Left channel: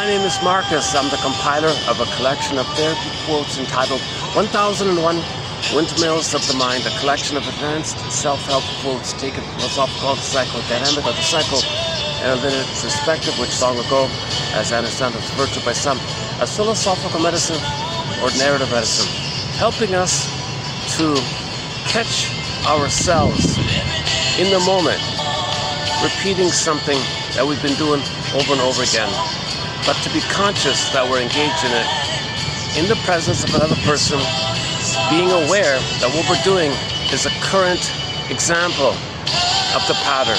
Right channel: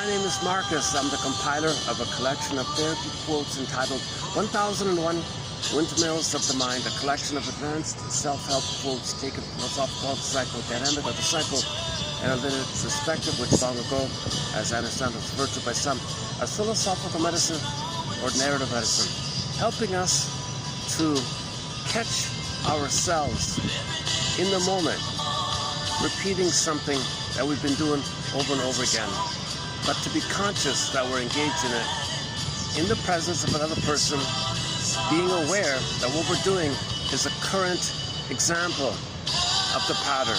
My name is Marcus. I'm the compiler of a collection of therapy quotes entitled 1001 Windmills of the Mind, a collection of advanced self-help quotes taken from philosophical psychodynamic or the psychoanalytic perspective, which long ago, as Aronson was referred to by some, as philosophical medicine or narrative medicine, helping us to catch ourselves in the moment, repeating something that we've been doing over and over again, but to be conscious that we're engaged in it in the presence of another person, being aware that what we're doing is a current example of the pattern.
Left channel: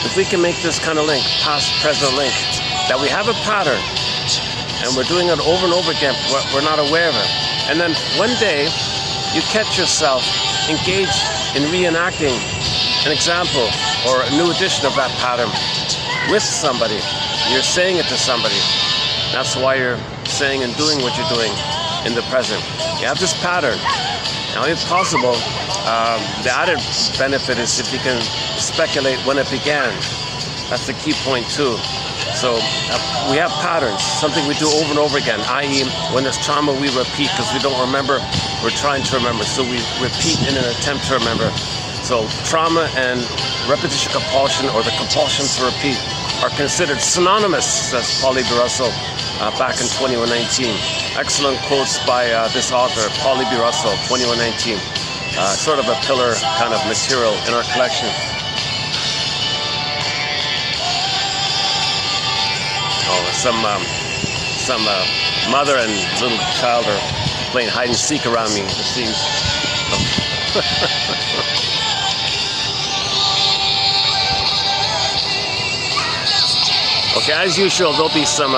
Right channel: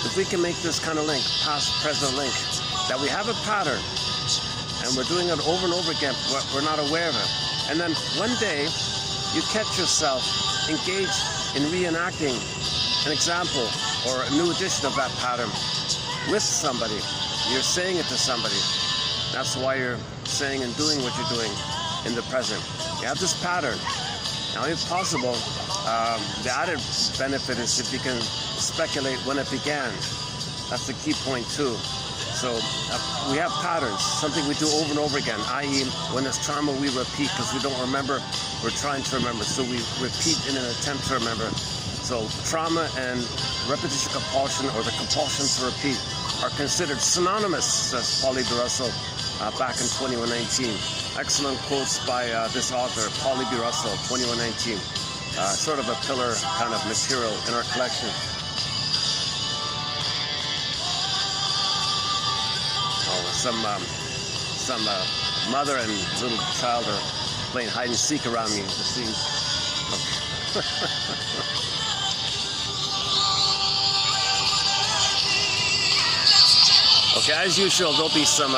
If we can make this kind of link, past-present link, that we have a pattern and we're doing it over and over again, we're not aware of it. And then one day you catch yourself engaged in reenacting an example or a new edition of that pattern with somebody. You're saying it to somebody. That's why you're saying and doing what you're doing in the present. You have this pattern. Now, if possible, the added benefit is if you can speculate when it began. That's the key point too. So we have patterns, something we do over and over again, i.e. when there's trauma we repeat because we don't remember, we're trying to remember, so we repeat in an attempt to remember. So trauma and repetition compulsion, or the compulsion to repeat, are considered synonymous, says Paul B. Russell back in 2119. Excellent quotes by this author, Paul B. Russell, 2119. Sort of a pillar kind of material in our collection. Oh, some mother and little child are playing hide and seek around me, it seems. Okay, as usual, there'll be some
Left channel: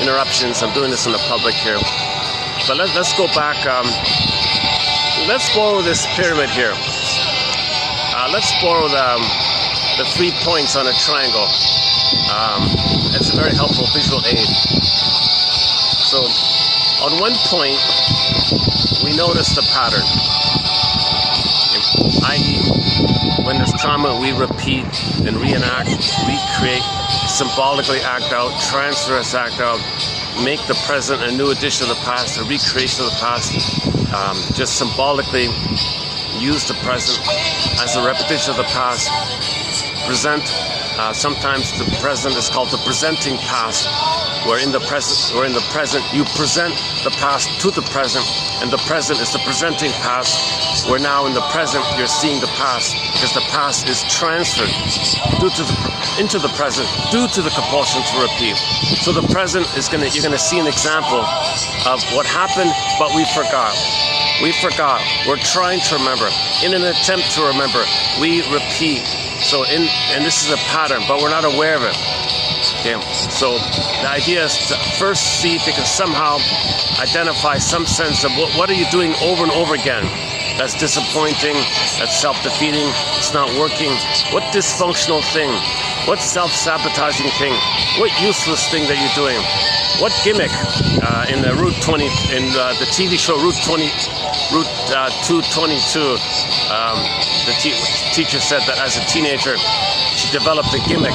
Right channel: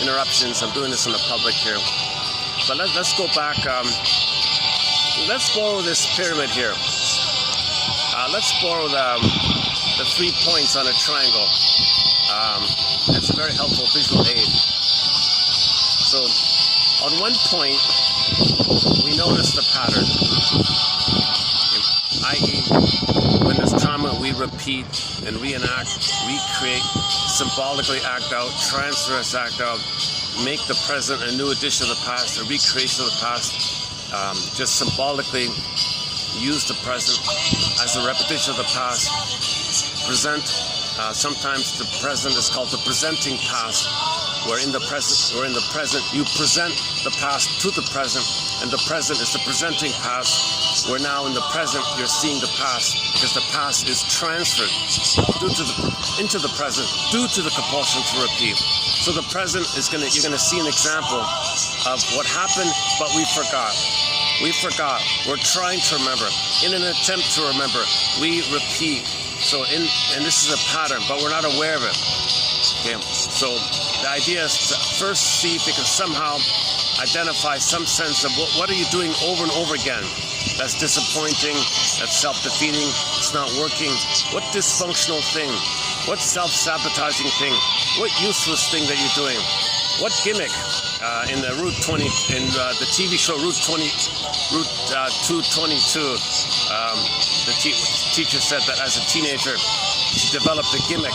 interruptions. I'm doing this in the public here. But let's go back. Let's borrow this pyramid here. Let's borrow the 3 points on a triangle. It's a very helpful visual aid. So, on one point, we notice the pattern. I.e., when there's trauma, we repeat and reenact, recreate, symbolically act out, transfer us act out, make the present a new edition of the past, a recreation of the past, just symbolically use the present as a repetition of the past, present. Sometimes the present is called the presenting past, where in the present you present the past to the present, and the present is the presenting past, where now in the present you're seeing the past, because the past is transferred into the present due to the compulsion to repeat. So the present is you're gonna see an example of what happened, but we forgot. We forgot. We're trying to remember. In an attempt to remember, we repeat. So and this is a pattern, but we're not aware of it. Okay. So the idea is to first see if you can somehow identify some sense of what are you doing over and over again. That's disappointing, that's self-defeating, it's not working. What dysfunctional thing? What self-sabotaging thing? What useless thing that you're doing? What gimmick in the the TV show Route 222? The teacher said that as a teenager, she developed a gimmick.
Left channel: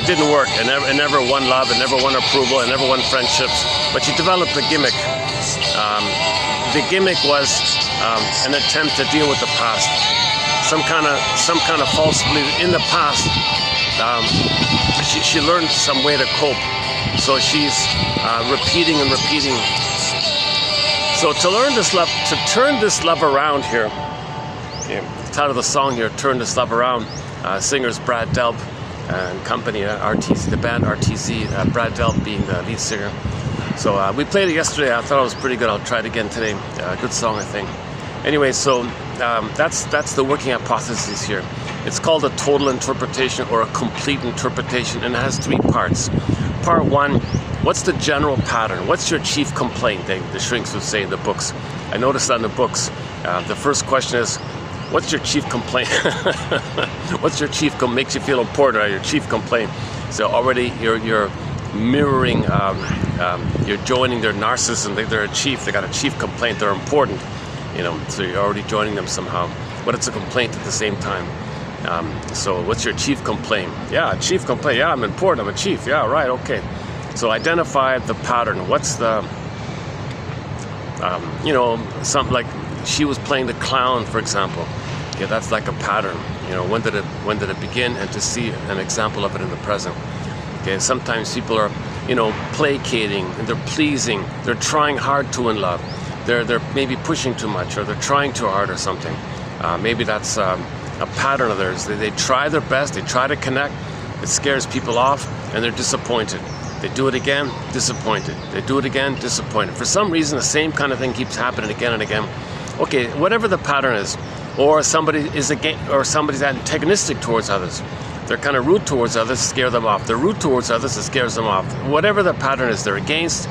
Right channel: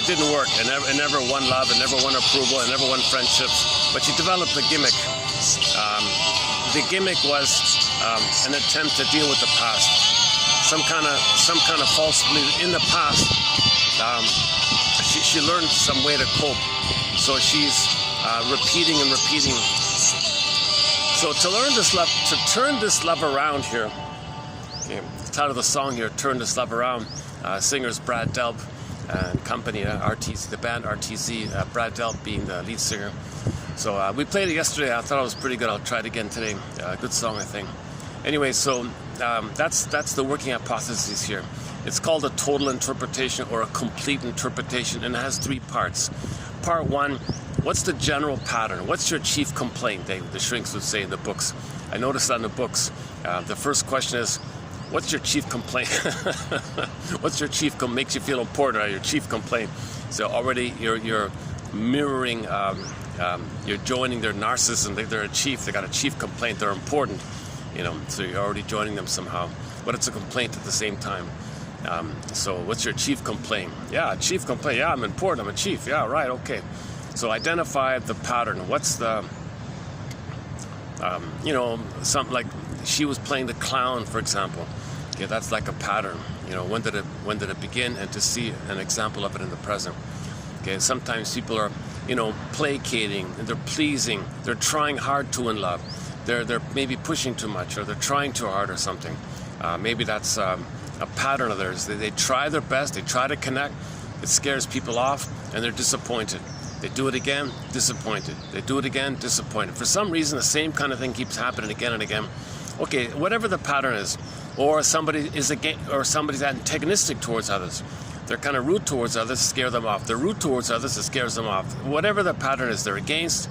It didn't work. It never won love. It never won approval. It never won friendships. But she developed a gimmick. The gimmick was an attempt to deal with the past. Some kind of false belief in the past. She learned some way to cope. So she's repeating and repeating. So to turn this love around here. Okay, the title of the song here, "Turn This Love Around." Singers Brad Delp and company, RTC, the band RTC. Brad Delp being the lead singer. So we played it yesterday. I thought it was pretty good. I'll try it again today. Good song, I think. Anyway, so that's the working hypothesis here. It's called a total interpretation or a complete interpretation, and it has 3 parts. Part 1, what's the general pattern? What's your chief complaint? The shrinks would say in the books. I noticed that in the books. The first question is, what's your chief complaint? What's your makes you feel important, or your chief complaint? So already you're mirroring, you're joining their narcissism. They're a chief, they got a chief complaint, they're important, so you're already joining them somehow. But it's a complaint at the same time. So what's your chief complaint? Yeah, chief complaint. Yeah, I'm important. I'm a chief. Yeah, right. Okay. So identify the pattern. What's the, you know, something like she was playing the clown, for example. Okay, that's like a pattern. You know, when did it begin, and to see an example of it in the present. Okay, sometimes people are, you know, placating, and they're pleasing, they're trying hard to in love. They're maybe pushing too much, or they're trying too hard or something. Maybe that's a pattern of theirs. They try their best, they try to connect, it scares people off, and they're disappointed. They do it again, disappointed. They do it again, disappointed. For some reason, the same kind of thing keeps happening again and again. Okay, whatever the pattern is, or somebody's antagonistic towards others. They're kind of rude towards others, scare them off. They're rude towards others, it scares them off. Whatever the pattern is, they're against,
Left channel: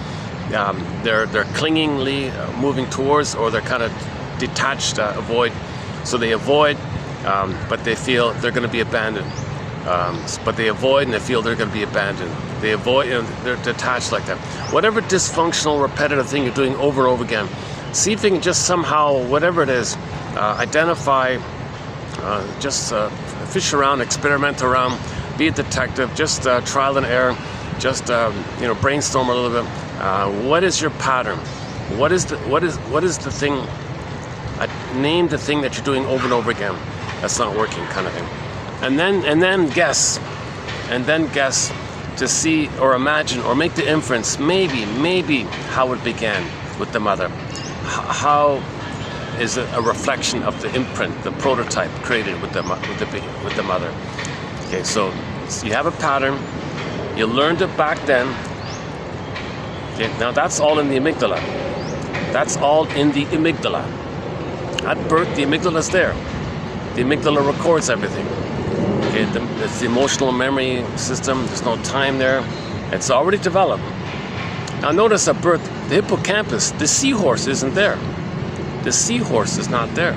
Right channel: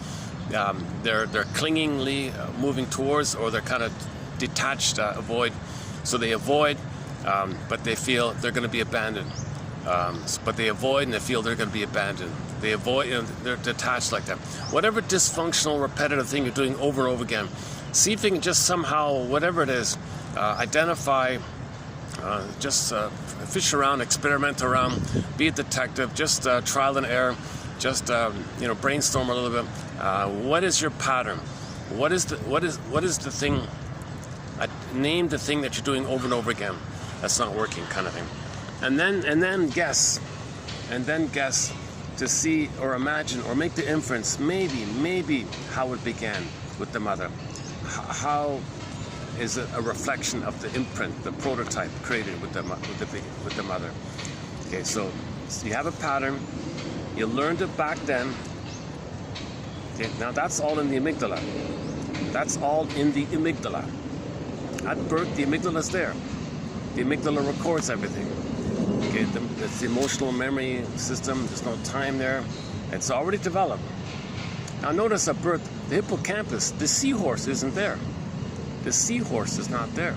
they're clingingly moving towards, or they're kind of detached, avoid. So they avoid, but they feel they're going to be abandoned. But they avoid and they feel they're going to be abandoned. They avoid, and they're detached like that. Whatever dysfunctional, repetitive thing you're doing over and over again, see if you can just somehow, whatever it is, identify, just fish around, experiment around, be a detective, just trial and error, just you know, brainstorm a little bit. What is your pattern? What is the thing? Name the thing that you're doing over and over again that's not working, kind of thing. And then guess to see or imagine or make the inference, maybe how it began with the mother. How is it a reflection of the imprint, the prototype created with the mother? Okay, so you have a pattern. You learned it back then. Okay, now that's all in the amygdala. That's all in the amygdala. At birth, the amygdala is there. The amygdala records everything. Okay, it's the emotional memory system. There's no time there. It's already developed. Now notice at birth, the hippocampus, the seahorse isn't there. The seahorse is not there.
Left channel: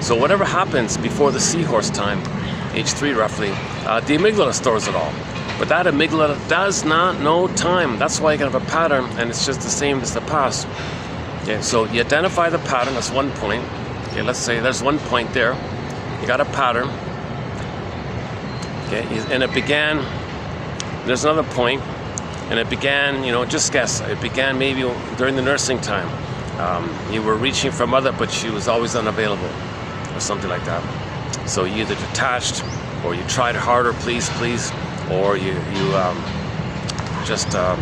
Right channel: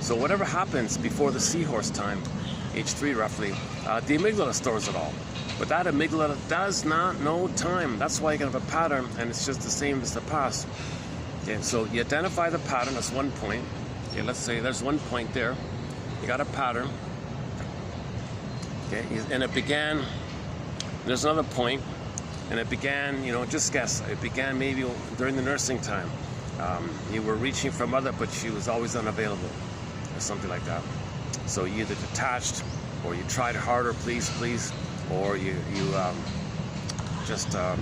So whatever happens before the seahorse time, age 3 roughly, the amygdala stores it all. But that amygdala does not know time. That's why you can have a pattern, and it's just the same as the past. Okay, so you identify the pattern, that's one point. Okay, let's say there's one point there. You got a pattern. Okay, and it began, there's another point, and it began, you know, just guess, it began maybe during the nursing time. You were reaching for mother, but she was always unavailable, or something like that. So you either detached, or you tried harder, please, or you just thought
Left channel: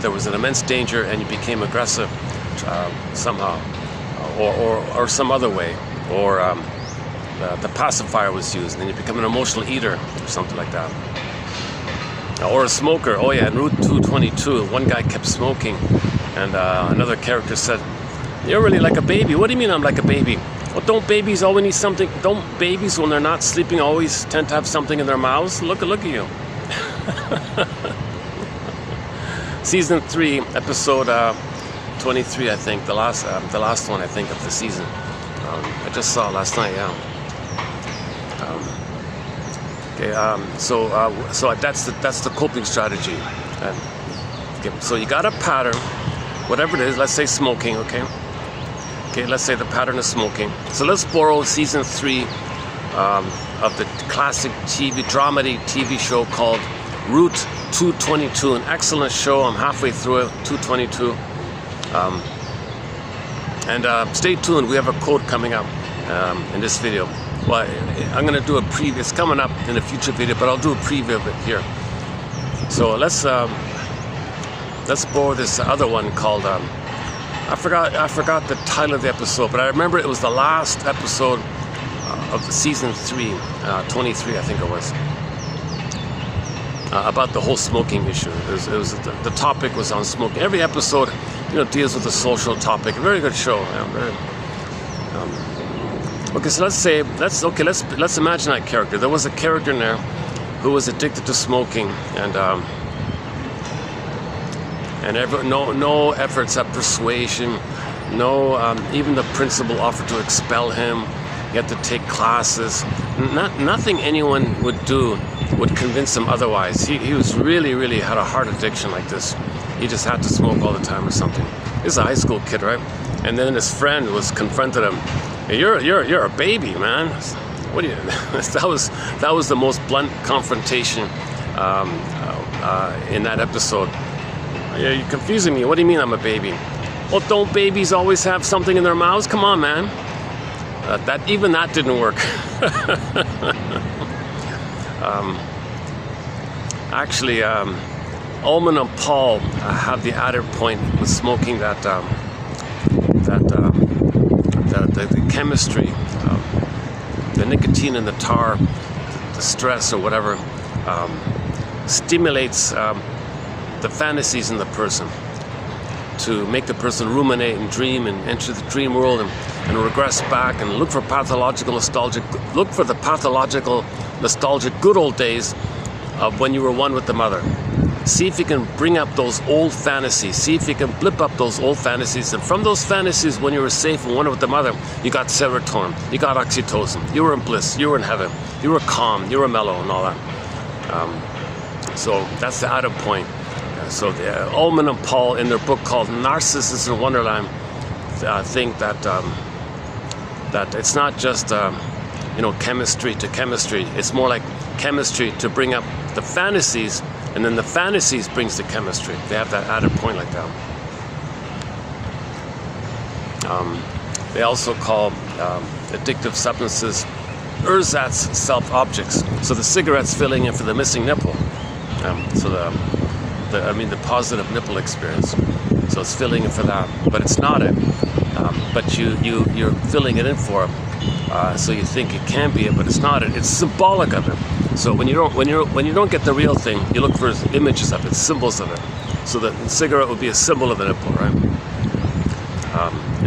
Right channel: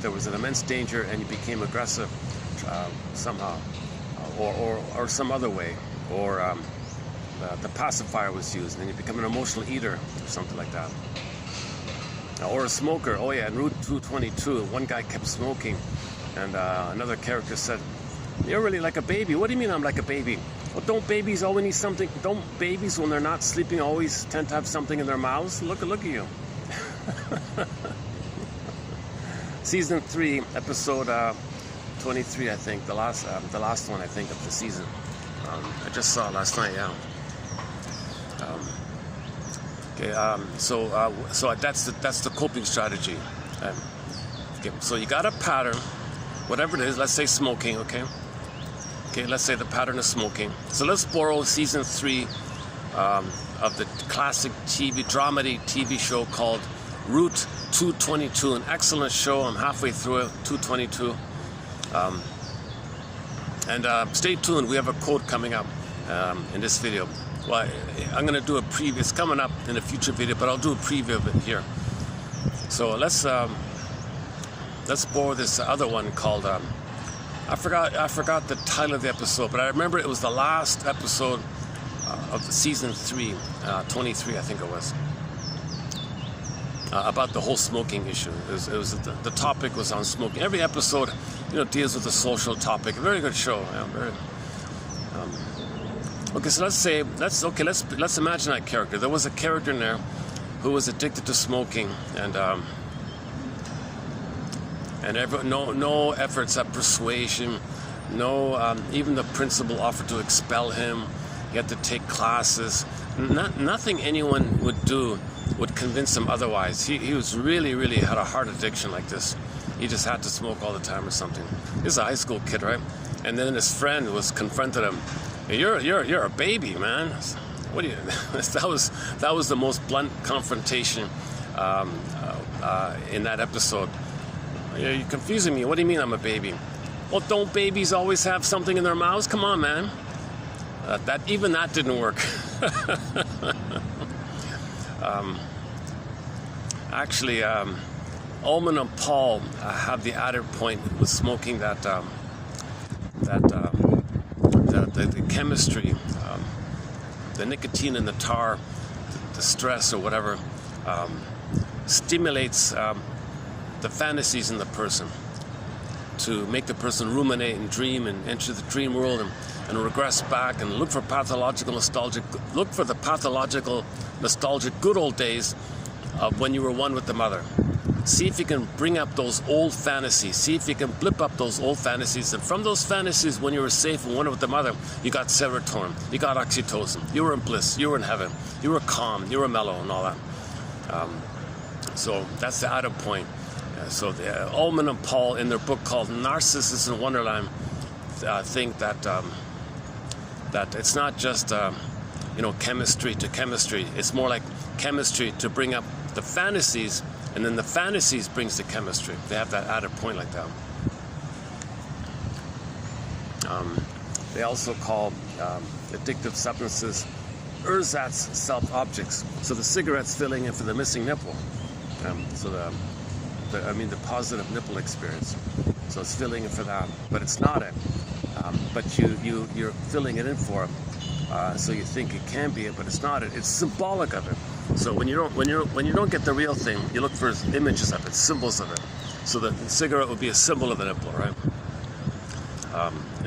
there was an immense danger and you became aggressive somehow, or some other way, or the pacifier was used and you become an emotional eater or something like that. Or a smoker. Oh yeah, in Route 222, one guy kept smoking, and another character said, "You're really like a baby." What do you mean I'm like a baby? Well, don't babies always need something? Don't babies, when they're not sleeping, always tend to have something in their mouths? Look at you. Season 3, episode 23, I think, the last one, I think, of the season. I just saw it last night, yeah. So that's the coping strategy. Okay, so you got a pattern, whatever it is. Let's say smoking, okay. Okay, let's say the pattern is smoking. So let's borrow season 3 of the classic dramedy TV show called Route 222. An excellent show. I'm halfway through it. 222. And stay tuned. We have a quote coming up in this video. Well, I'm going to do a preview. It's coming up in a future video, but I'll do a preview of it here. So let's borrow this other one called I forgot the title of the episode, but I remember it was the last episode of the season 3, 23, I think it was, about the whole smoking issue. The topic was on smoking. Every episode, you know, deals with a social topic. A very good show. Okay, so let's imagine that character. There was a character in there who was addicted to smoking, and no efforts at persuasion, even the principal offered to expel him. He had to take classes. Nothing anyone would do would convince him otherwise. He was really had a hard addiction like this. He just had to smoke all the time or something. He's a high school kid, right? And then his friend confronted him You're a baby, man. What do you? that was the most blunt confrontation in that episode. You're confusing me. What do you mean I'm a baby? Well, don't babies always have something in their mouths? Come on, man. Even that didn't work. Actually, Ullman and Paul have the added point with smoking that the chemistry, the nicotine in the tar, the stress or whatever, stimulates the fantasies in the person to make the person ruminate and dream and enter the dream world and regress back and look for the pathological nostalgic good old days of when you were one with the mother. See if you can bring up those old fantasies. See if you can blip up those old fantasies. And from those fantasies, when you were safe and one with the mother, you got serotonin, you got oxytocin, you were in bliss, you were in heaven, you were calm, you were mellow and all that. So that's the added point. So Ullman and Paul, in their book called Narcissism in Wonderland, think that that it's not just chemistry to chemistry. It's more like chemistry to bring up the fantasies, and then the fantasies brings the chemistry. They have that added point like that. They also call addictive substances ersatz self-objects. So the cigarette's filling in for the missing nipple. So the positive nipple experience. So it's filling in for that, but it's not it. But you're filling it in for it. So you think it can be it, but it's not it. It's symbolic of it. So when you don't get the real thing, you look for images of it, symbols of it. So the cigarette would be a symbol of the nipple, right?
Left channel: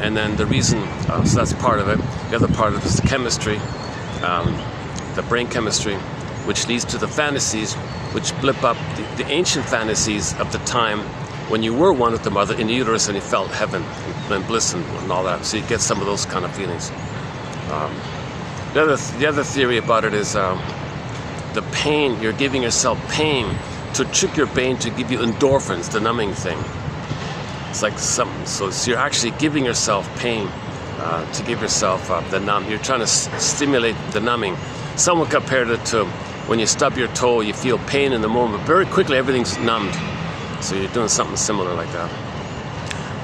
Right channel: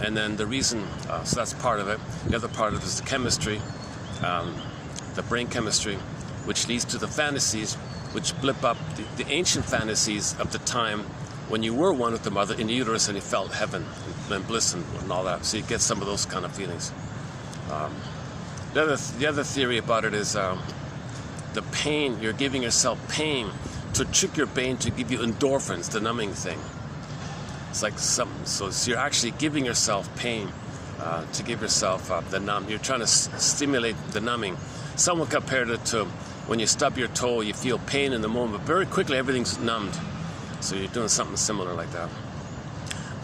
And then the reason, so that's part of it. The other part of it is the chemistry, the brain chemistry, which leads to the fantasies, which blip up the ancient fantasies of the time when you were one with the mother in the uterus and you felt heaven and bliss and all that. So you get some of those kind of feelings. The other theory about it is the pain. You're giving yourself pain to trick your brain to give you endorphins, the numbing thing. It's like something. So you're actually giving yourself pain to give yourself the numb. You're trying to stimulate the numbing. Someone compared it to when you stub your toe, you feel pain in the moment. Very quickly, everything's numbed. So you're doing something similar like that.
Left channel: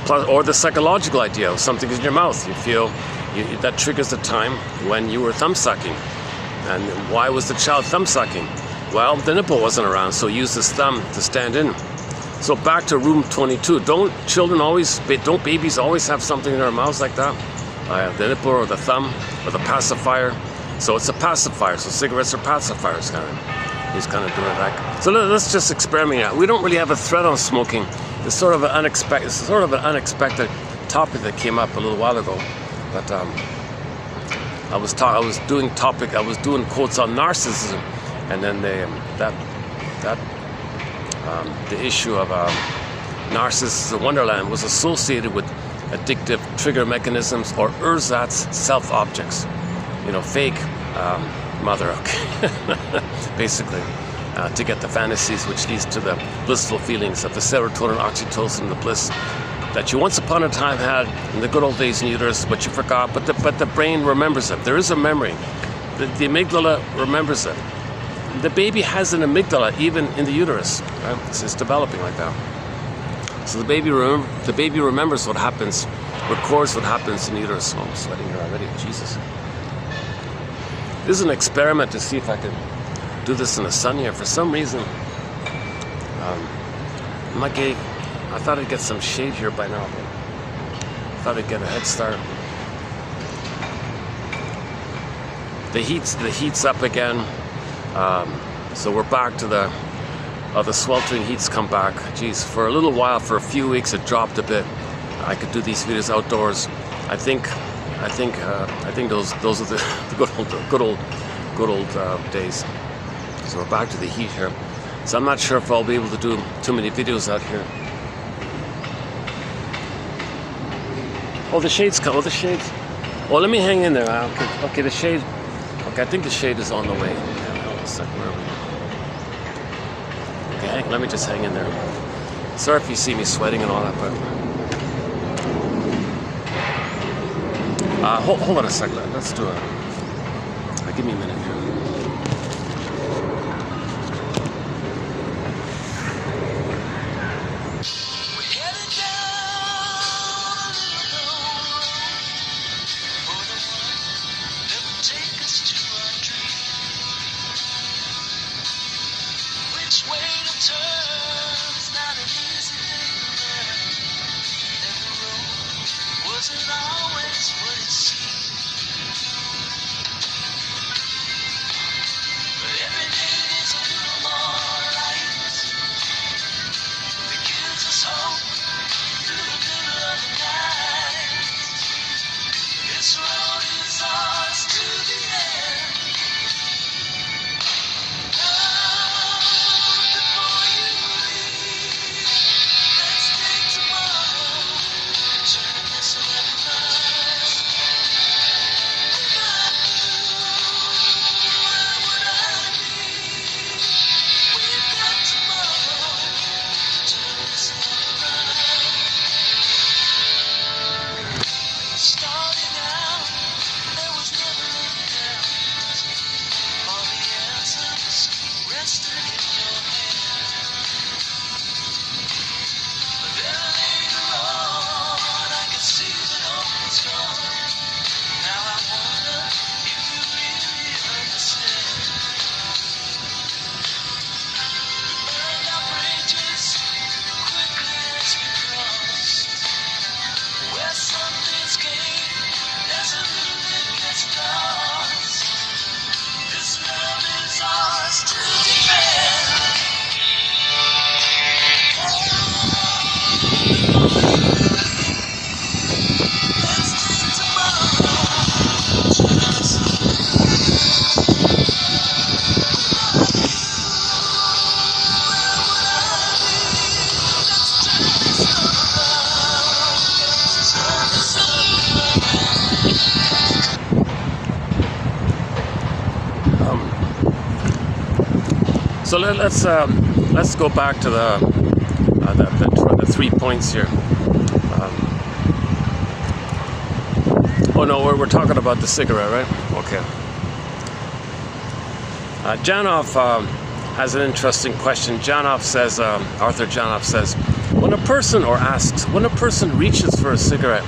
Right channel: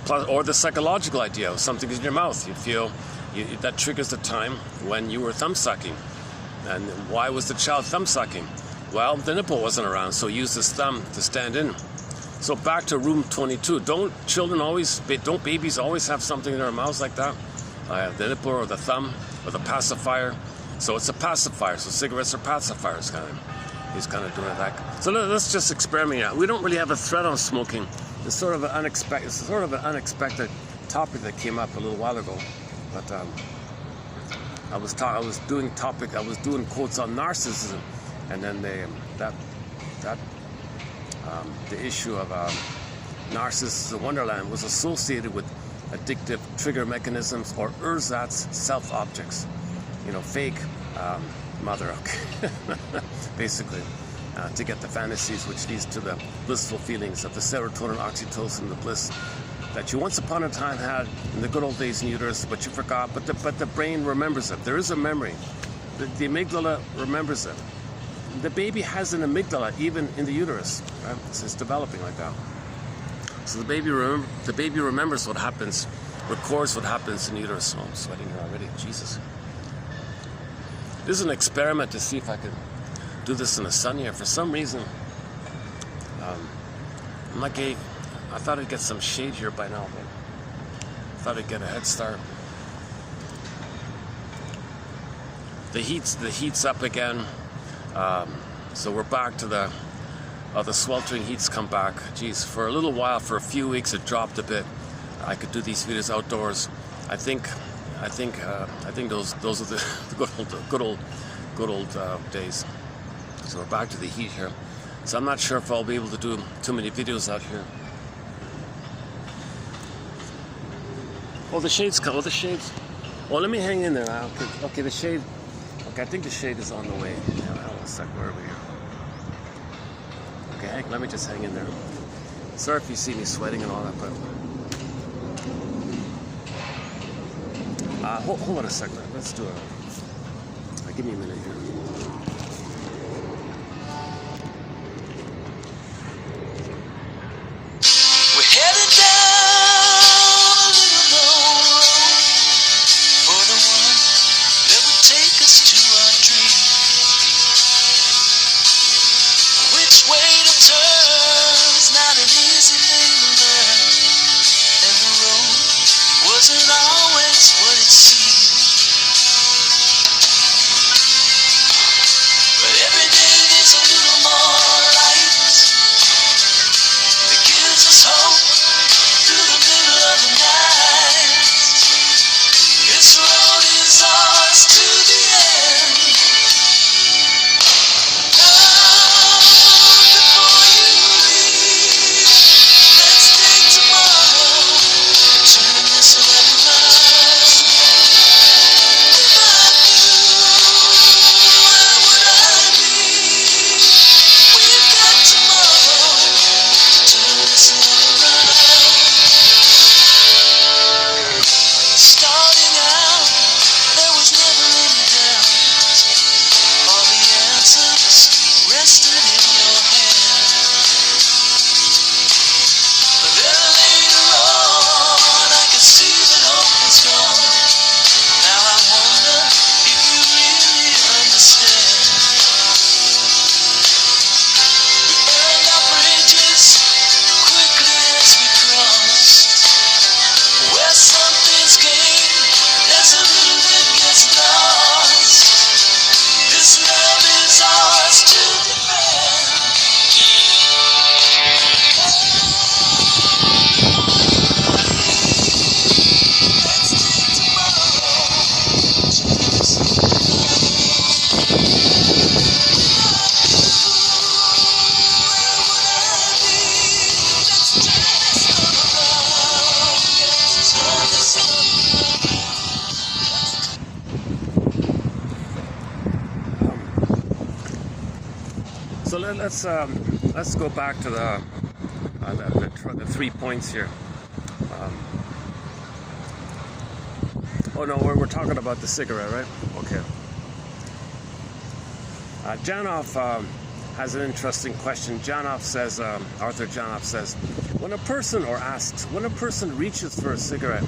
Plus, or the psychological idea of something in your mouth. You feel that triggers the time when you were thumb sucking. And why was the child thumb sucking? Well, the nipple wasn't around, so use his thumb to stand in. So back to room 22. Don't babies always have something in their mouths like that? The nipple or the thumb or the pacifier. So it's a pacifier. So cigarettes are pacifiers, kind of. He's kind of doing it like. So let's just experiment out. We don't really have a thread on smoking. It's sort of an unexpected topic that came up a little while ago. But I was doing quotes on narcissism, and then the issue of narcissism in Wonderland was associated with addictive trigger mechanisms or ersatz self-objects. Fake mother, okay, basically, to get the fantasies, which leads to the blissful feelings of the serotonin, oxytocin, the bliss that you once upon a time had in the good old days in uterus, but you forgot. But the brain remembers it. There is a memory. The amygdala remembers it. The baby has an amygdala even in the uterus. Right? It's developing like that. So the baby remembers what happens, records what happens in the uterus. Oh, I'm sweating here already. Jesus. This is an experiment to see if I can do this in the sun here. For some reason, I thought I'd get some shade here by now. I thought I'd get a head start. The heat's up again. So we're back to the sweltering heat's come back. Geez, for a little while, for a few weeks, it dropped a bit. I could do these videos outdoors. I think those are the good old days. So we're back to the heat here. So I'm not sure if I'll be able to do too many videos out here. Oh, the shade's come. Oh, the shade's. Well, let me hang in there. Okay, the shade. Okay, I think the shade is on the way. Okay, hold on a second. Where are we here? Okay, let me just hang in there. Sorry if you see me sweating and all that, but Hold on a second. Let's do it. Give me a minute here. We're headed down a little road for the one that would take us to our dream. Which way to turn's not an easy thing to learn, and the road wasn't always what it seemed. But every day there's a little more light that gives us hope through the middle of the night. This road is ours to the end. Now, before you leave, let's take tomorrow and turn this love around. If I knew where would I be? We've got tomorrow to turn this love around. Starting out, there was never any doubt. All the answers rested in your hand. But then later on, I could see that hope was gone. Now I wonder if you really understand. We burned our bridges quickly as we crossed. Where something's gained, there's a little that gets lost. This love is ours to defend. So let's go back to the 3 points here. Oh no, we're talking about the cigarette, right? Okay. Janoff has an interesting question. Janoff says, Arthur Janoff says, when a person reaches for a cigarette,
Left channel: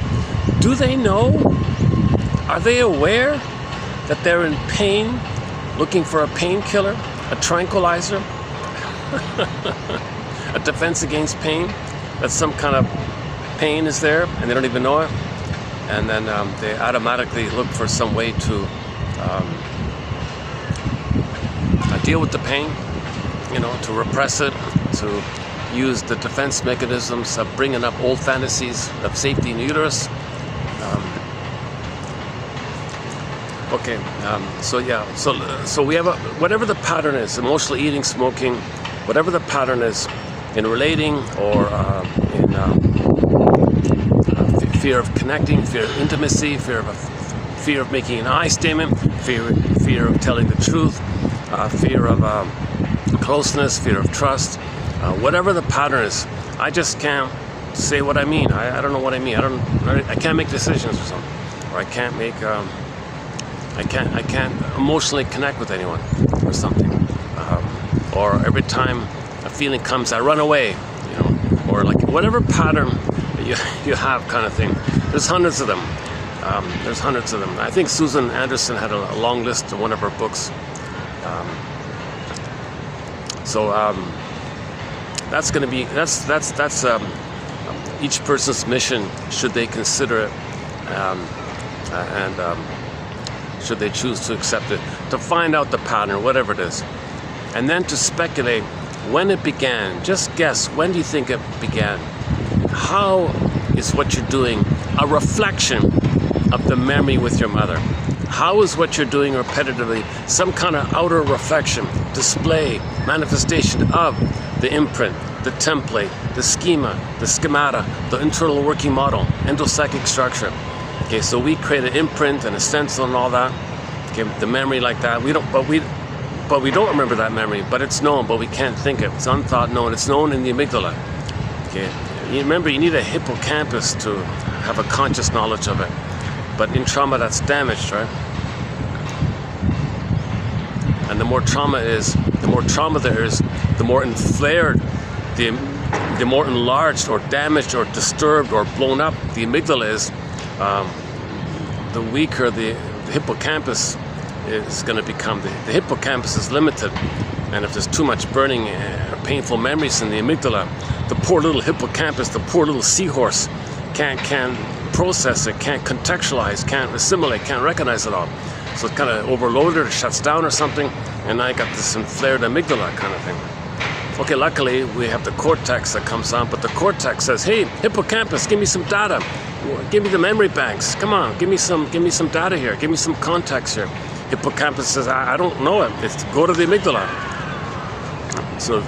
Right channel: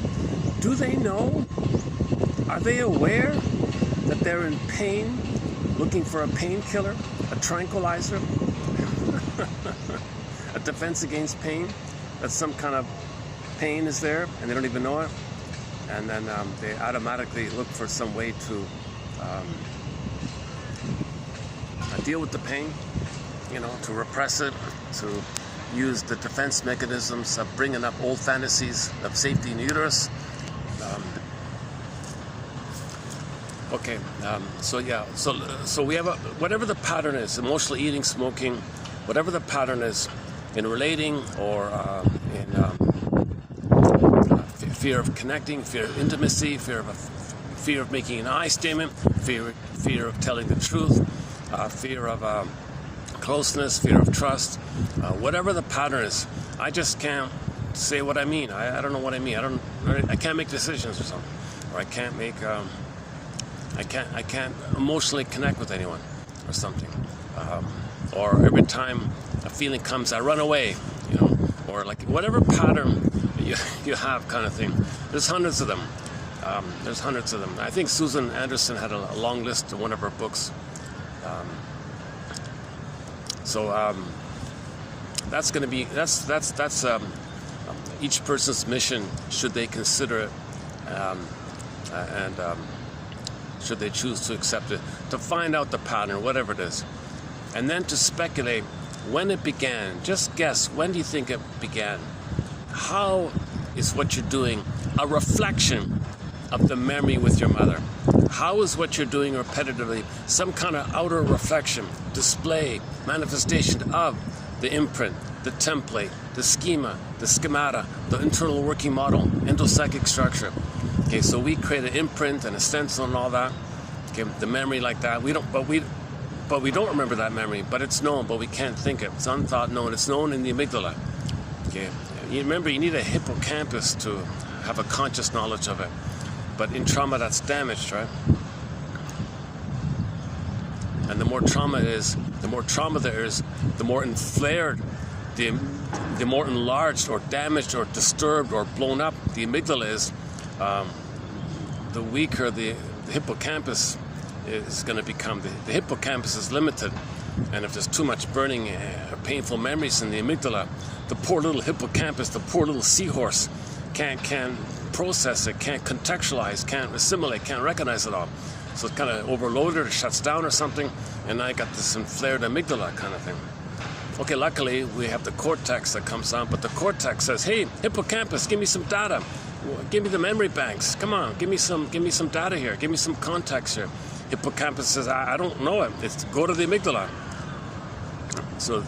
do they know? Are they aware that they're in pain, looking for a painkiller, a tranquilizer, a defense against pain? That some kind of pain is there and they don't even know it, and then they automatically look for some way to deal with the pain, to repress it, to use the defense mechanisms of bringing up old fantasies of safety in uterus. So we have whatever the pattern is, emotional eating, smoking, whatever the pattern is in relating or in fear of connecting, fear of intimacy, fear of making an I statement, fear of telling the truth, fear of closeness, fear of trust, whatever the pattern is. I just can't say what I mean. I don't know what I mean. I can't make decisions or something, or I can't make. I can't emotionally connect with anyone or something, or every time a feeling comes, I run away, or like whatever pattern you have, kind of thing. There's hundreds of them. I think Susan Anderson had a long list in one of her books. That's going to be that's each person's mission, should they consider it, and should they choose to accept it, to find out the pattern, whatever it is, and then to speculate when it began. Just guess, when do you think it began? How is what you're doing a reflection of the memory with your mother? How is what you're doing repetitively some kind of outer reflection, display, manifestation of the imprint, the template, the schema, the schemata, the internal working model, endopsychic structure? Okay, so we create an imprint and a stencil and all that. Okay, the memory like that. We don't remember that memory, but it's known, but we can't think it. It's unthought known. It's known in the amygdala. Okay, you remember, you need a hippocampus to have a conscious knowledge of it. But in trauma, that's damaged, right? And the more trauma there is, the more inflared, the more enlarged or damaged or disturbed or blown up the amygdala is, the weaker the hippocampus is going to become. The hippocampus is limited, and if there's too much burning, painful memories in the amygdala, the poor little hippocampus, the poor little seahorse, can't process it, can't contextualize, can't assimilate, can't recognize it all. So it's kind of overloaded or shuts down or something, and I got this inflared amygdala kind of thing. Okay, luckily we have the cortex that comes on, but the cortex says, "Hey, hippocampus, give me some data. Give me the memory banks. Come on, give me some data here. Give me some context here." Hippocampus says, "I don't know it. It's go to the amygdala." So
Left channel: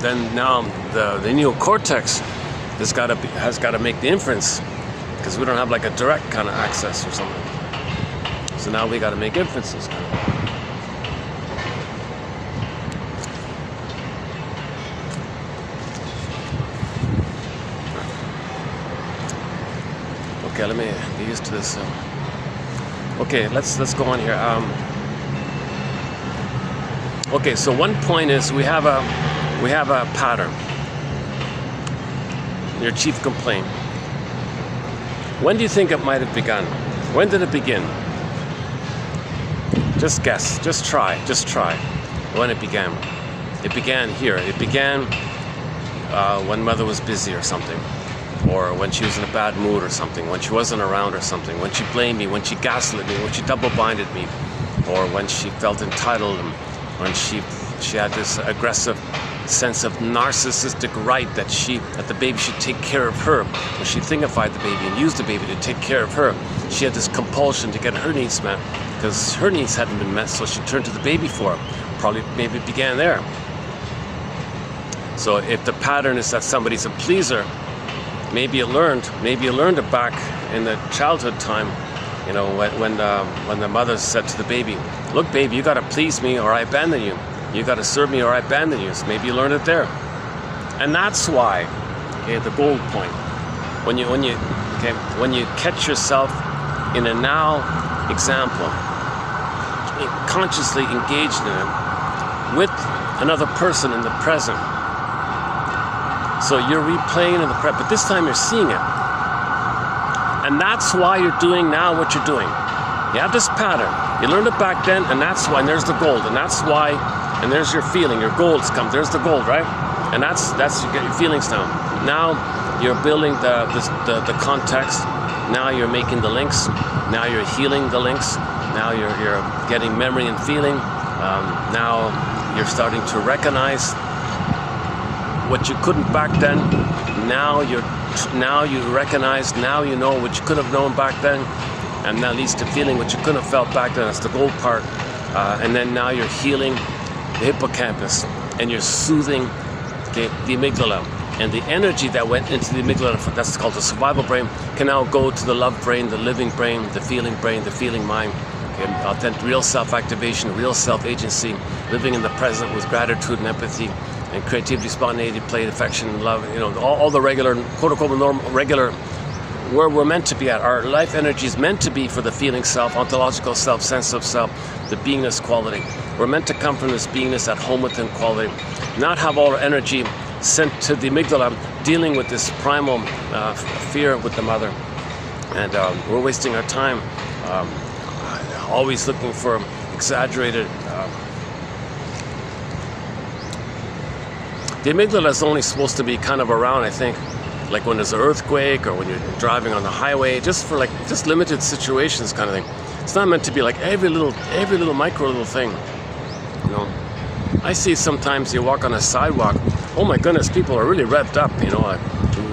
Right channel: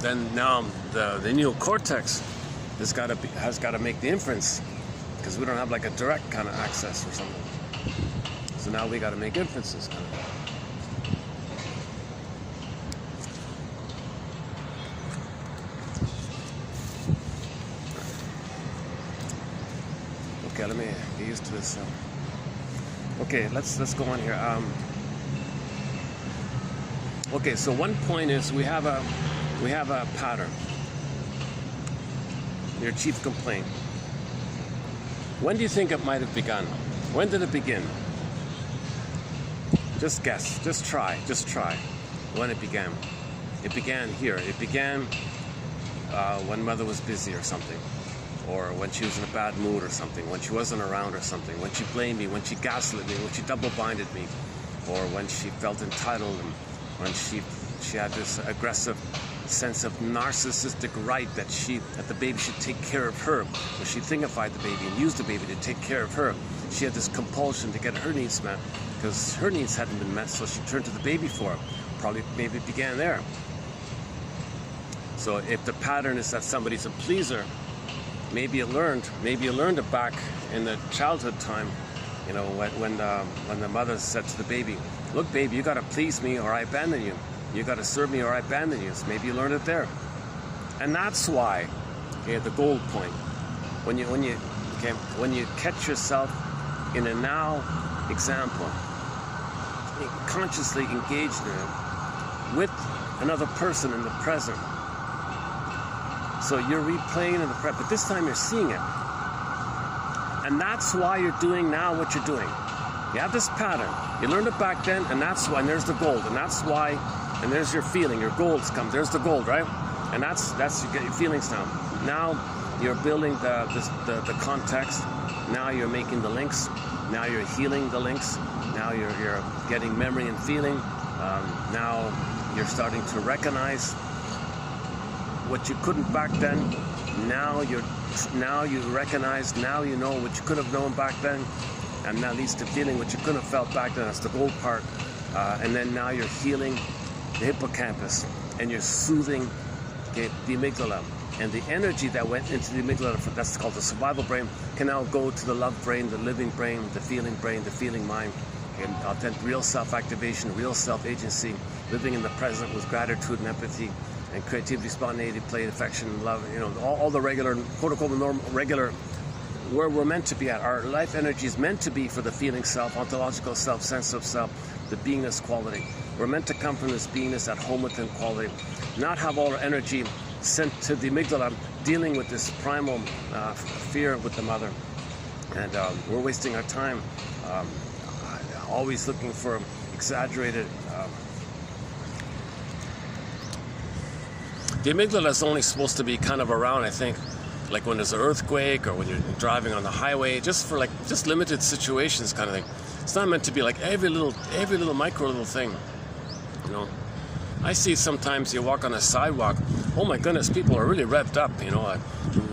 then now the neocortex has got to make the inference, because we don't have like a direct kind of access or something. So now we got to make inferences. Okay, let me get used to this. Okay, let's go on here. Okay, so one point is we have a pattern. Your chief complaint. When do you think it might have begun? When did it begin? Just guess. Just try. When it began. It began here. It began when mother was busy or something, or when she was in a bad mood or something, when she wasn't around or something, when she blamed me, when she gaslit me, when she double-binded me, or when she felt entitled, and when she had this aggressive sense of narcissistic right that the baby should take care of her. When she thingified the baby and used the baby to take care of her, she had this compulsion to get her needs met, because her needs hadn't been met, so she turned to the baby for it. Maybe it began there. So if the pattern is that somebody's a pleaser, maybe you learned it back in the childhood time, you know, when the mother said to the baby, "Look, baby, you got to please me or I abandon you. You got to serve me or I abandon you." So maybe you learned it there, and that's why, okay, the gold point. When you catch yourself in a now example, consciously engaged in it with another person in the present. So you're replaying in the present, but this time you're seeing it. And that's why you're doing now what you're doing. You have this pattern. You learned it back then, and that's why, and there's the gold, and that's why, and there's your feeling, your gold's come, there's the gold, right? And that's you get your feelings now. Now you're building the context, now you're making the links, now you're healing the links, now you're getting memory and feeling, now you're starting to recognize what you couldn't back then. Now you recognize, now you know what you could have known back then, and that leads to feeling what you couldn't have felt back then. That's the gold part. And then now you're healing the hippocampus, and you're soothing the amygdala, and the energy that went into the amygdala, that's called the survival brain, can now go to the love brain, the living brain, the feeling mind. Authentic, real self-activation, real self-agency, living in the present with gratitude and empathy, and creativity, spontaneity, play, affection, love, you know, all the regular, quote-unquote, normal, regular, where we're meant to be at. Our life energy is meant to be for the feeling self, ontological self, sense of self, the beingness quality. We're meant to come from this beingness at home within quality, not have all our energy sent to the amygdala, dealing with this primal fear with the mother. And we're wasting our time always looking for exaggerated. The amygdala is only supposed to be kind of around, I think, like when there's an earthquake or when you're driving on the highway, just for just limited situations kind of thing. It's not meant to be like every little micro little thing, you know. I see sometimes you walk on a sidewalk, oh my goodness, people are really revved up, you know.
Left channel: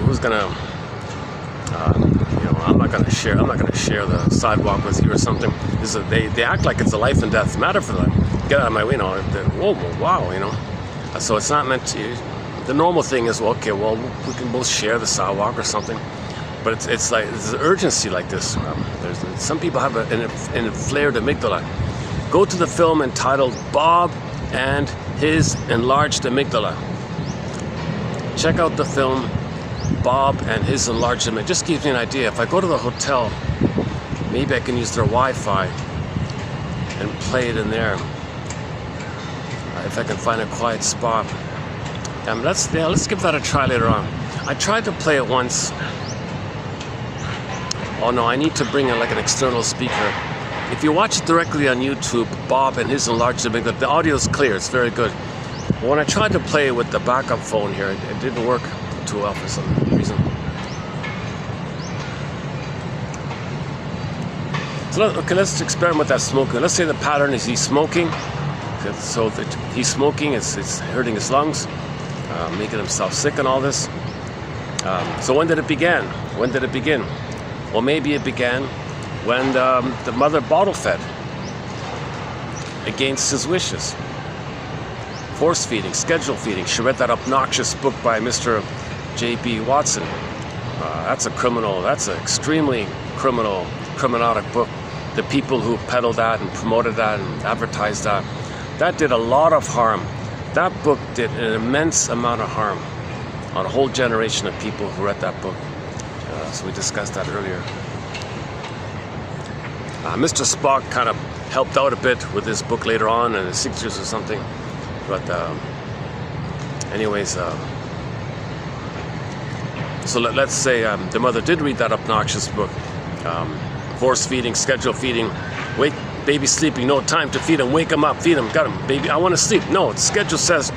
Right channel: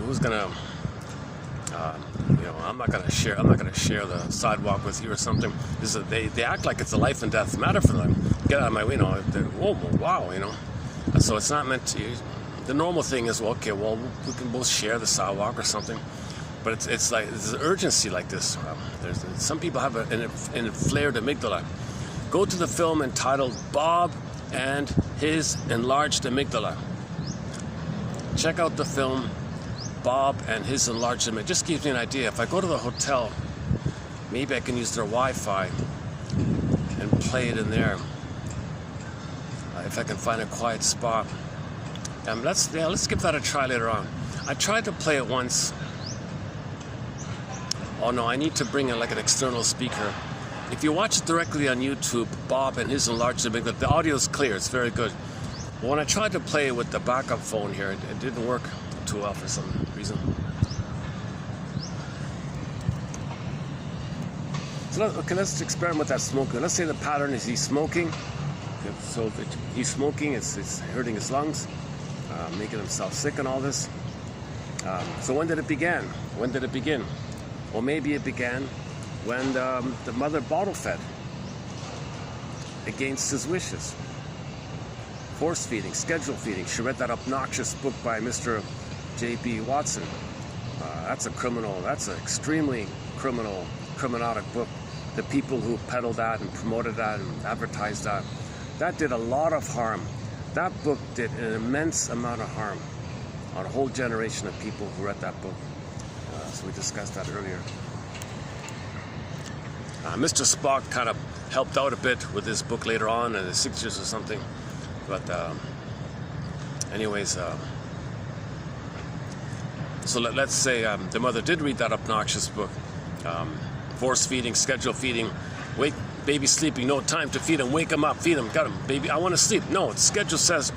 Who's gonna, you know, I'm not gonna share the sidewalk with you or something. They act like it's a life and death matter for them. Get out of my way, you know. Whoa, wow, you know. So it's not meant to. The normal thing is, well, okay, well, we can both share the sidewalk or something. But it's like there's an urgency like this. Some people have an inflared amygdala. Go to the film entitled Bob and His Enlarged Amygdala. Check out the film Bob and His Enlarged Amygdala. It just gives me an idea. If I go to the hotel maybe I can use their Wi-Fi and play it in there. If I can find a quiet spot. Let's give that a try later on. I tried to play it once. Oh no, I need to bring in like an external speaker. If you watch it directly on YouTube, Bob and his enlarged it, the audio is clear, it's very good. But when I tried to play it with the backup phone here, it didn't work too well for some reason. So let's experiment with that smoking. Let's say the pattern is he's smoking. So that he's smoking, it's hurting his lungs, making himself sick and all this. So when did it begin? When did it begin? Well, maybe it began when the mother bottle fed against his wishes. Force feeding, schedule feeding. She read that obnoxious book by Mr. J.B. Watson. That's a criminal, that's an extremely criminalic book. The people who peddled that and promoted that and advertised that, that did a lot of harm. That book did an immense amount of harm on a whole generation of people who read that book. So we discussed that earlier. Mr. Spock kind of helped out a bit with this book later on in the 60s or something. But anyways, so let's say the mother did read that obnoxious book. Force feeding, schedule feeding, wake, baby sleeping, no time to feed him, wake him up, feed him, got him, baby, I want to sleep. No, the schedule says,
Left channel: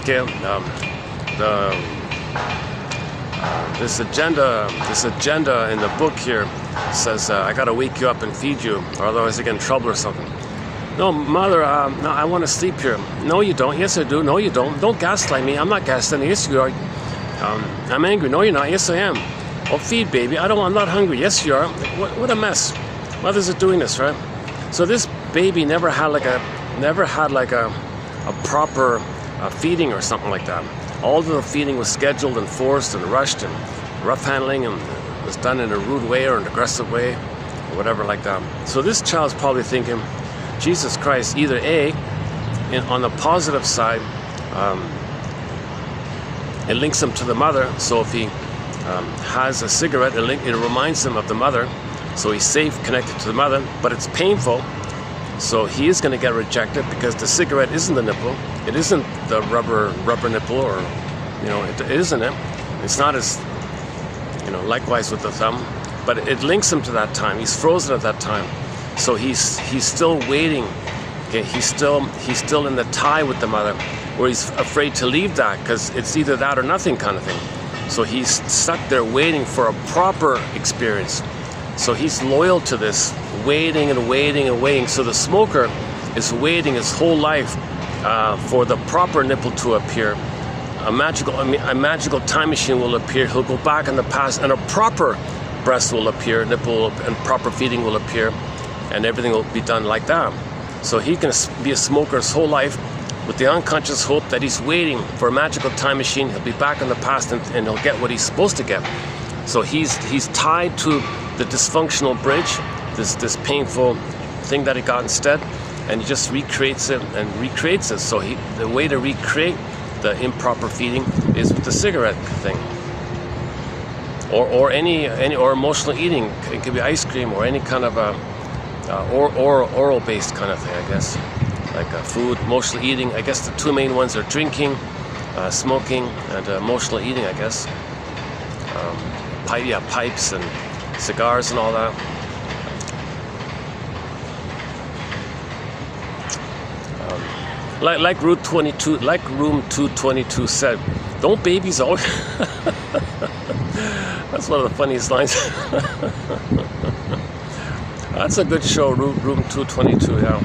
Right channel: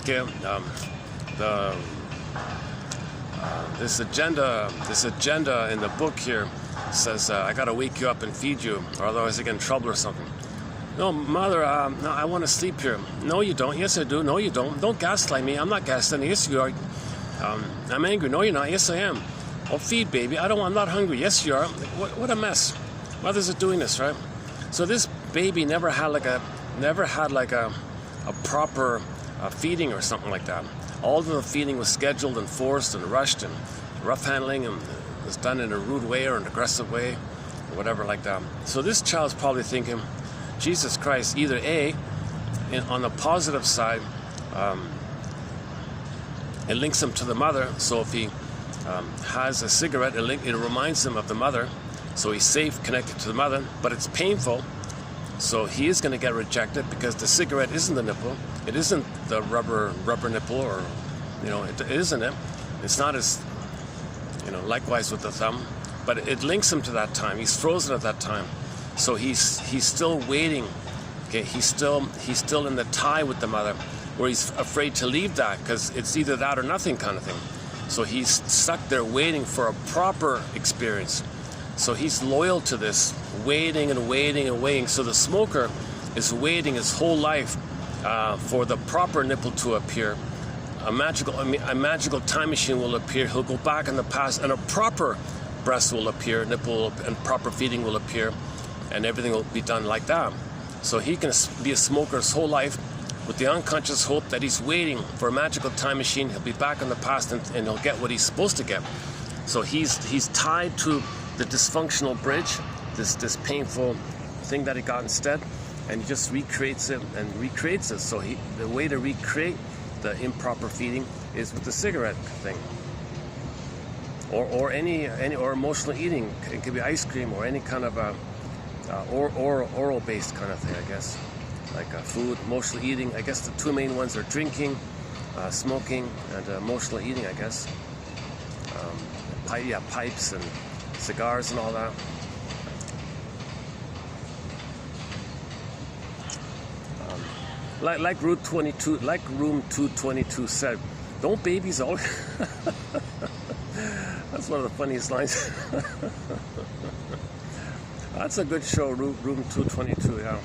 okay, this agenda in the book here says, I got to wake you up and feed you, or otherwise I get in trouble or something. No, mother, no, I want to sleep here. No, you don't. Yes, I do. No, you don't. Don't gaslight me. I'm not gaslighting. Yes, you are. I'm angry. No, you're not. Yes, I am. Oh, feed, baby. I'm not hungry. Yes, you are. What a mess. Mothers are doing this, right? So this baby never had like a proper feeding or something like that. All of the feeding was scheduled and forced and rushed and rough handling, and was done in a rude way or an aggressive way or whatever like that. So this child's probably thinking, Jesus Christ, either A, on the positive side, it links him to the mother. So if he has a cigarette, it reminds him of the mother. So he's safe, connected to the mother, but it's painful. So he is going to get rejected because the cigarette isn't the nipple. It isn't the rubber nipple, or, it isn't it. It's not as, likewise with the thumb, but it links him to that time. He's frozen at that time. So he's still waiting. Okay, he's still in the tie with the mother, where he's afraid to leave that because it's either that or nothing kind of thing. So he's stuck there waiting for a proper experience. So he's loyal to this, waiting and waiting and waiting. So the smoker is waiting his whole life for the proper nipple to appear. A magical time machine will appear. He'll go back in the past, and a proper breast will appear, nipple and proper feeding will appear, and everything will be done like that. So he can be a smoker his whole life with the unconscious hope that he's waiting for a magical time machine. He'll be back in the past, and he'll get what he's supposed to get. So he's tied to the dysfunctional bridge, this painful thing that he got instead, and he just recreates it and recreates it. So the way to recreate the improper feeding is with the cigarette thing, or emotional eating. It could be ice cream or any kind of oral based kind of thing, I guess, like food. Emotional eating, I guess the two main ones are drinking, smoking, and emotional eating, I guess. Pipes and cigars and all that. Like Room 222 said, don't babies always... That's one of the funniest lines. That's a good show, Room 222, yeah.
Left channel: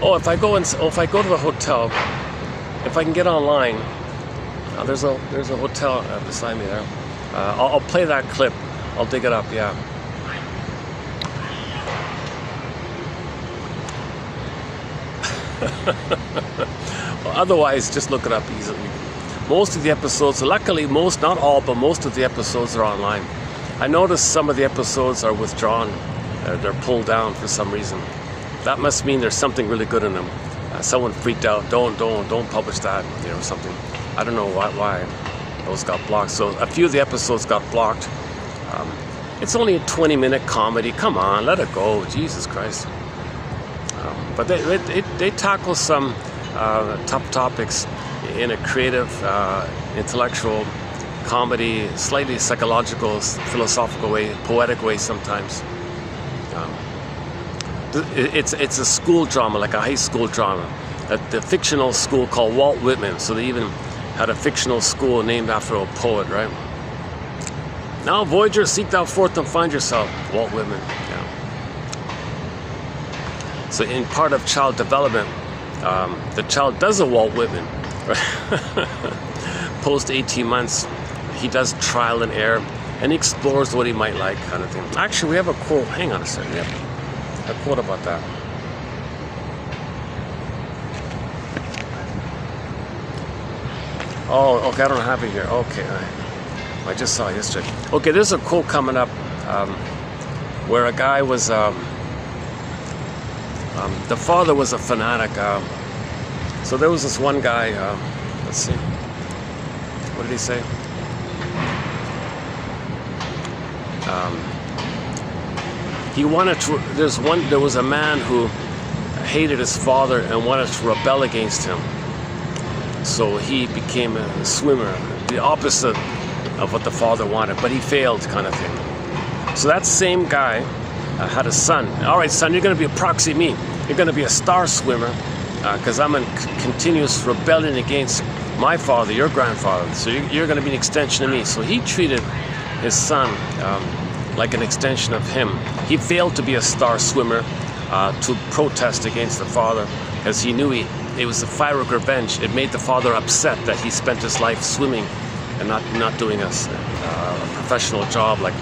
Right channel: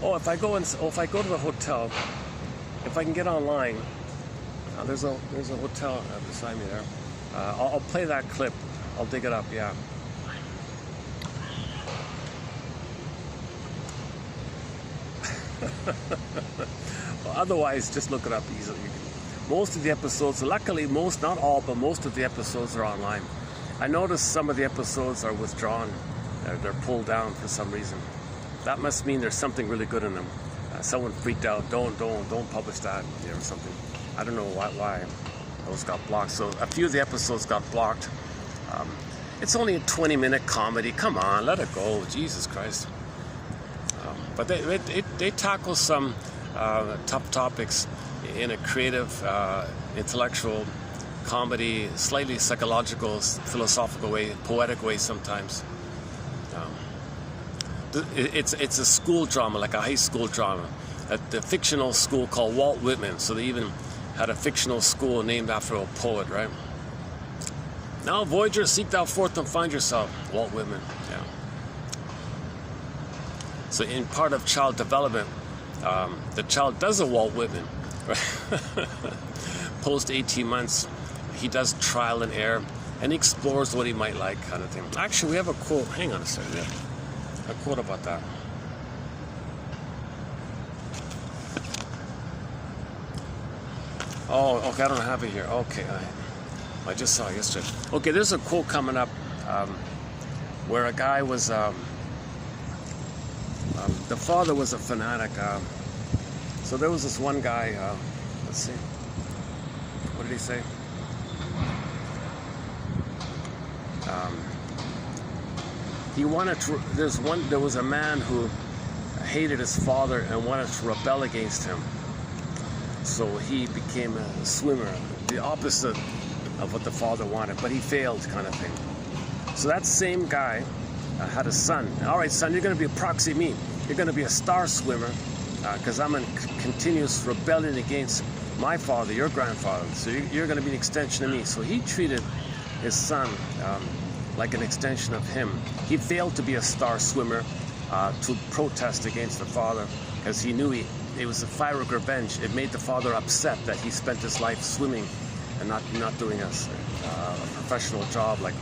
Oh, if I go to the hotel, if I can get online, there's a hotel beside me there. I'll play that clip. I'll dig it up, yeah. Well, otherwise, just look it up easily. Most of the episodes, luckily most, not all, but most of the episodes are online. I noticed some of the episodes are withdrawn. They're pulled down for some reason. That must mean there's something really good in them. Someone freaked out. Don't publish that, something. I don't know why those got blocked. So a few of the episodes got blocked. It's only a 20-minute comedy. Come on, let it go. Jesus Christ. But they tackle some tough topics in a creative, intellectual, comedy, slightly psychological, philosophical way, poetic way sometimes. It's a school drama, like a high school drama. The fictional school called Walt Whitman. So they even had a fictional school named after a poet, right? Now, Voyager, seek thou forth and find yourself. Walt Whitman. Yeah. So in part of child development, the child does a Walt Whitman. Post 18 months, he does trial and error, and he explores what he might like, kind of thing. Actually, we have a quote. Hang on a second. Yeah. A quote about that. Oh, okay, I don't have it here. Okay, I just saw it yesterday. Okay, there's a quote coming up where a guy was, the father was a fanatic. So there was this one guy, let's see, what did he say? He wanted to, there was a man who hated his father and wanted to rebel against him. So he became a swimmer, the opposite of what the father wanted, but he failed, kind of thing. So that same guy had a son. All right, son, you're going to be a proxy me. You're going to be a star swimmer because I'm in continuous rebellion against my father, your grandfather. So you're going to be an extension of me. So he treated his son like an extension of him. He failed to be a star swimmer to protest against the father because he knew it was a fire of revenge. It made the father upset that he spent his life swimming and not doing a professional job, like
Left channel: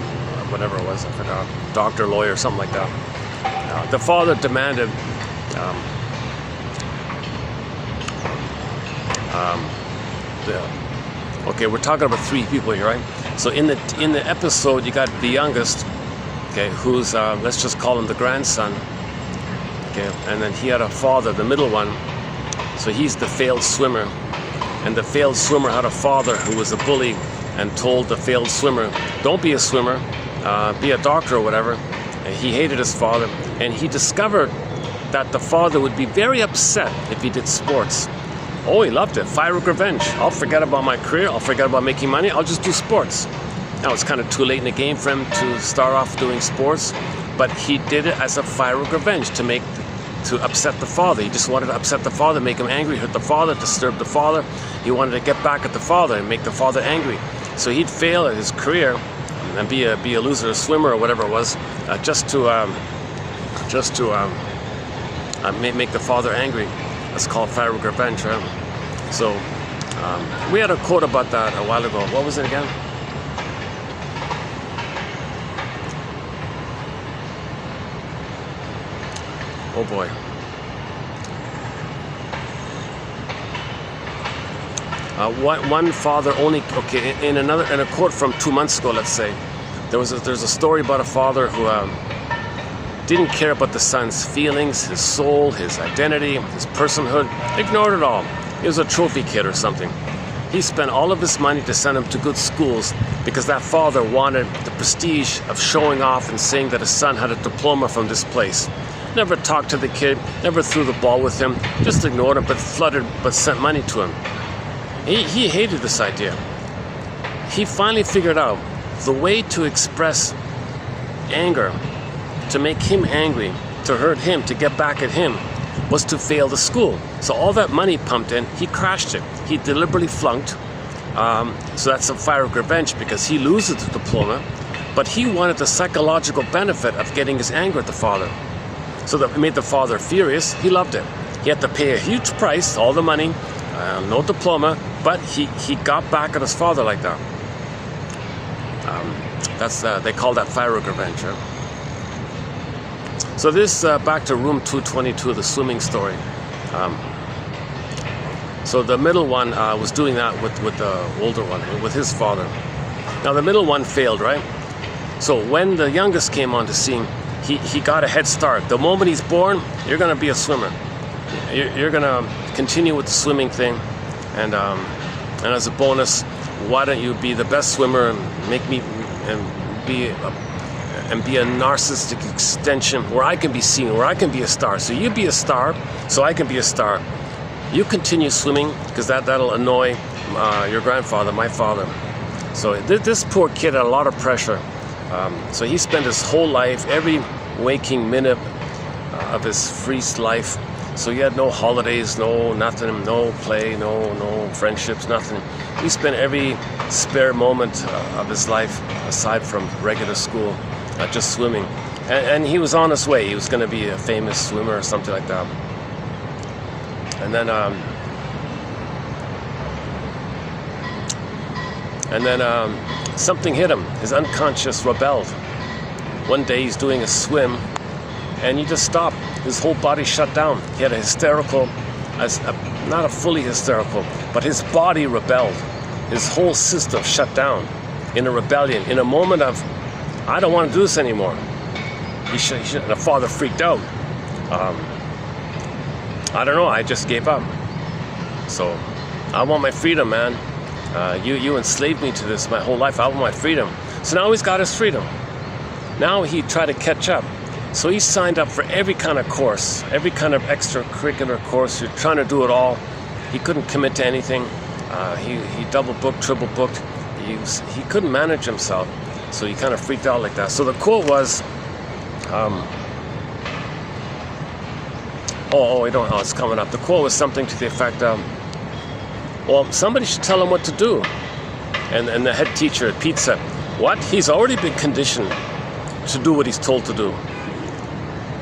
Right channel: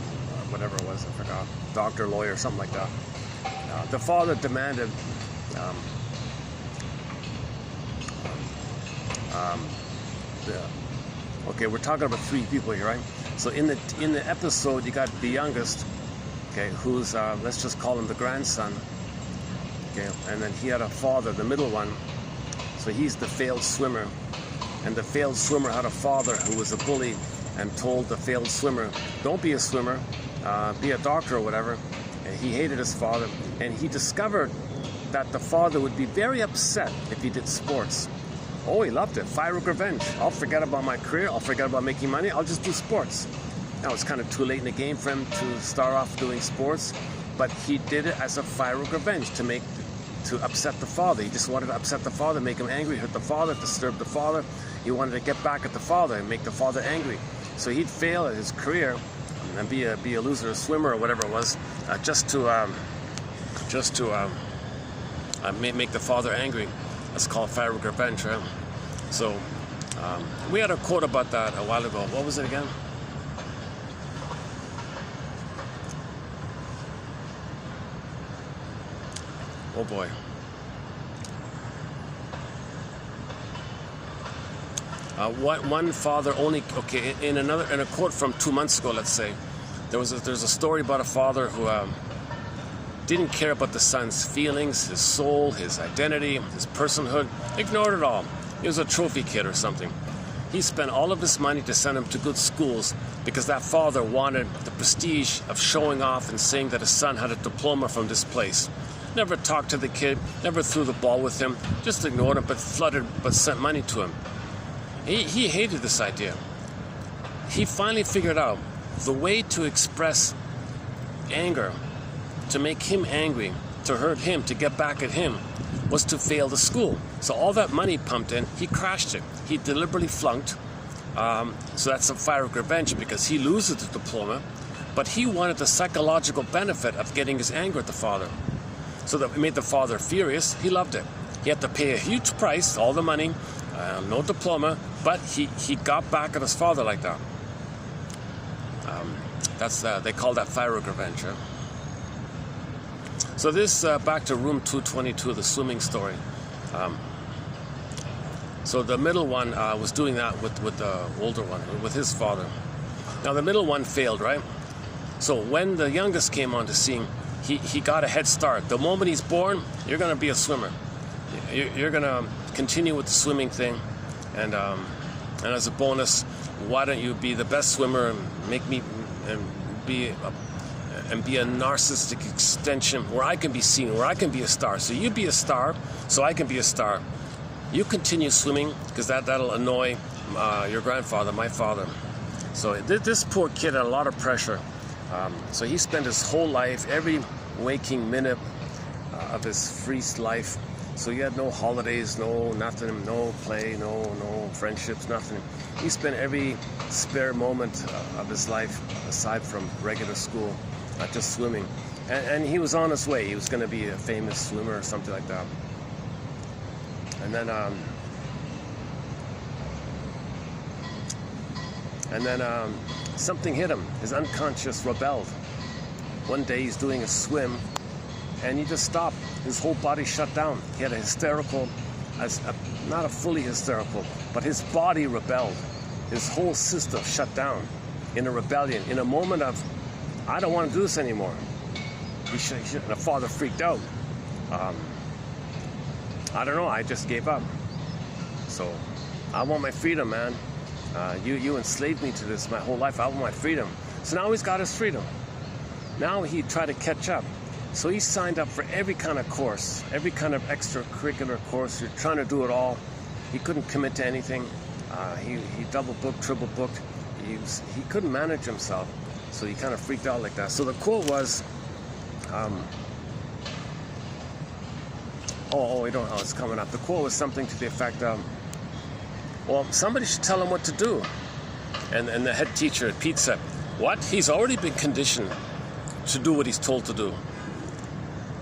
whatever it was, I forgot, doctor, lawyer, something like that. The father demanded okay, we're talking about three people here, right? So in the episode, you got the youngest, okay, who's let's just call him the grandson, okay, and then he had a father, the middle one. So he's the failed swimmer, and the failed swimmer had a father who was a bully and told the failed swimmer, don't be a swimmer, be a doctor or whatever. And he hated his father, and he discovered that the father would be very upset if he did sports. Oh, he loved it. Fire of revenge. I'll forget about my career. I'll forget about making money. I'll just do sports. Now, it's kind of too late in the game for him to start off doing sports, but he did it as a fire of revenge to upset the father. He just wanted to upset the father, make him angry, hurt the father, disturb the father. He wanted to get back at the father and make the father angry. So he'd fail at his career and be a loser, a swimmer or whatever it was, just to make the father angry. That's called fire of revenge, right? So we had a quote about that a while ago. What was it again? Oh boy. One father only. Okay, in a quote from 2 months ago, let's say, there's a story about a father who didn't care about the son's feelings, his soul, his identity, his personhood. Ignored it all. He was a trophy kid or something. He spent all of his money to send him to good schools because that father wanted the prestige of showing off and saying that his son had a diploma from this place. Never talked to the kid, never threw the ball with him, just ignored him, but sent money to him. He hated this idea. He finally figured out the way to express anger, to make him angry, to hurt him, to get back at him, was to fail the school. So all that money pumped in, he crashed it. He deliberately flunked. So that's a fire of revenge because he loses the diploma, but he wanted the psychological benefit of getting his anger at the father. So that made the father furious. He loved it. He had to pay a huge price, all the money, no diploma, but he got back at his father like that. They call that fire of revenge. Right? So this, back to room 222, the swimming story. So the middle one was doing that with the older one, with his father. Now the middle one failed, right? So when the youngest came on the scene, he got a head start. The moment he's born, you're going to be a swimmer. You're going to continue with the swimming thing. And as a bonus, why don't you be the best swimmer and make me and be and be a narcissistic extension where I can be seen, where I can be a star. So you be a star, so I can be a star. You continue swimming, because that'll annoy your grandfather, my father. So this poor kid had a lot of pressure. So he spent his whole life, every waking minute of his free life. So he had no holidays, no nothing, no play, no friendships, nothing. He spent every spare moment of his life, aside from regular school, just swimming. And he was on his way. He was going to be a famous swimmer or something like that. And then something hit him. His unconscious rebelled. One day he's doing a swim, and he just stopped. His whole body shut down. He had a hysterical, not a fully hysterical, but his body rebelled. His whole system shut down in a rebellion, in a moment of, I don't want to do this anymore. And the father freaked out. I don't know, I just gave up. So, I want my freedom, man. You enslaved me to this my whole life. I want my freedom. So now he's got his freedom. Now he tried to catch up. So he signed up for every kind of course, every kind of extracurricular course. You're trying to do it all. He couldn't commit to anything. He double booked, triple booked. He couldn't manage himself. So he kind of freaked out like that. So the quote was, it's coming up. The quote was something to the effect of, well, somebody should tell him what to do. And the head teacher at Pete said, what? He's already been conditioned to do what he's told to do.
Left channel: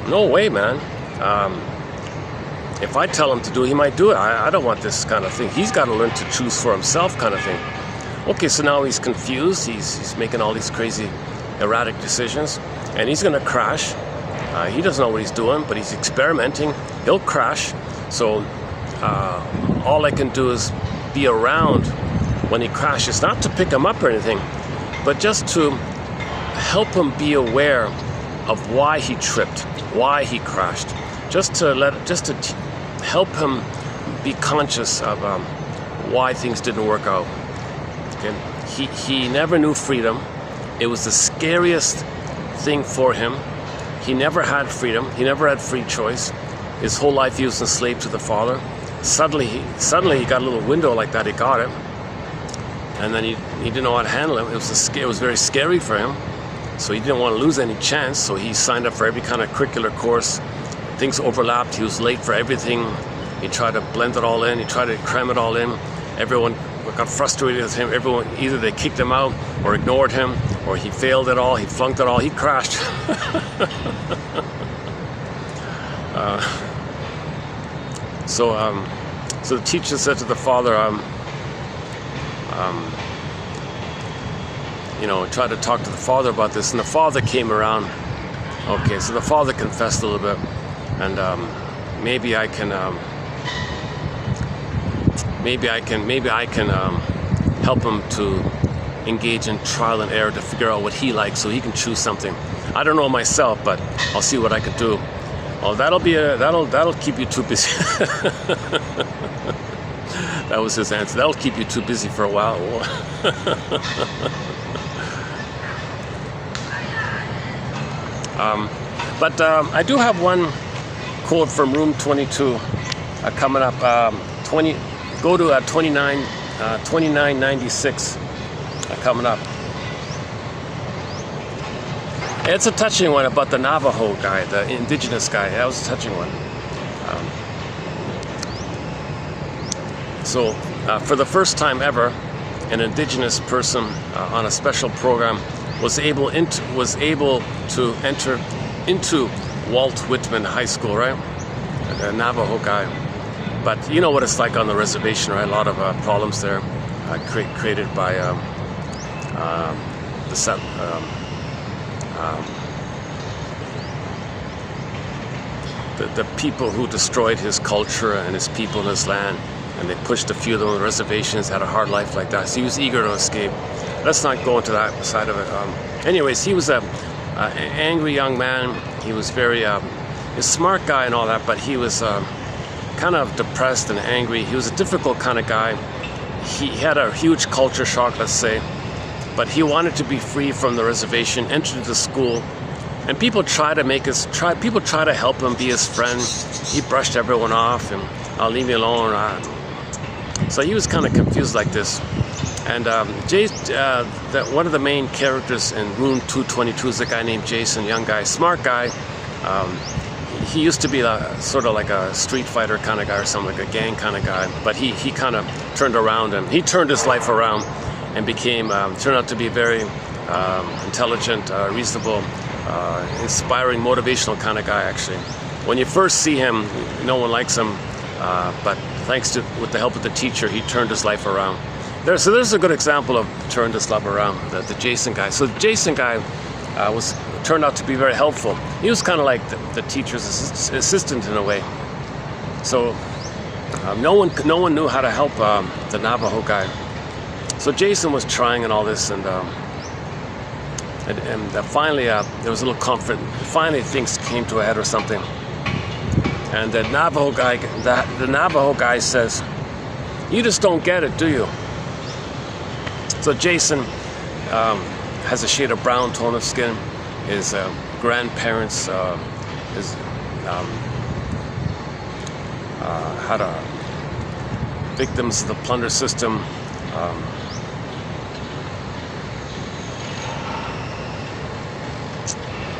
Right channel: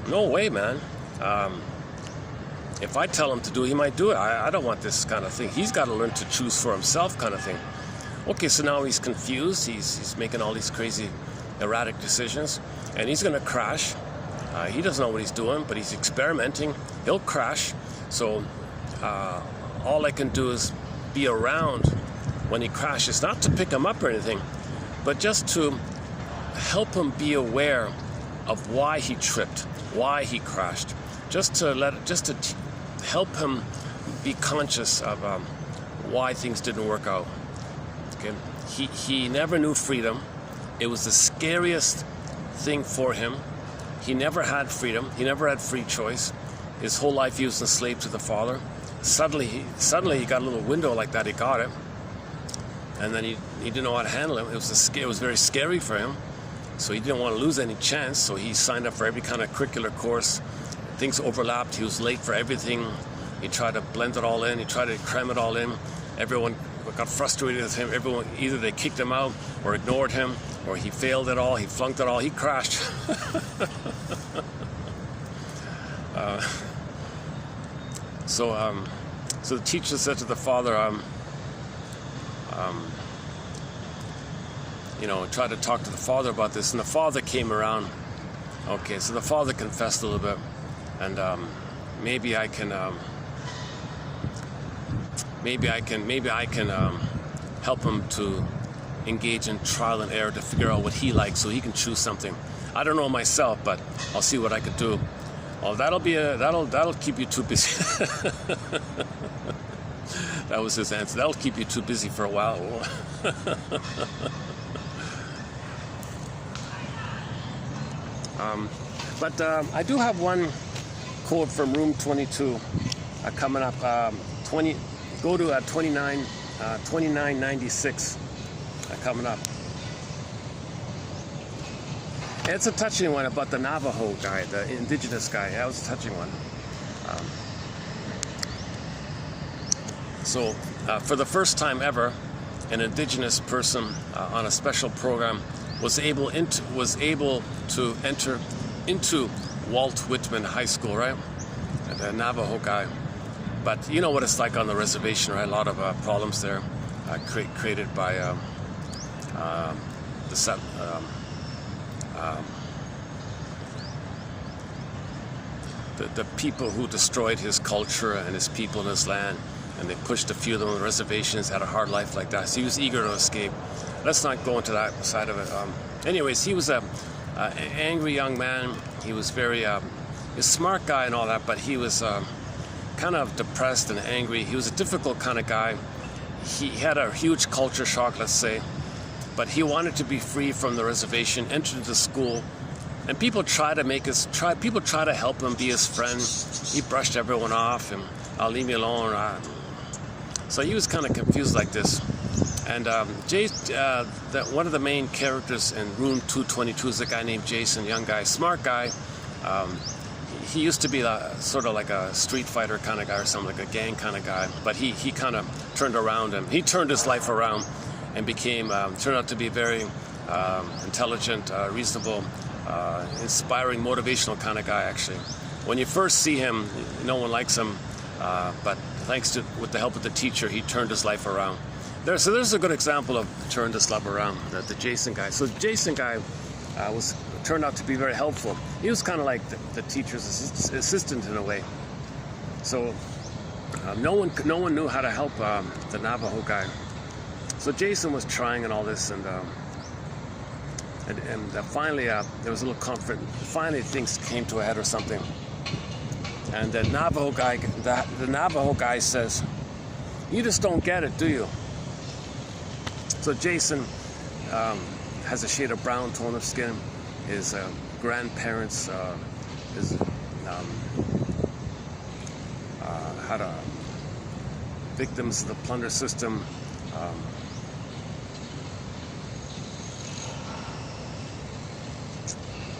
No way, man. If I tell him to do it, he might do it. I don't want this kind of thing. He's got to learn to choose for himself kind of thing. Okay, so now he's confused. He's making all these crazy, erratic decisions. And he's going to crash. He doesn't know what he's doing, but he's experimenting. He'll crash. So all I can do is be around when he crashes. Not to pick him up or anything, but just to help him be aware of why he tripped, why he crashed, just to help him be conscious of why things didn't work out. Okay? He never knew freedom. It was the scariest thing for him. He never had freedom. He never had free choice. His whole life he was enslaved to the father. Suddenly he got a little window like that. He got it, and then he didn't know how to handle it. It was very scary for him. So he didn't want to lose any chance, so he signed up for every kind of curricular course. Things overlapped. He was late for everything. He tried to blend it all in. He tried to cram it all in. Everyone got frustrated with him. Everyone, either they kicked him out or ignored him, or he failed it all. He flunked it all. He crashed. So the teacher said to the father, tried to talk to the father about this, and the father came around. Okay, so the father confessed a little bit, and maybe I can help him to engage in trial and error to figure out what he likes, so he can choose something. I don't know myself, but I'll see what I can do. Well, that'll keep you too busy. That was his answer. That'll keep you too busy for a while. But I do have one quote from room 22 coming up. Go to 2996 coming up. It's a touching one about the Navajo guy, the indigenous guy. That was a touching one. So, for the first time ever, an indigenous person on a special program was able to enter into Walt Whitman High School, right? A Navajo guy. But you know what it's like on the reservation, right? A lot of problems there, created by the people who destroyed his culture and his people and his land, and they pushed a few of them on the reservations, had a hard life like that. So he was eager to escape. Let's not go into that side of it. Anyways, he was an angry young man. He was a smart guy and all that, but he was kind of depressed and angry. He was a difficult kind of guy. He had a huge culture shock, let's say. but he wanted to be free from the reservation, entered the school, and people try to help him be his friend. He brushed everyone off and I'll leave you alone. So he was kind of confused like this. And one of the main characters in Room 222 is a guy named Jason, young guy, smart guy. He used to be sort of like a street fighter kind of guy or something, like a gang kind of guy. But he kind of turned around, and he turned his life around and turned out to be very intelligent, reasonable, inspiring, motivational kind of guy, actually. When you first see him, no one likes him, but with the help of the teacher, he turned his life around. So there's a good example of turned his life around, the Jason guy. So the Jason guy turned out to be very helpful. He was kind of like the teacher's assistant in a way. So no one knew how to help the Navajo guy. So Jason was trying and all this, and finally there was a little conflict. Finally things came to a head or something, and the Navajo guy says, "You just don't get it, do you?" So Jason has a shade of brown tone of skin. His grandparents had victims of the plunder system.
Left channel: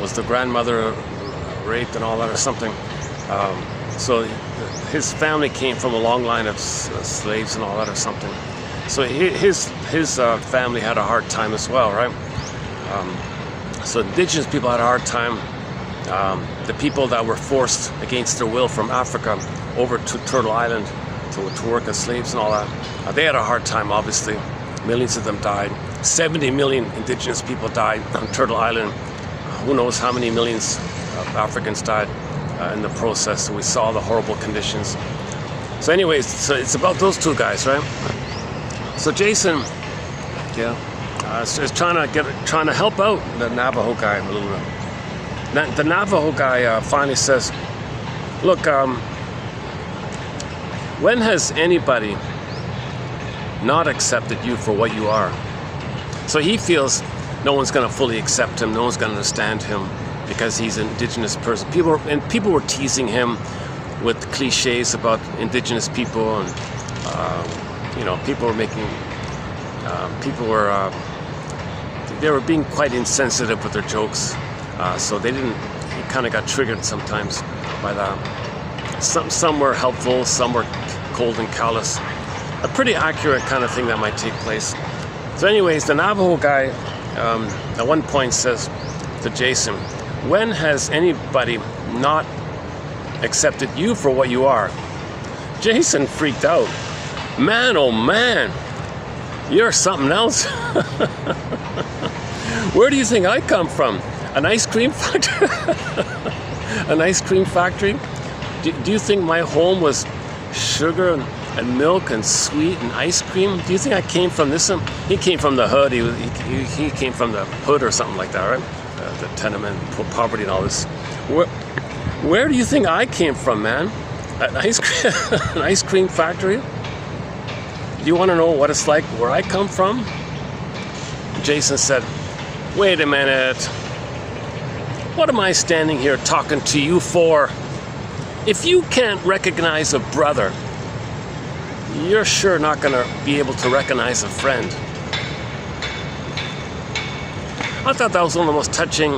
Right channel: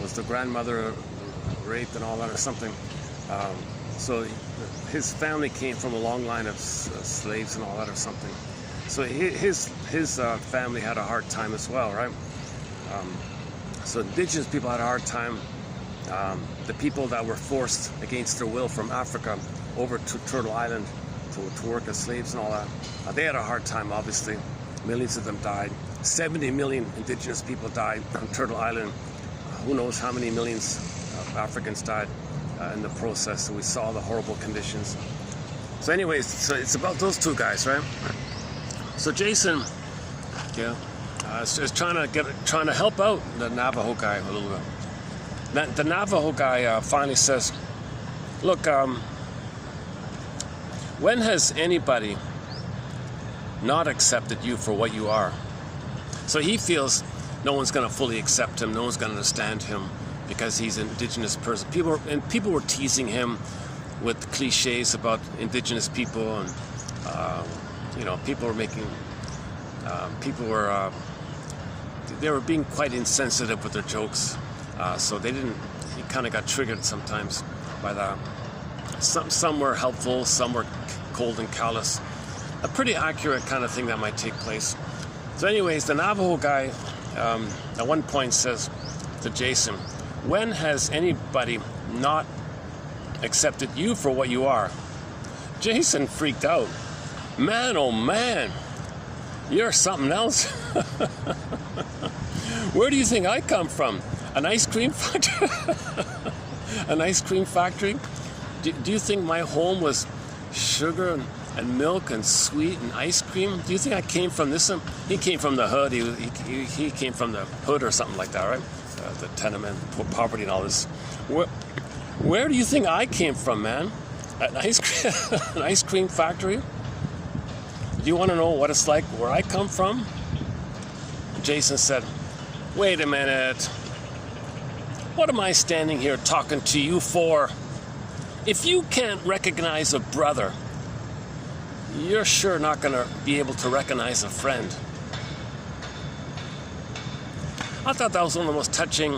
Was the grandmother raped and all that or something? So his family came from a long line of slaves and all that or something. So his family had a hard time as well, right? So indigenous people had a hard time. The people that were forced against their will from Africa over to Turtle Island to work as slaves and all that, they had a hard time, obviously. Millions of them died. 70 million indigenous people died on Turtle Island. Who knows how many millions of Africans died in the process. So we saw the horrible conditions. So anyways, so it's about those two guys, right? So Jason, is trying to help out the Navajo guy a little bit. The Navajo guy finally says, "Look, when has anybody not accepted you for what you are?" So he feels no one's going to fully accept him, no one's going to understand him because he's an indigenous person. People were teasing him with cliches about indigenous people, and they were being quite insensitive with their jokes. So he kind of got triggered sometimes by that. Some were helpful, some were cold and callous. A pretty accurate kind of thing that might take place. So anyways, the Navajo guy at one point says to Jason, "When has anybody not accepted you for what you are?" Jason freaked out. "Man, oh man, you're something else." "Where do you think I come from? An ice cream factory?" An ice cream factory? Do you think my home was sugar and milk and sweet and ice cream? Do you think I came from this? He came from the hood. He came from the hood or something like that, right? The tenement, poverty and all this. Where do you think I came from, man? An ice cream factory? Do you want to know what it's like where I come from? Jason said, "Wait a minute. What am I standing here talking to you for? If you can't recognize a brother, you're sure not going to be able to recognize a friend." I thought that was one of the most touching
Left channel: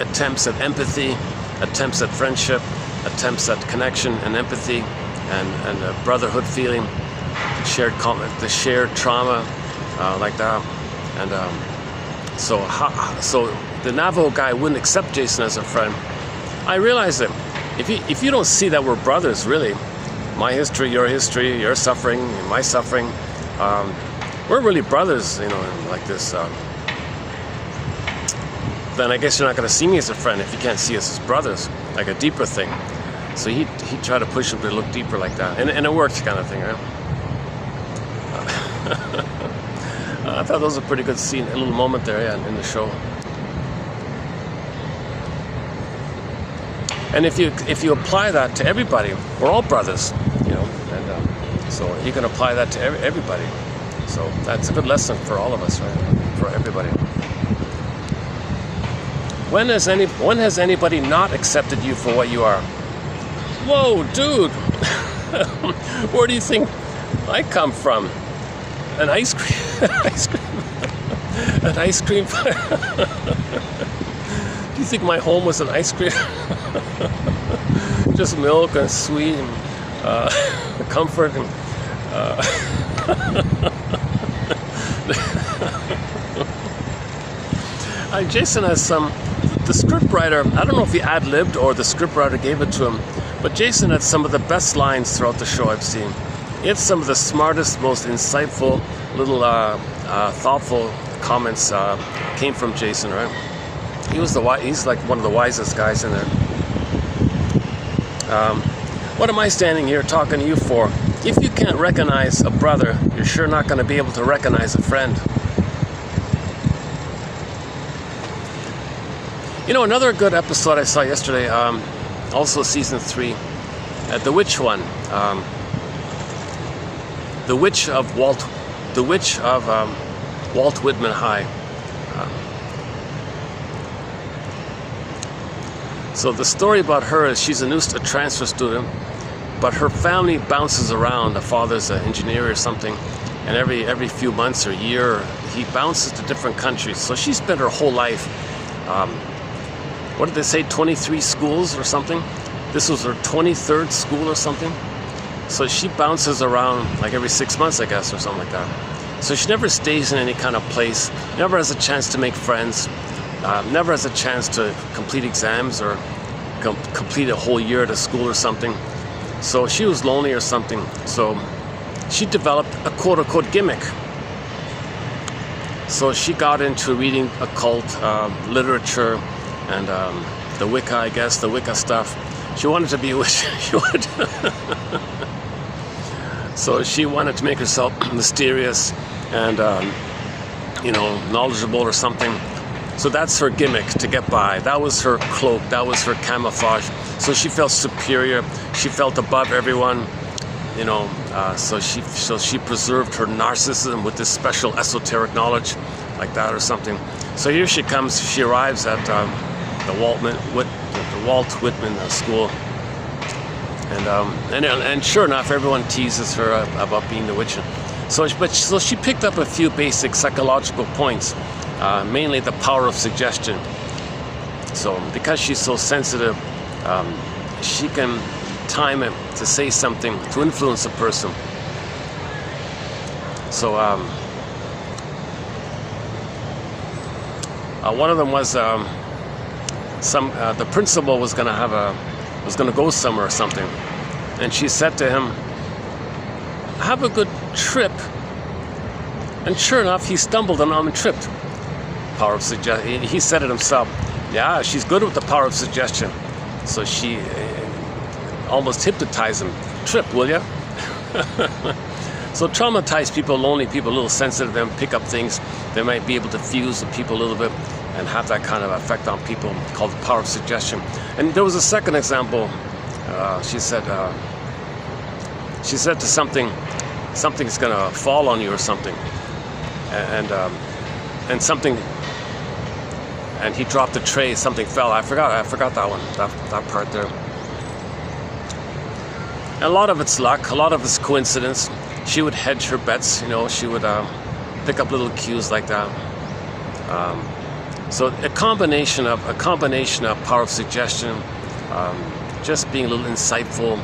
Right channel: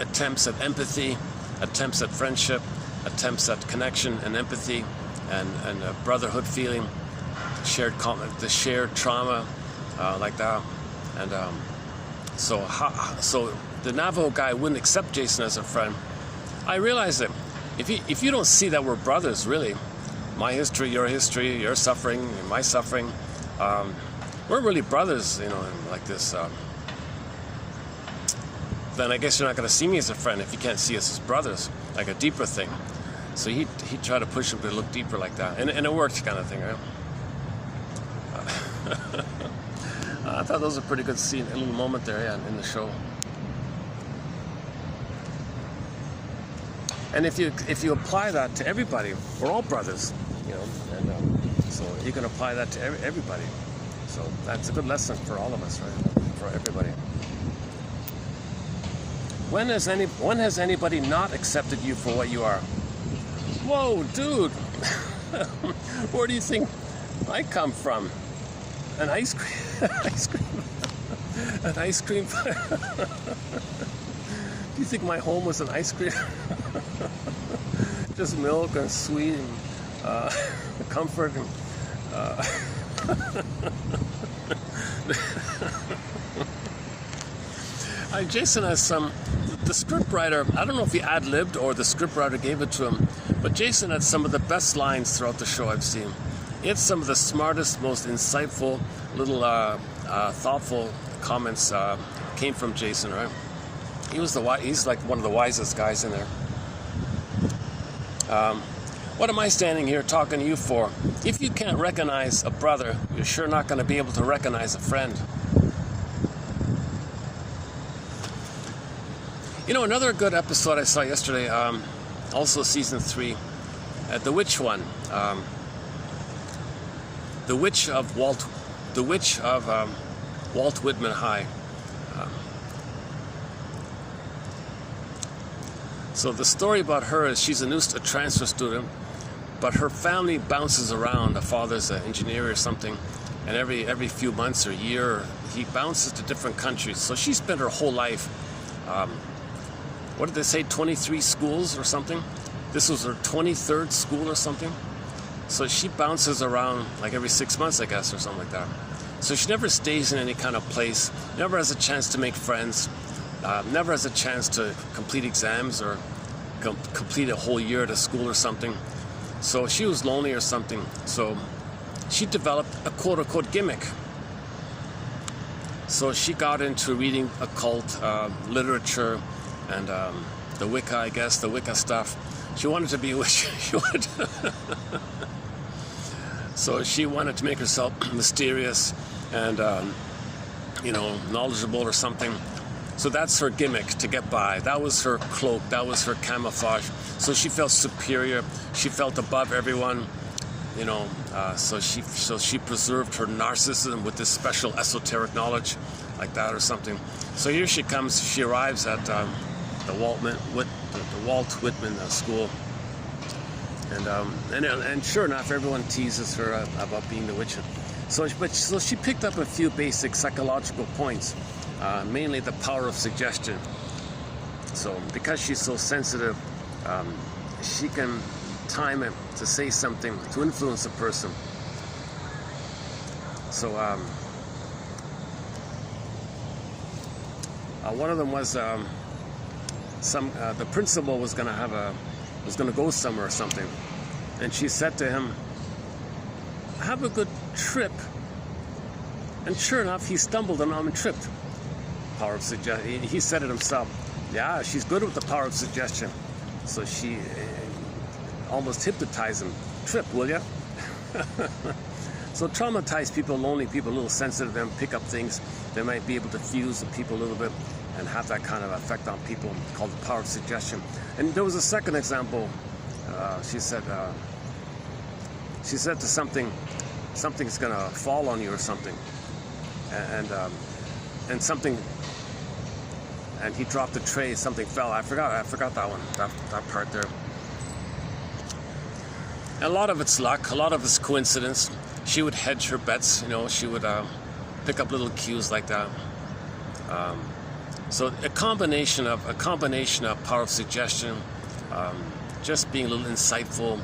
attempts at empathy, attempts at friendship, attempts at connection and empathy and a brotherhood feeling, the shared trauma like that. And so the Navajo guy wouldn't accept Jason as a friend. I realized that if you don't see that we're brothers, really, my history, your suffering, my suffering, we're really brothers, like this. Then I guess you're not going to see me as a friend if you can't see us as brothers, like a deeper thing. So he tried to push him to look deeper like that, and it worked, kind of thing, right? I thought that was a pretty good scene, a little moment there, in the show. And if you apply that to everybody, we're all brothers, and so you can apply that to everybody. So that's a good lesson for all of us, right? For everybody. When has anybody not accepted you for what you are? Whoa, dude! Where do you think I come from? An ice cream, an ice cream. Do you think my home was an ice cream? Just milk and sweet and comfort and. Jason has the scriptwriter, I don't know if he ad-libbed or the scriptwriter gave it to him, but Jason had some of the best lines throughout the show I've seen. It's some of the smartest, most insightful, little thoughtful comments came from Jason, right? He's like one of the wisest guys in there. What am I standing here talking to you for? If you can't recognize a brother, you're sure not going to be able to recognize a friend. You know, another good episode I saw yesterday, also season 3, the witch one, the witch of Walt Whitman High. So the story about her is she's a transfer student, but her family bounces around. The father's an engineer or something, and every few months or year he bounces to different countries. So she spent her whole life. What did they say, 23 schools or something? This was her 23rd school or something. So she bounces around like every 6 months, I guess, or something like that. So she never stays in any kind of place, never has a chance to make friends, never has a chance to complete exams or complete a whole year at a school or something. So she was lonely or something. So she developed a quote-unquote gimmick. So she got into reading occult literature and the Wicca, I guess, the Wicca stuff. She wanted to be a witch. So she wanted to make herself mysterious and, knowledgeable or something. So that's her gimmick to get by. That was her cloak. That was her camouflage. So she felt superior. She felt above everyone. So she preserved her narcissism with this special esoteric knowledge, like that or something. So here she comes. She arrives at the Walt Whitman School, and sure enough, everyone teases her about being the witch. So she picked up a few basic psychological points, mainly the power of suggestion. So because she's so sensitive, she can time it to say something to influence a person. So one of them was the principal was going to go somewhere or something, and she said to him, "Have a good trip." And sure enough, he stumbled and tripped. Power of suggestion. He said it himself. Yeah, she's good with the power of suggestion. So she almost hypnotized him. Trip, will ya? So traumatized people, lonely people, a little sensitive, them pick up things. They might be able to fuse with people a little bit and have that kind of effect on people, called the power of suggestion. And there was a second example. She said to something's gonna fall on you or something, and something, and he dropped the tray. Something fell. I forgot that one. That part there. And a lot of it's luck. A lot of it's coincidence. She would hedge her bets. She would pick up little cues like that. So a combination of power of suggestion, just being a little insightful,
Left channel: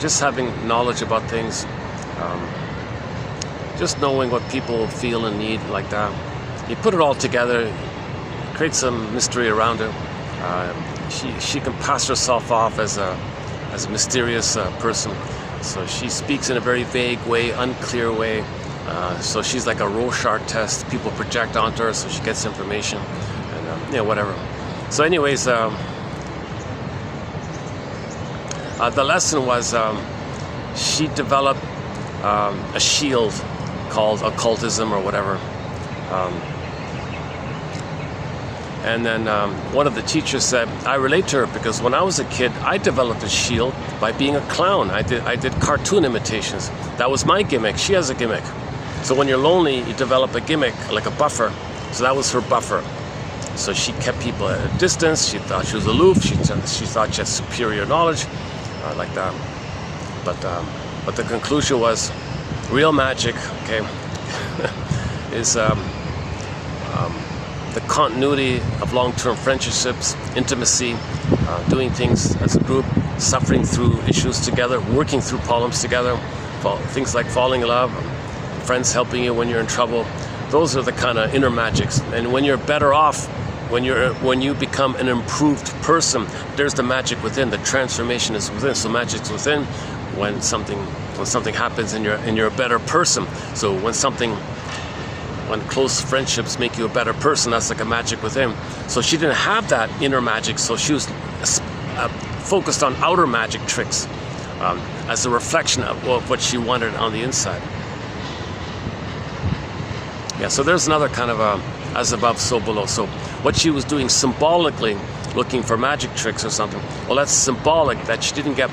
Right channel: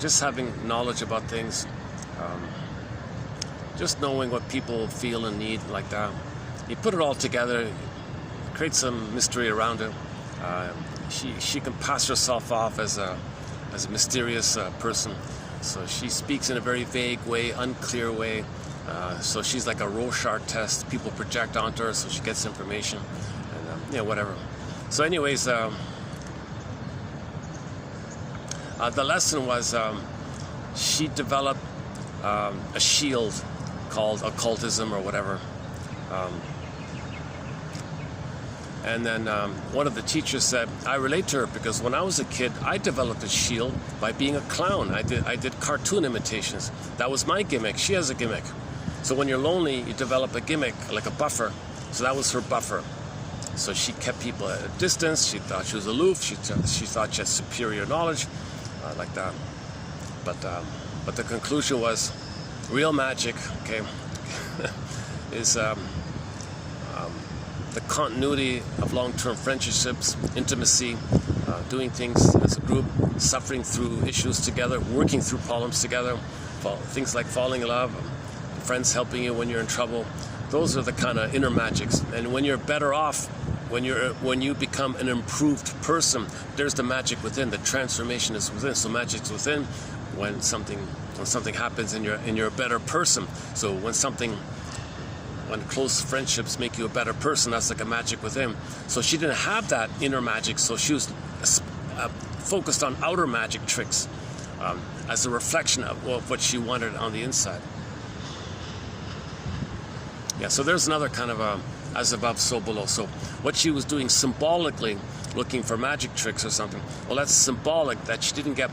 just having knowledge about things, just knowing what people feel and need, like that. You put it all together, create some mystery around it. She can pass herself off as a mysterious person. So she speaks in a very vague way, unclear way. So she's like a Rorschach test. People project onto her, so she gets information, and whatever. So, anyways, the lesson was she developed a shield called occultism or whatever. And then one of the teachers said, I relate to her because when I was a kid, I developed a shield by being a clown. I did cartoon imitations. That was my gimmick. She has a gimmick. So when you're lonely, you develop a gimmick, like a buffer. So that was her buffer. So she kept people at a distance. She thought she was aloof. She thought she had superior knowledge, like that. But the conclusion was, real magic, okay, is the continuity of long-term friendships, intimacy, doing things as a group, suffering through issues together, working through problems together, things like falling in love, friends helping you when you're in trouble. Those are the kind of inner magics. And when you're better off, when you become an improved person, there's the magic within. The transformation is within. So magic's within. When something happens and you're a better person. So when close friendships make you a better person, that's like a magic within. So she didn't have that inner magic, so she was focused on outer magic tricks as a reflection of what she wanted on the inside. Yeah, so there's another kind of as above, so below. So what she was doing symbolically, looking for magic tricks or something, well, that's symbolic that she didn't get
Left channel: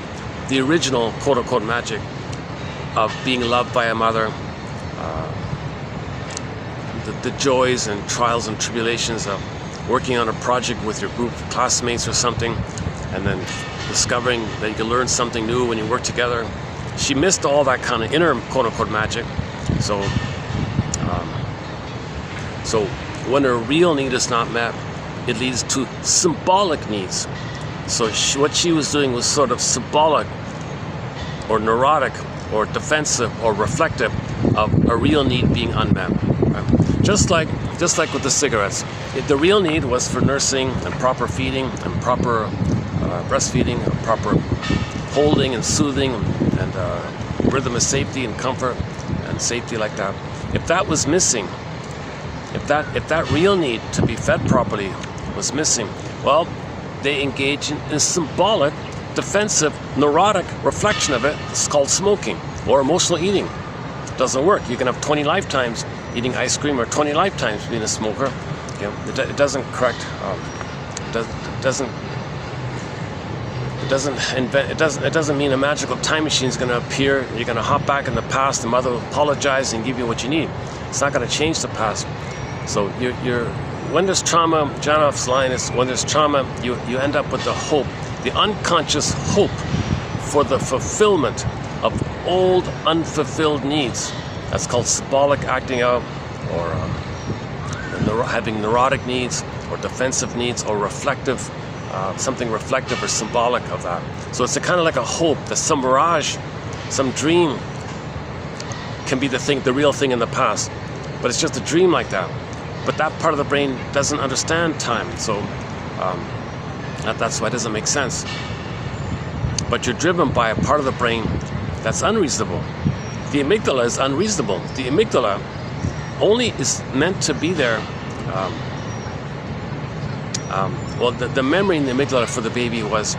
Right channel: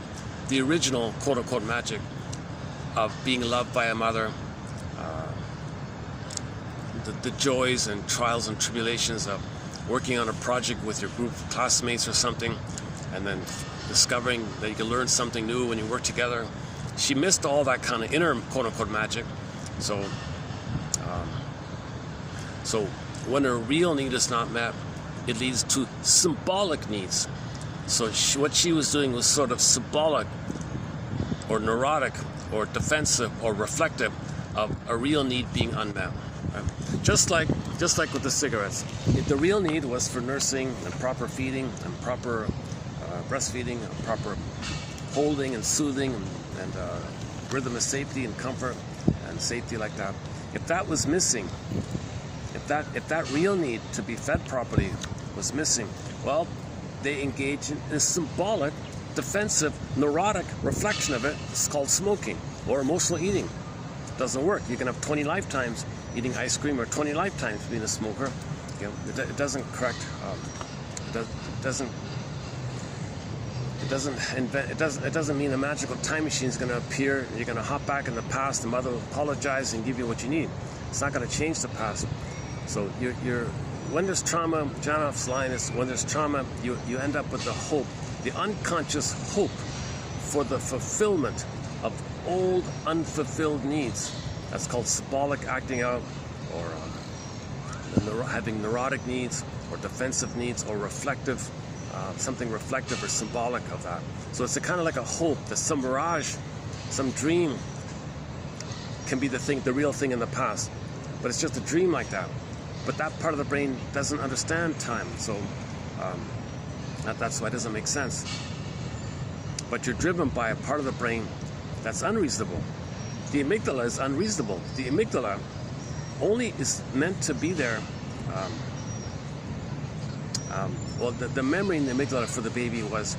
the original quote-unquote magic of being loved by a mother, the joys and trials and tribulations of working on a project with your group of classmates or something, and then discovering that you can learn something new when you work together. She missed all that kind of inner quote-unquote magic. So when her real need is not met, it leads to symbolic needs. So what she was doing was sort of symbolic or neurotic or defensive or reflective of a real need being unmet. Right? Just like with the cigarettes. The real need was for nursing and proper feeding and proper breastfeeding, and proper holding and soothing and rhythm of safety and comfort and safety like that. If that was missing, if that real need to be fed properly was missing, well, they engage in a symbolic, defensive, neurotic reflection of it. It's called smoking or emotional eating. It doesn't work. You can have 20 lifetimes eating ice cream or 20 lifetimes being a smoker. You know, it doesn't correct. It doesn't mean a magical time machine is going to appear. You're going to hop back in the past. The mother will apologize and give you what you need. It's not going to change the past. So when there's trauma, Janoff's line is, when there's trauma, you end up with the hope, the unconscious hope for the fulfillment of old unfulfilled needs. That's called symbolic acting out, or having neurotic needs, or defensive needs, or reflective, something reflective or symbolic of that. So it's kind of like a hope that some mirage, some dream can be the real thing in the past. But it's just a dream like that. But that part of the brain doesn't understand time, so that's why it doesn't make sense. But you're driven by a part of the brain that's unreasonable. The amygdala is unreasonable. The amygdala only is meant to be there. Well, the memory in the amygdala for the baby was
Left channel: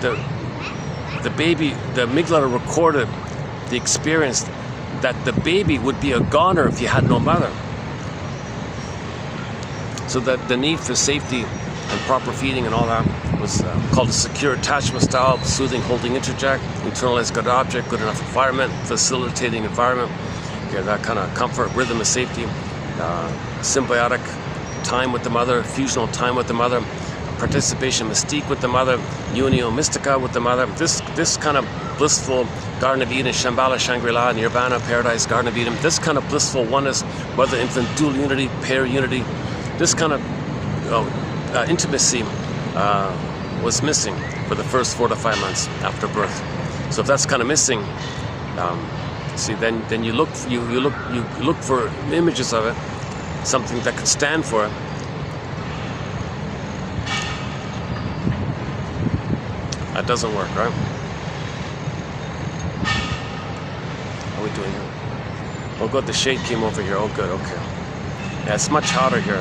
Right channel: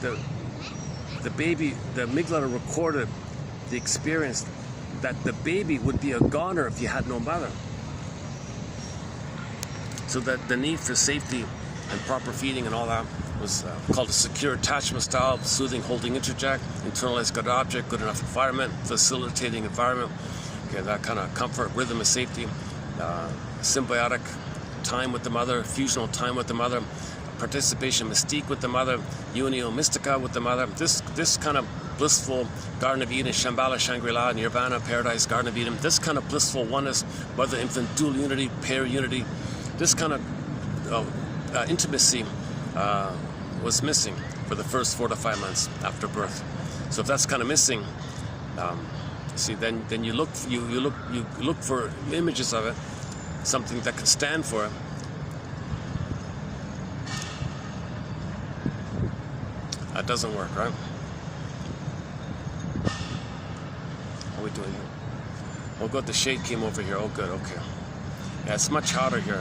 the amygdala recorded the experience that the baby would be a goner if you had no mother. So that the need for safety and proper feeding and all that was called a secure attachment style, soothing, holding, interject, internalized good object, good enough environment, facilitating environment, that kind of comfort, rhythm of safety, symbiotic time with the mother, fusional time with the mother, participation mystique with the mother, unio mystica with the mother. This kind of blissful Garden of Eden, Shambhala, Shangri-La, Nirvana, Paradise, Garden of Eden, this kind of blissful oneness, mother infant dual unity, pair unity, this kind of intimacy was missing for the first 4 to 5 months after birth. So if that's kind of missing, see, then you look for images of it, something that could stand for it. That doesn't work, right? How are we doing here? Oh good, the shade came over here. Oh good, okay. Yeah, it's much hotter here.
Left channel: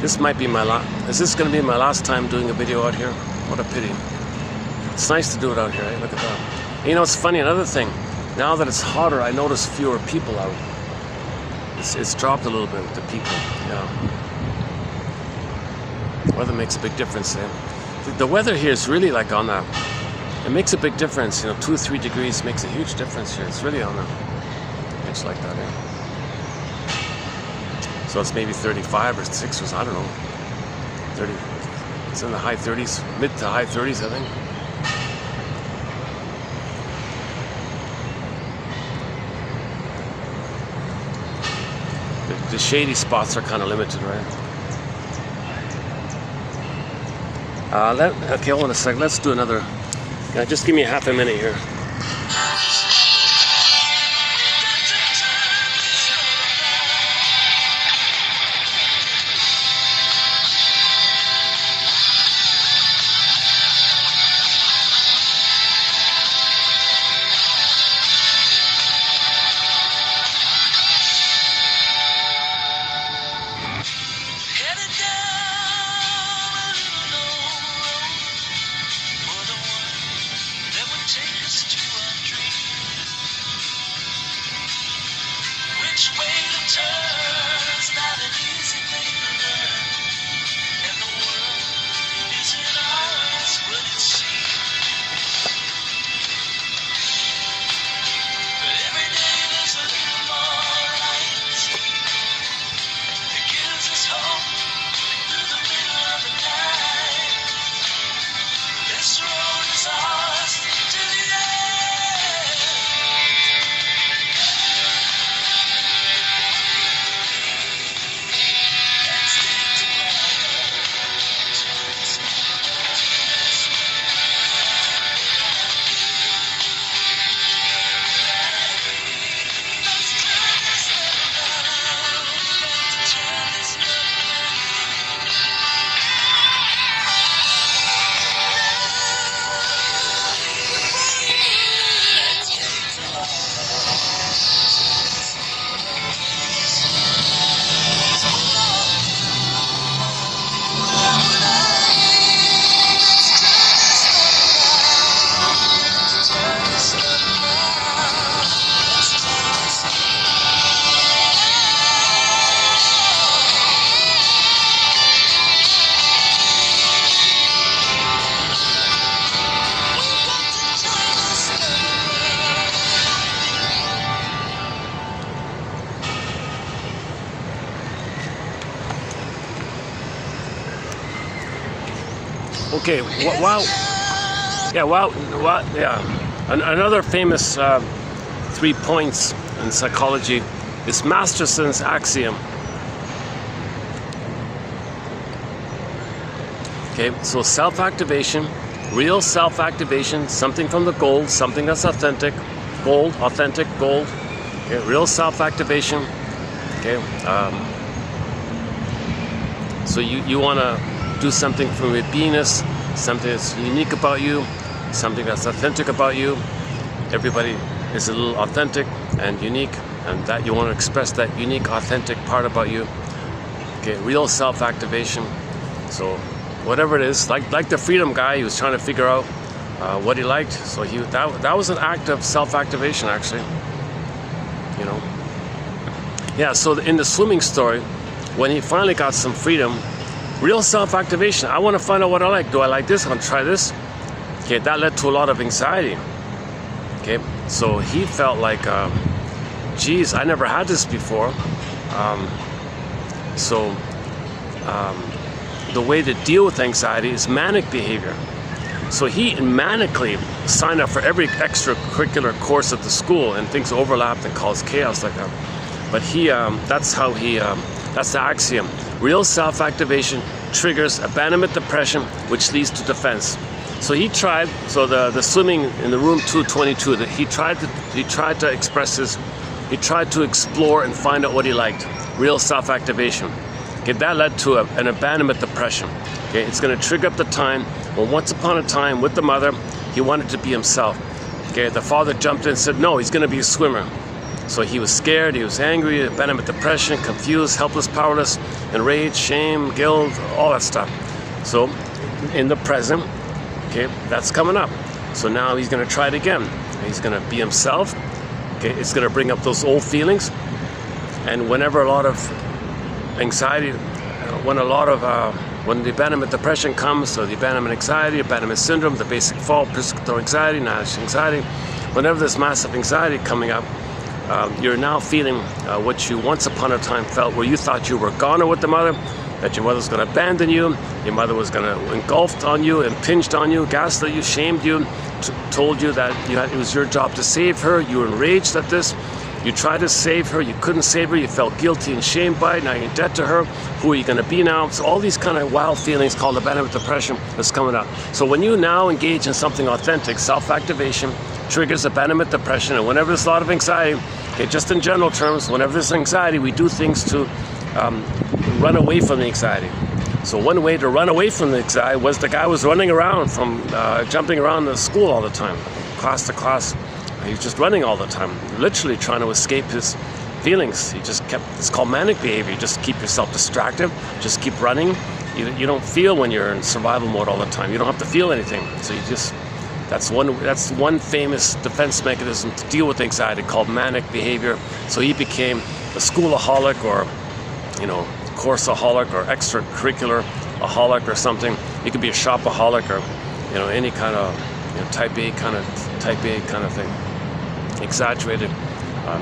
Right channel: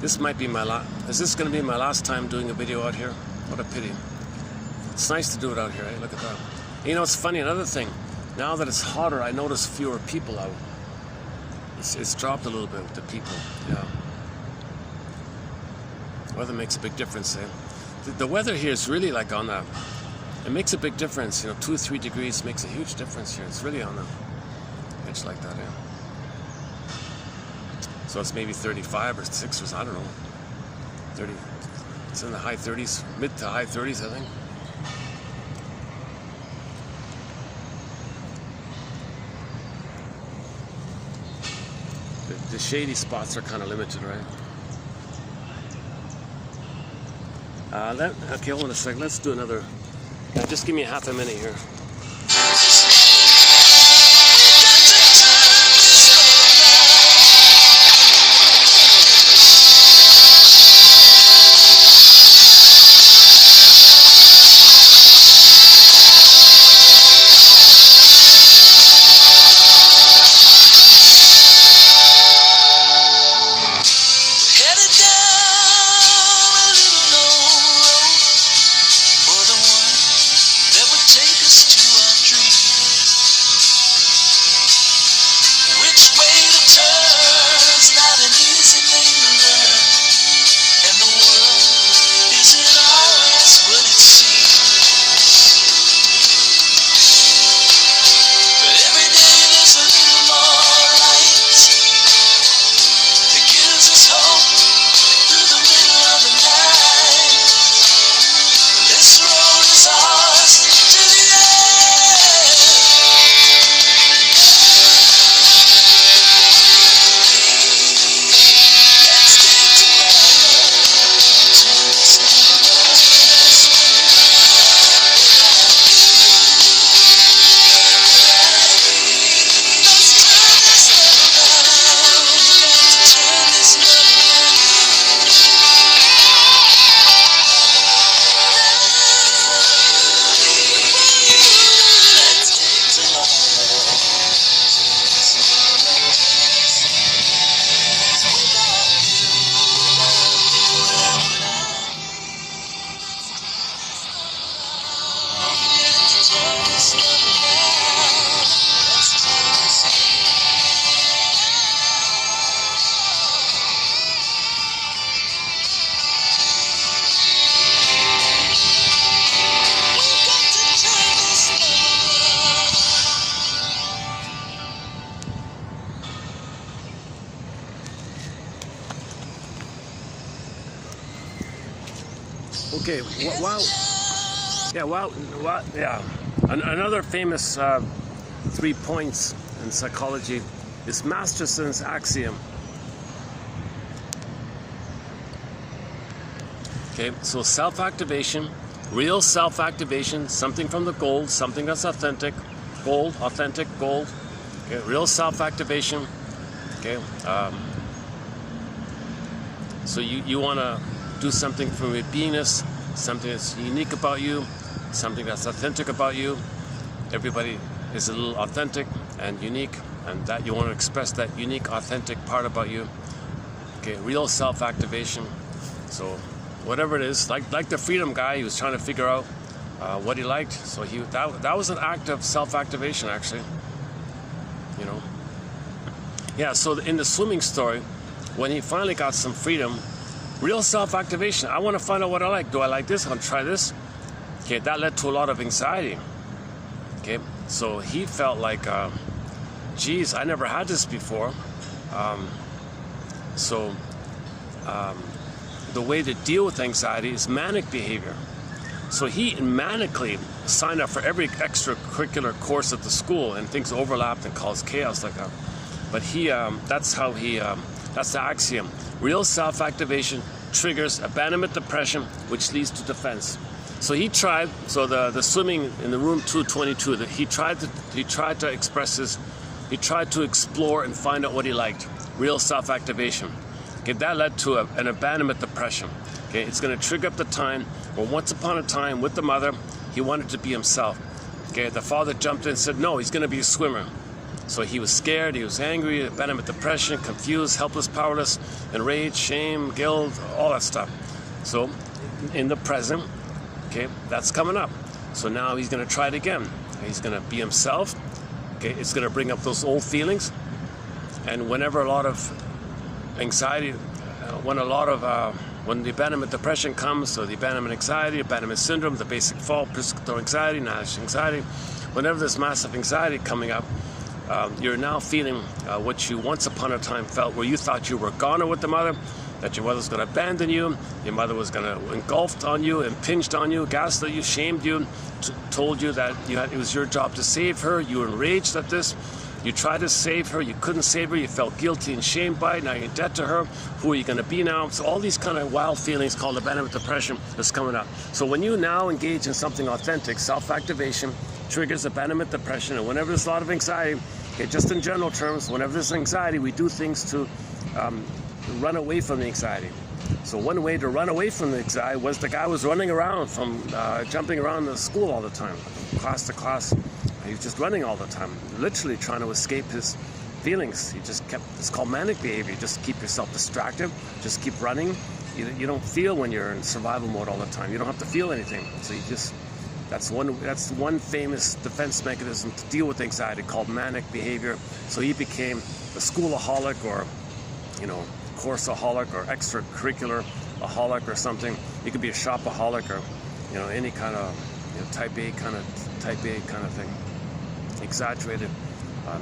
This might be my last. Is this going to be my last time doing a video out here? What a pity. It's nice to do it out here, eh? Look at that. You know, it's funny, another thing. Now that it's hotter, I notice fewer people out. It's dropped a little bit with the people, yeah. Weather makes a big difference there. The weather here is really like on that. It makes a big difference, you know, 2 or 3 degrees makes a huge difference here. It's really on that. It's like that, yeah. So it's maybe 35 or 6 or I don't know. 30. It's in the high 30s, mid to high 30s, I think. The shady spots are kind of limited, right? Okay, hold on a sec. Let's do another. Just give me half a minute here. Okay, another famous 3 points in psychology is Masterson's axiom. Okay, so self-activation, real self-activation, something from the gold, something that's authentic, gold, authentic, gold, okay, real self-activation, okay, so you want to do something from your beingness, something that's unique about you, something that's authentic about you. Everybody is a little authentic and unique, and that you want to express that unique, authentic part about you. Okay, real self-activation. So whatever it is, like the freedom guy, he was trying to figure out what he liked. So that was an act of self-activation, actually. You know. Yeah. So in the swimming story, when he finally got some freedom, real self-activation. I want to find out what I like. Do I like this? I'm going to try this. Okay, that led to a lot of anxiety. Okay, so he felt like, geez, I never had this before. The way to deal with anxiety is manic behavior. So he manically signed up for every extracurricular course at the school, and things overlapped and caused chaos like that. But that's the axiom. Real self-activation triggers abandonment depression, which leads to defense. So he tried. So the swimming in the room 222. That he tried to express his. He tried to explore and find out what he liked. Real self-activation. Okay, that led to an abandonment depression. Okay, it's going to trigger up the time when once upon a time with the mother, he wanted to be himself. Okay, the father jumped in and said, no, he's going to be a swimmer. So he was scared, he was angry, abandonment depression, confused, helpless, powerless, enraged, shame, guilt, all that stuff. So in the present, okay, that's coming up. So now he's going to try it again. He's going to be himself. Okay, it's going to bring up those old feelings. And whenever a lot of anxiety, when the abandonment depression comes, so the abandonment anxiety, abandonment syndrome, the basic fault, participatory anxiety, national anxiety, whenever there's massive anxiety coming up, you're now feeling what you once upon a time felt, where you thought you were goner with the mother, that your mother was going to abandon you, your mother was going to engulfed on you, impinged on you, gaslit you, shamed you, told you that it was your job to save her. You were enraged at this. You tried to save her, you couldn't save her, you felt guilty and shamed by it, now you're in debt to her, who are you going to be now? So all these kind of wild feelings called abandonment depression is coming up. So when you now engage in something authentic, self-activation triggers abandonment depression, and whenever there's a lot of anxiety, just in general terms, whenever there's anxiety, we do things to run away from the anxiety. So one way to run away from the anxiety was the guy was running around from jumping around the school all the time, class to class. He was just running all the time, literally trying to escape his feelings. He just kept, it's called manic behavior. You just keep yourself distracted, just keep running. You don't feel when you're in survival mode all the time. You don't have to feel anything. So you just, that's one famous defense mechanism to deal with anxiety called manic behavior. So he became a schoolaholic, or, courseaholic, or extracurricular aholic or something. You could be a shopaholic, or, any kind of type A kind of thing. Exaggerated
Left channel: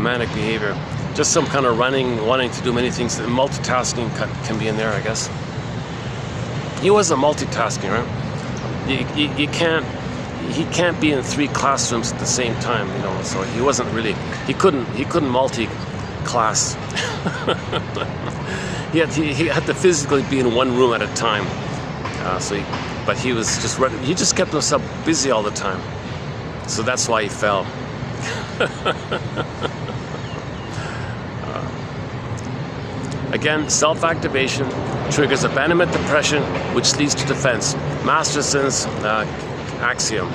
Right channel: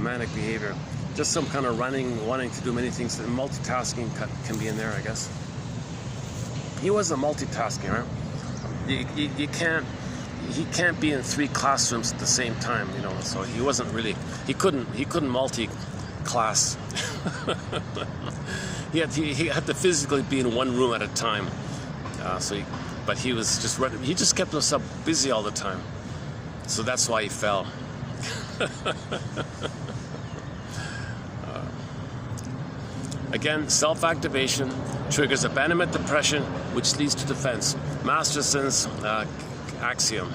manic behavior, just some kind of wanting to do many things. Multitasking can be in there, I guess. He wasn't multitasking, right? He can't be in 3 classrooms at the same time, so he wasn't really, he couldn't multi-class. he had to physically be in one room at a time. But he was just running, he just kept himself busy all the time. So that's why he fell. Again, self-activation triggers abandonment depression, which leads to defense. Masterson's axiom.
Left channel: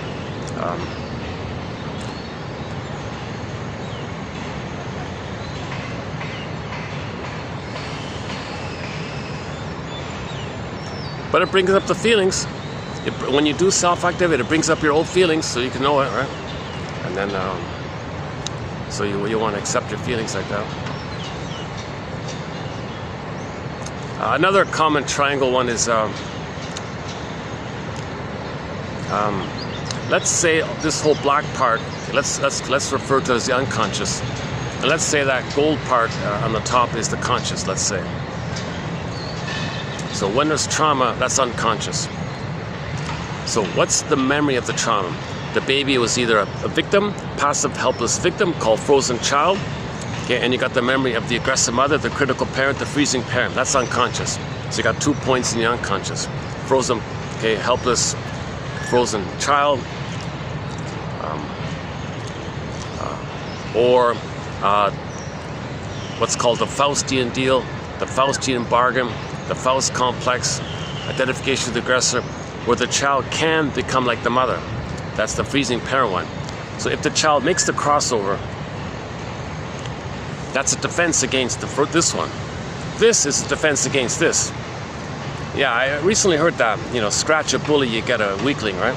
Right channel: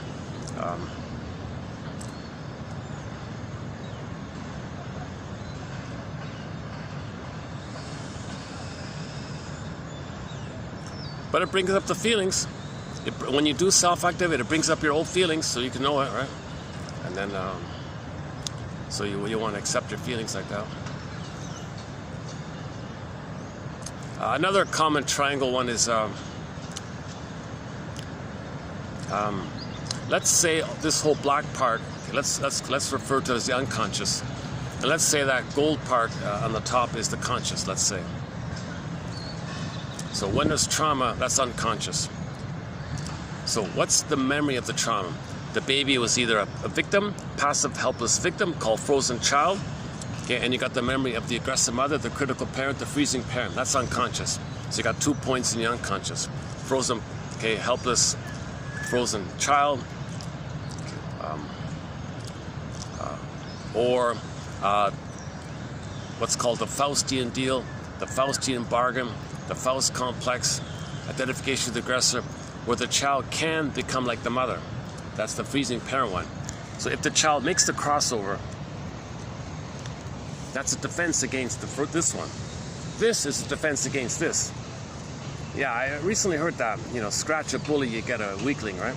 But it brings up the feelings. When you do self-activate, it brings up your old feelings, so you can know it, right? And then, so you want to accept your feelings like that. Another common triangle one is, let's say this whole black part. Let's refer to it as the unconscious, and let's say that gold part on the top is the conscious. Let's say. So when there's trauma, that's unconscious. So what's the memory of the trauma? The baby was either a victim, passive, helpless victim called frozen child, okay, and you got the memory of the aggressive mother, the critical parent, the freezing parent. That's unconscious. So you got 2 points in the unconscious. Frozen, okay, helpless, frozen child, or what's called the Faustian deal, the Faustian bargain, the Faust complex, identification of the aggressor, where the child can become like the mother. That's the freezing parent one. So if the child makes the crossover, that's a defense against this one. This is a defense against this. Yeah, I recently heard that, scratch a bully, you get a weakling, right?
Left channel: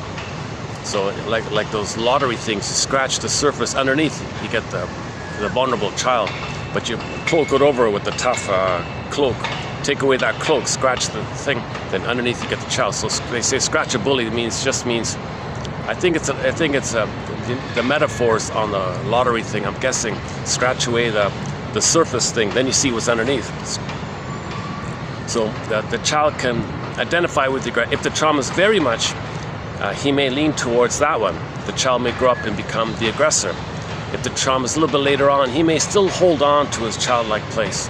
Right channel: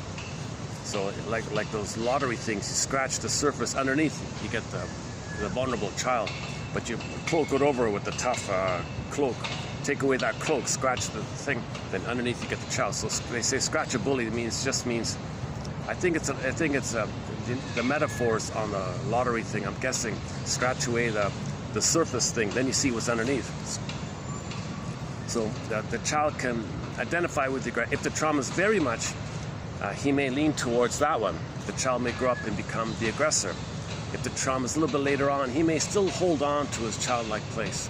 So like those lottery things, you scratch the surface underneath, you get the vulnerable child, but you cloak it over with the tough cloak. Take away that cloak, scratch the thing, then underneath you get the child. So they say scratch a bully just means, I think it's the metaphors on the lottery thing. I'm guessing scratch away the surface thing, then you see what's underneath. So the child can identify with the aggressor. If the trauma is very much, he may lean towards that one. The child may grow up and become the aggressor. If the trauma is a little bit later on, he may still hold on to his childlike place,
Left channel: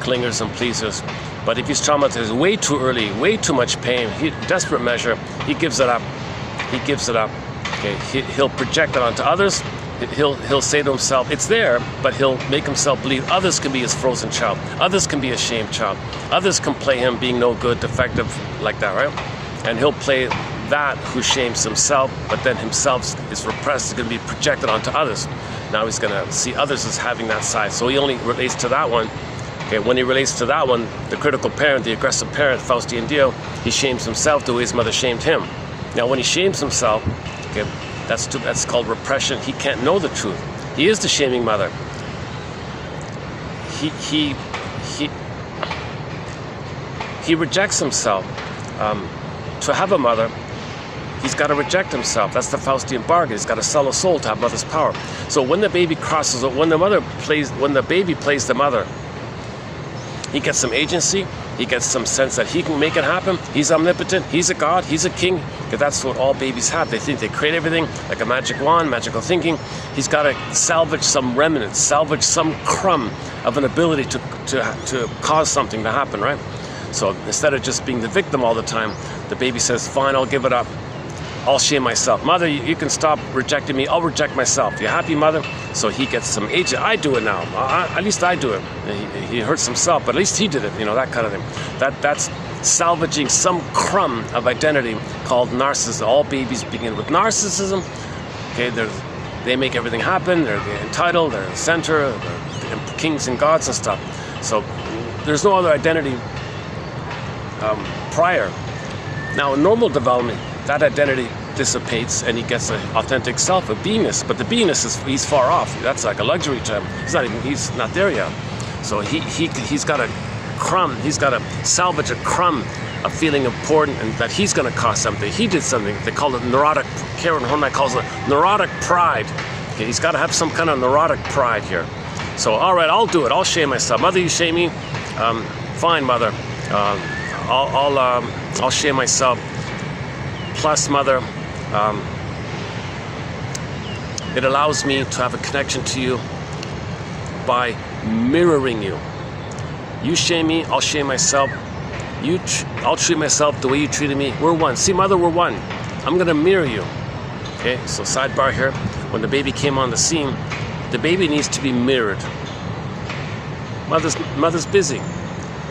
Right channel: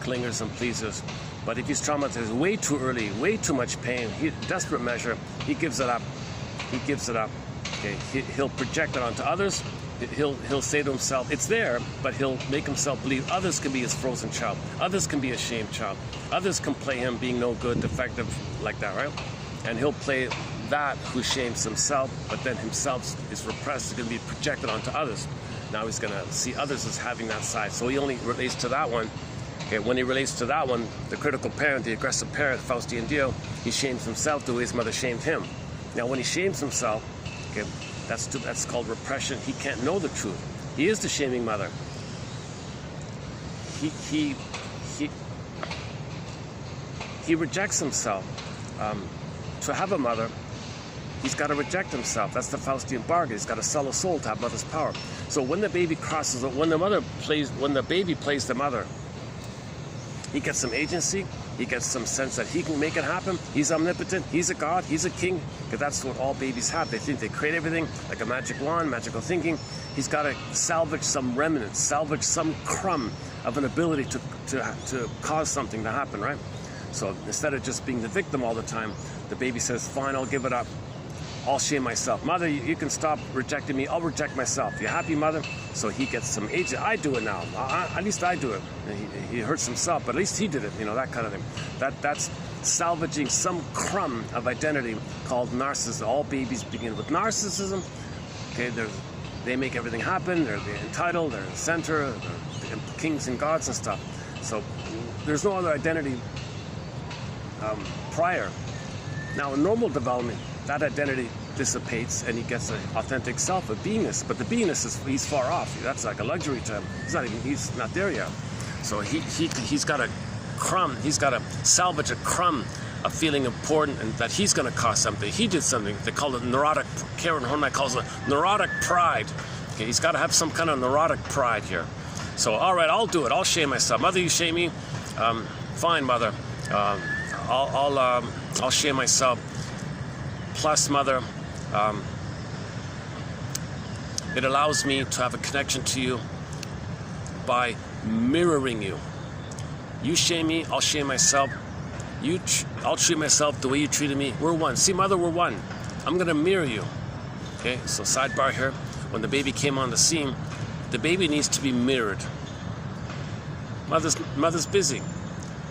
clingers and pleasers. But if he's traumatized way too early, way too much pain, desperate measure, he gives it up. He gives it up. Okay, he'll project it onto others. He'll say to himself, it's there, but he'll make himself believe others can be his frozen child. Others can be a shamed child. Others can play him being no good, defective, like that, right? And he'll play that who shames himself, but then himself is repressed, is going to be projected onto others. Now he's going to see others as having that side. So he only relates to that one. Okay, when he relates to that one, the critical parent, the aggressive parent, Faustian deal, he shames himself the way his mother shamed him. Now when he shames himself, okay, that's called repression. He can't know the truth. He is the shaming mother. He rejects himself to have a mother. He's got to reject himself. That's the Faustian bargain. He's got to sell a soul to have mother's power. So when the baby crosses, when the baby plays the mother, he gets some agency. He gets some sense that he can make it happen. He's omnipotent. He's a god. He's a king. Because that's what all babies have. They think they create everything like a magic wand, magical thinking. He's got to salvage some remnants, salvage some crumb of an ability to cause something to happen, right? So instead of just being the victim all the time, the baby says, fine, I'll give it up. I'll shame myself. Mother, you can stop rejecting me. I'll reject myself. You happy, mother? So he gets some agent. I do it now. At least I do it. He hurts himself, but at least he did it. You know, that kind of thing. That's salvaging some crumb of identity called narcissism. All babies begin with narcissism. Okay, they make everything happen. They're entitled. They're the center. They're kings and gods and stuff. So there's no other identity prior. Now, in normal development, that identity dissipates and he gets an authentic self, a beingness. But the beingness he's far off. That's like a luxury to him. He's not there yet. So he's got a crumb. He's got to salvage a crumb of feeling important and that he's going to cost something. He did something. They call it neurotic. Karen Horney calls it neurotic pride. Okay, he's got to have some kind of neurotic pride here. So all right, I'll do it. I'll shame myself. Mother, you shame me? Fine, mother. I'll shame myself. Plus, mother, it allows me to have a connection to you by mirroring you. You shame me, I'll shame myself. I'll treat myself the way you treated me. We're one. See, mother, we're one. I'm gonna mirror you. Okay, so sidebar here. When the baby came on the scene, the baby needs to be mirrored. Mother's busy.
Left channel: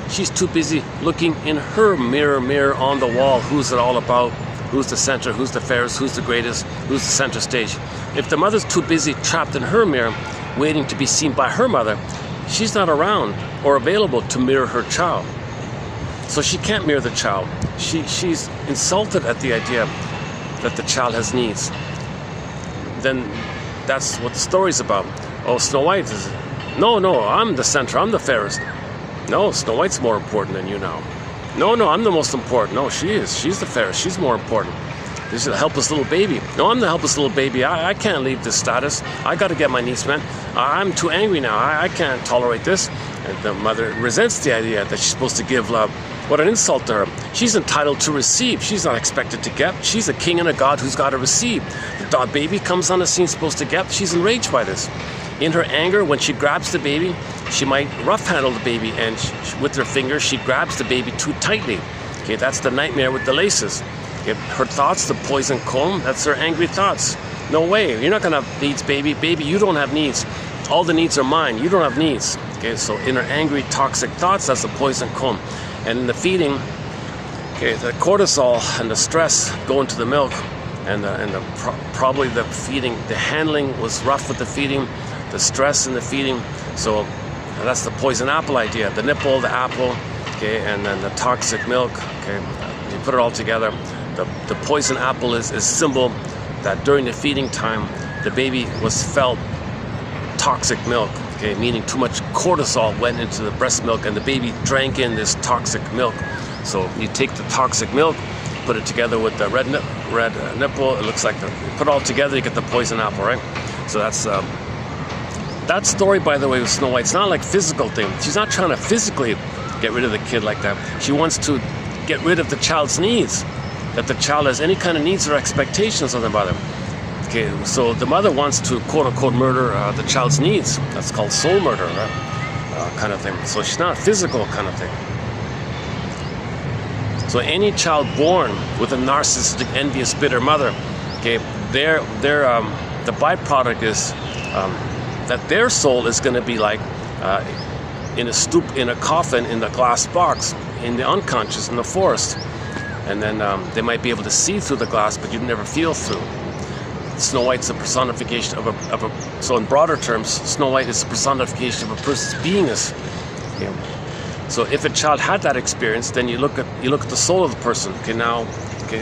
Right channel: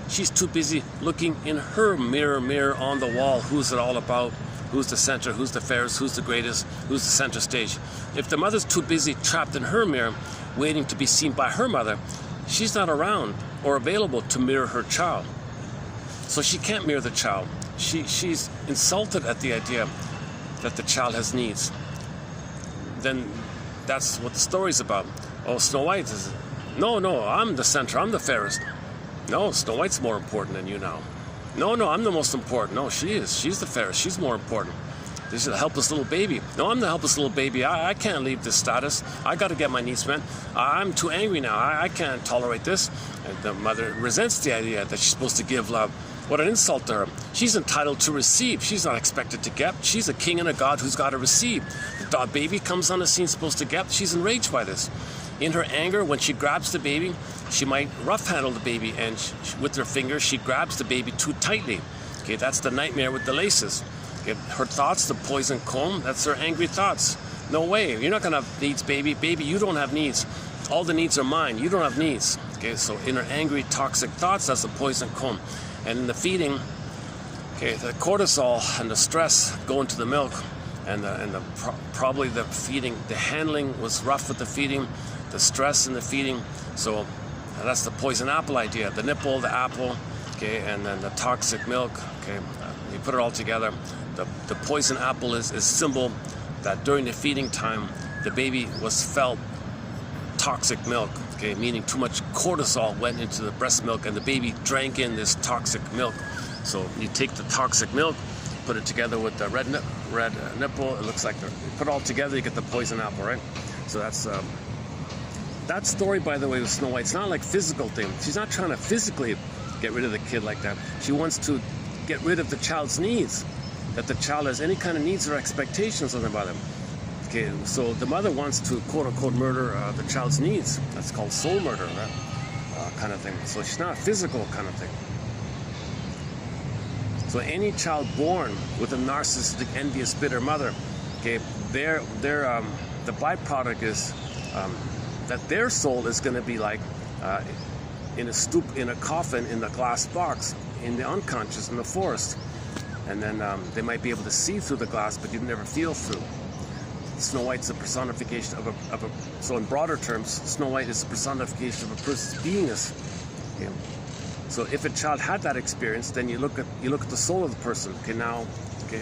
She's too busy looking in her mirror on the wall. Who's it all about? Who's the center? Who's the fairest? Who's the greatest? Who's the center stage? If the mother's too busy trapped in her mirror, waiting to be seen by her mother, she's not around or available to mirror her child. So she can't mirror the child. She's insulted at the idea that the child has needs. Then that's what the story's about. Oh, Snow White is... No, I'm the center. I'm the fairest. No, Snow White's more important than you now. No, I'm the most important. No, she is. She's the fairest. She's more important. This is a helpless little baby. No, I'm the helpless little baby. I can't leave this status. I got to get my needs met. I'm too angry now. I can't tolerate this. And the mother resents the idea that she's supposed to give love. What an insult to her. She's entitled to receive. She's not expected to get. She's a king and a god who's got to receive. The baby comes on the scene supposed to get. She's enraged by this. In her anger, when she grabs the baby, she might rough handle the baby, and with her fingers, she grabs the baby too tightly. Okay, that's the nightmare with the laces. Okay, her thoughts, the poison comb, that's her angry thoughts. No way, you're not gonna have needs, baby. Baby, you don't have needs. All the needs are mine. You don't have needs. Okay, so in her angry, toxic thoughts, that's the poison comb. And in the feeding, okay, the cortisol and the stress go into the milk, and probably the feeding, the handling was rough with the feeding, the stress in the feeding. So that's the poison apple idea. The nipple, the apple, okay, and then the toxic milk. Okay, you put it all together. The poison apple is a symbol that during the feeding time, the baby was felt toxic milk. Okay, meaning too much cortisol went into the breast milk, and the baby drank in this toxic milk. So you take the toxic milk, put it together with the red nipple. It looks like you put it all together, you get the poison apple, right? So that's. That story, by the way, with Snow White, it's not like a physical thing. She's not trying to physically get rid of the kid like that. She wants to get rid of the child's needs, that the child has any kind of needs or expectations of the mother. Okay, so the mother wants to, quote-unquote, murder the child's needs. That's called soul murder, right? Kind of thing. So she's not a physical kind of thing. So any child born with a narcissistic, envious, bitter mother, okay, the byproduct is that their soul is going to be like in a coffin in the glass box, in the unconscious, in the forest. And then they might be able to see through the glass, but you'd never feel through. Snow White's a personification of a so in broader terms, Snow White is a personification of a person's beingness. Yeah. So if a child had that experience, then you look at the soul of the person. Okay, now,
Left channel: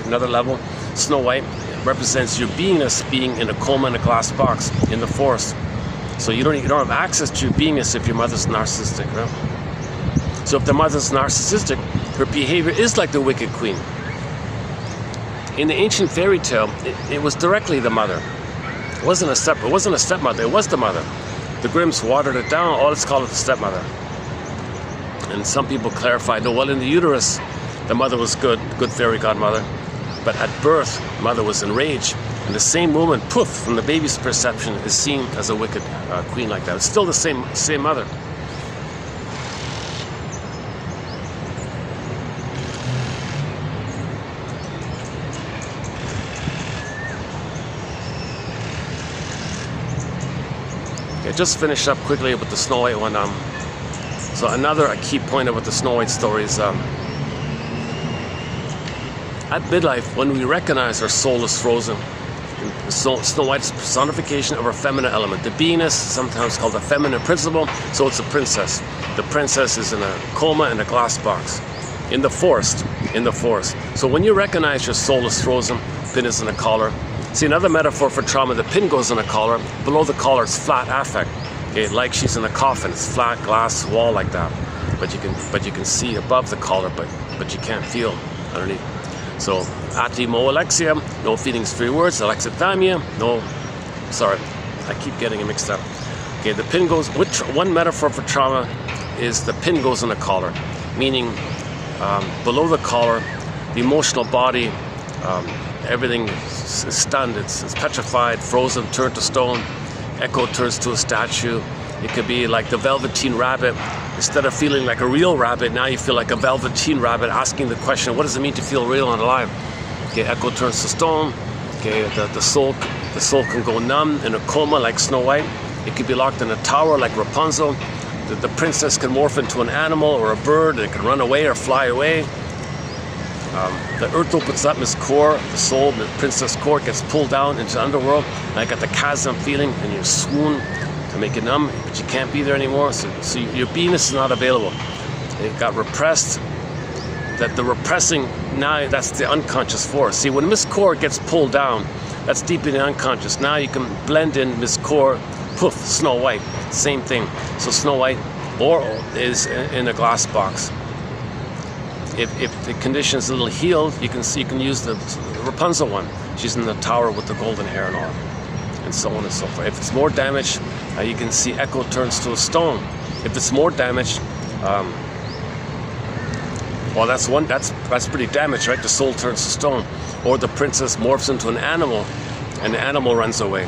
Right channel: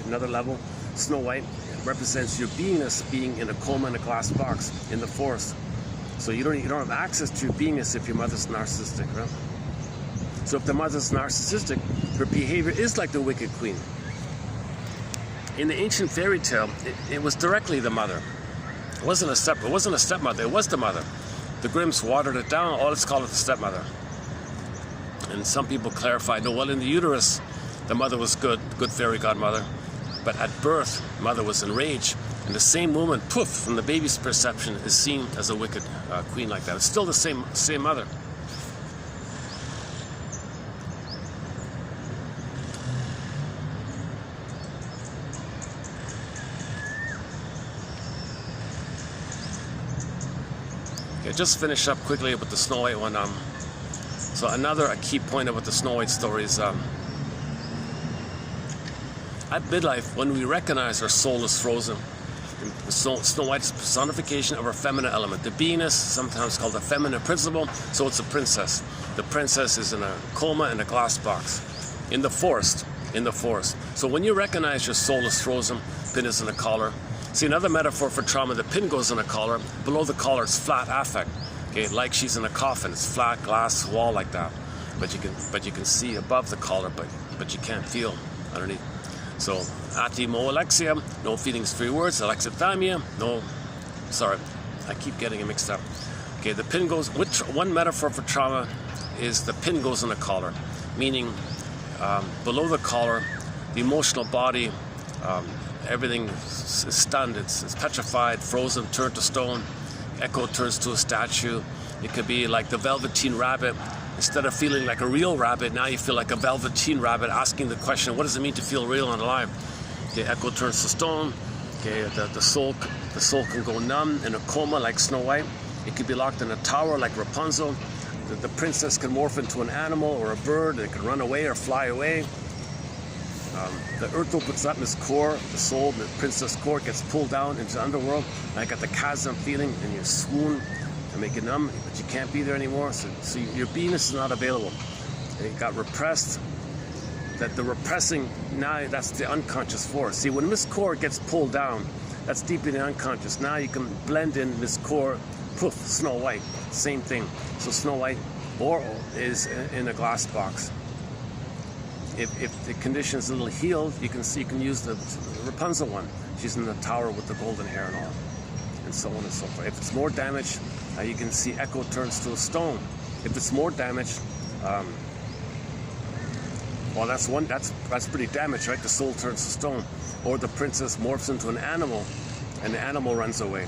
another level. Snow White represents your beingness being in a coma in a glass box in the forest. So you don't have access to your beingness if your mother's narcissistic, right? So if the mother's narcissistic, her behavior is like the wicked queen. in the ancient fairy tale, it was directly the mother. It wasn't a stepmother, it was the mother. The Grimms watered it down, let's call it the stepmother. And some people clarified, no, well, in the uterus, the mother was good fairy godmother. But at birth, mother was enraged. And the same woman, poof, from the baby's perception, is seen as a wicked queen like that. It's still the same mother. Okay, just finish up quickly with the Snow White one. So another key point about the Snow White story is at midlife, when we recognize our soul is frozen, Snow White's personification of our feminine element, the beingness, sometimes called the feminine principle, so it's a princess. The princess is in a coma in a glass box, in the forest. So when you recognize your soul is frozen, pin is in a collar. See, another metaphor for trauma, the pin goes in a collar, below the collar is flat affect. Okay, like she's in a coffin, it's flat glass wall like that. But you can see above the collar, but you can't feel underneath. So, atimoalexia, no feelings, 3 words. Alexithymia, no, sorry, I keep getting it mixed up. Okay, the pin goes, one metaphor for trauma is the pin goes in a collar, meaning below the collar, the emotional body, everything is stunned, it's petrified, frozen, turned to stone. Echo turns to a statue. It could be like the Velveteen Rabbit. Instead of feeling like a real rabbit, now you feel like a Velveteen Rabbit, asking the question, what does it mean to feel real and alive? Okay, Echo turns to stone. Okay, the soul can go numb in a coma like Snow White. It could be locked in a tower like Rapunzel. The princess can morph into an animal or a bird, and it can run away or fly away. The earth opens up, Miss Core, the soul, the princess Core gets pulled down into the underworld. And I got the chasm feeling, and you swoon to make it numb, but you can't be there anymore. So your beingness is not available. It got repressed. That the repressing, now that's the unconscious force. See, when Miss Core gets pulled down, that's deep in the unconscious. Now you can blend in Miss Core, poof, Snow White, same thing. So Snow White is in a glass box. If the condition is a little healed, you can use the Rapunzel one. She's in the tower with the golden hair and all, and so on and so forth. If it's more damaged, you can see Echo turns to a stone. If it's more damaged, well, that's pretty damaged, right? The soul turns to stone, or the princess morphs into an animal, and the animal runs away.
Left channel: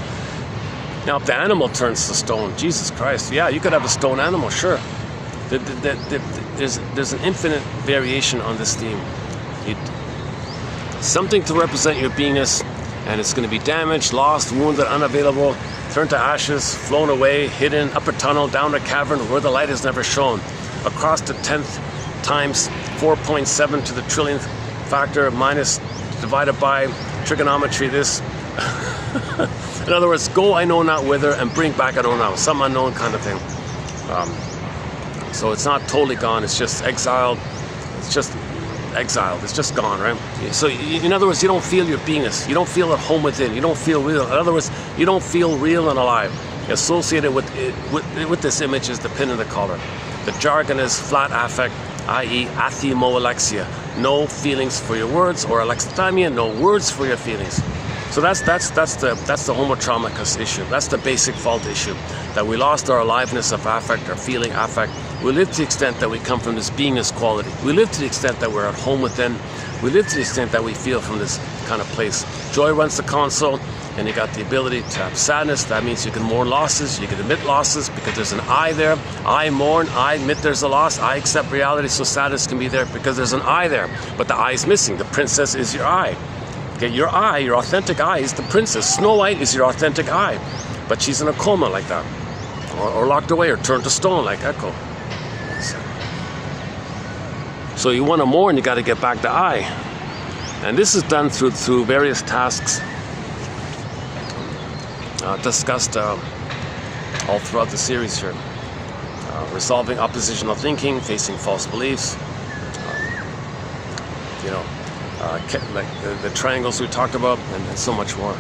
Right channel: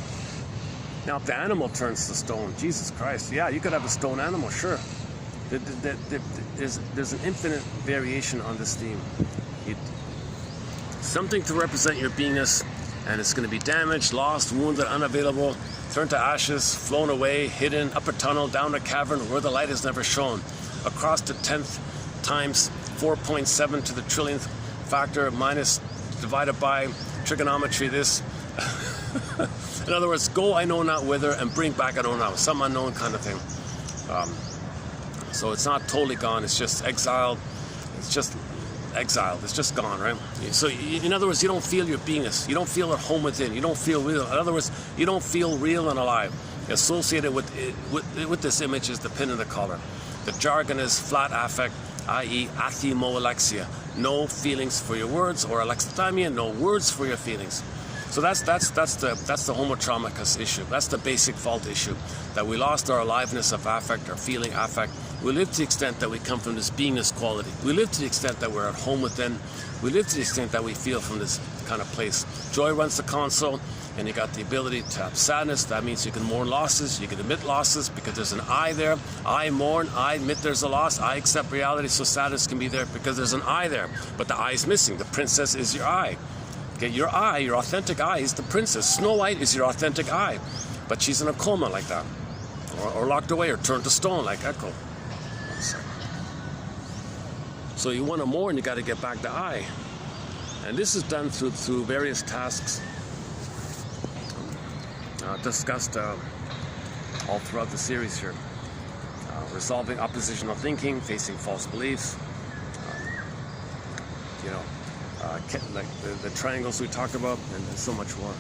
Now, if the animal turns to stone, Jesus Christ, yeah, you could have a stone animal, sure. There's an infinite variation on this theme. Something to represent your beingness, and it's going to be damaged, lost, wounded, unavailable, turned to ashes, flown away, hidden, up a tunnel, down a cavern where the light is never shown, across the 10th times 4.7 to the trillionth factor minus divided by trigonometry this. In other words, go I know not whither and bring back I know not, some unknown kind of thing. So it's not totally gone, it's just exiled. It's just gone, right? So in other words, you don't feel your beingness. You don't feel at home within. You don't feel real. In other words, you don't feel real and alive. Associated with this image is the pin in the collar. The jargon is flat affect, i.e. athimoalexia. No feelings for your words, or alexithymia, no words for your feelings. So that's the homotraumicus issue. That's the basic fault issue. That we lost our aliveness of affect, our feeling affect. We live to the extent that we come from this beingness quality. We live to the extent that we're at home within. We live to the extent that we feel from this kind of place. Joy runs the console, and you got the ability to have sadness. That means you can mourn losses, you can admit losses, because there's an I there. I mourn, I admit there's a loss, I accept reality, so sadness can be there because there's an I there. But the I is missing. The princess is your I. Okay, your I, your authentic I is the princess. Snow White is your authentic I, but she's in a coma like that, or locked away, or turned to stone like Echo. So you want to mourn, you got to get back the I, and this is done through various tasks discussed all throughout the series here. Resolving oppositional thinking, facing false beliefs. Like the triangles we talked about, and so much more.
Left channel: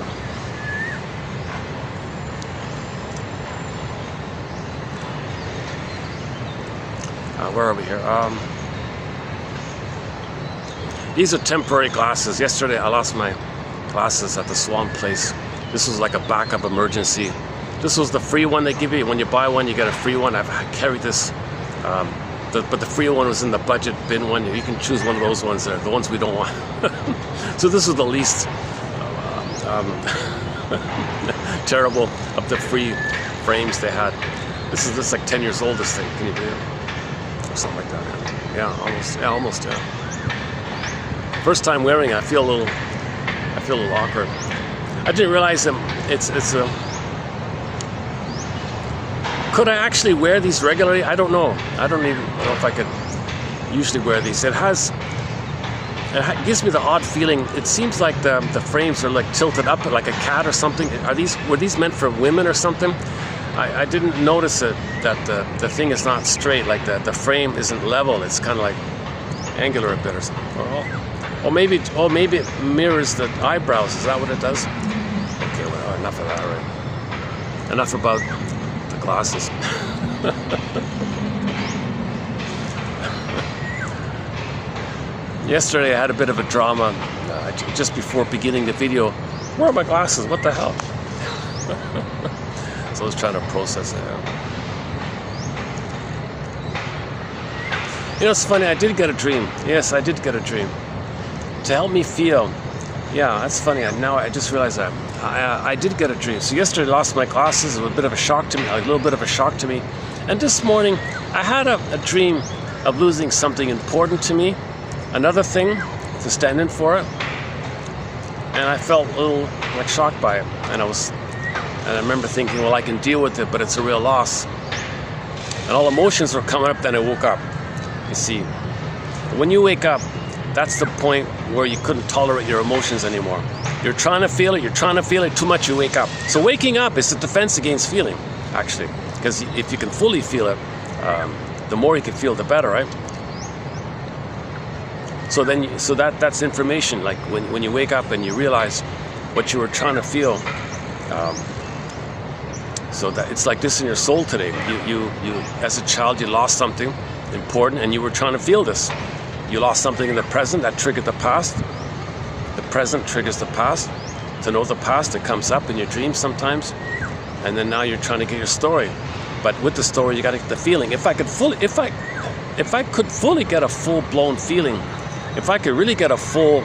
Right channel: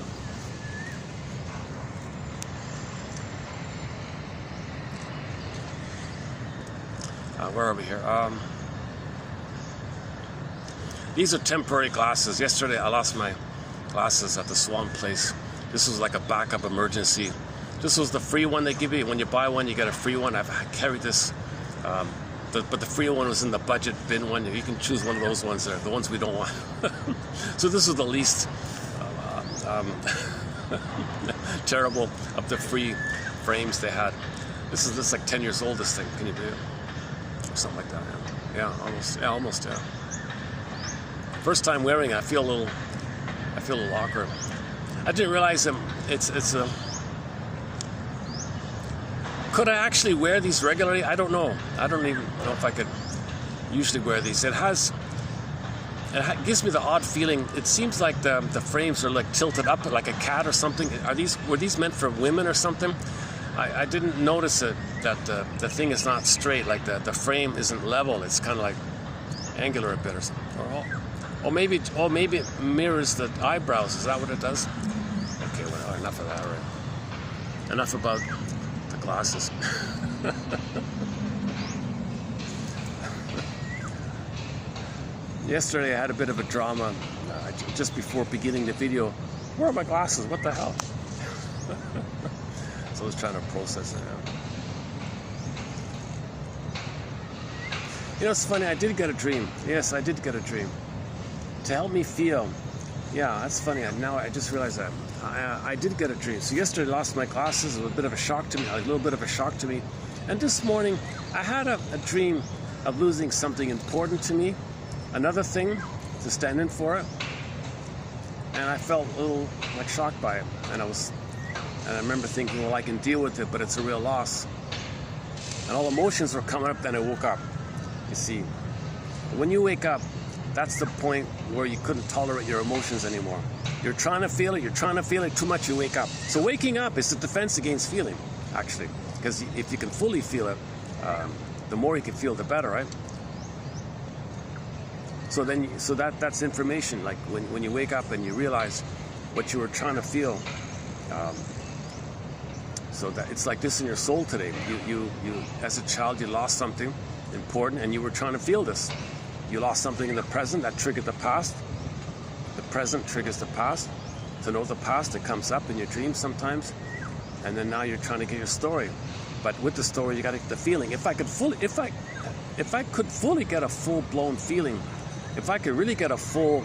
Where are we here? These are temporary glasses. Yesterday I lost my glasses at the Swan place. This was like a backup emergency. This was the free one they give you. When you buy one, you get a free one. I've carried this, but the free one was in the budget bin one. You can choose one of those ones there, the ones we don't want. So this is the least terrible of the free frames they had. This is like 10 years old, this thing. Can you believe it? Or something like that. Yeah, almost. Yeah, almost. Yeah. First time wearing it, I feel a little awkward. I didn't realize it's a. Could I actually wear these regularly? I don't know. I don't even know if I could usually wear these. It gives me the odd feeling. It seems like the frames are like tilted up like a cat or something. Were these meant for women or something? I didn't notice it, that the thing is not straight, like the frame isn't level. It's kind of like angular a bit or something. Or maybe it mirrors the eyebrows. Is that what it does? Okay, well, enough of that, right? Enough about the glasses. Yesterday I had a bit of a drama just before beginning the video. Where are my glasses? What the hell? So I was trying to process it. You know, it's funny, I did get a dream. Yes, I did get a dream. To help me feel. Yeah, that's funny. Now I just realized that. I did get a dream. So yesterday I lost my glasses. It was a bit of a shock to me, a little bit of a shock to me. And this morning I had a dream of losing something important to me. Another thing to stand in for it. And I felt a little like shocked by it. And I remember thinking, well, I can deal with it, but it's a real loss. And all emotions were coming up, then I woke up. You see, when you wake up, that's the point where you couldn't tolerate your emotions anymore. You're trying to feel it too much, you wake up. So waking up is a defense against feeling, actually. Because if you can fully feel it, the more you can feel, the better, right? So that's information. Like when you wake up and you realize what you were trying to feel. So that it's like this in your soul today. You as a child, you lost something important, and you were trying to feel this. You lost something in the present that triggered the past. The present triggers the past. To know the past, it comes up in your dreams sometimes, and then now you're trying to get your story. But with the story, you got to get the feeling. If I could fully get a full-blown feeling, if I could really get a full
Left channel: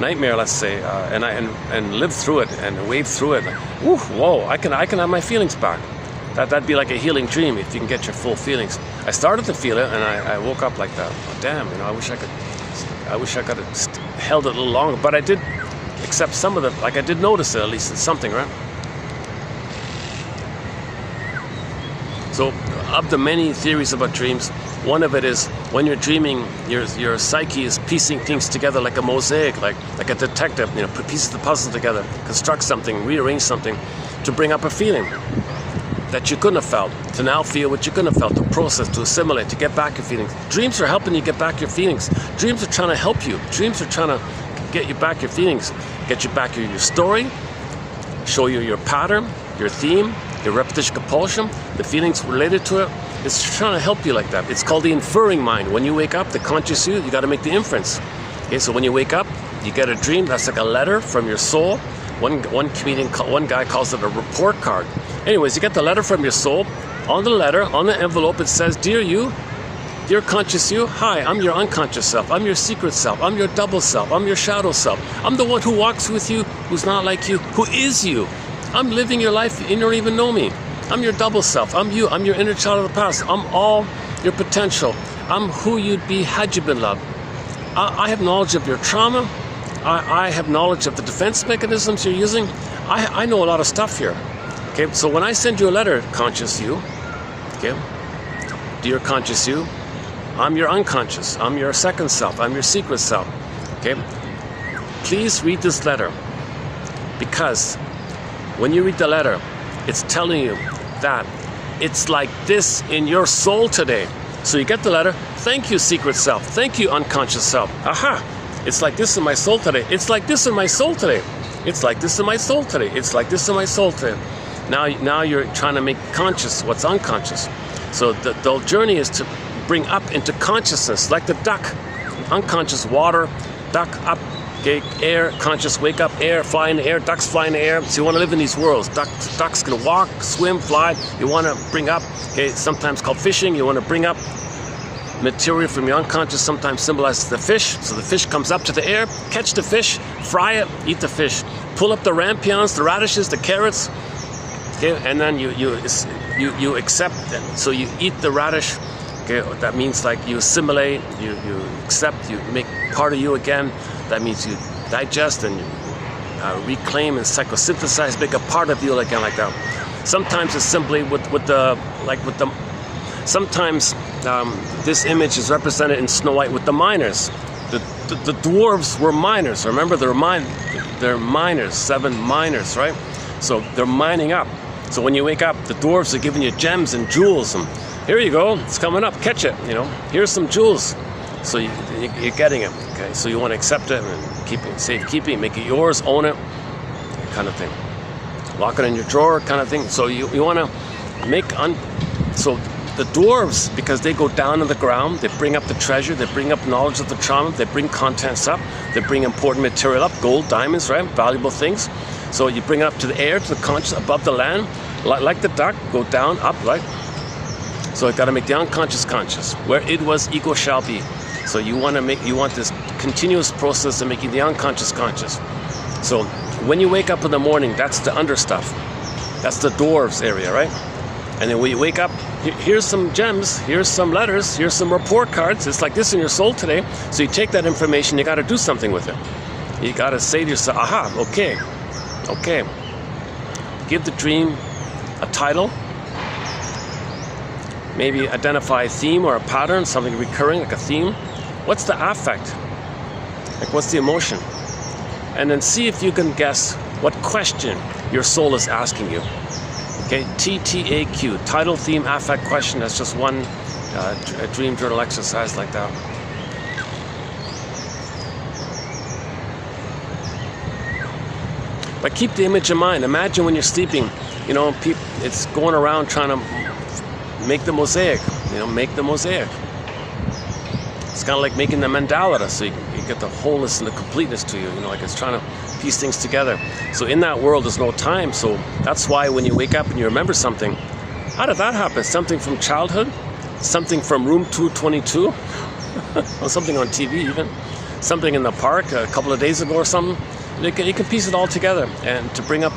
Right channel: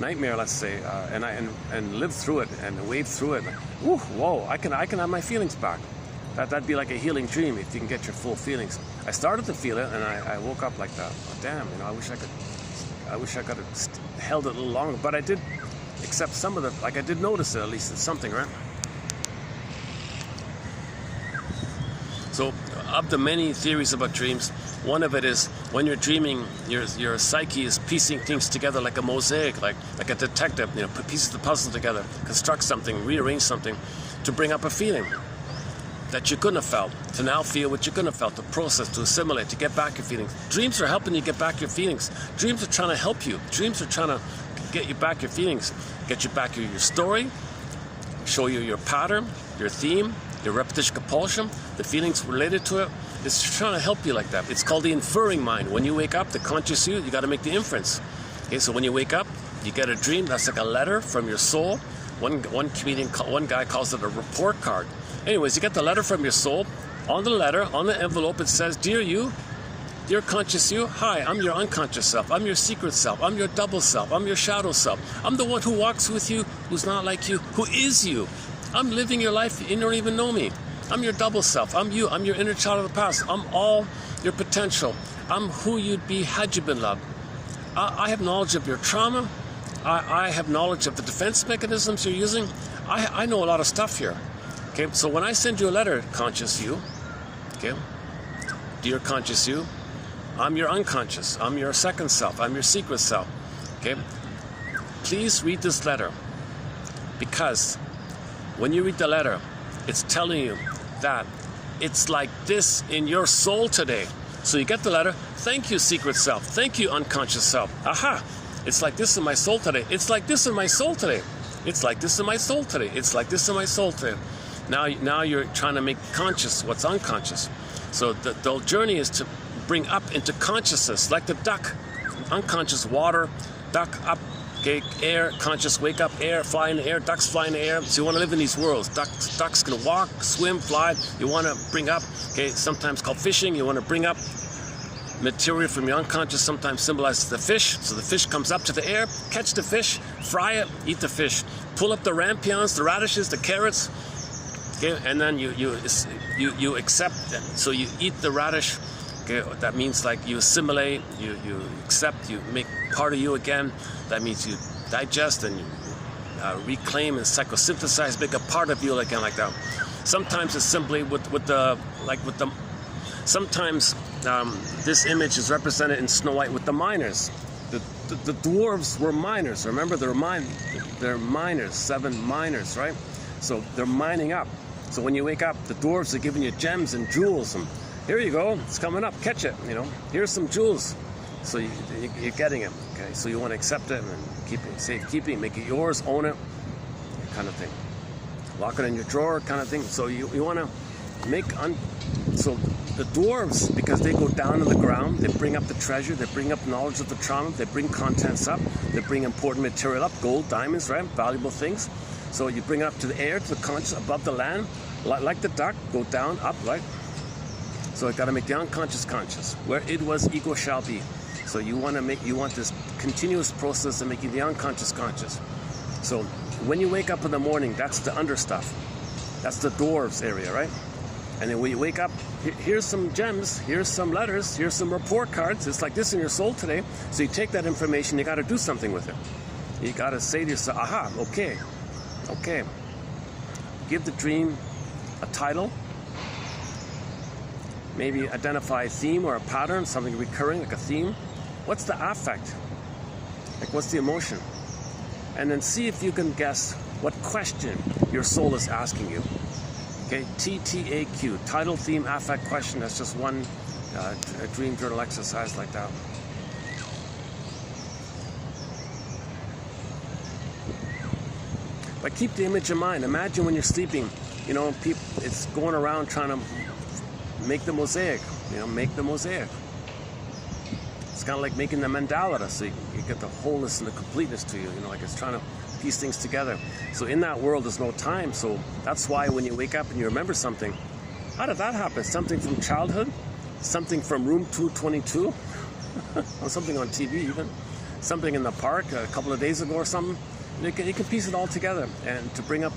nightmare, let's say, and live through it and wade through it, whoa! I can have my feelings back. That'd be like a healing dream if you can get your full feelings. I started to feel it, and I woke up like that. Oh, damn, I wish I could have held it a little longer, but I did accept some of the, like I did notice it, at least it's something, right? So, of the many theories about dreams, one of it is when you're dreaming, your psyche is piecing things together like a mosaic, like a detective, put pieces of the puzzle together, construct something, rearrange something to bring up a feeling that you couldn't have felt, to now feel what you couldn't have felt, to process, to assimilate, to get back your feelings. Dreams are helping you get back your feelings. Dreams are trying to help you. Dreams are trying to get you back your feelings, get you back your story, show you your pattern, your theme, your repetition compulsion, the feelings related to it. It's trying to help you like that. It's called the inferring mind. When you wake up, the conscious you got to make the inference. Okay, so when you wake up, you get a dream. That's like a letter from your soul. One guy calls it a report card. Anyways, you get the letter from your soul. On the letter, on the envelope, it says, "Dear you, dear conscious you, hi, I'm your unconscious self. I'm your secret self. I'm your double self. I'm your shadow self. I'm the one who walks with you, who's not like you, who is you. I'm living your life, you don't even know me. I'm your double self. I'm you. I'm your inner child of the past. I'm all your potential. I'm who you'd be had you been loved. I have knowledge of your trauma. I have knowledge of the defense mechanisms you're using. I know a lot of stuff here." Okay, so when I send you a letter, conscious you, okay, dear conscious you, I'm your unconscious. I'm your second self. I'm your secret self. Okay, please read this letter, because when you read the letter, it's telling you that it's like this in your soul today. So you get the letter. Thank you, secret self. Thank you, unconscious self. Aha! It's like this in my soul today. It's like this in my soul today. It's like this in my soul today. It's like this in my soul today. Now you're trying to make conscious what's unconscious. So the journey is to bring up into consciousness, like the duck unconscious water, duck up, okay, air, conscious wake up, air, fly in the air, ducks fly in the air. So you want to live in these worlds. Ducks can walk, swim, fly. You want to bring up, okay, sometimes called fishing. You want to bring up material from your unconscious, sometimes symbolizes the fish. So the fish comes up to the air, catch the fish, fry it, eat the fish. Pull up the rampions, the radishes, the carrots, okay, and then you accept it. So you eat the radish, okay, that means like you assimilate, you accept, you make part of you again. That means you digest and you reclaim and psychosynthesize, make a part of you again like that. Sometimes it's simply sometimes this image is represented in Snow White with the miners. The dwarves were miners. Remember, they're miners, 7 miners, right? So they're mining up. So when you wake up, the dwarves are giving you gems and jewels. And here you go, it's coming up, catch it, you know. Here's some jewels. So you're getting it, okay? So you want to accept it and keep it, safekeeping, make it yours, own it, kind of thing. Lock it in your drawer, kind of thing. So you want to make, so the dwarves, because they go down in the ground, they bring up the treasure, they bring up knowledge of the trauma, they bring contents up, they bring important material up, gold, diamonds, right? Valuable things. So you bring it up to the air, to the conscious, above the land, like the duck, go down, up, right? So you got to make the unconscious conscious. Where it was, ego shall be. So you want this continuous process of making the unconscious conscious. So when you wake up in the morning, that's the under stuff. That's the dwarves area, right? And then when you wake up, here's some gems, here's some letters, here's some report cards. It's like this in your soul today. So you take that information, you got to do something with it. You got to say to yourself, aha, okay. Give the dream a title. Maybe identify a theme or a pattern, something recurring, like a theme. What's the affect? Like, what's the emotion? And then see if you can guess what question your soul is asking you. Okay, TTAQ, title, theme, affect, question. That's just one a dream journal exercise like that. But keep the image in mind. Imagine when you're sleeping, you know, it's going around trying to make the mosaic, you know, make the mosaic. It's kind of like making the mandala, so you get the wholeness and the completeness to you, you know, like it's trying to piece things together. So in that world, there's no time. So that's why when you wake up and you remember something, how did that happen? Something from childhood? Something from room 222? Or something on TV even? Something in the park a couple of days ago or something? You can piece it all together, and to bring up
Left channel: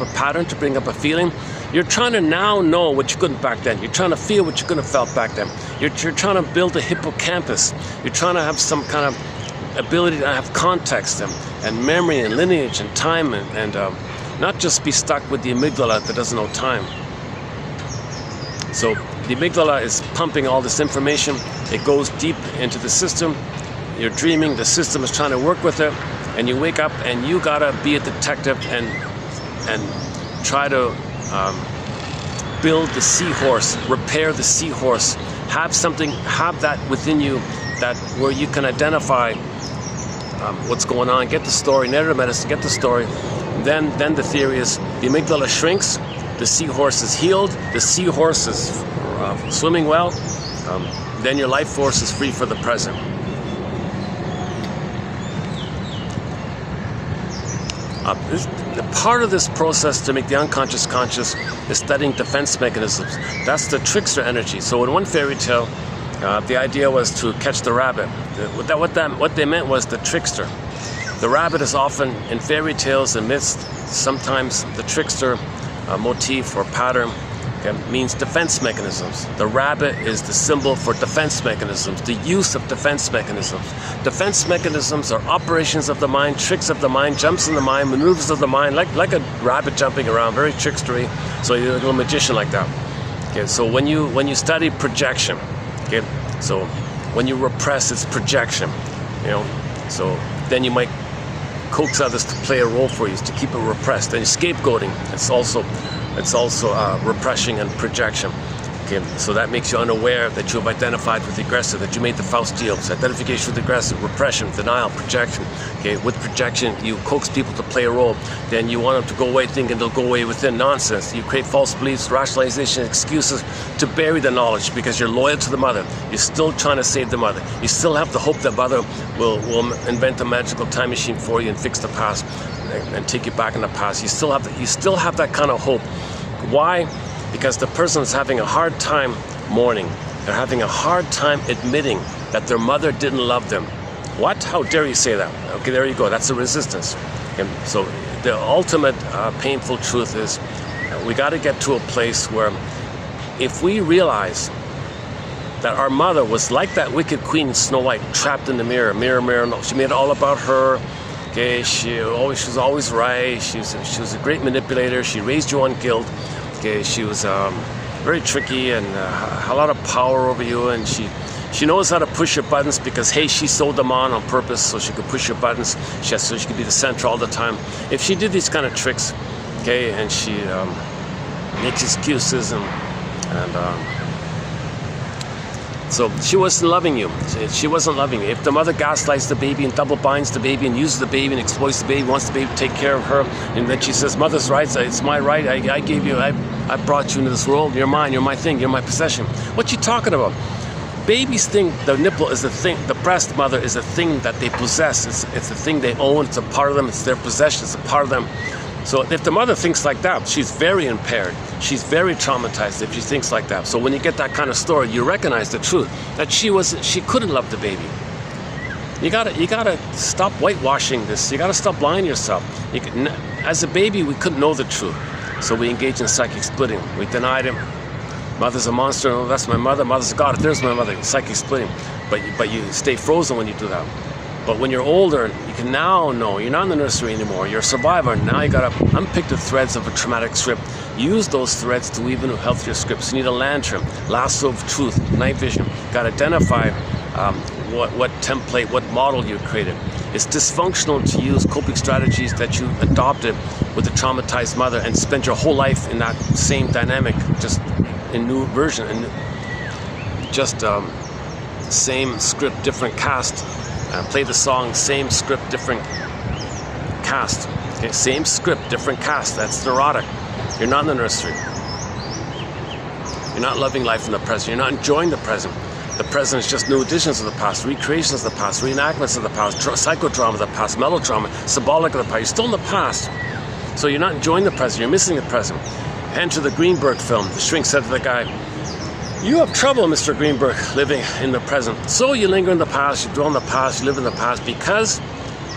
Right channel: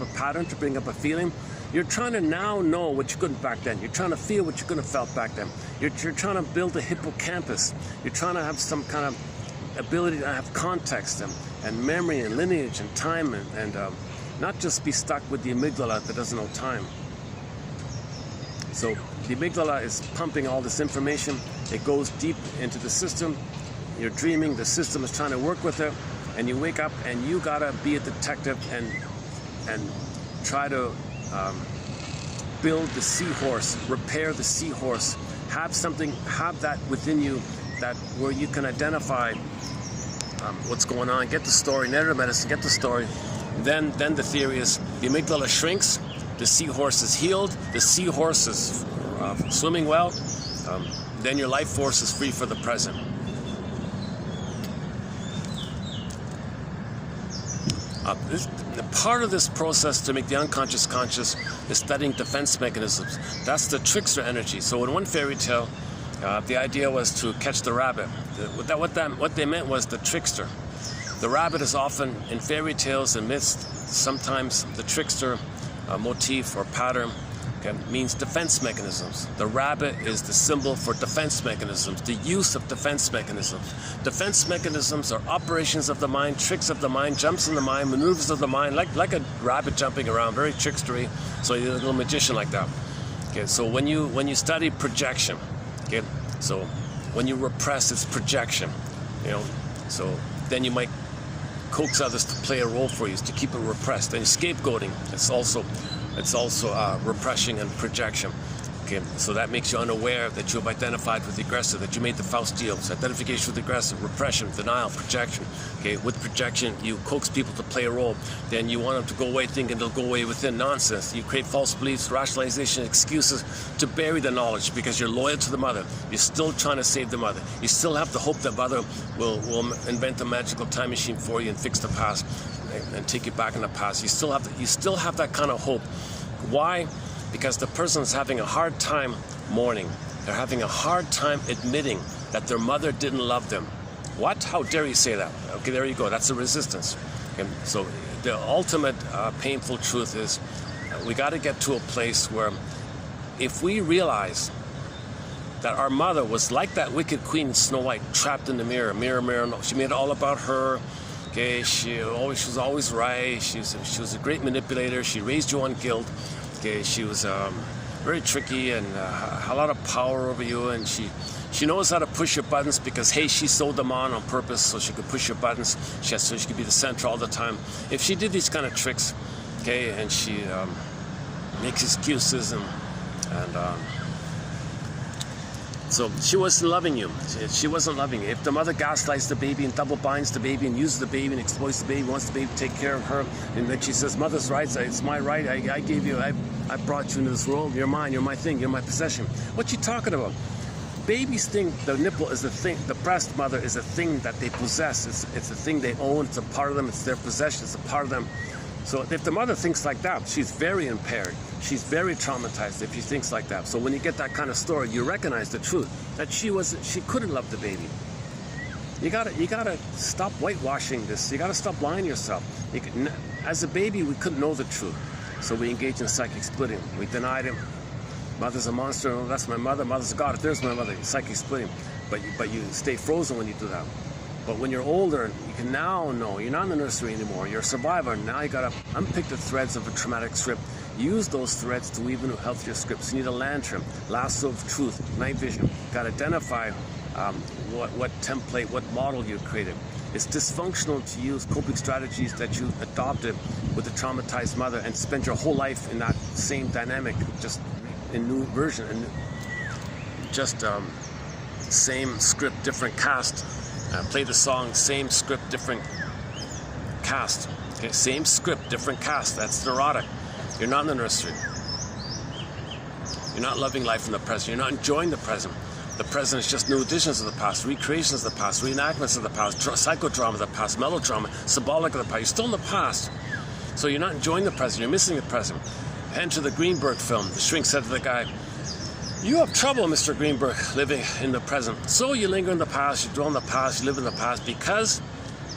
a pattern, to bring up a feeling. You're trying to now know what you couldn't back then. You're trying to feel what you couldn't have felt back then. You're trying to build a hippocampus. You're trying to have some kind of ability to have context and memory and lineage and time and not just be stuck with the amygdala that doesn't know time. So the amygdala is pumping all this information. It goes deep into the system. You're dreaming. The system is trying to work with it. And you wake up and you gotta be a detective and try to build the seahorse, repair the seahorse, have that within you, that where you can identify what's going on, get the story, narrative medicine, get the story. Then the theory is the amygdala shrinks, the seahorse is healed, the seahorse is swimming well, then your life force is free for the present. The part of this process to make the unconscious conscious is studying defense mechanisms. That's the trickster energy. So in one fairy tale, the idea was to catch the rabbit. What they meant was the trickster. The rabbit is often in fairy tales and myths, sometimes the trickster motif or pattern means defense mechanisms. The rabbit is the symbol for defense mechanisms, the use of defense mechanisms. Defense mechanisms are operations of the mind, tricks of the mind, jumps in the mind, maneuvers of the mind, like a rabbit jumping around, very trickstery. So you're a little magician like that. Okay, so when you study projection, okay, so when you repress, it's projection, you know. So then you might coax others to play a role for you to keep it repressed. Then scapegoating, it's also repression and projection. Okay, so that makes you unaware that you have identified with the aggressor, that you made the Faust deals. Identification with the aggressor, repression, denial, projection. Okay, with projection, you coax people to play a role. Then you want them to go away thinking they'll go away within nonsense. You create false beliefs, rationalization, excuses to bury the knowledge because you're loyal to the mother. You're still trying to save the mother. You still have the hope that mother will invent a magical time machine for you and fix the past and take you back in the past. You still have that kind of hope. Why? Because the person is having a hard time mourning. They're having a hard time admitting that their mother didn't love them. What? How dare you say that? Okay, there you go. That's a resistance. And so the ultimate painful truth is we got to get to a place where if we realize that our mother was like that wicked queen Snow White, trapped in the mirror, mirror, mirror. No, she made it all about her. Okay, she was always right. She was a great manipulator. She raised you on guilt. Okay, she was very tricky and a lot of power over you, and she knows how to push your buttons because, hey, she sewed them on purpose so she could push your buttons, so she could be the center all the time. If she did these kind of tricks, okay, and she makes excuses and so she wasn't loving you. She wasn't loving you. If the mother gaslights the baby and double binds the baby and uses the baby and exploits the baby, wants the baby to take care of her, and then she says, mother's rights, it's my right, I gave you, I brought you into this world, you're mine, you're my thing, you're my possession. What you talking about? Babies think the nipple is a thing, the breast mother is a thing that they possess. It's a thing they own, it's a part of them, it's their possession, it's a part of them. So if the mother thinks like that, she's very impaired. She's very traumatized if she thinks like that. So when you get that kind of story, you recognize the truth that she couldn't love the baby. You gotta stop whitewashing this. You gotta stop lying to yourself. As a baby, we couldn't know the truth, so we engaged in psychic splitting. We denied him. Mother's a monster. Oh, that's my mother. Mother's a god. There's my mother. Psychic splitting. But you stay frozen when you do that. But when you're older, you can now know you're not in the nursery anymore. You're a survivor. Now you gotta unpick the threads of a traumatic script. Use those threads to weave into healthier scripts. You need a lantern, lasso of truth, night vision. Gotta identify what template, what model you created. It's dysfunctional to use coping strategies that you adopted with a traumatized mother and spend your whole life in that same dynamic, just in new version, and just same script, different cast. Play the song, same script, different cast. Okay, same script, different cast. That's neurotic. You're not in the nursery. You're not loving life in the present. You're not enjoying the present. The present is just new editions of the past, recreations of the past, reenactments of the past, psychodrama of the past, melodrama, symbolic of the past. You're still in the past. So you're not enjoying the present. You're missing the present. Enter the Greenberg film. The shrink said to the guy, "You have trouble, Mr. Greenberg, living in the present. So you linger in the past, you dwell in the past, you live in the past because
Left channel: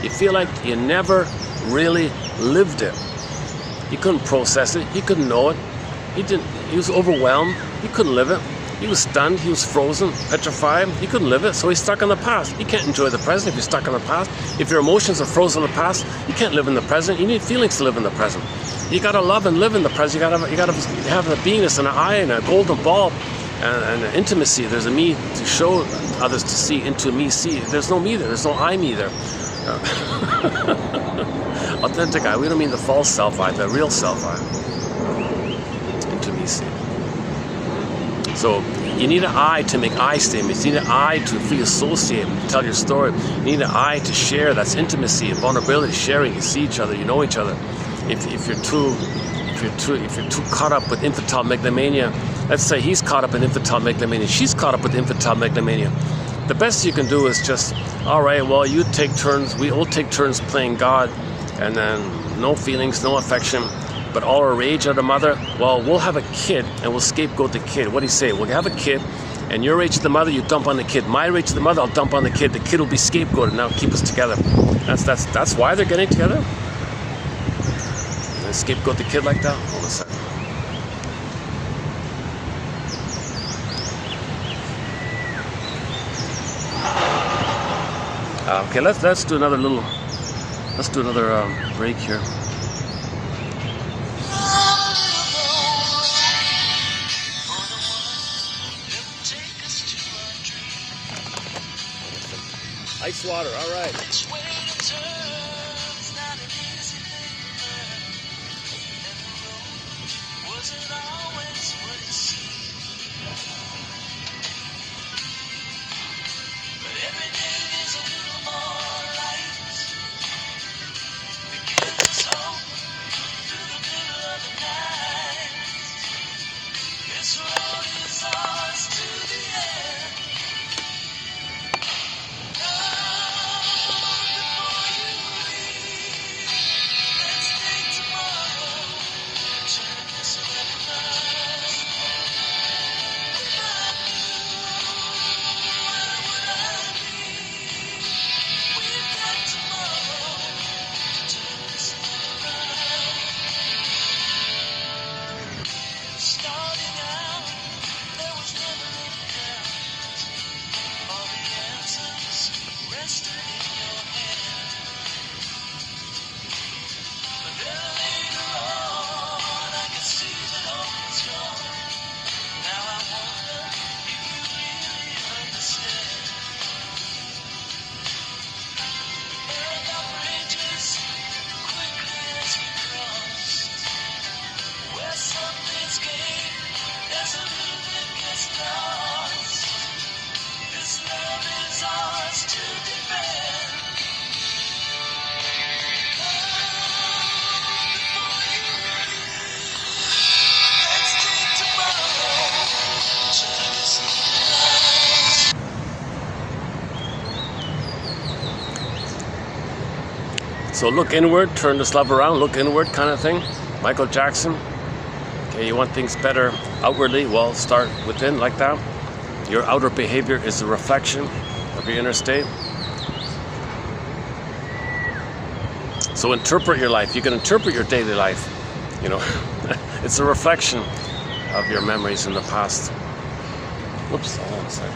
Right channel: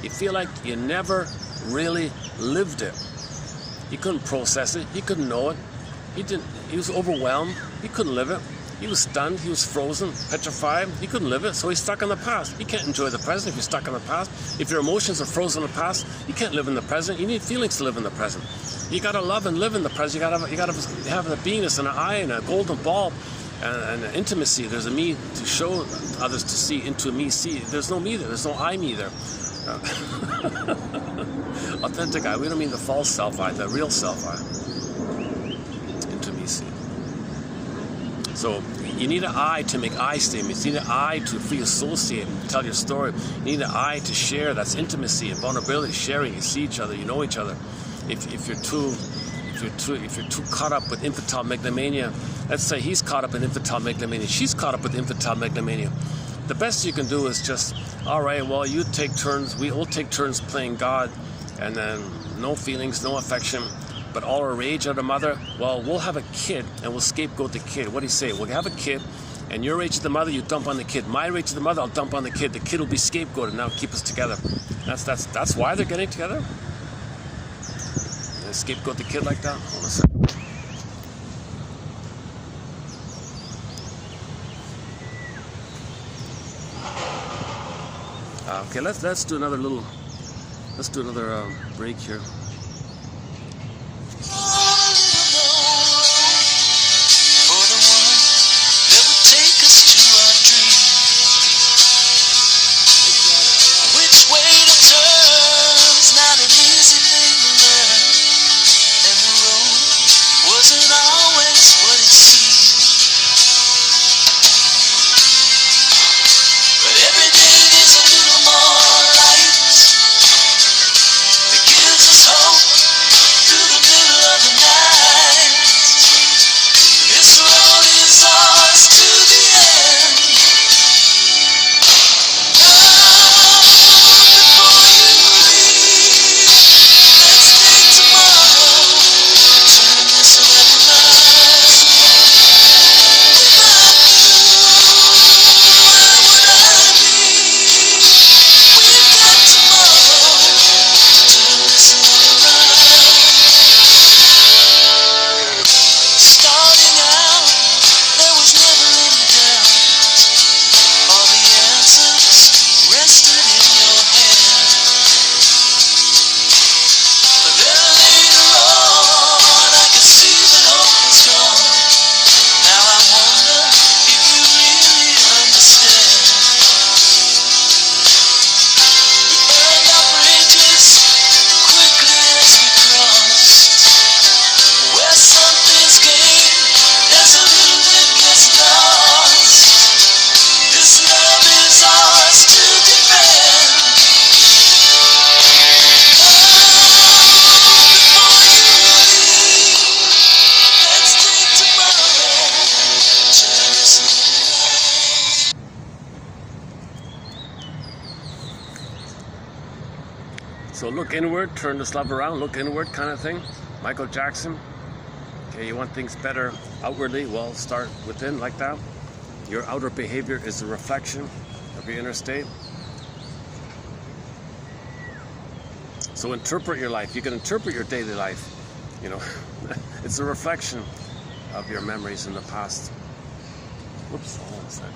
you feel like you never really lived it." He couldn't process it. He couldn't know it. He was overwhelmed. He couldn't live it. He was stunned. He was frozen, petrified. He couldn't live it, so he's stuck in the past. You can't enjoy the present if you're stuck in the past. If your emotions are frozen in the past, you can't live in the present. You need feelings to live in the present. You gotta love and live in the present. You gotta have a beingness and an eye and a golden ball. And intimacy. There's a me to show others to see, into me see. There's no me there. There's no I me there. Authentic I. We don't mean the false self I, the real self I. Into me see. So you need an I to make I statements. You need an I to free associate, tell your story. You need an I to share. That's intimacy and vulnerability. Sharing. You see each other. You know each other. If you're too caught up with infantile megalomania. Let's say he's caught up in infantile megalomania. She's caught up with infantile megalomania. The best you can do is just, all right, well, you take turns. We all take turns playing God, and then no feelings, no affection, but all our rage at the mother. Well, we'll have a kid, and we'll scapegoat the kid. What do you say? We'll have a kid, and your rage at the mother, you dump on the kid. My rage at the mother, I'll dump on the kid. The kid will be scapegoated. Now keep us together. That's why they're getting together. And scapegoat the kid like that. Hold a second. Okay, let's do another break here. So look inward, turn this love around, look inward kind of thing. Michael Jackson. Okay, you want things better outwardly? Well, start within like that. Your outer behavior is a reflection of your inner state. So interpret your life. You can interpret your daily life. You know, it's a reflection of your memories in the past. Whoops, hold on a second.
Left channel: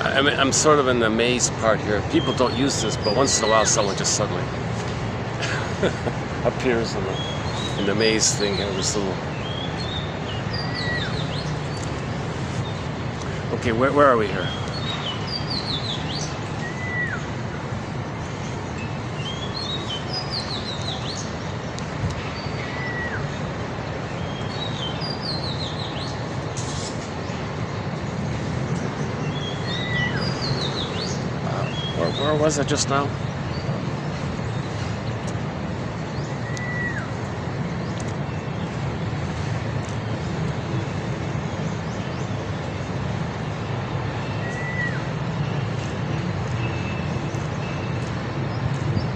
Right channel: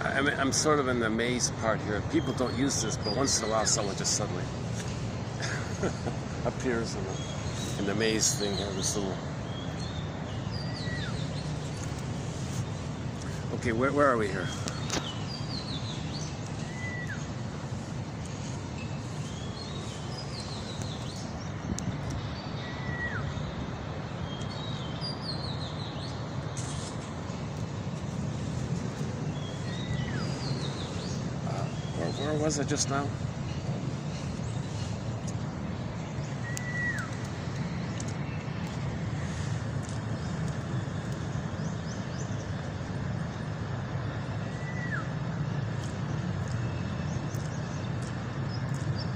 I mean, I'm sort of in the maze part here. People don't use this, but once in a while someone just suddenly appears in the maze thing here. This little... Okay, where are we here? Where was I just now?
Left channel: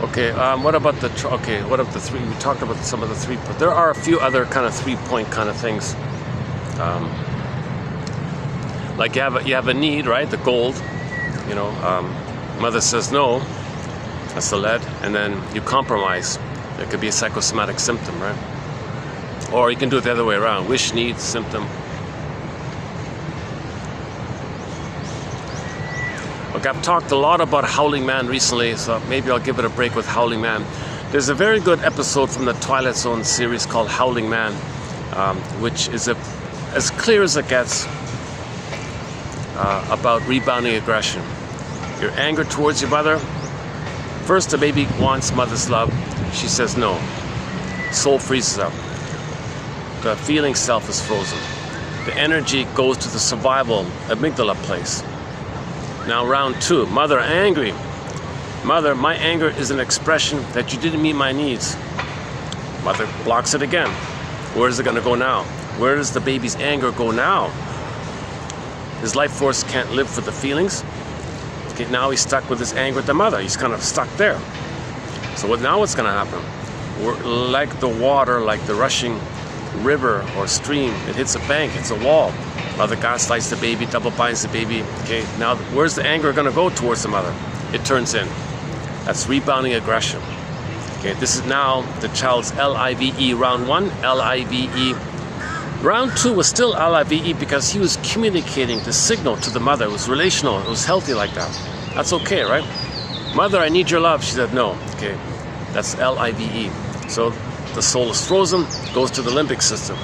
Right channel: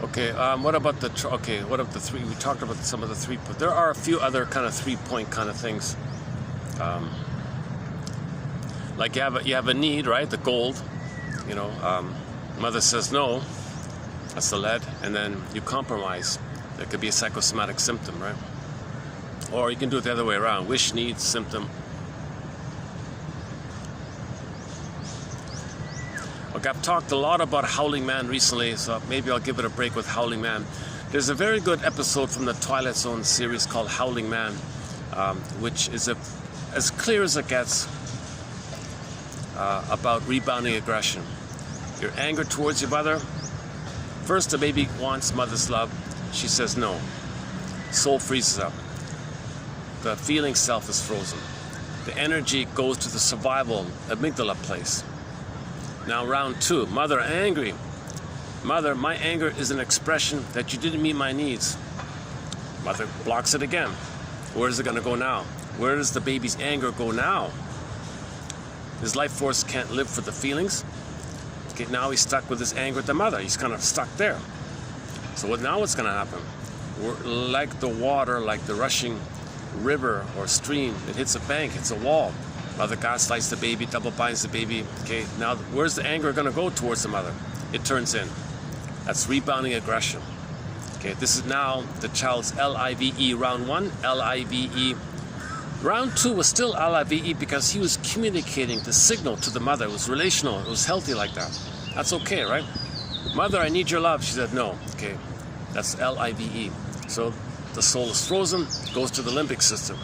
Okay, what about the what of the three? We talked about some of the three, but there are a few other kind of 3-point kind of things. Like you have a need, right? The gold, you know. Mother says no, that's the lead, and then you compromise. It could be a psychosomatic symptom, right? Or you can do it the other way around. Wish, need, symptom. Look, I've talked a lot about Howling Man recently, so maybe I'll give it a break with Howling Man. There's a very good episode from the Twilight Zone series called Howling Man, which is as clear as it gets about rebounding aggression. Your anger towards your mother. First, the baby wants mother's love. She says no. Soul freezes up. The feeling self is frozen. The energy goes to the survival amygdala place. Now round 2, mother angry. Mother, my anger is an expression that you didn't meet my needs. Mother blocks it again. Where is it going to go now? Where does the baby's anger go now? His life force can't live for the feelings. Okay, now he's stuck with his anger at the mother. He's kind of stuck there. So now what's going to happen? Like the water, like the rushing river or stream, it hits a bank, hits a wall. Mother gaslights the baby, double binds the baby. Okay, now where's the anger going to go towards the mother? It turns in. That's rebounding aggression. Okay, this is now the child's LIVE round 1, LIVE. Round 2 was still LIVE because he was communicating the signal to the mother. It was relational, it was healthy like that. That's okay, right? Mother, I need your love. She said no. Okay, that's LIVE. So the soul is frozen, goes to the limbic system.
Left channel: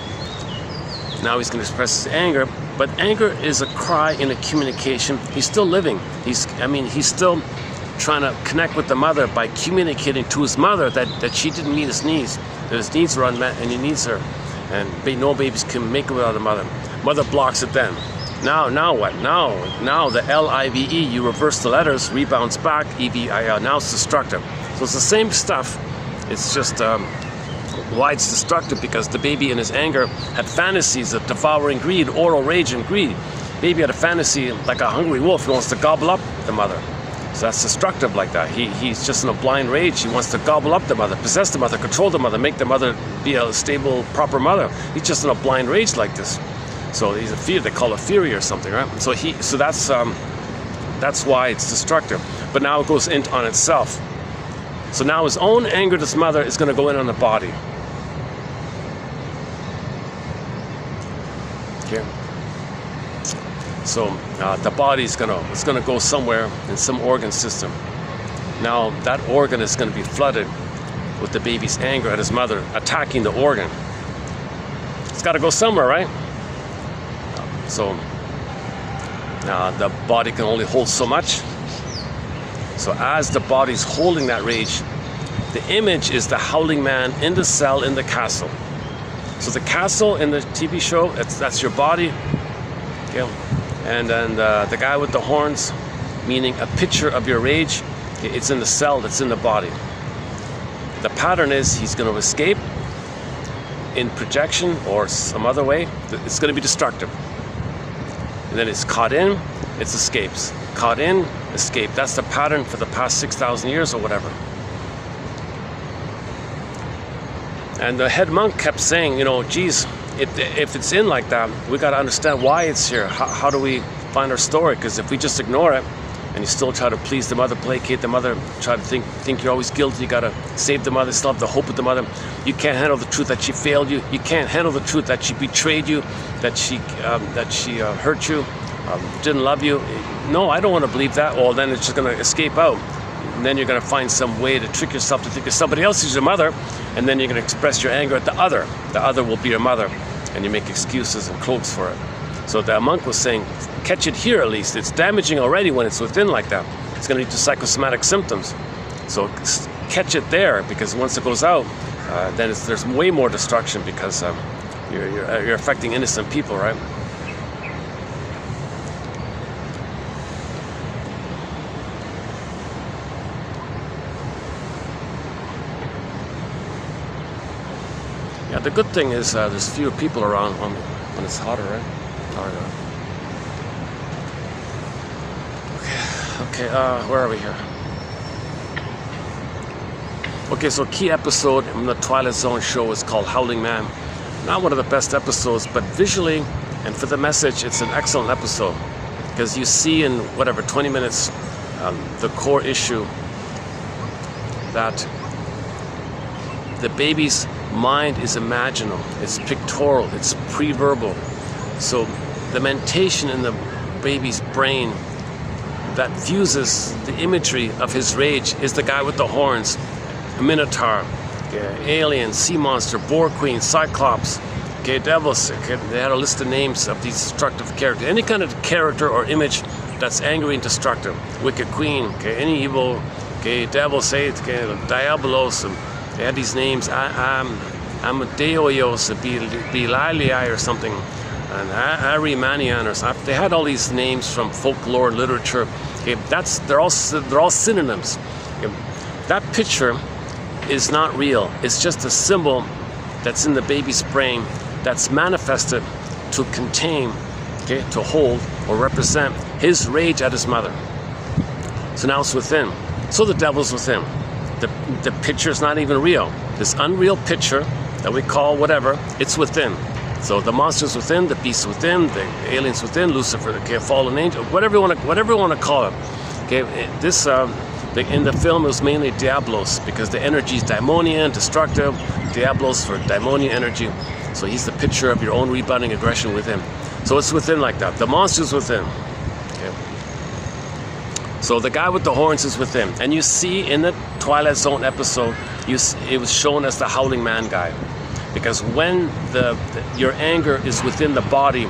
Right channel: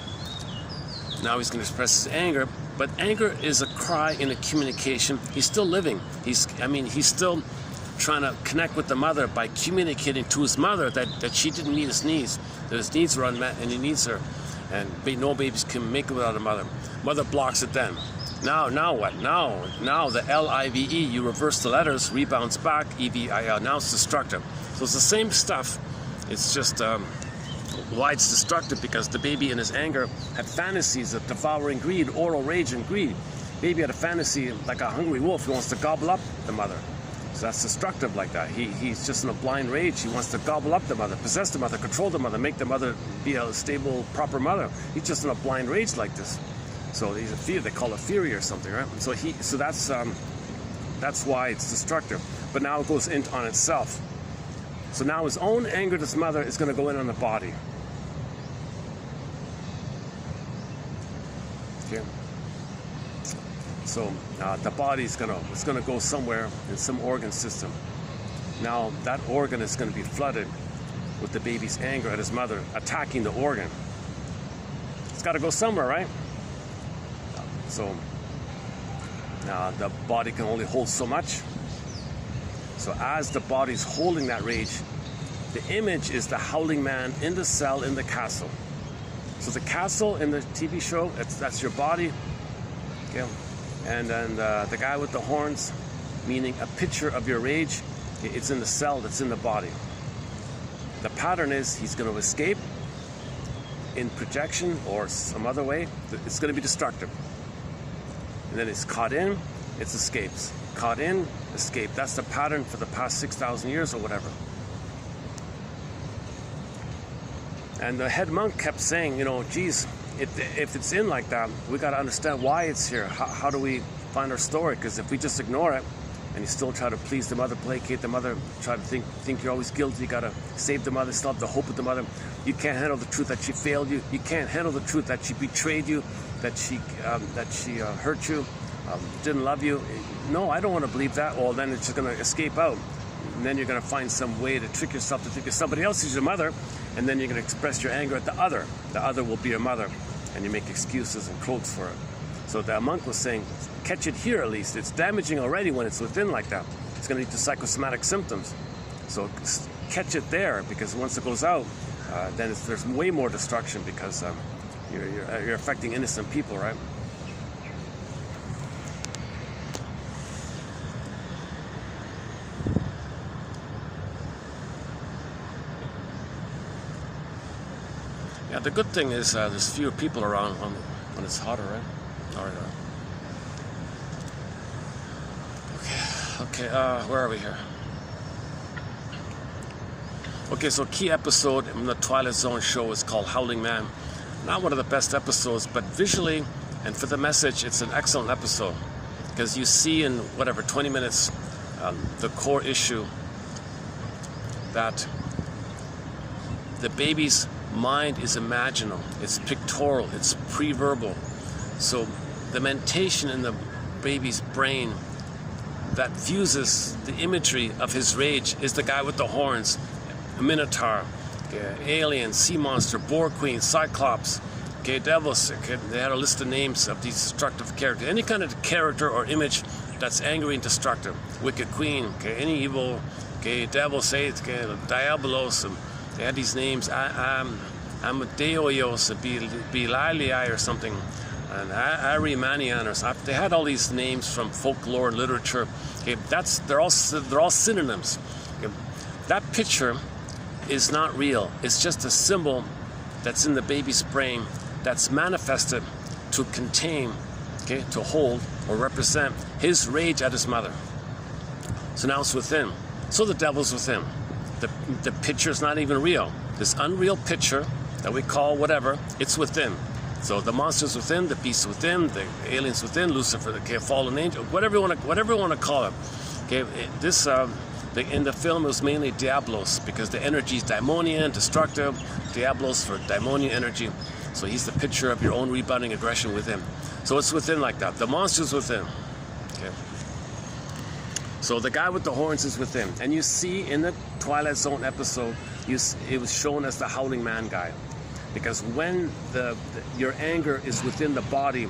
Now he's going to express his anger, but anger is a cry in a communication. He's still living. He's still trying to connect with the mother by communicating to his mother that she didn't meet his needs, that his needs were unmet and he needs her. And no babies can make it without a mother. Mother blocks it then. Now what? Now the LIVE, you reverse the letters, rebounds back, EVIL. Now it's destructive. So it's the same stuff. It's just why it's destructive, because the baby in his anger had fantasies of devouring greed, oral rage and greed. Baby had a fantasy like a hungry wolf. He wants to gobble up the mother. So that's destructive like that. He's just in a blind rage. He wants to gobble up the mother, possess the mother, control the mother, make the mother be a stable, proper mother. He's just in a blind rage like this. So he's a fear. They call it fury or something, right? So that's why it's destructive. But now it goes in on itself. So now his own anger to his mother is going to go in on the body. Okay. So the body's it's gonna go somewhere in some organ system. Now that organ is going to be flooded with the baby's anger at his mother attacking the organ. It's got to go somewhere, right? So now the body can only hold so much. So as the body's holding that rage, the image is the howling man in the cell in the castle. So the castle in the TV show, that's your body. Okay. And then the guy with the horns, meaning a picture of your rage. Okay, it's in the cell that's in the body. The pattern is he's going to escape in projection or some other way. It's going to be destructive. And then it's caught in, it escapes. Caught in, escape. That's the pattern for the past 6,000 years or whatever. And the head monk kept saying, you know, geez, if it's in like that, we got to understand why it's here. How do we find our story? Because if we just ignore it, and you still try to please the mother, placate the mother, try to think you're always guilty, you got to save the mother, still have the hope with the mother. You can't handle the truth that she failed you. You can't handle the truth that she betrayed you, that she hurt you, didn't love you. No, I don't want to believe that. Well, then it's just going to escape out. And then you're going to find some way to trick yourself to think that somebody else is your mother, and then you're going to express your anger at the other. The other will be your mother, and you make excuses and cloaks for it. So the monk was saying, catch it here at least. It's damaging already when it's within like that. It's going to lead to psychosomatic symptoms. So catch it there, because once it goes out, then there's way more destruction, because you're affecting innocent people, right? Yeah, the good thing is there's fewer people around when it's hotter, right? Okay, where are we here? Okay, so key episode in the Twilight Zone show is called Howling Man. Not one of the best episodes, but visually and for the message, it's an excellent episode. Because you see in, 20 minutes, the core issue that the baby's mind is imaginal, it's pictorial, it's pre-verbal. So the mentation in the baby's brain that fuses the imagery of his rage is the guy with the horns, a minotaur, alien, sea monster, boar queen, cyclops, devils. They had a list of names of these destructive characters. Any kind of character or image that's angry and destructive. Wicked queen, any evil, devil, say diabolos. They had these names. Amadeus, Beesley or something, and Arimanian or something. They had all these names from folklore literature. Okay, they're all synonyms. Okay, that picture is not real. It's just a symbol that's in the baby's brain that's manifested to contain, to hold or represent his rage at his mother. So now it's within. So the devil's within. The picture is not even real. This unreal picture that we call whatever, it's within. So the monster's within, the beast's within, the alien's within, Lucifer, fallen angel, whatever you want to call it. Okay, this in the film it was mainly Diablos, because the energy is daimonian, destructive. Diablos for daimonian energy. So he's the picture of your own rebounding aggression within. So it's within like that. The monster's within. Okay. So the guy with the horns is within, and you see in the Twilight Zone episode, it was shown as the Howling Man guy. Because when your anger is within the body,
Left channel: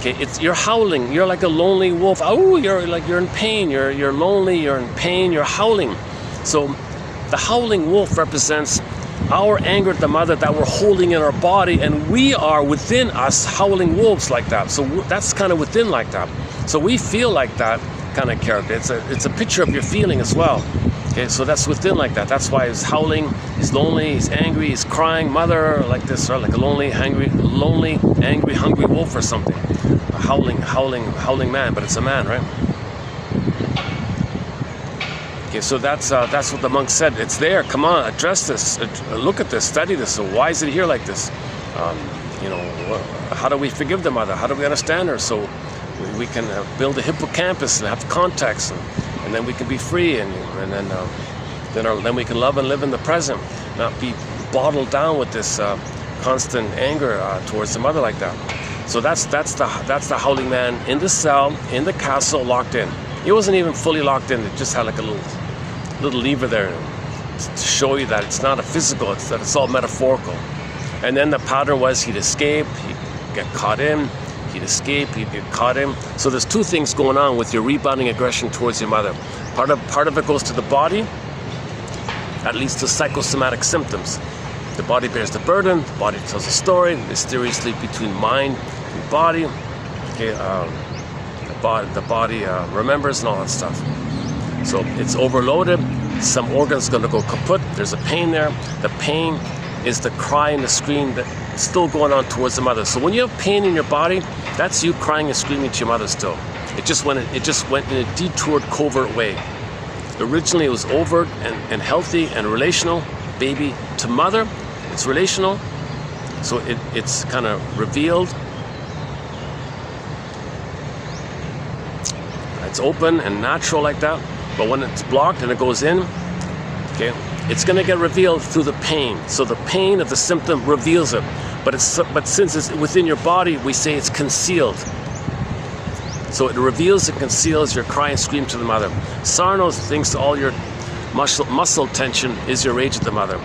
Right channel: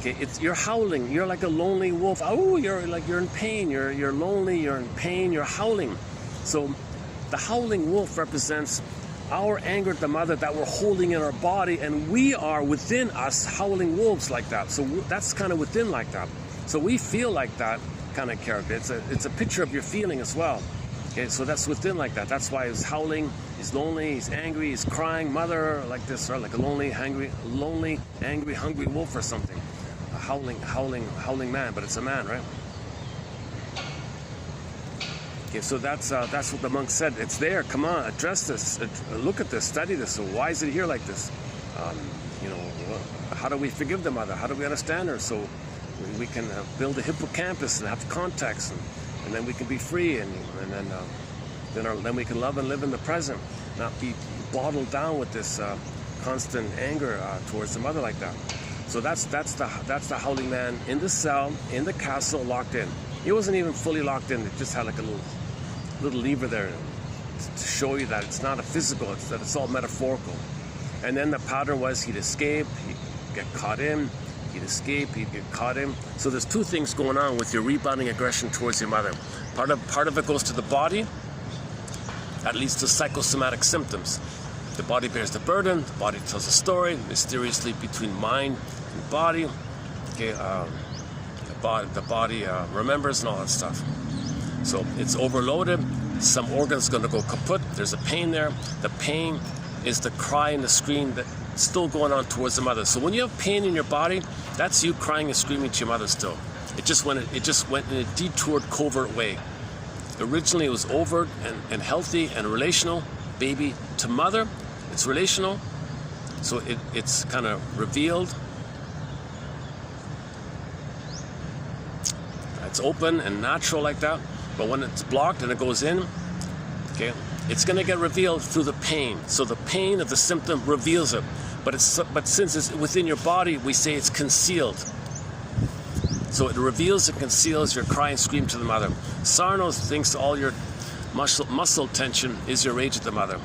okay, you're howling. You're like a lonely wolf. Oh, you're in pain. You're lonely. You're in pain. You're howling. So the howling wolf represents our anger at the mother that we're holding in our body, and we are within us howling wolves like that. So that's kind of within like that. So we feel like that kind of character. It's a picture of your feeling as well. Okay, so that's within like that. That's why he's howling, he's lonely, he's angry, he's crying, mother, like this, or like a lonely, angry, hungry wolf or something. A howling man, but it's a man, right? Okay, so that's what the monk said. It's there. Come on, address this. Look at this. Study this. So why is it here like this? How do we forgive the mother? How do we understand her? So we can build a hippocampus and have context, and then we can be free, and then we can love and live in the present, not be bottled down with this constant anger towards the mother like that. So that's the howling man in the cell, in the castle, locked in. He wasn't even fully locked in. It just had like a little lever there to show you that it's not a physical, that it's all metaphorical. And then the pattern was he'd escape, he'd get caught in, he'd escape, he'd get caught in. So there's two things going on with your rebounding aggression towards your mother. Part of it goes to the body, that leads to psychosomatic symptoms. The body bears the burden, the body tells a story, mysteriously between mind and body. Okay, the body remembers and all that stuff. So it's overloaded, some organ's gonna go kaput, there's a pain there. The pain is the cry and the scream that's still going on towards the mother. So when you have pain in your body, that's you crying and screaming to your mother still. It just went in a detoured, covert way. Originally it was overt and healthy and relational, baby to mother, it's relational. So it's kind of revealed. It's open and natural like that. But when it's blocked and it goes in, okay, it's going to get revealed through the pain. So the pain of the symptom reveals it. But since it's within your body, we say it's concealed. So it reveals and conceals your cry and scream to the mother. Sarno thinks all your muscle tension is your rage at the mother.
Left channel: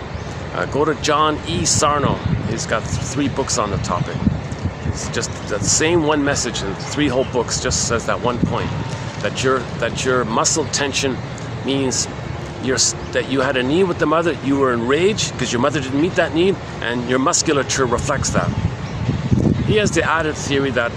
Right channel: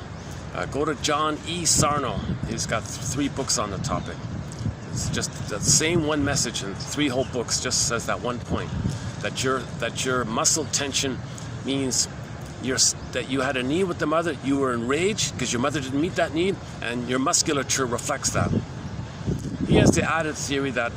Go to John E. Sarno. He's got 3 books on the topic. It's just that same one message in 3 whole books. Just says that one point, that your muscle tension means that you had a need with the mother. You were in rage because your mother didn't meet that need, and your musculature reflects that. He has the added theory that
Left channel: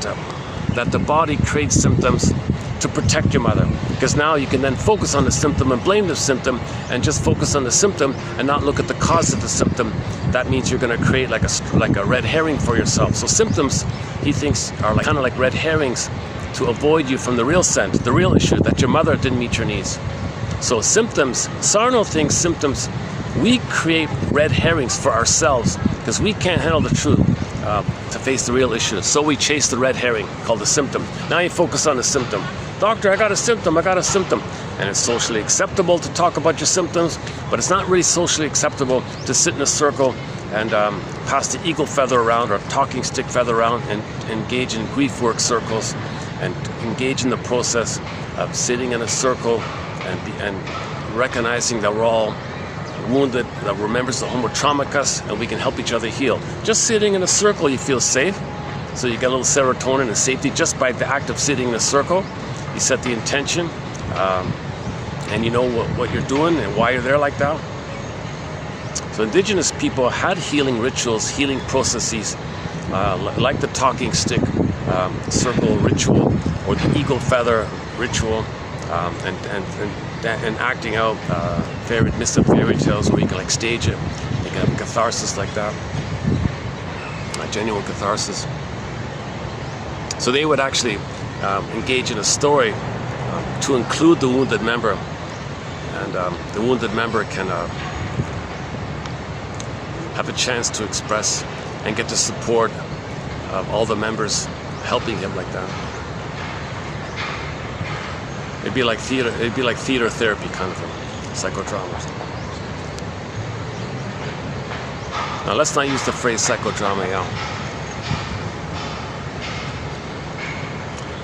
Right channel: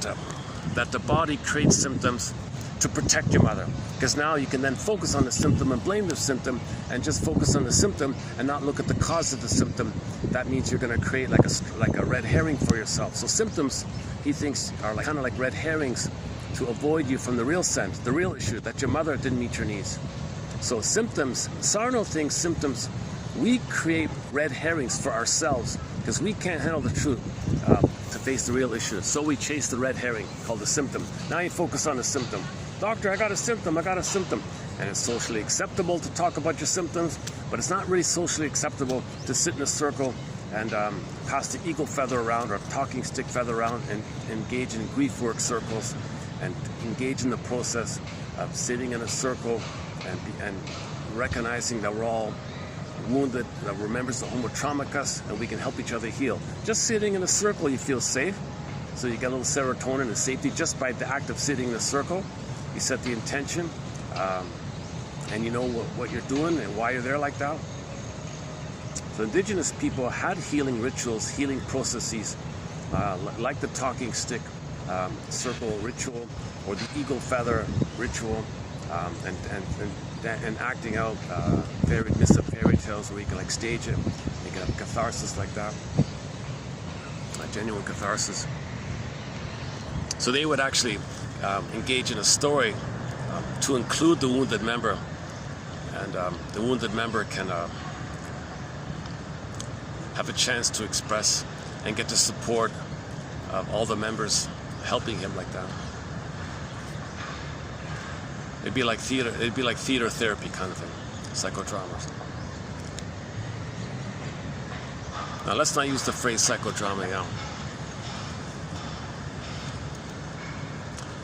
the body creates symptoms to protect your mother, because now you can then focus on the symptom and blame the symptom, and just focus on the symptom and not look at the cause of the symptom. That means you're going to create like a red herring for yourself. So symptoms, he thinks, are kind of like red herrings to avoid you from the real scent, the real issue, that your mother didn't meet your needs. So symptoms, Sarno thinks symptoms, we create red herrings for ourselves because we can't handle the truth to face the real issue. So we chase the red herring called the symptom. Now you focus on the symptom. Doctor, I got a symptom. And it's socially acceptable to talk about your symptoms, but it's not really socially acceptable to sit in a circle and pass the eagle feather around or talking stick feather around and engage in grief work circles and engage in the process of sitting in a circle and recognizing that we're all wounded, that we're members of Homo Traumicus, and we can help each other heal. Just sitting in a circle, you feel safe. So you get a little serotonin and safety just by the act of sitting in a circle. You set the intention, and you know what you're doing and why you're there like that. So indigenous people had healing rituals, healing processes, like the talking stick circle ritual or the eagle feather ritual, and acting out myths of fairy tales where you can like stage it. You can have catharsis like that, a genuine catharsis. So they would actually engage in a story to include the wounded member, and the wounded member can have a chance to express and get the support of all the members helping him like that. It'd be like theater therapy kind of thing, psychodrama. Now let's not use the phrase psychodrama, yeah.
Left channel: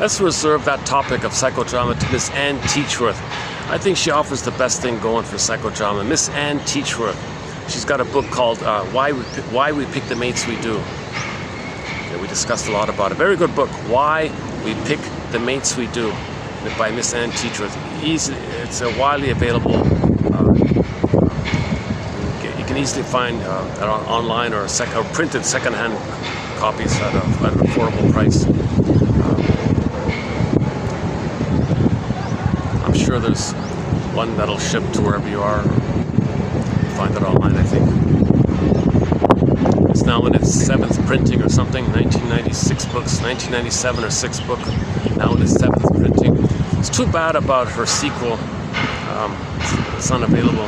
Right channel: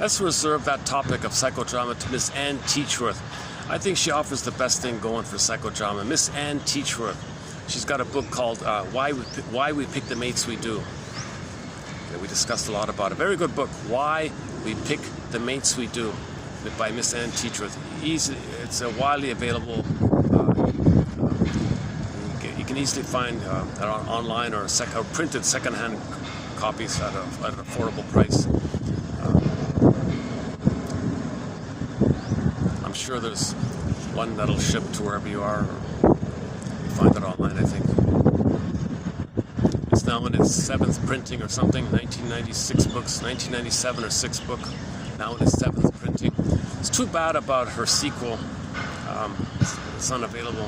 Let's reserve that topic of psychodrama to Miss Ann Teachworth. I think she offers the best thing going for psychodrama. Miss Ann Teachworth. She's got a book called Why We Pick the Mates We Do. Yeah, we discussed a lot about it. Very good book, Why We Pick the Mates We Do, by Miss Ann Teachworth. It's widely available. You can easily find online or printed secondhand copies at an affordable price. I'm sure there's one that'll ship to wherever you are. Find it online, I think. It's now in its 7th printing or something. 1996 books, 1997 or 6th book. Now in its 7th printing. It's too bad about her sequel. It's unavailable.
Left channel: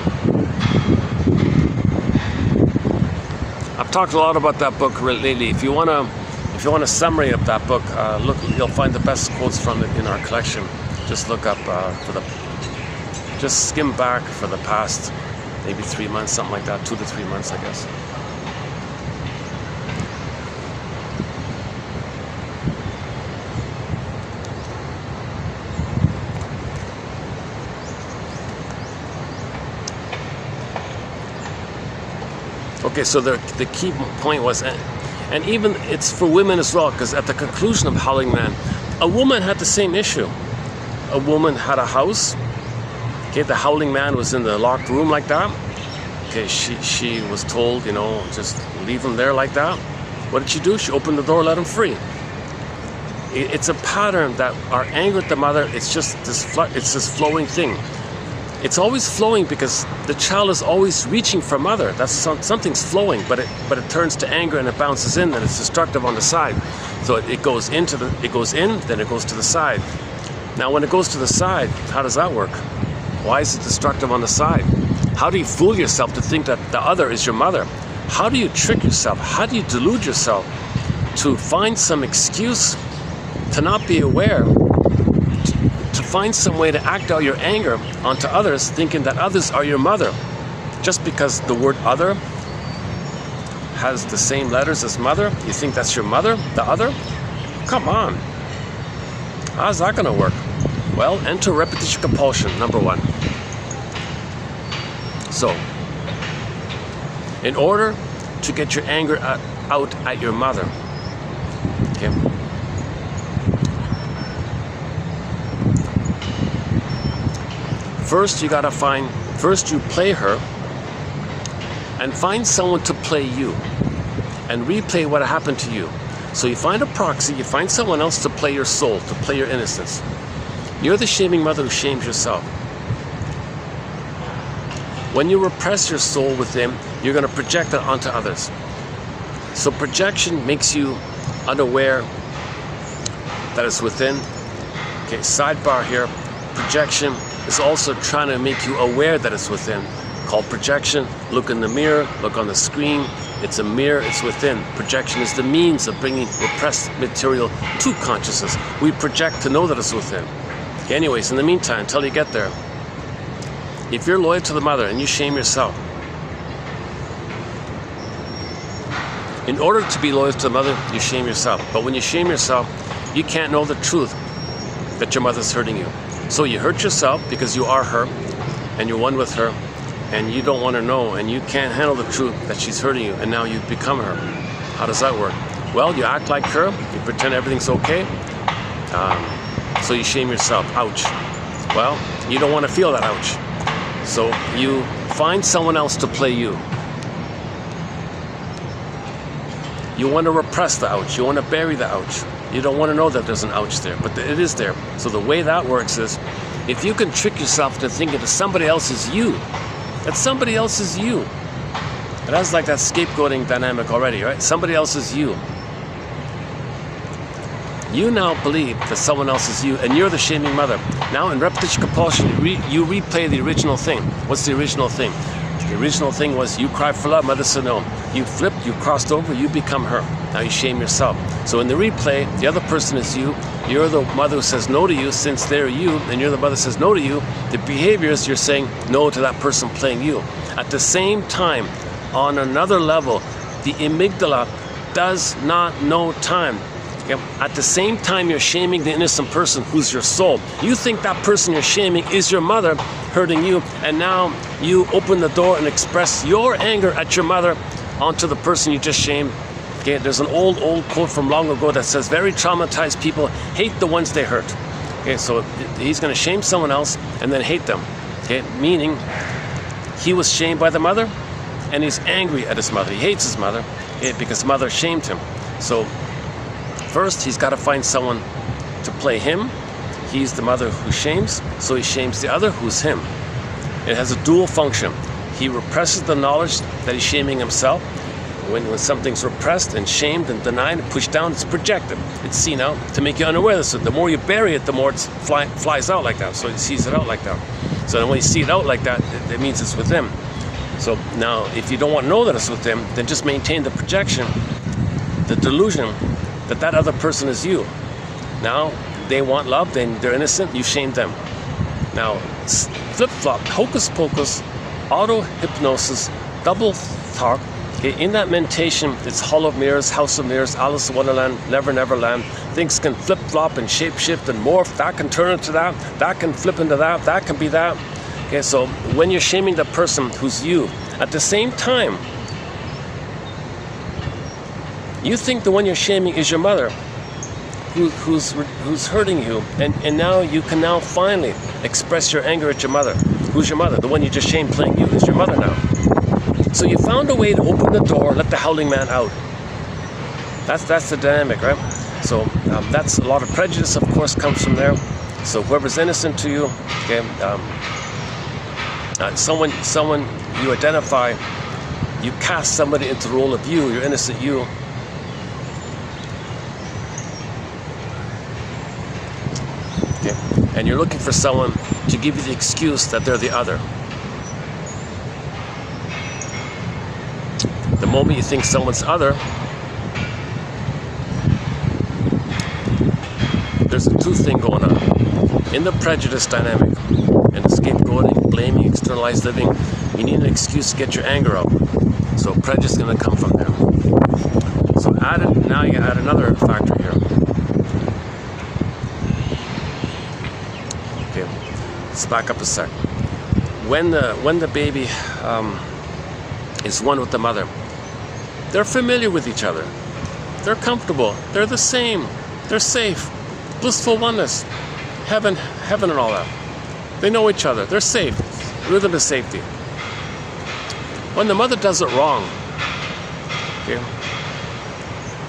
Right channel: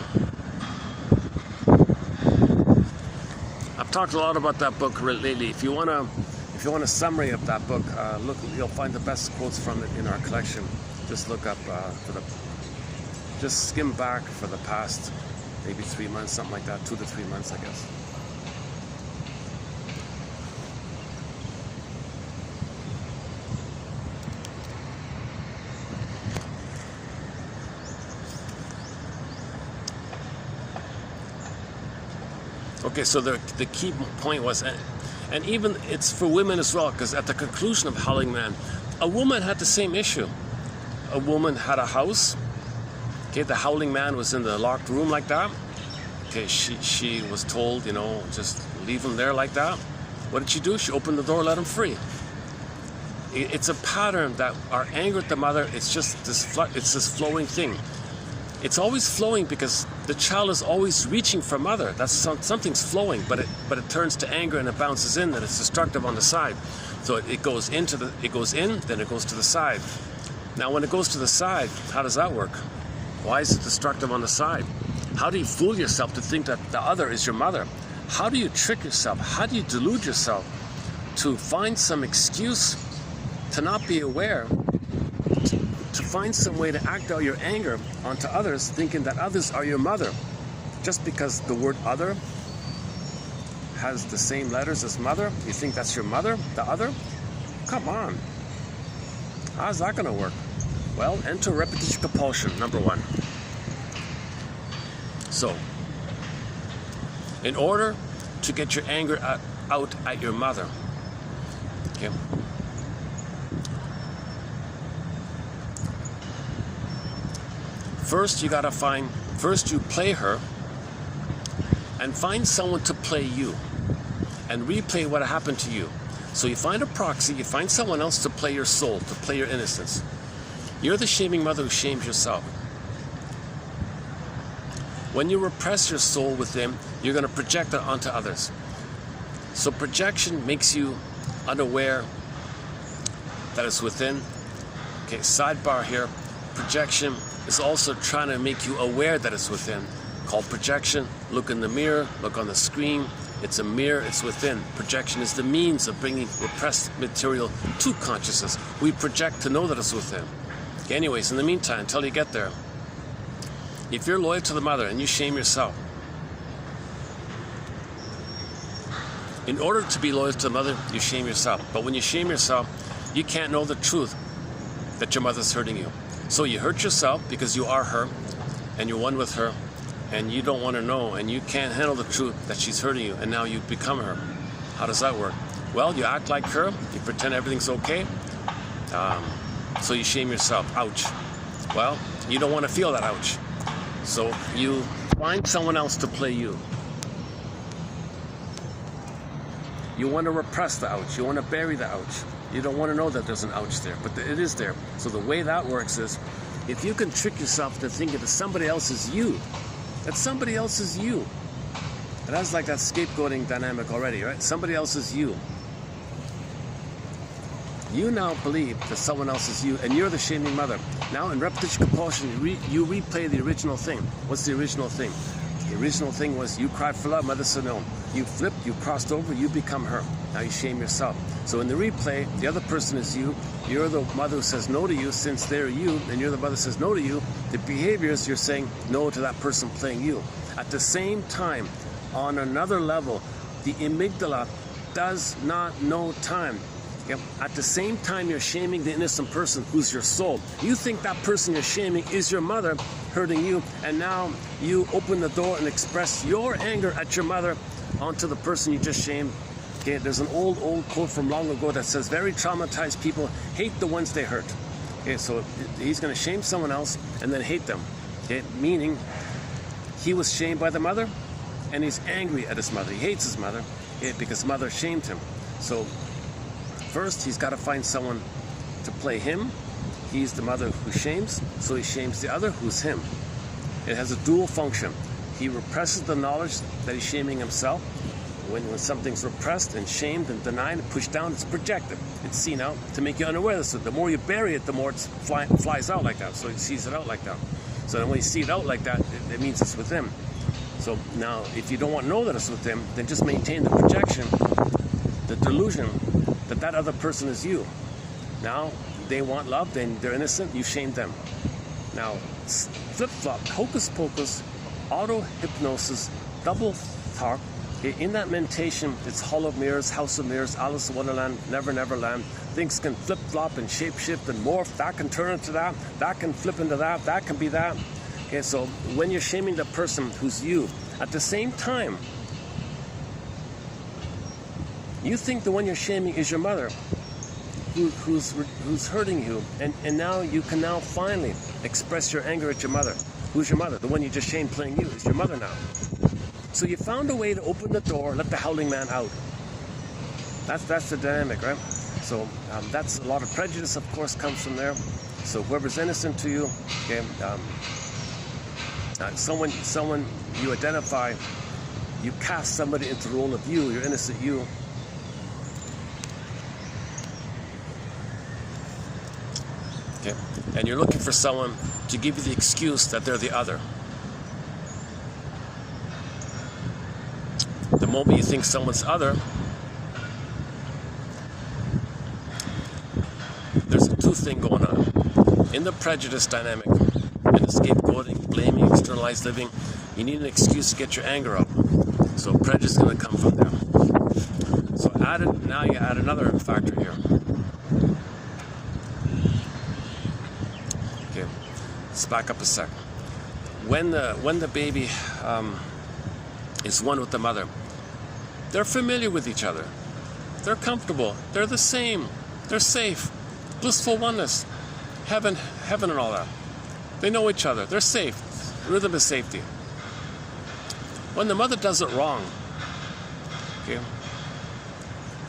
I've talked a lot about that book lately. If you want a summary of that book, you'll find the best quotes from it in our collection. Just look up just skim back for the past maybe 3 months, something like that, 2 to 3 months, I guess. Okay, so the key point was, and even it's for women as well, because at the conclusion of Howling Man, a woman had the same issue. A woman had a house. Okay, the Howling Man was in the locked room like that. Okay, she was told, just leave him there like that. What did she do? She opened the door, let him free. It's a pattern that our anger at the mother, it's just this flowing thing. It's always flowing because the child is always reaching for mother. That's something's flowing, but it turns to anger and it bounces in, and it's destructive on the side. So it goes in, then it goes to the side. Now when it goes to the side, how does that work? Why is it destructive on the side? How do you fool yourself to think that the other is your mother? How do you trick yourself? How do you delude yourself to find some excuse to not be aware, to find some way to act out your anger onto others, thinking that others are your mother, just because the word other has the same letters as mother? You think that's your mother, the other? Come on. How's that going to work? Well, enter repetition compulsion, number 1. So, in order to get your anger out at your mother, okay, first you play her and find someone to play you and replay what happened to you. So you find a proxy, you find someone else to play your soul, to play your innocence. You're the shaming mother who shames yourself. When you repress your soul within, you're going to project it onto others. So projection makes you unaware that it's within. Okay, sidebar here. Projection is also trying to make you aware that it's within. Called projection. Look in the mirror, look on the screen. It's a mirror, it's within. Projection is the means of bringing repressed material to consciousness. We project to know that it's within. Okay, anyways, in the meantime, until you get there, if you're loyal to the mother and you shame yourself, in order to be loyal to the mother, you shame yourself. But when you shame yourself, you can't know the truth that your mother's hurting you. So you hurt yourself because you are her and you're one with her, and you don't want to know, and you can't handle the truth that she's hurting you, and now you've become her. How does that work? Well, you act like her, you pretend everything's okay, so you shame yourself. Ouch. Well, you don't want to feel that ouch. So you find someone else to play you. You want to repress the ouch. You want to bury the ouch. You don't want to know that there's an ouch there, but it is there. So the way that works is, if you can trick yourself to thinking that somebody else is you, that somebody else is you. And that's like that scapegoating dynamic already, right? Somebody else is you. You now believe that someone else is you, and you're the shaming mother. Now in repetition compulsion, you replay the original thing. What's the original thing? The original thing was you cried for love, mother said no. You flipped, you crossed over, you become her. Now you shame yourself. So in the replay, the other person is you. You're the mother who says no to you, since they're you, and you're the mother who says no to you. The behaviors, you're saying no to that person playing you. At the same time, on another level, the amygdala does not know time. At the same time, you're shaming the innocent person who's your soul. You think that person you're shaming is your mother hurting you, and now you open the door and express your anger at your mother onto the person you just shamed. Okay, there's an old quote from long ago that says, very traumatized people hate the ones they hurt. Okay, so he's going to shame someone else and then hate them. Okay, meaning he was shamed by the mother and he's angry at his mother. He hates his mother because mother shamed him. So first, he's got to find someone to play him. He's the mother who shames, so he shames the other who's him. It has a dual function. He represses the knowledge that he's shaming himself. When something's repressed and shamed and denied and pushed down, it's projected. It's seen out to make you unaware. So the more you bury it, the more it flies out like that. So he sees it out like that. So then when you see it out like that, it means it's with him. So now, if you don't want to know that it's with him, then just maintain the projection, the delusion that other person is you. Now, they want love, they're innocent, you shame them. Now, flip-flop, hocus pocus, auto-hypnosis, double talk. Okay, in that meditation, it's Hall of Mirrors, House of Mirrors, Alice in Wonderland, Never Never Land. Things can flip-flop and shape-shift and morph. That can turn into that can flip into that can be that. Okay, so when you're shaming the person who's you, at the same time, you think the one you're shaming is your mother, who's hurting you, and now you can now finally express your anger at your mother. Who's your mother? The one you just shamed playing you is your mother now. So you found a way to open the door, let the howling man out. That's the dynamic, right? So that's a lot of prejudice, of course, comes from there. So whoever's innocent to you, okay, Someone you identify, you cast somebody into the role of you, your innocent you. Okay. And you're looking for someone to give you the excuse that they're the other. The moment you think someone's other, there's a two thing going on. In the prejudice dynamic, in the scapegoating, blaming, externalized living, you need an excuse to get your anger up. So prejudice is going to come from there. So now you add another factor here. Okay, let's back up a sec. When the baby is one with the mother, they're familiar with each other. They're comfortable. They're the same. They're safe. Blissful oneness. Heaven and all that. They know each other. They're safe. Rhythm is safety. When the mother does it wrong, okay,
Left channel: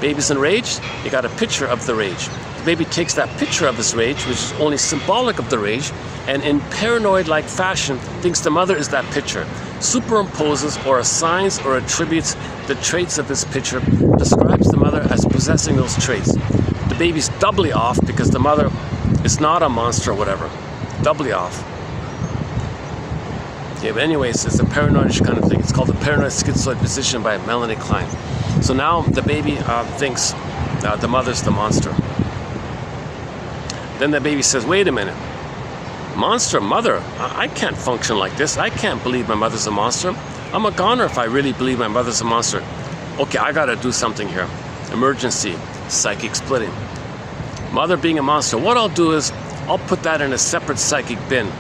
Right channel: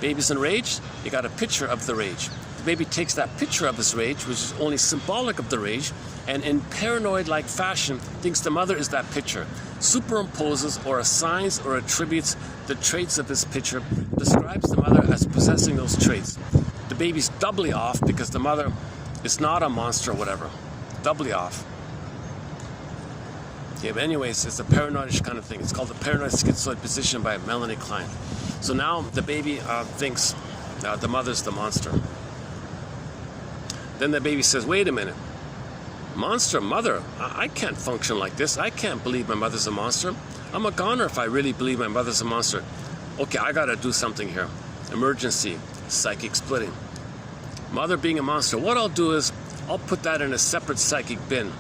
baby's enraged, you got a picture of the rage. The baby takes that picture of this rage, which is only symbolic of the rage, and in paranoid-like fashion thinks the mother is that picture, superimposes or assigns or attributes the traits of this picture, describes the mother as possessing those traits. The baby's doubly off because the mother is not a monster or whatever. Doubly off. Okay, but anyways, it's a paranoid kind of thing. It's called the paranoid schizoid position by Melanie Klein. So now the baby thinks the mother's the monster. Then the baby says, wait a minute. Monster, mother, I can't function like this. I can't believe my mother's a monster. I'm a goner if I really believe my mother's a monster. Okay, I gotta do something here. Emergency, psychic splitting. Mother being a monster, what I'll do is, I'll put that in a separate psychic bin.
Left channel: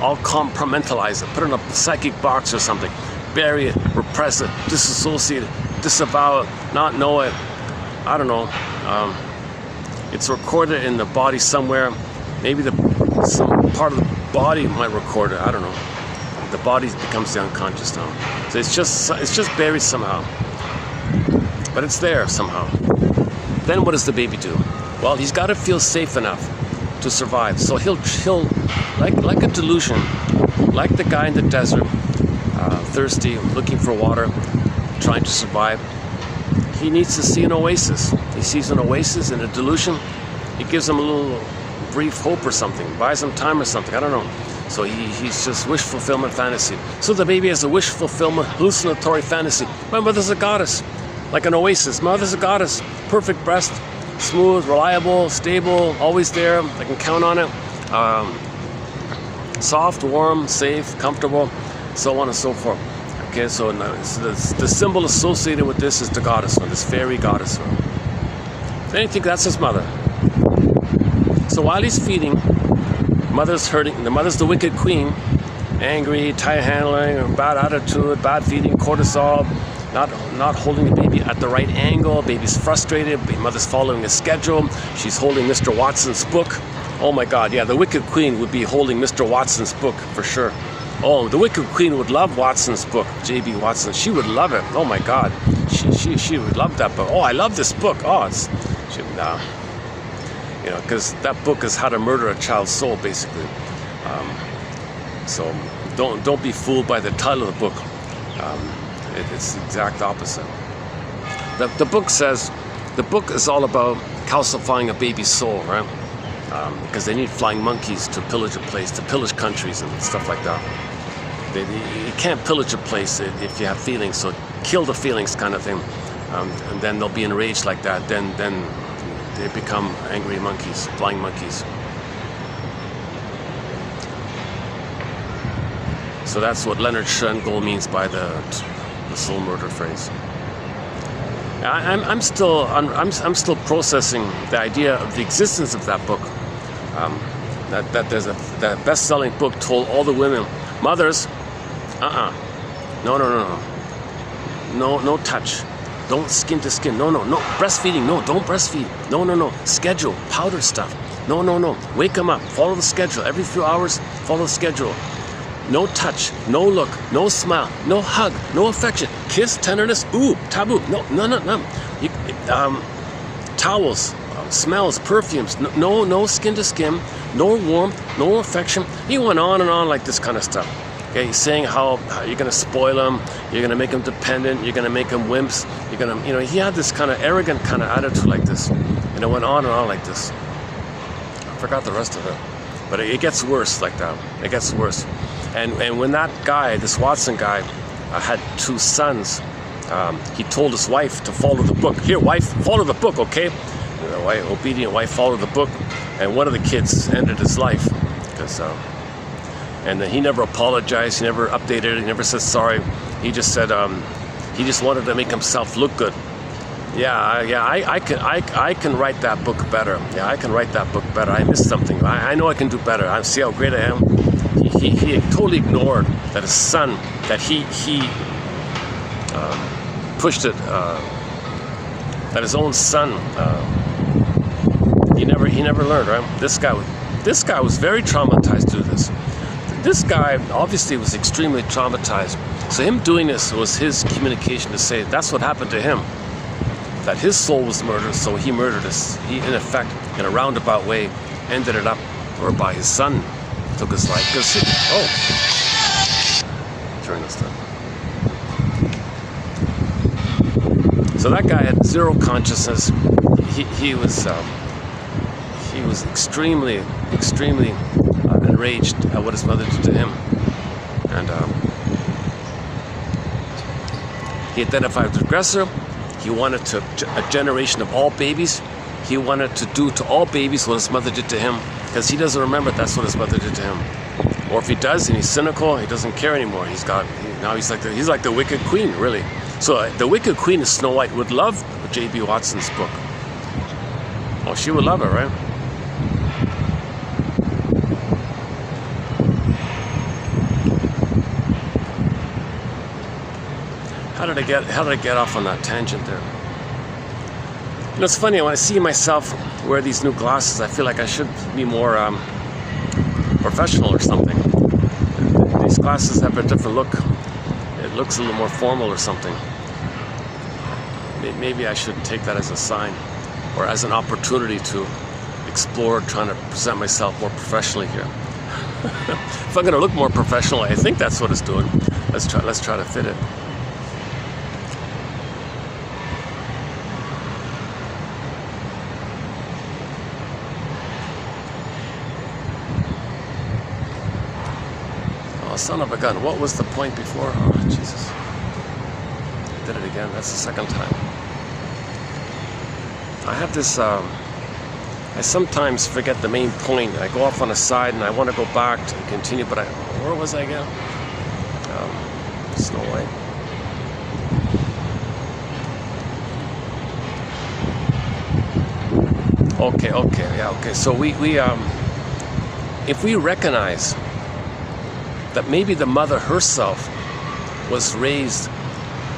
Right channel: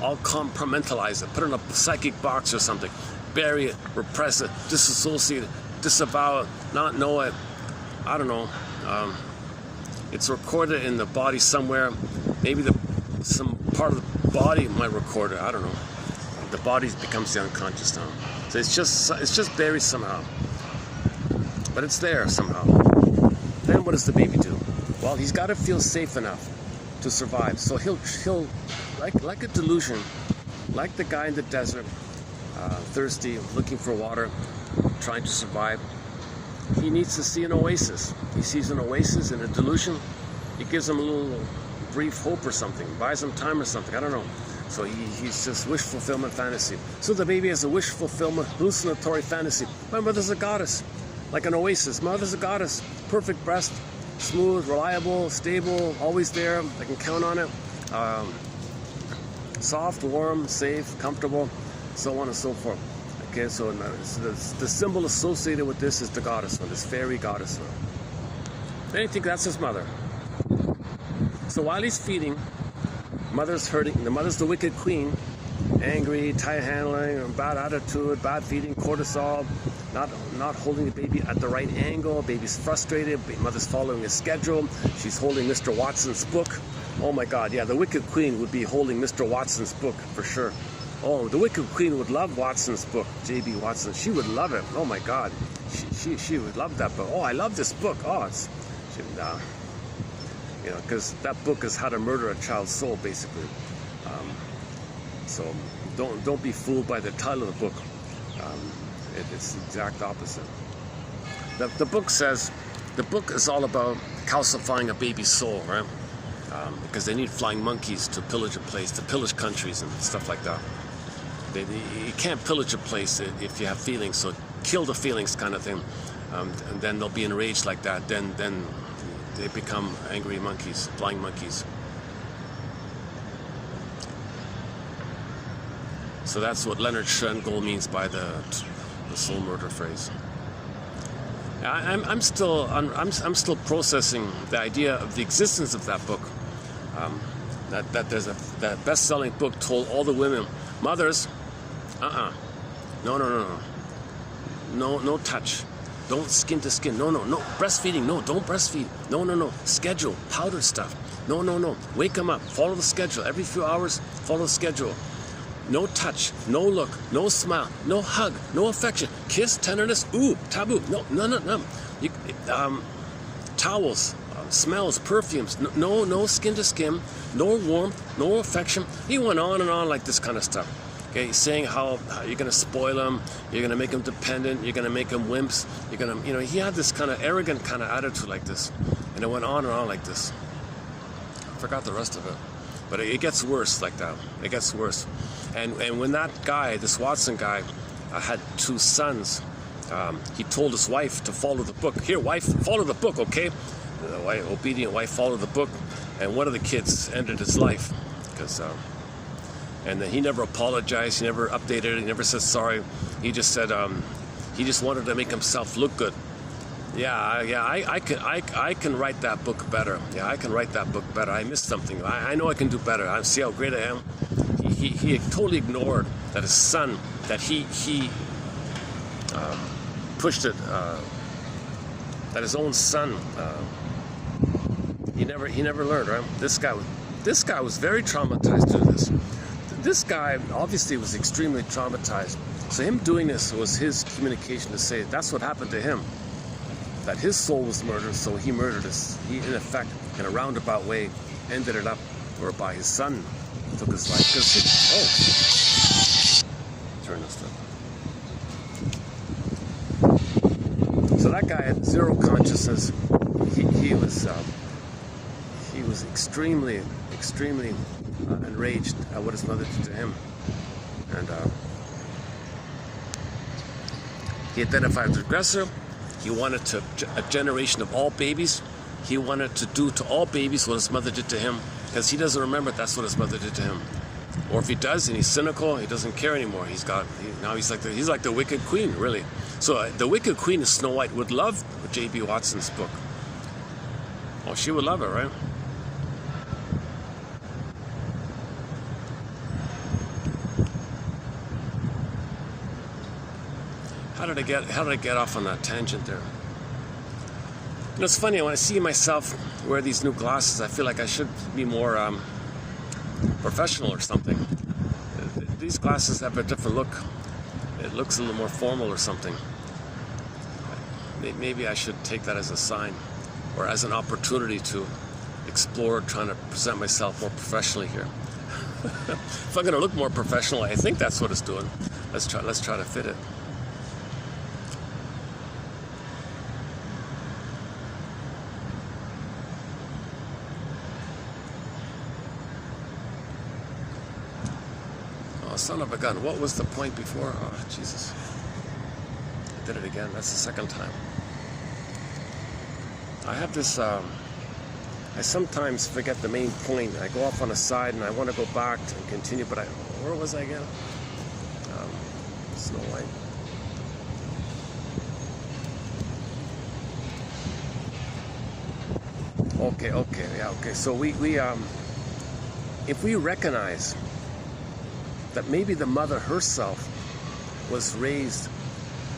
I'll compartmentalize it, put it in a psychic box or something. Bury it, repress it, disassociate it, disavow it, not know it. I don't know. It's recorded in the body somewhere. Maybe some part of the body might record it. I don't know. The body becomes the unconscious now. So it's just buried somehow. But it's there somehow. Then what does the baby do? Well, he's got to feel safe enough to survive. So he'll like a delusion, like the guy in the desert, thirsty, looking for water, trying to survive. He needs to see an oasis. He sees an oasis in a delusion. It gives him a little brief hope or something, buys him time or something, I don't know. So he's just wish fulfillment fantasy. So the baby has a wish fulfillment hallucinatory fantasy. My mother's a goddess, like an oasis. Mother's a goddess, perfect breast, smooth, reliable, stable, always there. I can count on it. Soft, warm, safe, comfortable, so on and so forth. Okay, so the symbol associated with this is the goddess one, this fairy goddess one. Then you think that's his mother. So while he's feeding, mother's hurting. The mother's the wicked queen, angry, tight handling, bad attitude, bad feeding, cortisol, not holding the baby at the right angle. Baby's frustrated. Mother's following a schedule. She's holding Mr. Watson's book. Oh my God, yeah, the wicked queen would be holding Mr. Watson's book for sure. Oh, the wicked queen would love Watson's book, J.B. Watson. She would love it. Oh my God, she would love that book. Oh, I love this book. Oh, you know, because that book is how to murder a child's soul, basically. So don't be fooled by the title of the book. It's the exact opposite. The book says, the book is all about calcifying a baby's soul, right? Because they need flying monkeys to pillage a place, to pillage countries and stuff like that. You can't pillage a place if you have feelings, so kill the feelings kind of thing. And then they'll be enraged like that. Then they become angry monkeys, flying monkeys. So that's what Leonard Schoengold means by the soul murder phrase. I'm still processing the idea of the existence of that book. That there's that best-selling book told all the women, mothers, no touch, don't skin to skin, no, breastfeeding, no, don't breastfeed, no, schedule, powdered stuff, no, wake them up, follow the schedule, every few hours, follow the schedule. No touch, no look, no smile, no hug, no affection, kiss, tenderness, ooh, taboo, no. Towels, smells, perfumes, no skin to skin, no warmth, no affection. He went on and on like this kind of stuff. Okay, he's saying how you're gonna spoil them, you're gonna make them dependent, you're gonna make them wimps, you're gonna, you know, he had this kind of arrogant kind of attitude like this, and it went on and on like this. I forgot the rest of it, but it gets worse like that. It gets worse, and when that guy, this Watson guy, had 2 sons, he told his wife to follow the book. Here, wife, follow the book, okay? The wife, obedient wife, followed the book, and one of the kids ended his life because. And he never apologized, he never updated it, he never said sorry. He just said he just wanted to make himself look good. I can write that book better. Yeah, I can write that book better. I missed something. I know I can do better. I see how great I am. He totally ignored that his son, that he pushed it, that his own son, he never learned, right? This guy was very traumatized through this. This guy obviously was extremely traumatized. So him doing this was his communication to say that's what happened to him. That his soul was murdered, so he murdered us. He, in effect, in a roundabout way, ended it up, or by his son took his life. Turn this down. So that guy had zero consciousness. He was extremely enraged at what his mother did to him, and he identified with the aggressor. He wanted a generation of all babies. He wanted to do to all babies what his mother did to him, because he doesn't remember that's what his mother did to him. Or if he does and he's cynical, he doesn't care anymore. Now he's like the Wicked Queen, really. So the Wicked Queen of Snow White would love J.B. Watson's book. Oh, she would love it, right? How did I get off on that tangent there? You know, it's funny, when I see myself wear these new glasses, I feel like I should be more professional or something. These glasses have a different look. It looks a little more formal or something. Maybe I should take that as a sign, or as an opportunity to explore trying to present myself more professionally here. If I'm going to look more professional, I think that's what it's doing. Let's try to fit it. Son of a gun, what was the point before? Oh, Jesus. Did it again. That's the second time. I have this, I sometimes forget the main point. I go off on a side and I want to go back to continue, but where was I again? Snow White. Okay. So if we recognize that maybe the mother herself was raised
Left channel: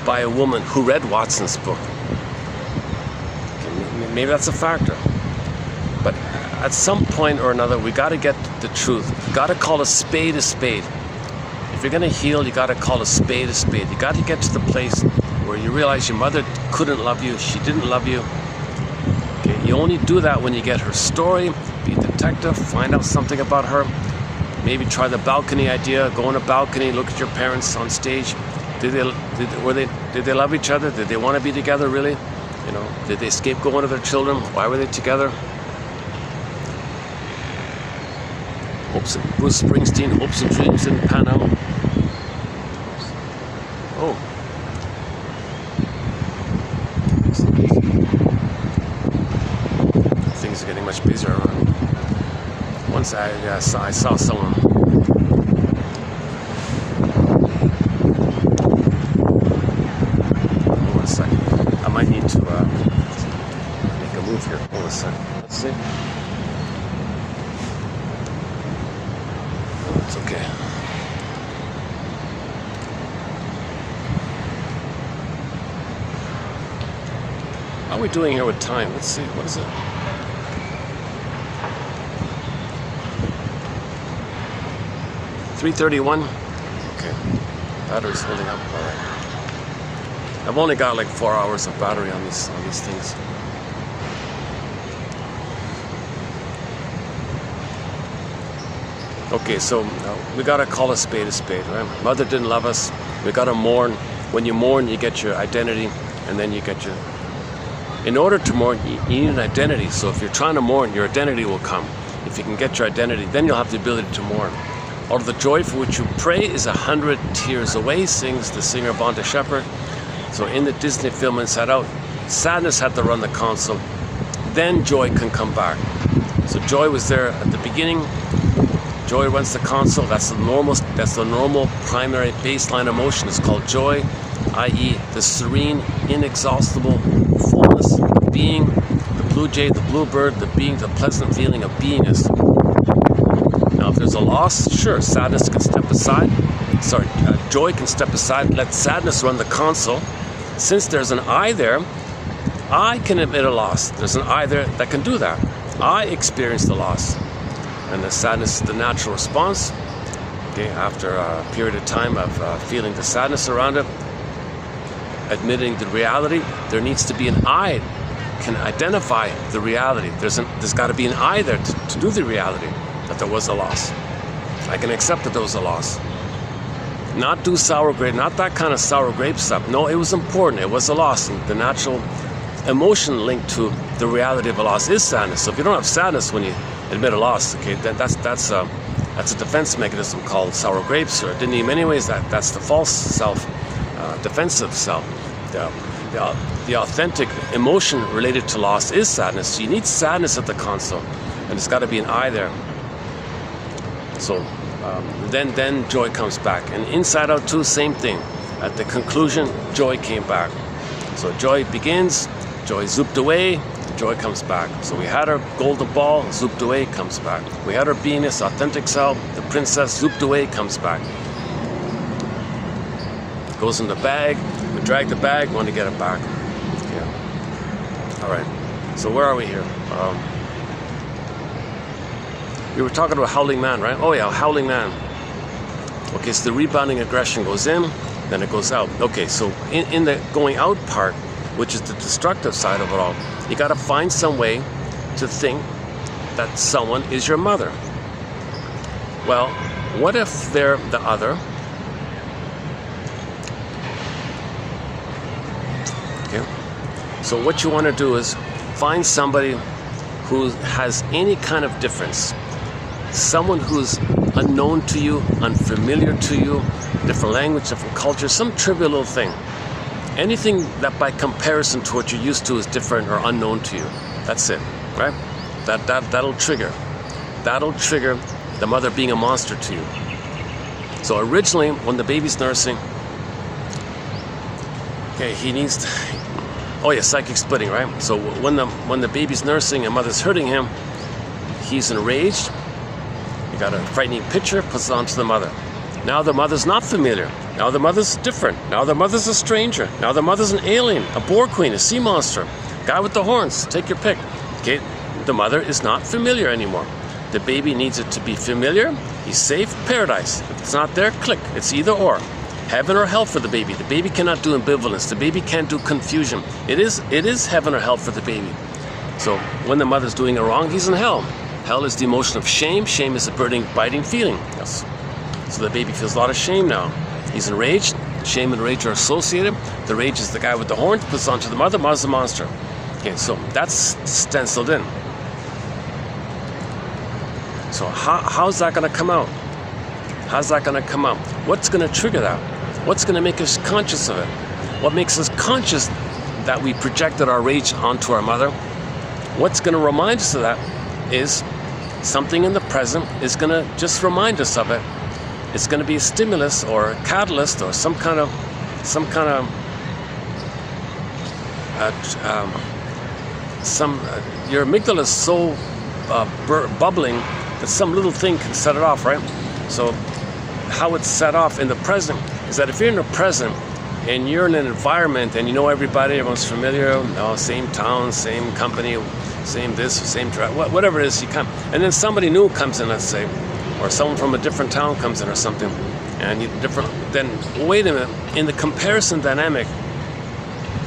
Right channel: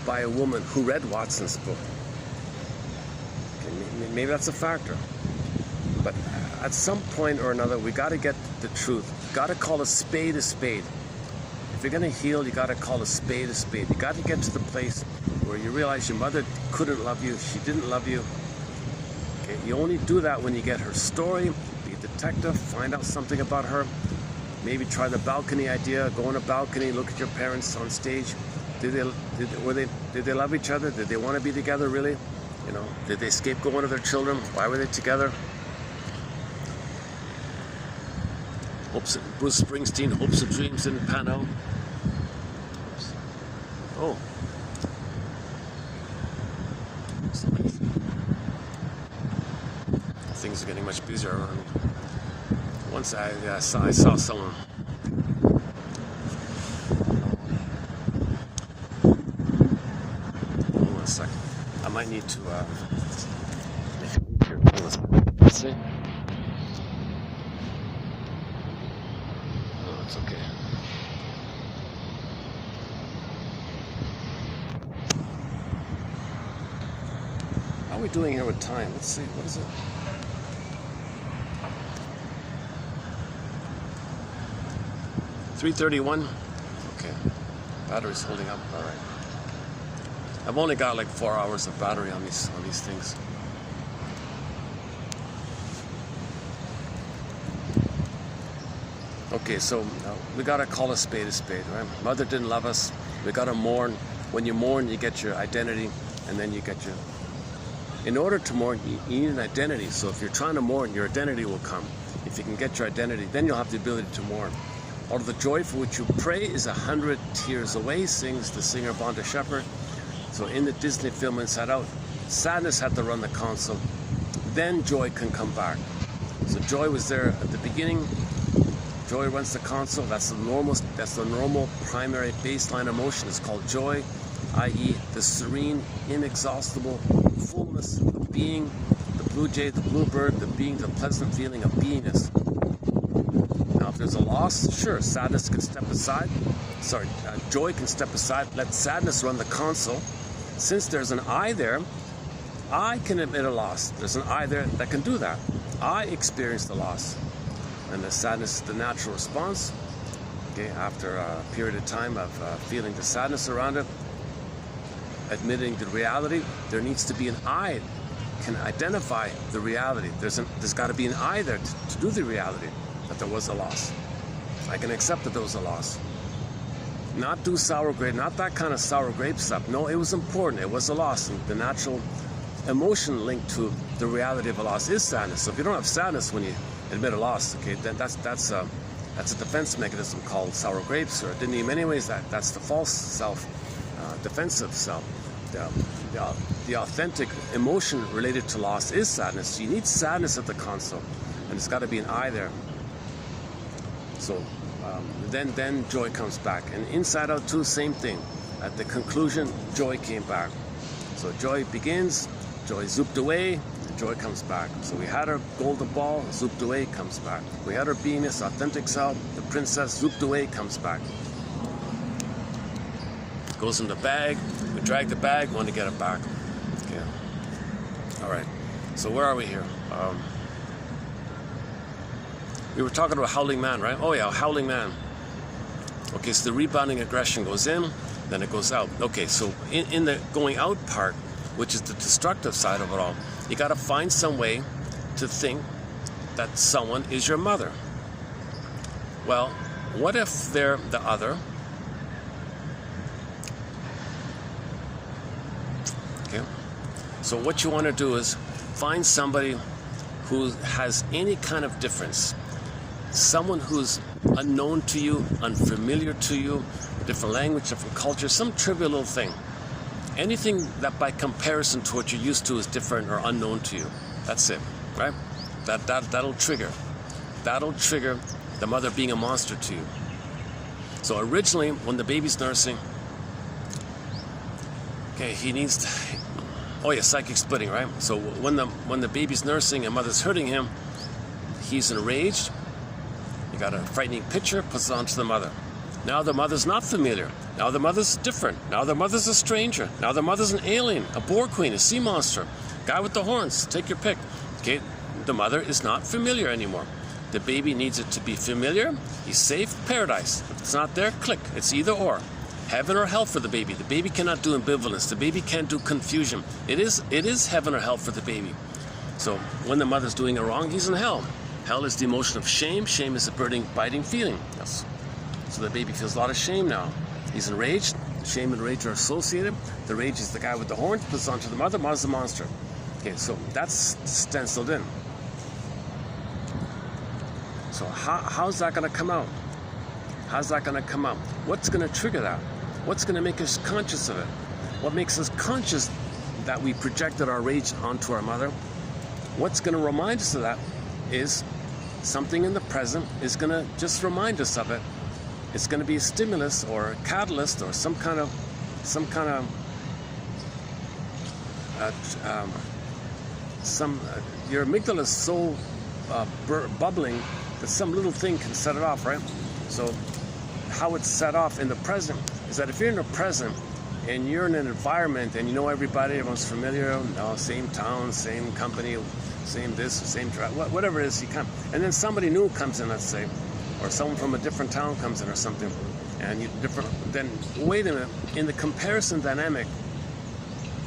by a woman who read Watson's book. Okay, maybe that's a factor. But at some point or another, we got to get the truth. You got to call a spade a spade. If you're going to heal, you got to call a spade a spade. You got to get to the place where you realize your mother couldn't love you, she didn't love you. Okay, you only do that when you get her story, be a detective, find out something about her. Maybe try the balcony idea. Go on a balcony, look at your parents on stage. Did they love each other? Did they want to be together, really? You know, did they scapegoat one of their children? Why were they together? Bruce Springsteen, hopes and dreams didn't pan out. Oh. Things are getting much busier around. Once I saw someone. One second. I might need to make a move here. Hold on a second. Let's see. Oh, it's okay. How are we doing here with time? Let's see. What is it? 3:31. Okay, battery's holding up. All right. I've only got like 4 hours of battery on these things. Okay, so we gotta call a spade, right? Mother didn't love us. We gotta mourn. When you mourn, you get your identity, and then you get your... In order to mourn, you need an identity. So if you're trying to mourn, your identity will come. If you can get your identity, then you'll have the ability to mourn. All the joy for which you pray is 100 tears away, sings the singer Bonta Shepherd. So in the Disney film Inside Out, sadness had to run the console. Then joy can come back. So joy was there at the beginning. Joy runs the console. That's the normal primary baseline emotion. It's called joy, i.e. the serene, inexhaustible fullness of being, the blue jay, the bluebird, the being, the pleasant feeling of beingness. Now, if there's a loss, sure, sadness can step aside. Joy can step aside, let sadness run the console. Since there's an I there, I can admit a loss. There's an I there that can do that. I experience the loss. And the sadness is the natural response. Okay, after a period of time of feeling the sadness around it, admitting the reality, there needs to be an I can identify the reality. There's got to be an I there to do the reality that there was a loss. I can accept that there was a loss. Not do sour grape, not that kind of sour grape stuff. No, it was important. It was a loss. And the natural emotion linked to the reality of a loss is sadness. So if you don't have sadness when you admit a loss, okay, that's a defense mechanism called sour grapes, or in many ways that's the false self, defensive self. The authentic emotion related to loss is sadness. So you need sadness at the console, and it's got to be an I there. So then joy comes back, and Inside Out 2, same thing. At the conclusion, joy came back. So joy begins, joy zooped away, joy comes back. So we had our golden ball, zooped away, comes back. We had our beingness, authentic self, the princess, zooped away, comes back. Goes in the bag, we drag the bag, want to get it back. Yeah. All right, so where are we here? We were talking about Howling Man, right? Oh yeah, Howling Man. Okay, so the rebounding aggression goes in, then it goes out. Okay, so in the going out part, which is the destructive side of it all, you got to find some way to think that someone is your mother. Well, what if they're the other? Okay. So what you want to do is find somebody who has any kind of difference. Someone who's unknown to you, unfamiliar to you, different language, different culture, some trivial little thing. Anything that by comparison to what you're used to is different or unknown to you. That's it, right? That'll trigger. That'll trigger the mother being a monster to you. So originally, when the baby's nursing, okay, he needs to, oh yeah, psychic splitting, right? So when the baby's nursing and mother's hurting him, he's enraged. Got a frightening picture, puts it onto the mother. Now the mother's not familiar. Now the mother's different. Now the mother's a stranger. Now the mother's an alien, a boar queen, a sea monster, guy with the horns, take your pick. Okay, the mother is not familiar anymore. The baby needs it to be familiar. He's safe, paradise. If it's not there, click. It's either or. Heaven or hell for the baby. The baby cannot do ambivalence. The baby can't do confusion. It is heaven or hell for the baby. So when the mother's doing it wrong, he's in hell. Hell is the emotion of shame. Shame is a burning, biting feeling. Yes. So the baby feels a lot of shame now. He's enraged. Shame and rage are associated. The rage is the guy with the horns, puts onto the mother, mother's the monster. Okay, so that's stenciled in. So how's that going to come out? How's that going to come out? What's going to trigger that? What's going to make us conscious of it? What makes us conscious that we projected our rage onto our mother? What's going to remind us of that is something in the present is going to just remind us of it. It's going to be a stimulus or a catalyst or some kind of your amygdala is so bubbling that some little thing can set it off, right? So how it's set off in the present is that if you're in the present and you're in an environment and you know everybody, everyone's familiar, same town, same company, same this, same drive, whatever it is, you come, and then somebody new comes in, let's say, or someone from a different town comes in or something, and then wait a minute, in the comparison dynamic,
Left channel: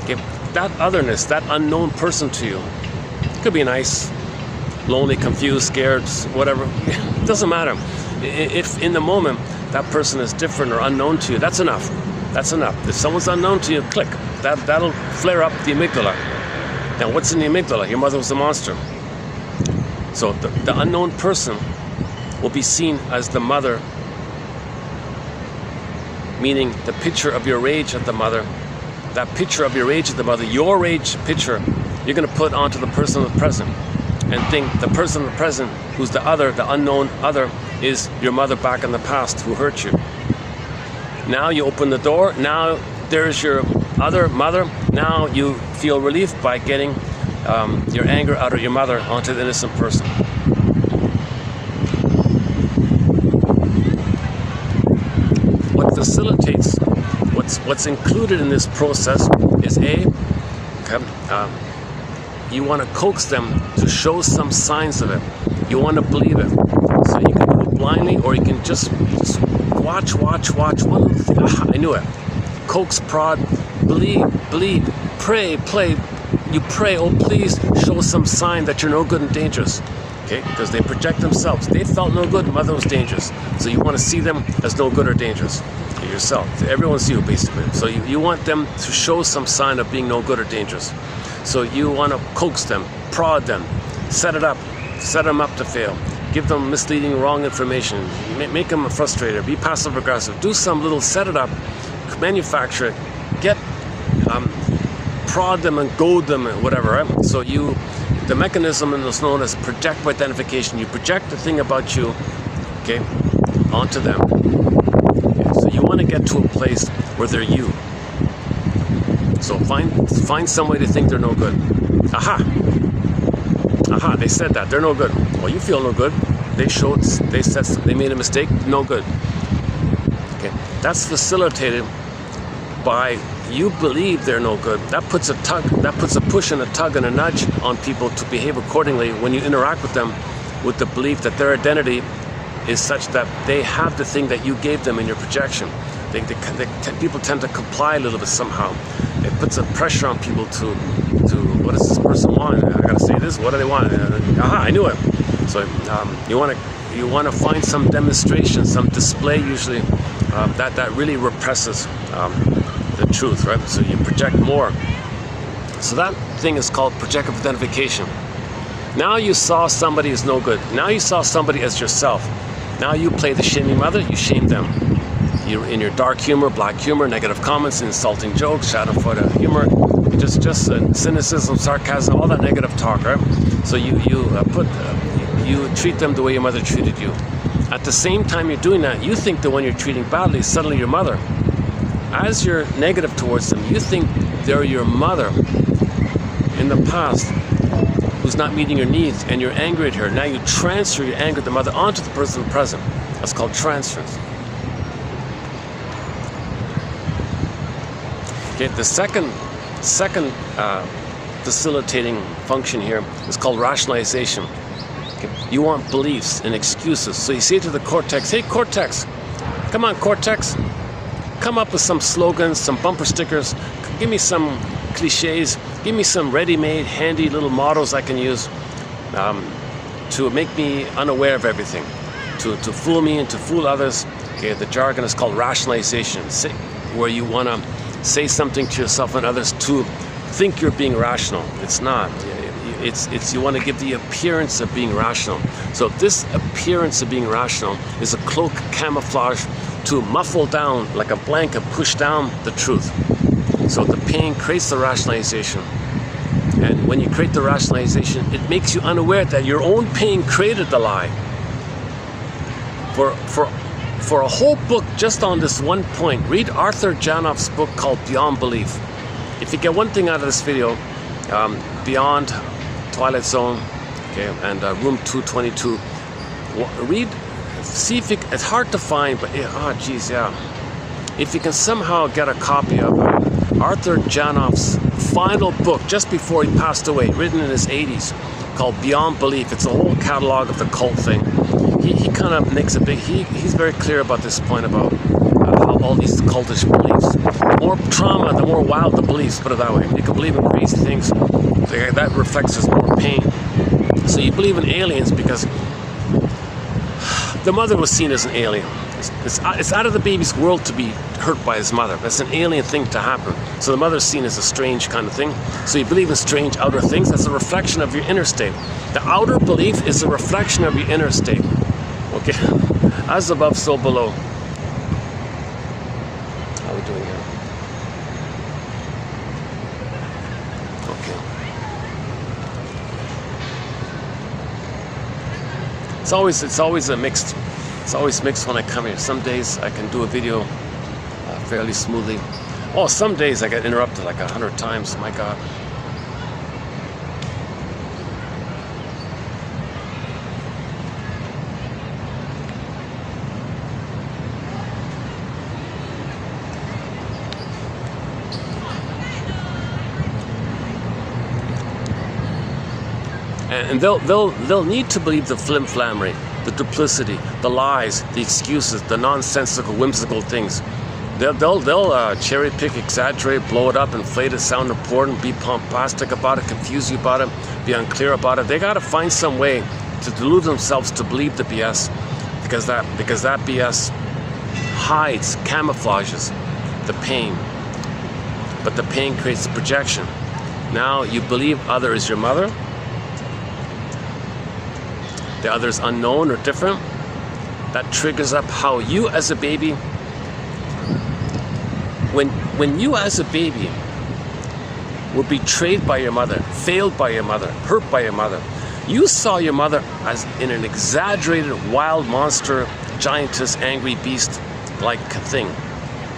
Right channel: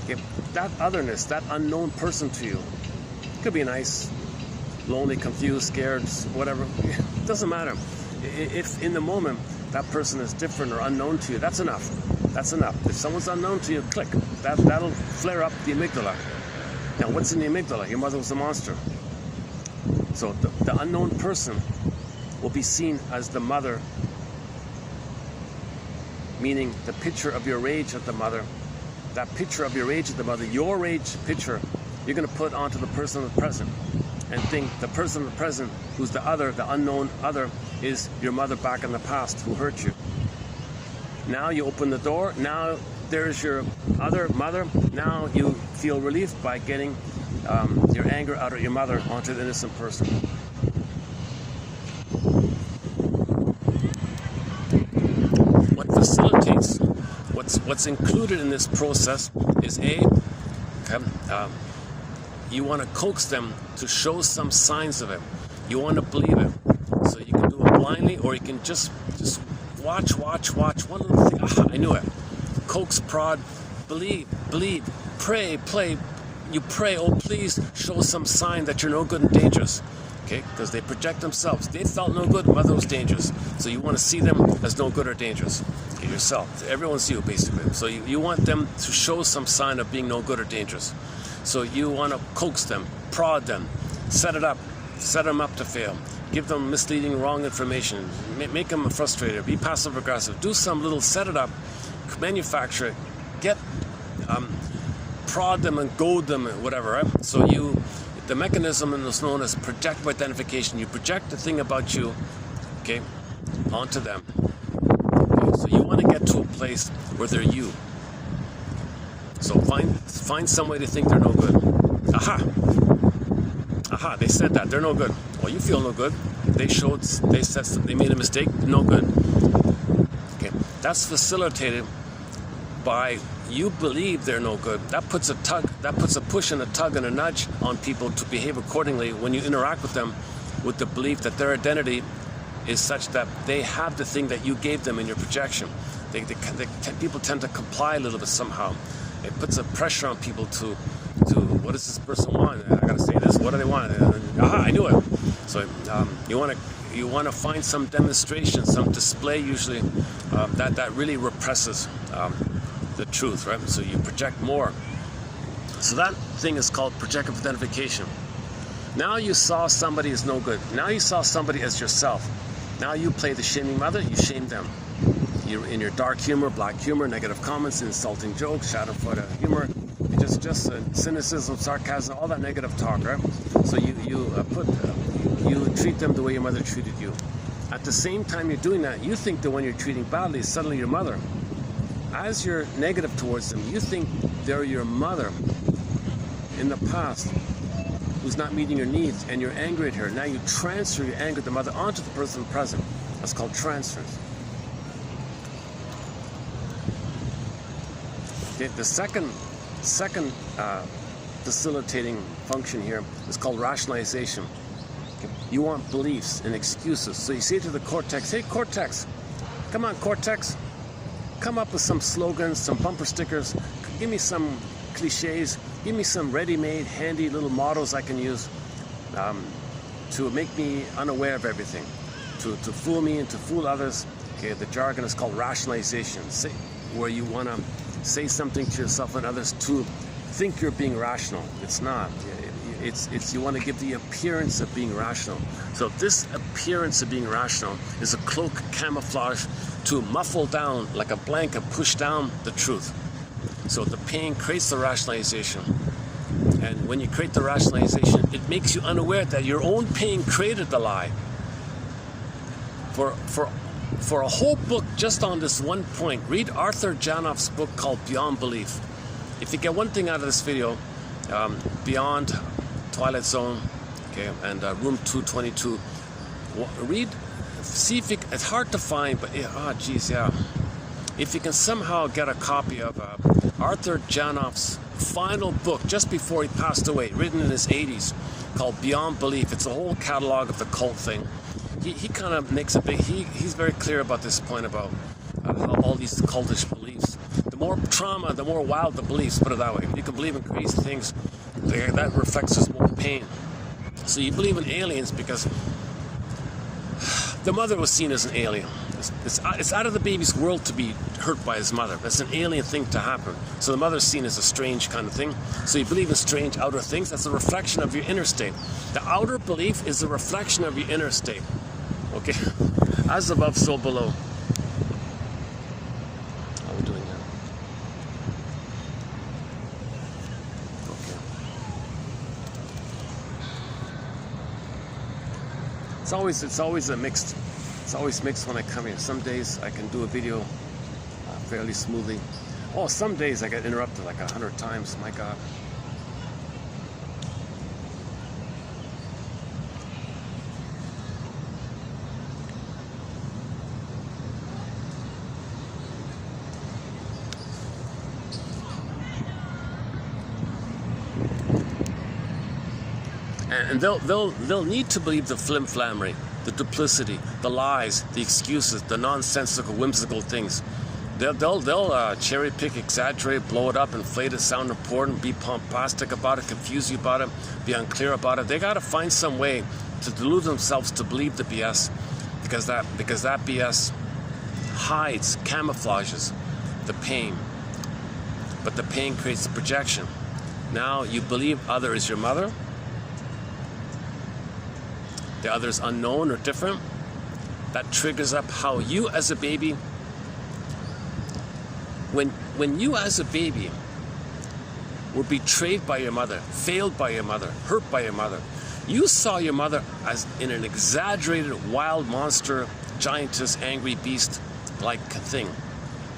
okay, that otherness, that unknown person to you, could be nice, lonely, confused, scared, whatever, it doesn't matter. If in the moment that person is different or unknown to you, that's enough. That's enough. If someone's unknown to you, click. That'll flare up the amygdala. Now, what's in the amygdala? Your mother was a monster. So the unknown person will be seen as the mother, meaning the picture of your rage at the mother. That picture of your rage at the mother, your rage picture, you're going to put onto the person of the present and think the person of the present, who's the other, the unknown other, is your mother back in the past who hurt you. Now you open the door, now there's your other mother. Now you feel relief by getting your anger out of your mother onto the innocent person. What facilitates, what's included in this process is you want to coax them to show some signs of it. You want to believe it. So you can do it blindly, or you can just watch one little thing. Aha, I knew it. Coax, prod, believe, pray, play. You pray, oh please show some sign that you're no good and dangerous. Okay, because they project themselves. They felt no good, mother was dangerous. So you want to see them as no good or dangerous. Yourself. Everyone's you, basically. So you want them to show some sign of being no good or dangerous. So you want to coax them, prod them, set them up to fail. Give them misleading, wrong information. Make them frustrated. Be passive aggressive. Do some little set it up, manufacture it, get prod them and goad them and whatever. Right? So the mechanism is known as projective identification. You project the thing about you, okay, onto them. Okay? So you want to get to a place where they're you. So find some way to think they're no good. Aha, they said that, they're no good. Well, you feel no good. They made a mistake, no good. Okay, that's facilitated by you believe they're no good. That puts a push and a tug and a nudge on people to behave accordingly when you interact with them with the belief that their identity is such that they have the thing that you gave them in your projection. People tend to comply a little bit somehow. It puts a pressure on people to what does this person want? I gotta say this. What do they want? Aha! I knew it. So you want to find some demonstration, some display, usually that really represses the truth, right? So you project more. So that thing is called projective identification. Now you saw somebody as no good. Now you saw somebody as yourself. Now you play the shaming mother. You shame them. You're in your dark humor, black humor, negative comments, insulting jokes, shadow photo humor, just cynicism, sarcasm, all that negative talk, right? So you treat them the way your mother treated you. At the same time you're doing that, you think the one you're treating badly is suddenly your mother. As you're negative towards them, you think they're your mother in the past who's not meeting your needs, and you're angry at her. Now you transfer your anger at the mother onto the person in the present. That's called transference. Okay, the second facilitating function here is called rationalization. Okay, you want beliefs and excuses. So you say to the cortex, hey cortex, come on cortex, come up with some slogans, some bumper stickers, give me some cliches, give me some ready-made, handy little mottos I can use to make me unaware of everything, to fool me and to fool others. Okay, the jargon is called rationalization, where you want to say something to yourself and others to think you're being rational. It's not. It's you want to give the appearance of being rational. So this appearance of being rational is a cloak, camouflage to muffle down, like a blanket, push down the truth. So the pain creates the rationalization. And when you create the rationalization, it makes you unaware that your own pain created the lie. For a whole book just on this one point, read Arthur Janoff's book called Beyond Belief. If you get one thing out of this video, Beyond Twilight Zone, okay, and Room 222, read, see if you, it's hard to find, but if you can somehow get a copy of Arthur Janoff's final book just before he passed away, written in his 80s, called Beyond Belief. It's a whole catalog of the cult thing. He kind of makes a big, he's very clear about this point about how all these cultish beliefs, the more trauma, the more wild the beliefs, put it that way. You can believe in crazy things, that reflects his own pain. So you believe in aliens because the mother was seen as an alien. It's out of the baby's world to be hurt by his mother. That's an alien thing to happen. So the mother's seen as a strange kind of thing. So you believe in strange outer things. That's a reflection of your inner state. The outer belief is a reflection of your inner state. Okay? As above, so below. How are we doing here? Okay. It's always a mixed. It's always mixed when I come here. Some days I can do a video fairly smoothly. Oh, some days I get interrupted like 100 times. My God. And they'll need to believe the flim-flammery, the duplicity, the lies, the excuses, the nonsensical, whimsical things. They'll cherry pick, exaggerate, blow it up, inflate it, sound important, be pompastic about it, confuse you about it, be unclear about it. They got to find some way to delude themselves to believe the BS, because that BS hides, camouflages the pain. But the pain creates projection. Now you believe other is your mother. The other is unknown or different. That triggers up how you as a baby, when you as a baby were betrayed by your mother, failed by your mother, hurt by your mother, you saw your mother as in an exaggerated wild monster, giantess, angry beast-like thing.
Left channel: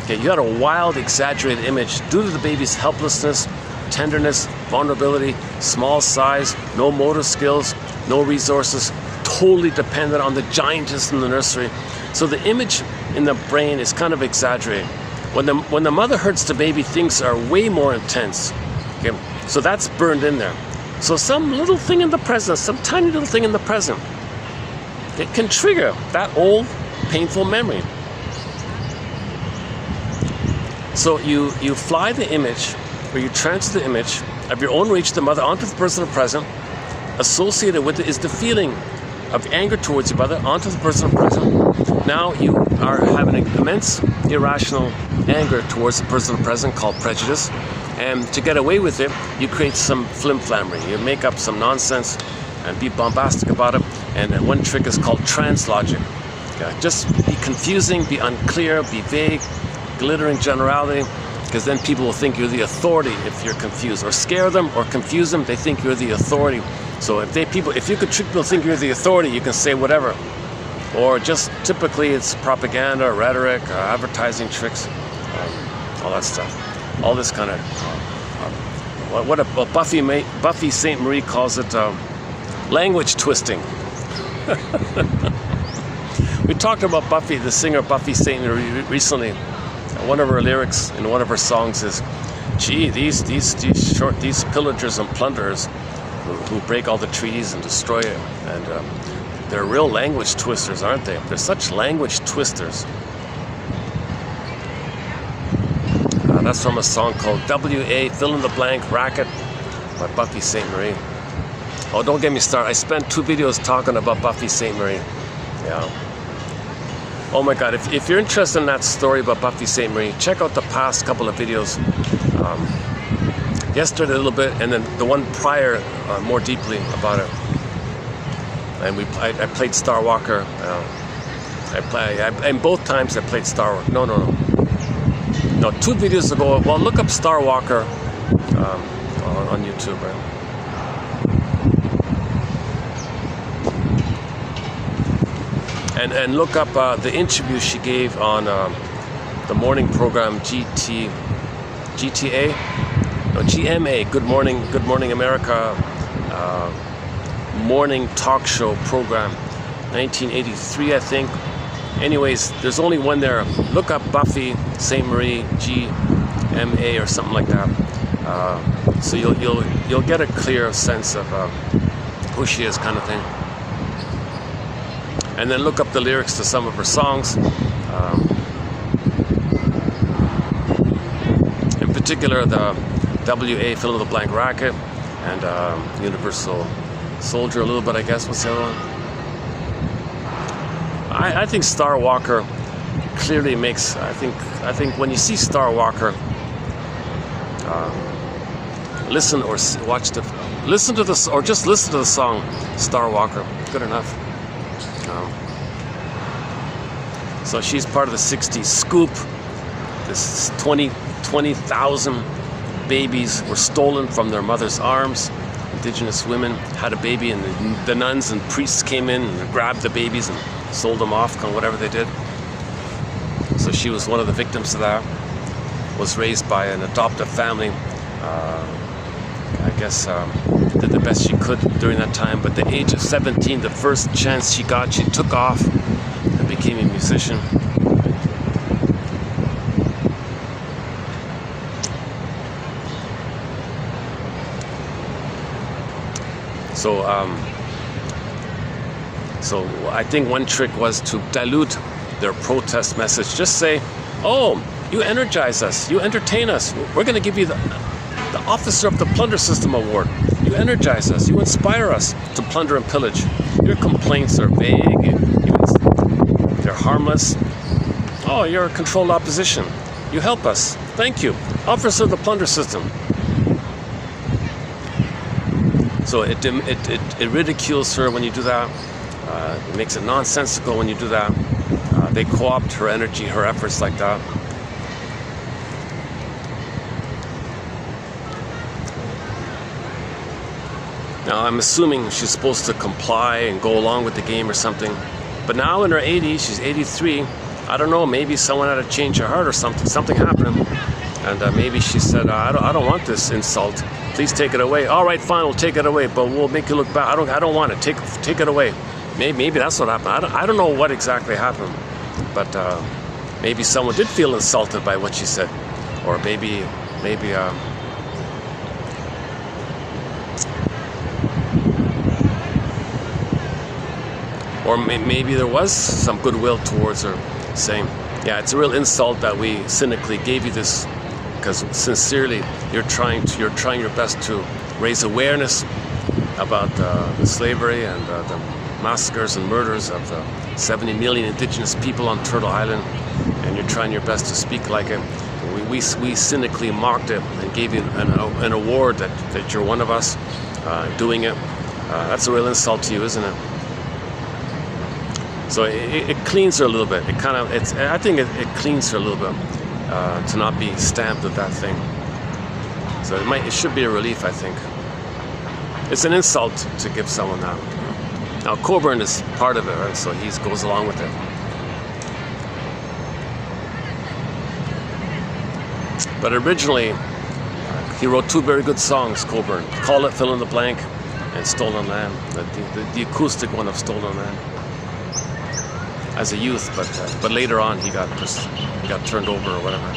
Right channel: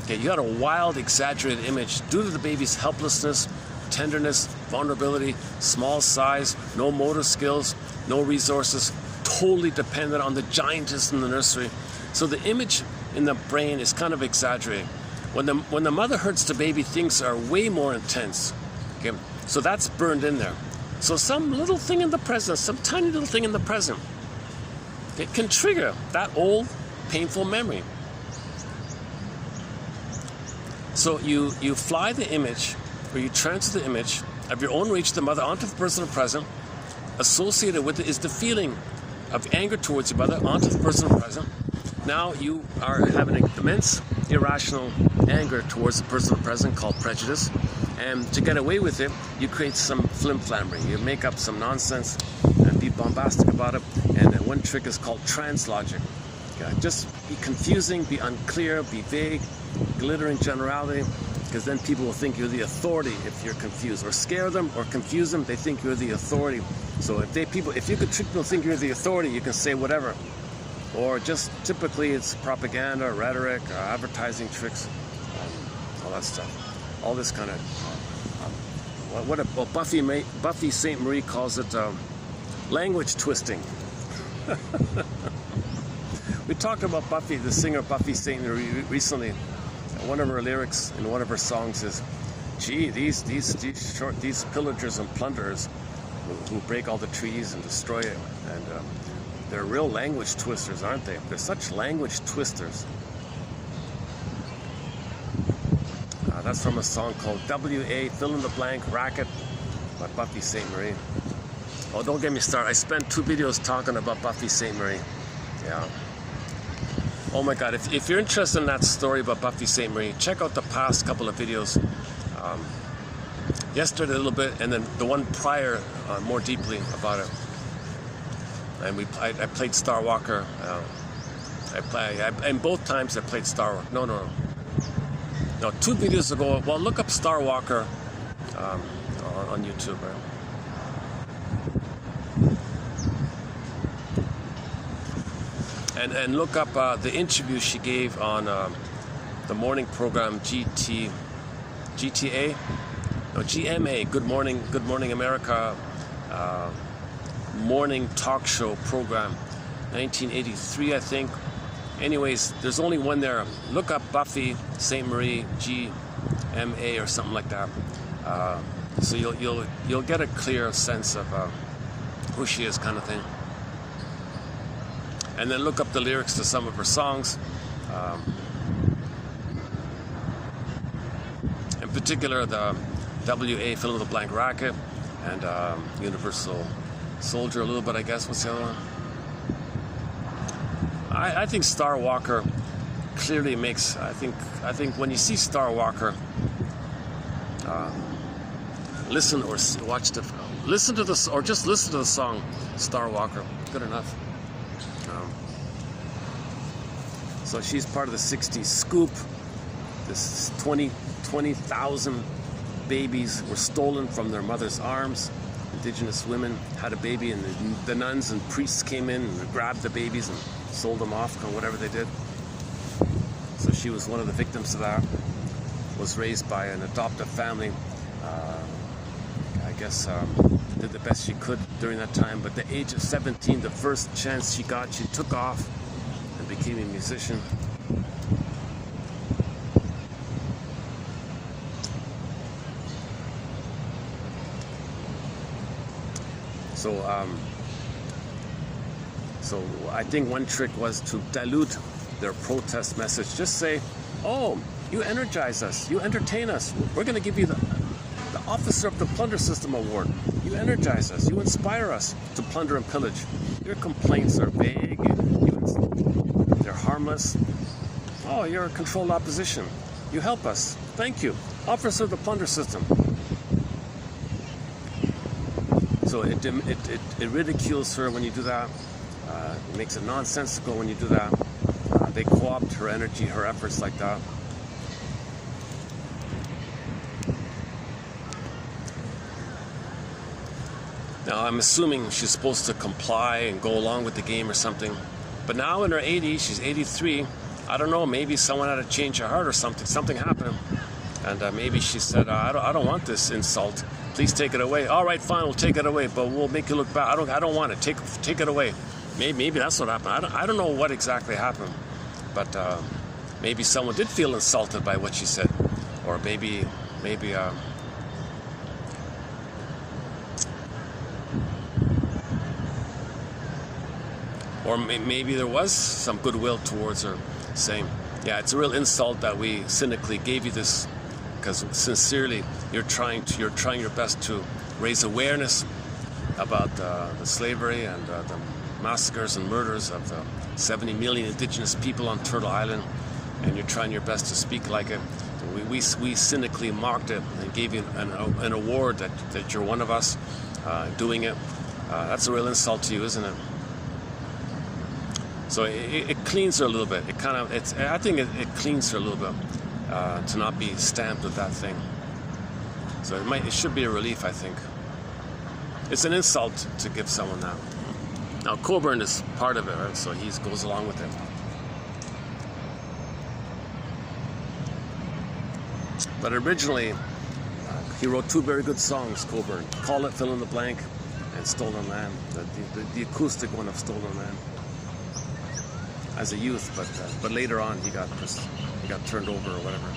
Okay, you had a wild, exaggerated image due to the baby's helplessness, tenderness, vulnerability, small size, no motor skills, no resources, totally dependent on the giantess in the nursery. So the image in the brain is kind of exaggerated. When the mother hurts the baby, things are way more intense. Okay? So that's burned in there. So some little thing in the present, some tiny little thing in the present, it can trigger that old painful memory. So you fly the image, or you transfer the image of your own reach, the mother, onto the personal present. Associated with it is the feeling of anger towards your mother onto the personal present. Now you are having an immense irrational anger towards the personal present called prejudice. And to get away with it, you create some flim-flammery. You make up some nonsense and be bombastic about it. And then one trick is called translogic. Okay? Just be confusing, be unclear, be vague, glittering generality, because then people will think you're the authority if you're confused. Or scare them or confuse them, they think you're the authority. So if you could trick people to think you're the authority, you can say whatever. Or just typically it's propaganda, rhetoric, advertising tricks, all that stuff. All this kind of, what Buffy St. Marie calls it, language twisting. We talked about Buffy, the singer Buffy St. Marie recently. One of her lyrics in one of her songs is, "Gee, these pillagers and plunderers who break all the trees and destroy it, and they're real language twisters, aren't they? They're such language twisters." That's from a song called W.A. Fill in the Blank Racket by Buffy St. Marie. Oh, don't get me started. I spent 2 videos talking about Buffy St. Marie. Yeah. Oh my God, if you're interested in that story about Buffy St. Marie, check out the past couple of videos. Yesterday a little bit, and then the one prior more deeply about it. And I played Star Walker. And both times I played Star Walker. No, 2 videos ago. Well, look up Star Walker on YouTube. Right? And look up the interview she gave on the morning program GMA, Good Morning America, morning talk show program, 1983, I think. Anyways, there's only one there. Look up Buffy St. Marie, GMA or something like that. So you'll get a clear sense of who she is, kind of thing. And then look up the lyrics to some of her songs. In particular, the W.A. Fill in the Blank Racket and Universal Soldier a little bit, I guess. What's the other one? I think Star Walker clearly makes. I think when you see Star Walker, listen or watch the, listen to this, or just listen to the song Star Walker. Good enough. So she's part of the 60s scoop. This 20,000 babies were stolen from their mother's arms. Indigenous women had a baby, and the nuns and priests came in and grabbed the babies and sold them off, whatever they did. So she was one of the victims of that. Was raised by an adoptive family. I guess did the best she could during that time. But at the age of 17, the first chance she got, she took off and became a musician. So I think one trick was to dilute their protest message. Just say, oh, you energize us, you entertain us, we're going to give you the Officer of the Plunder System Award. You energize us, you inspire us to plunder and pillage. Your complaints are vague, they're harmless. Oh, you're a controlled opposition. You help us. Thank you. Officer of the Plunder System. So it ridicules her when you do that. It makes it nonsensical when you do that. They co-opt her energy, her efforts like that. Now I'm assuming she's supposed to comply and go along with the game or something. But now in her 80s, she's 83. I don't know, maybe someone had to change her heart or something. Something happened. And maybe she said, I don't want this insult. Please take it away. All right, fine, we'll take it away, but we'll make you look bad. I don't want it. Take it away. Maybe that's what happened. I don't know what exactly happened, but maybe someone did feel insulted by what she said, or maybe there was some goodwill towards her, saying, yeah, it's a real insult that we cynically gave you this, because sincerely you're trying your best to raise awareness about the slavery and the massacres and murders of the 70 million indigenous people on Turtle Island, and you're trying your best to speak like it. We cynically mocked it and gave you an award that you're one of us doing it. That's a real insult to you, isn't it? So it cleans her a little bit. I think it cleans her a little bit to not be stamped with that thing. So it should be a relief, I think. It's an insult to give someone that. Now Coburn is part of it, right? So he goes along with it. But originally, he wrote two very good songs, Coburn. Call It Fill in the Blank and Stolen Land. The acoustic one of Stolen Land. As a youth, but later on he got turned over or whatever.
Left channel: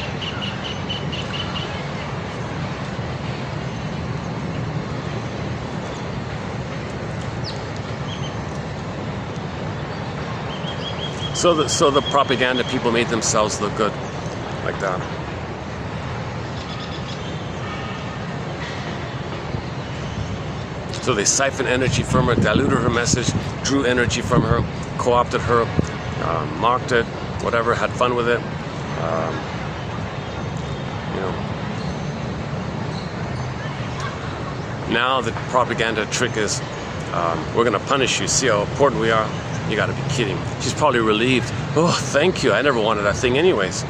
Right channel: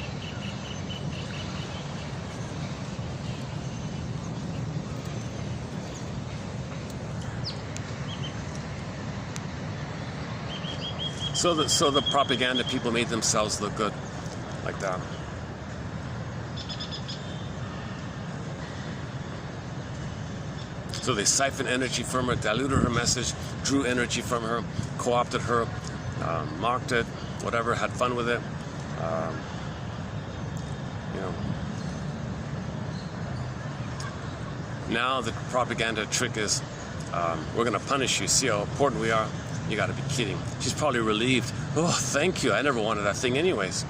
So the propaganda people made themselves look good, like that. So they siphoned energy from her, diluted her message, drew energy from her, co-opted her, mocked it, whatever, had fun with it. Now the propaganda trick is, we're going to punish you. See how important we are? You got to be kidding. She's probably relieved. Oh, thank you. I never wanted that thing anyways.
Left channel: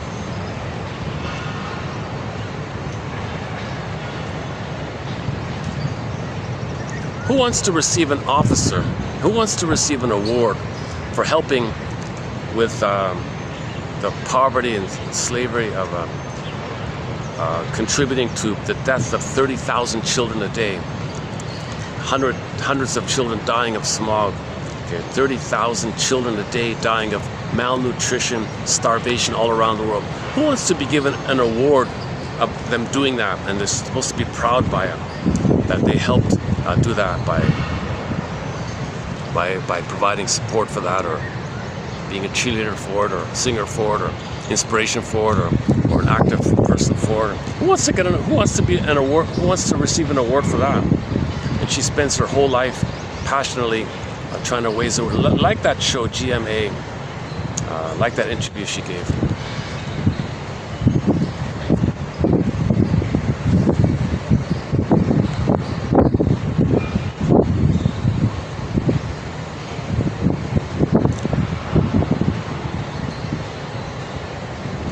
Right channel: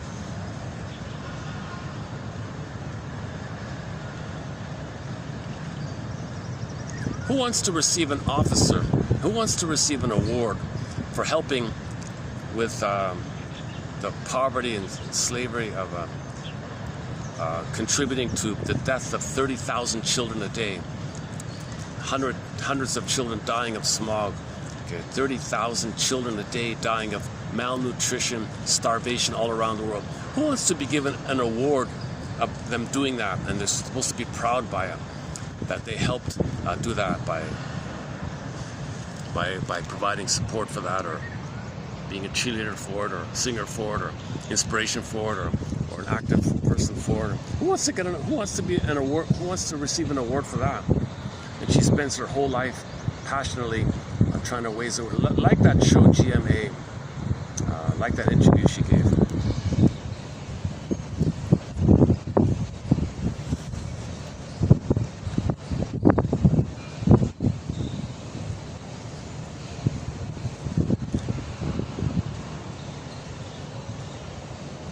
Who wants to receive an officer? Who wants to receive an award for helping with the poverty and slavery of contributing to the death of 30,000 children a day, hundreds of children dying of smog, 30,000 children a day dying of malnutrition, starvation all around the world. Who wants to be given an award of them doing that, and they're supposed to be proud by it, that they helped do that by providing support for that, or being a cheerleader for it, or a singer for it, or inspiration for it, or an active person for it. Who wants to be an award? Who wants to receive an award for that? And she spends her whole life passionately trying to ways, like that show GMA, like that interview she gave.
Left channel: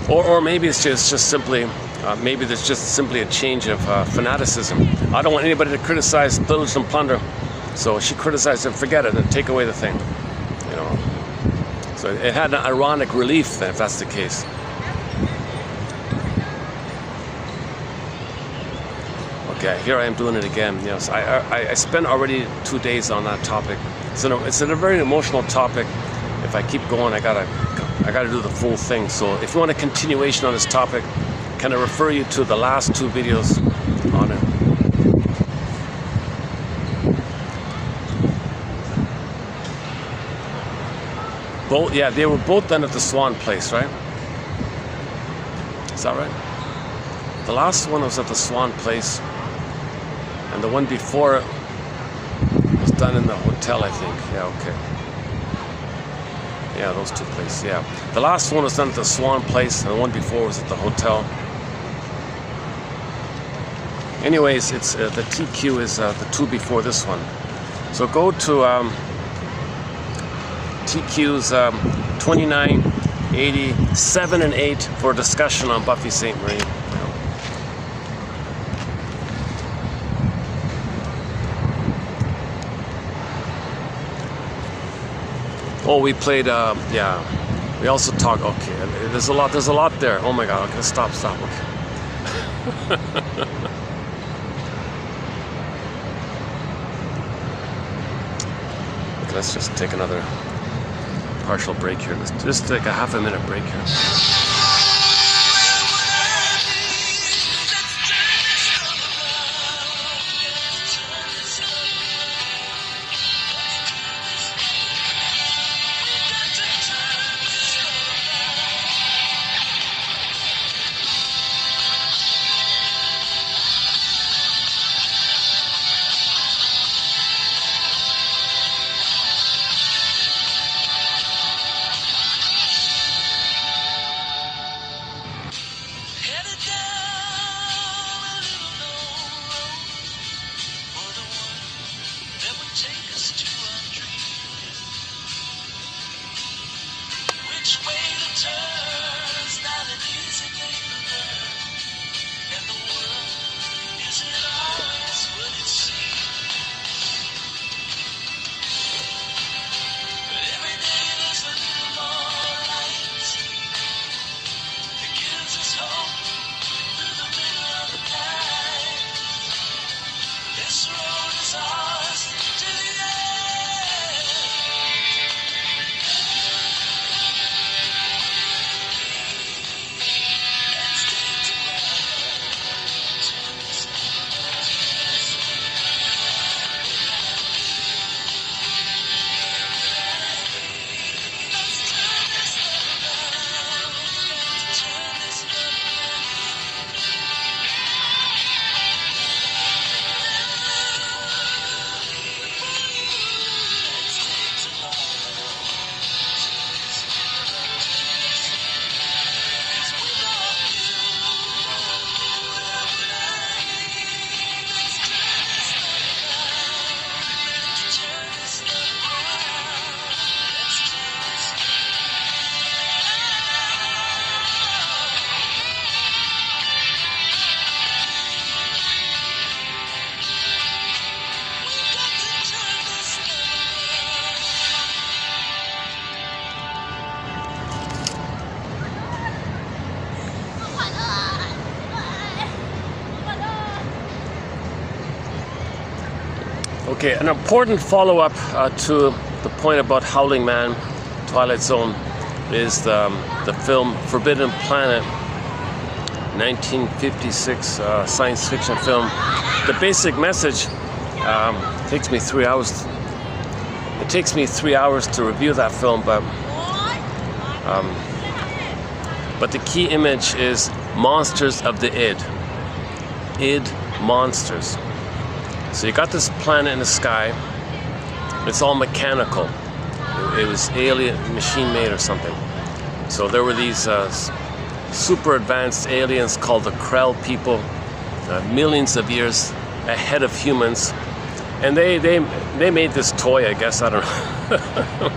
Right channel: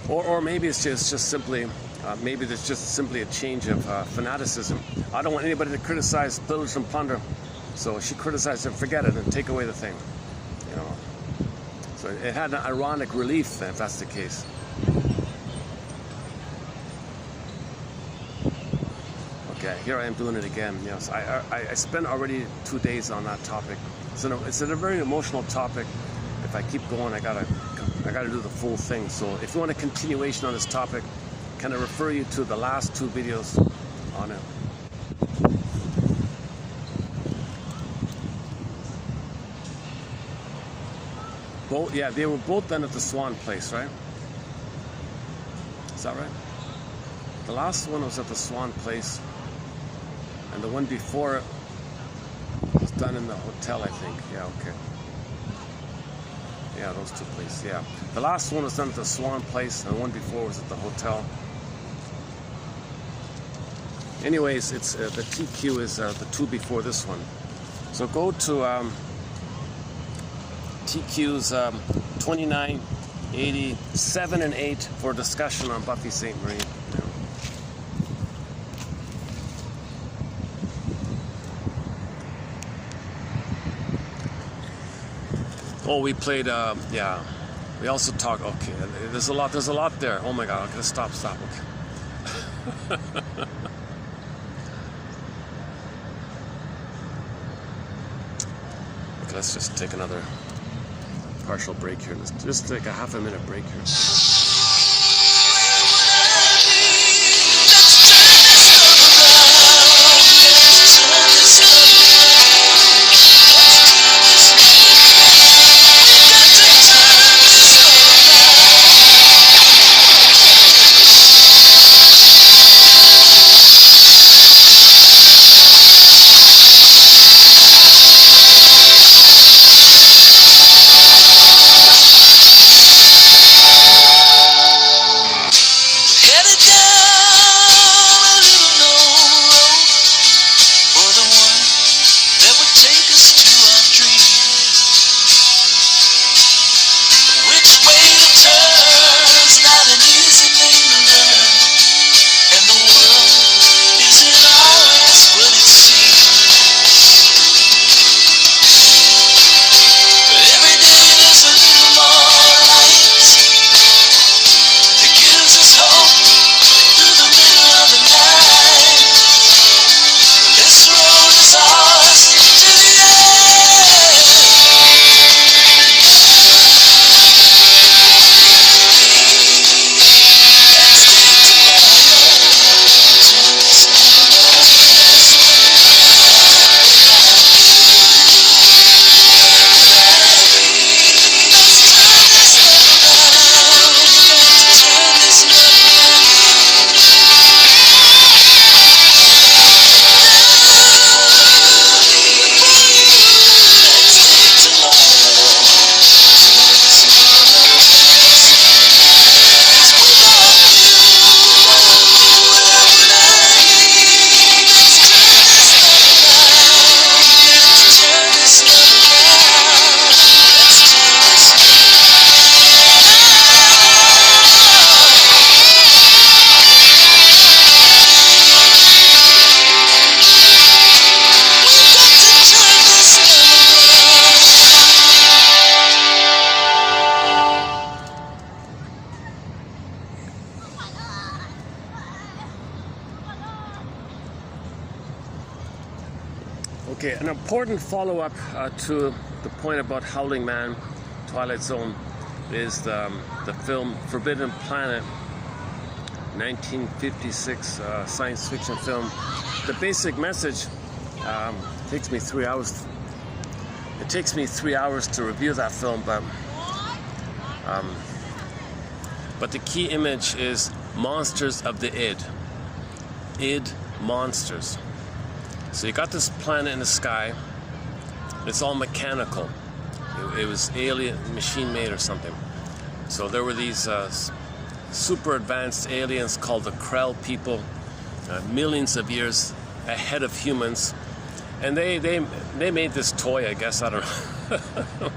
Or maybe it's just simply, maybe there's just simply a change of fanaticism. I don't want anybody to criticize, pillage, and plunder. So she criticized it, forget it, and take away the thing. You know. So it had an ironic relief then, if that's the case. Okay, here I am doing it again. Yes, I spent already 2 days on that topic. It's a very emotional topic. If I keep going, I gotta do the full thing. So if you want a continuation on this topic, can I refer you to the last 2 videos on it? Both, yeah, they were both done at the Swan place, right? Is that right? The last one was at the Swan place, and the one before it was done in the hotel, I think. Yeah, okay. Yeah, those 2 places, yeah. The last one was done at the Swan place, and the one before was at the hotel. Anyways, it's the TQ is the 2 before this one. So go to TQ's 29, 87, and 8 for a discussion on Buffy St. Marie. Oh, we played, yeah. We also talked, okay, there's a lot there. Oh my God, okay, stop, okay. Okay, let's just take another partial break here. Let's just take a half-a-minute break here. Okay, an important follow-up to the point about Howling Man, Twilight Zone, is the film Forbidden Planet, 1956 science fiction film. The basic message takes me 3 hours. It takes me 3 hours to review that film, but the key image is monsters of the id. Id monsters. So you got this planet in the sky. It's all mechanical. It was alien, machine made or something. So there were these super advanced aliens called the Krell people, millions of years ahead of humans, and they made this toy, I guess, I don't know.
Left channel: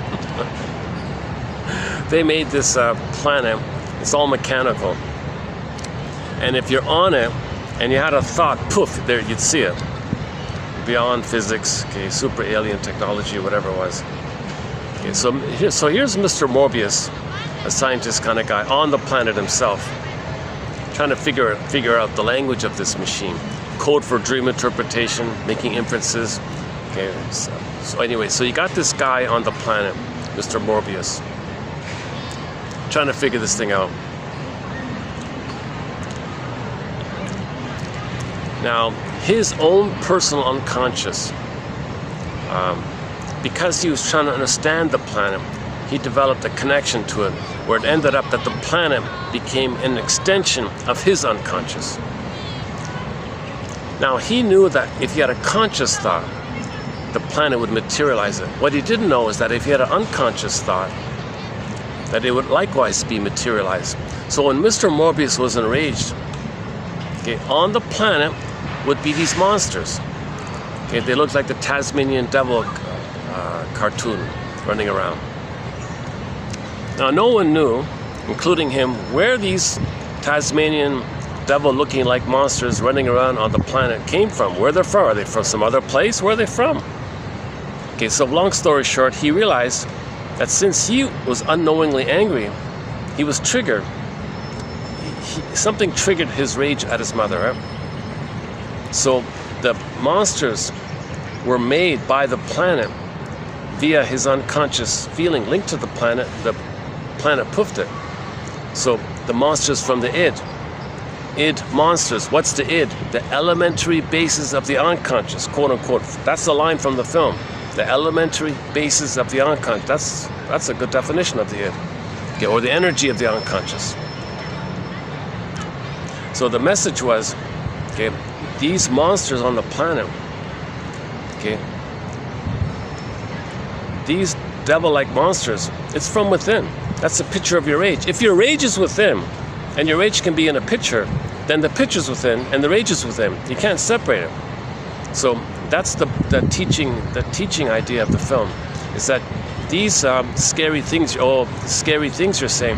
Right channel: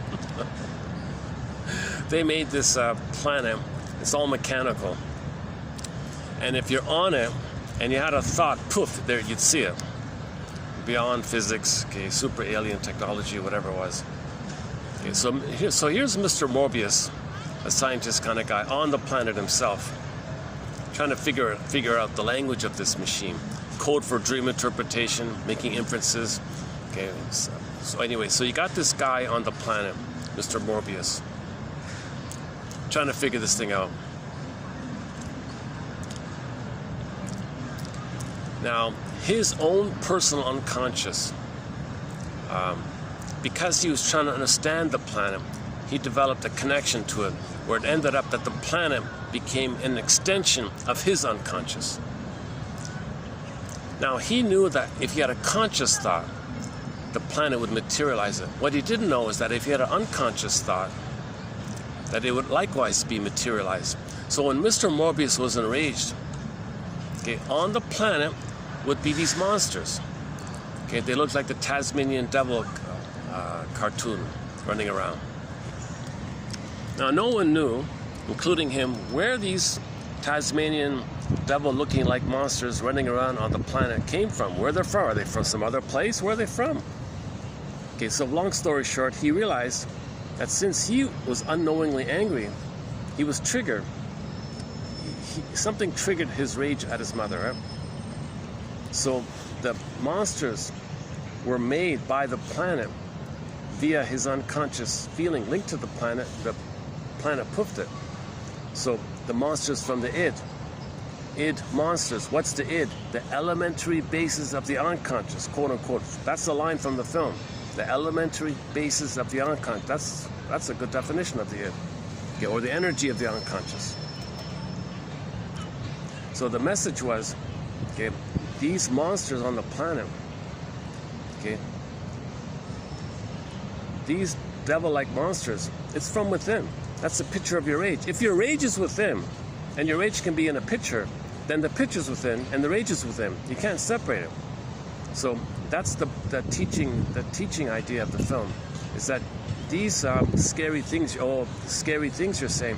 They made this planet. It's all mechanical, and if you're on it and you had a thought, poof, there you'd see it. Beyond physics, okay, super alien technology, whatever it was. Okay, so here's Mr. Morbius, a scientist kind of guy on the planet himself, trying to figure out the language of this machine, code for dream interpretation, making inferences. Okay, so anyway, so you got this guy on the planet, Mr. Morbius, trying to figure this thing out. Now, his own personal unconscious, because he was trying to understand the planet, he developed a connection to it, where it ended up that the planet became an extension of his unconscious. Now, he knew that if he had a conscious thought, the planet would materialize it. What he didn't know is that if he had an unconscious thought, that it would likewise be materialized. So when Mr. Morbius was enraged, okay, on the planet would be these monsters. Okay, they looked like the Tasmanian devil cartoon running around. Now, no one knew, including him, where these Tasmanian devil-looking like monsters running around on the planet came from, where they're from. Are they from some other place? Where are they from? Okay, so long story short, he realized that since he was unknowingly angry, he was triggered. Something triggered his rage at his mother, right? So the monsters were made by the planet via his unconscious feeling linked to the planet. The planet poofed it. So the monsters from the id monsters. What's the id? The elementary basis of the unconscious, quote unquote. That's the line from the film. The elementary basis of the unconscious. That's a good definition of the id, okay, or the energy of the unconscious. So the message was, okay, these monsters on the planet, okay, these devil-like monsters, it's from within. That's a picture of your rage. If your rage is within, and your rage can be in a picture, then the picture's within and the rage is within. You can't separate it. So that's the teaching idea of the film, is that these scary things you're saying,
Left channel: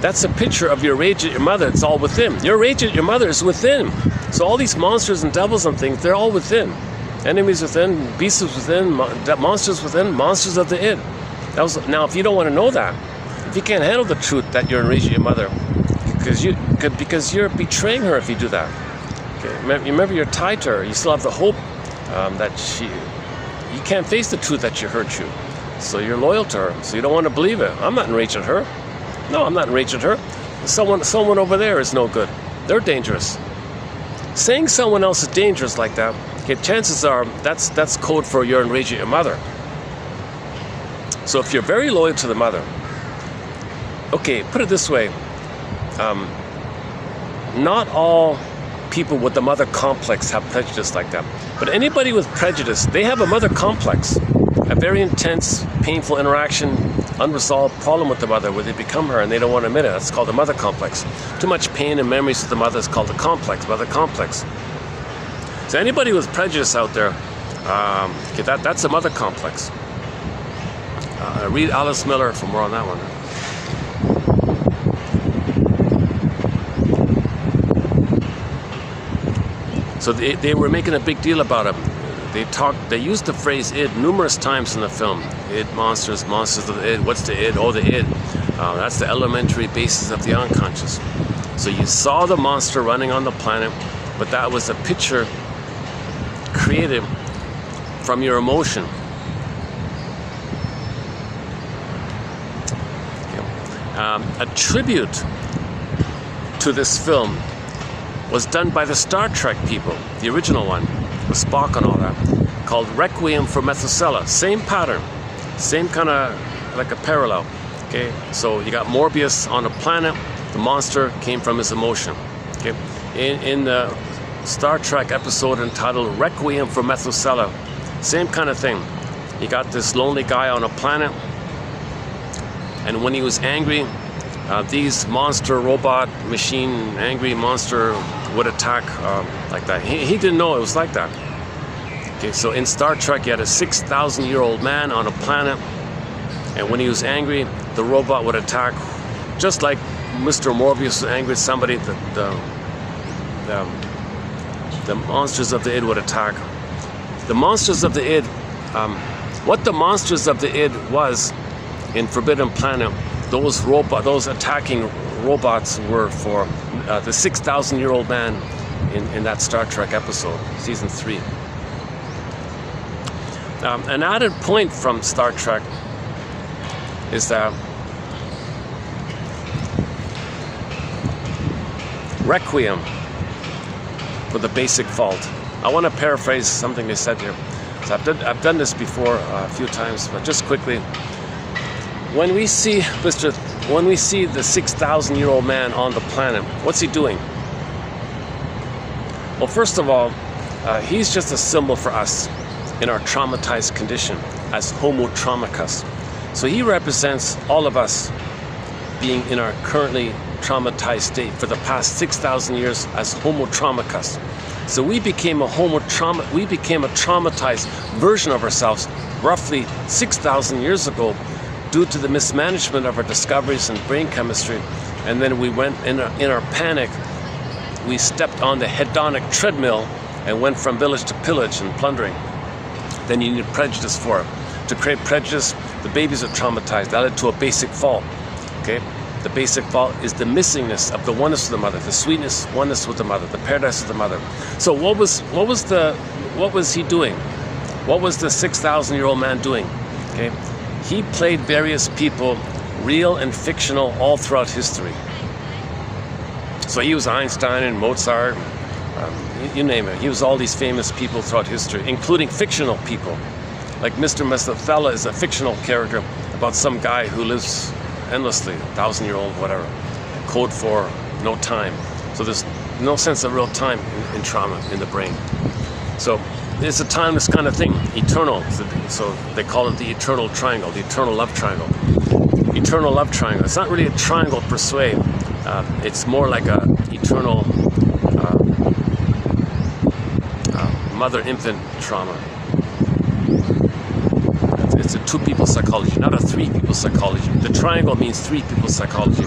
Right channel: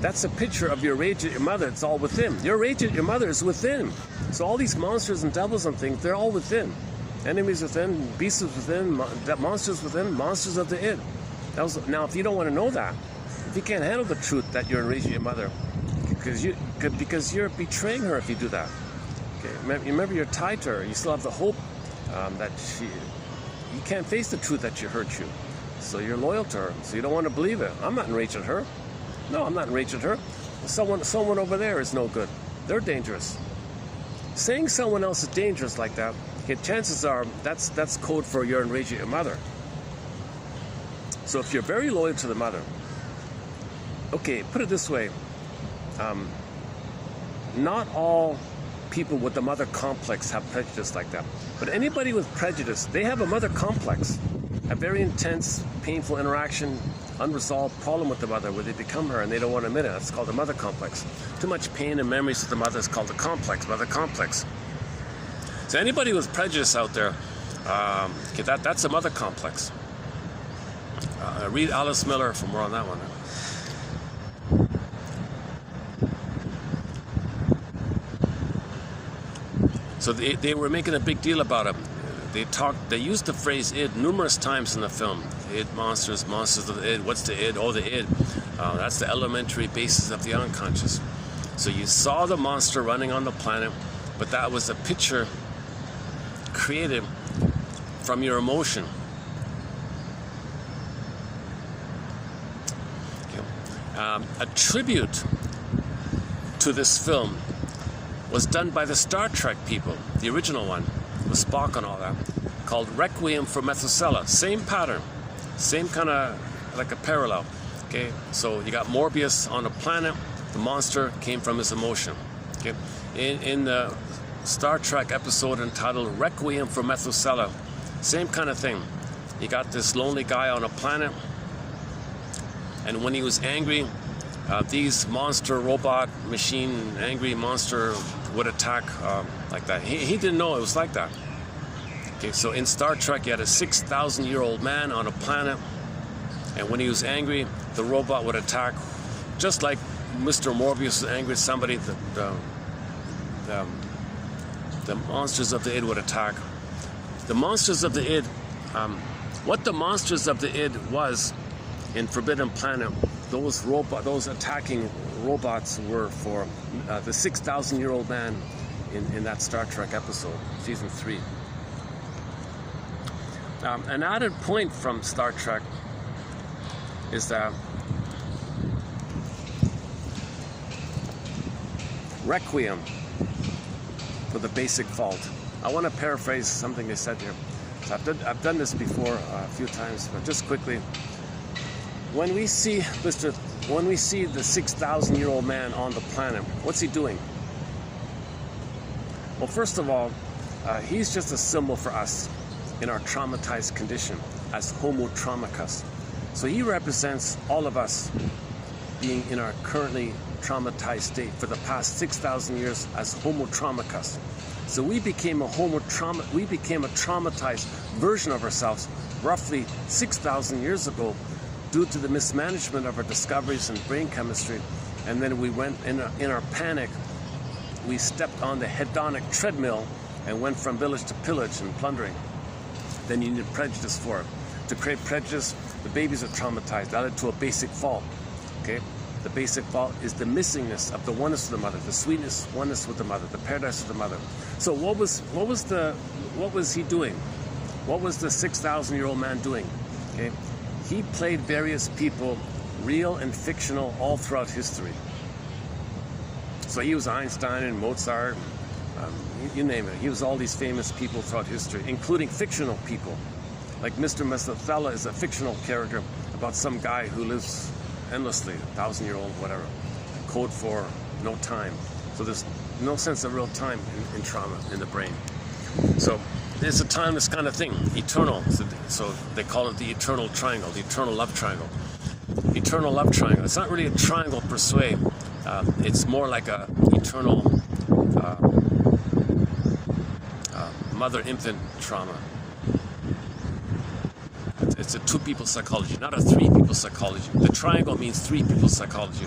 that's a picture of your rage at your mother. It's all within. Your rage at your mother is within. So all these monsters and devils and things, they're all within. Enemies within, beasts within, monsters within, monsters of the id. Now, if you don't want to know that, if you can't handle the truth that you're enraged at your mother, because you're betraying her if you do that. Okay? Remember, you're tied to her. You still have the hope that you can't face the truth that she hurt you. So you're loyal to her. So you don't want to believe it. I'm not enraged at her. No, I'm not enraged at her. Someone over there is no good. They're dangerous. Saying someone else is dangerous like that, okay, chances are that's code for you're enraged at your mother. So if you're very loyal to the mother, okay, put it this way, not all people with the mother complex have prejudice like that. But anybody with prejudice, they have a mother complex, a very intense, painful interaction, unresolved problem with the mother where they become her and they don't want to admit it. That's called the mother complex. Too much pain and memories with the mother is called the complex, mother complex. So anybody with prejudice out there, okay, that's a mother complex. Read Alice Miller for more on that one. So they were making a big deal about it. They used the phrase id numerous times in the film. Id, monsters of the id. What's the id? Oh, the id. That's the elementary basis of the unconscious. So you saw the monster running on the planet, but that was a picture created from your emotion. A tribute to this film was done by the Star Trek people, the original one, with Spock and all that, called Requiem for Methuselah. Same pattern, same kind of like a parallel. Okay, so you got Morbius on a planet. The monster came from his emotion. Okay, in the Star Trek episode entitled Requiem for Methuselah, same kind of thing. You got this lonely guy on a planet, and when he was angry, these monster robot machine angry monster would attack like that. He didn't know it was like that. Okay, so in Star Trek, you had a 6,000-year-old man on a planet, and when he was angry, the robot would attack, just like Mr. Morbius was angry at somebody. The monsters of the id would attack. The monsters of the id, what the monsters of the id was in Forbidden Planet, those attacking robots were for the 6,000-year-old man in that Star Trek episode, season 3. An added point from Star Trek is that Requiem for the basic fault. I want to paraphrase something they said here. So I've done this before a few times, but just quickly. When we see the 6,000-year-old man on the planet, what's he doing? Well, first of all, he's just a symbol for us in our traumatized condition as homo traumicus. So he represents all of us being in our currently traumatized state for the past 6,000 years as homo traumicus. So we became a traumatized version of ourselves roughly 6,000 years ago due to the mismanagement of our discoveries in brain chemistry. And then we went in our panic, we stepped on the hedonic treadmill and went from village to pillage and plundering. Then you need prejudice for it. To create prejudice, the babies are traumatized. That led to a basic fault. Okay? The basic fault is the missingness of the oneness of the mother, the sweetness, oneness with the mother, the paradise of the mother. So what was he doing? What was the 6,000-year-old man doing? Okay? He played various people, real and fictional, all throughout history. So he was Einstein and Mozart, you name it. He was all these famous people throughout history, including fictional people. Like Mr. Methuselah is a fictional character about some guy who lives endlessly, 1,000-year-old, whatever. Code for no time. So there's no sense of real time in trauma in the brain. So it's a timeless kind of thing, eternal. So they call it the eternal triangle, the eternal love triangle. Eternal love triangle. It's not really a triangle per se. It's more like a eternal mother-infant trauma. It's a two-people psychology, not a three-people psychology. The triangle means three-people psychology,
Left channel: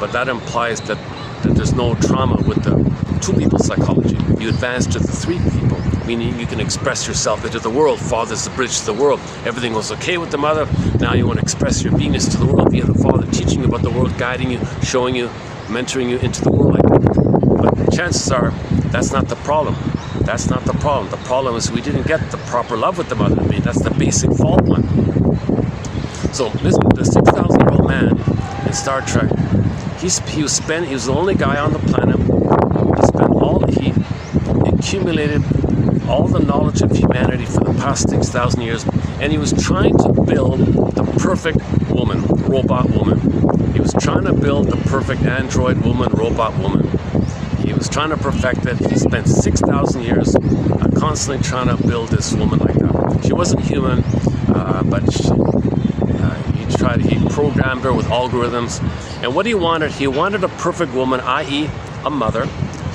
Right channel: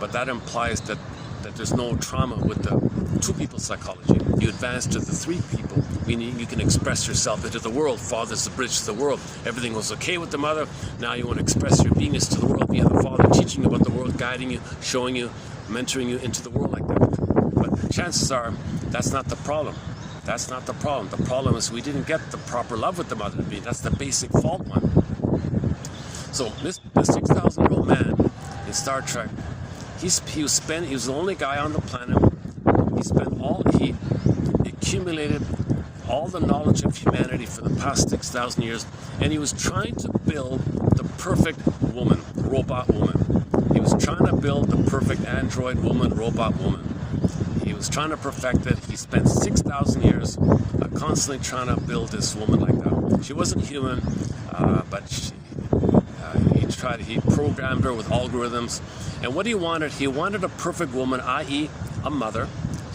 but that implies that there's no trauma with the two-people psychology. You advance to the three-people, meaning you can express yourself into the world. Father's the bridge to the world. Everything was okay with the mother. Now you want to express your beingness to the world. You have the father teaching you about the world, guiding you, showing you, mentoring you into the world like that. But chances are that's not the problem. That's not the problem. The problem is we didn't get the proper love with the mother. I mean, that's the basic fault one. So the 6,000-year-old man in Star Trek, he was the only guy on the planet. He accumulated all the knowledge of humanity for the past 6,000 years, and he was trying to build the perfect woman, robot woman. He was trying to build the perfect android woman, robot woman. He was trying to perfect it. He spent 6,000 years constantly trying to build this woman like that. She wasn't human, but he programmed her with algorithms. And what he wanted a perfect woman, i.e. a mother.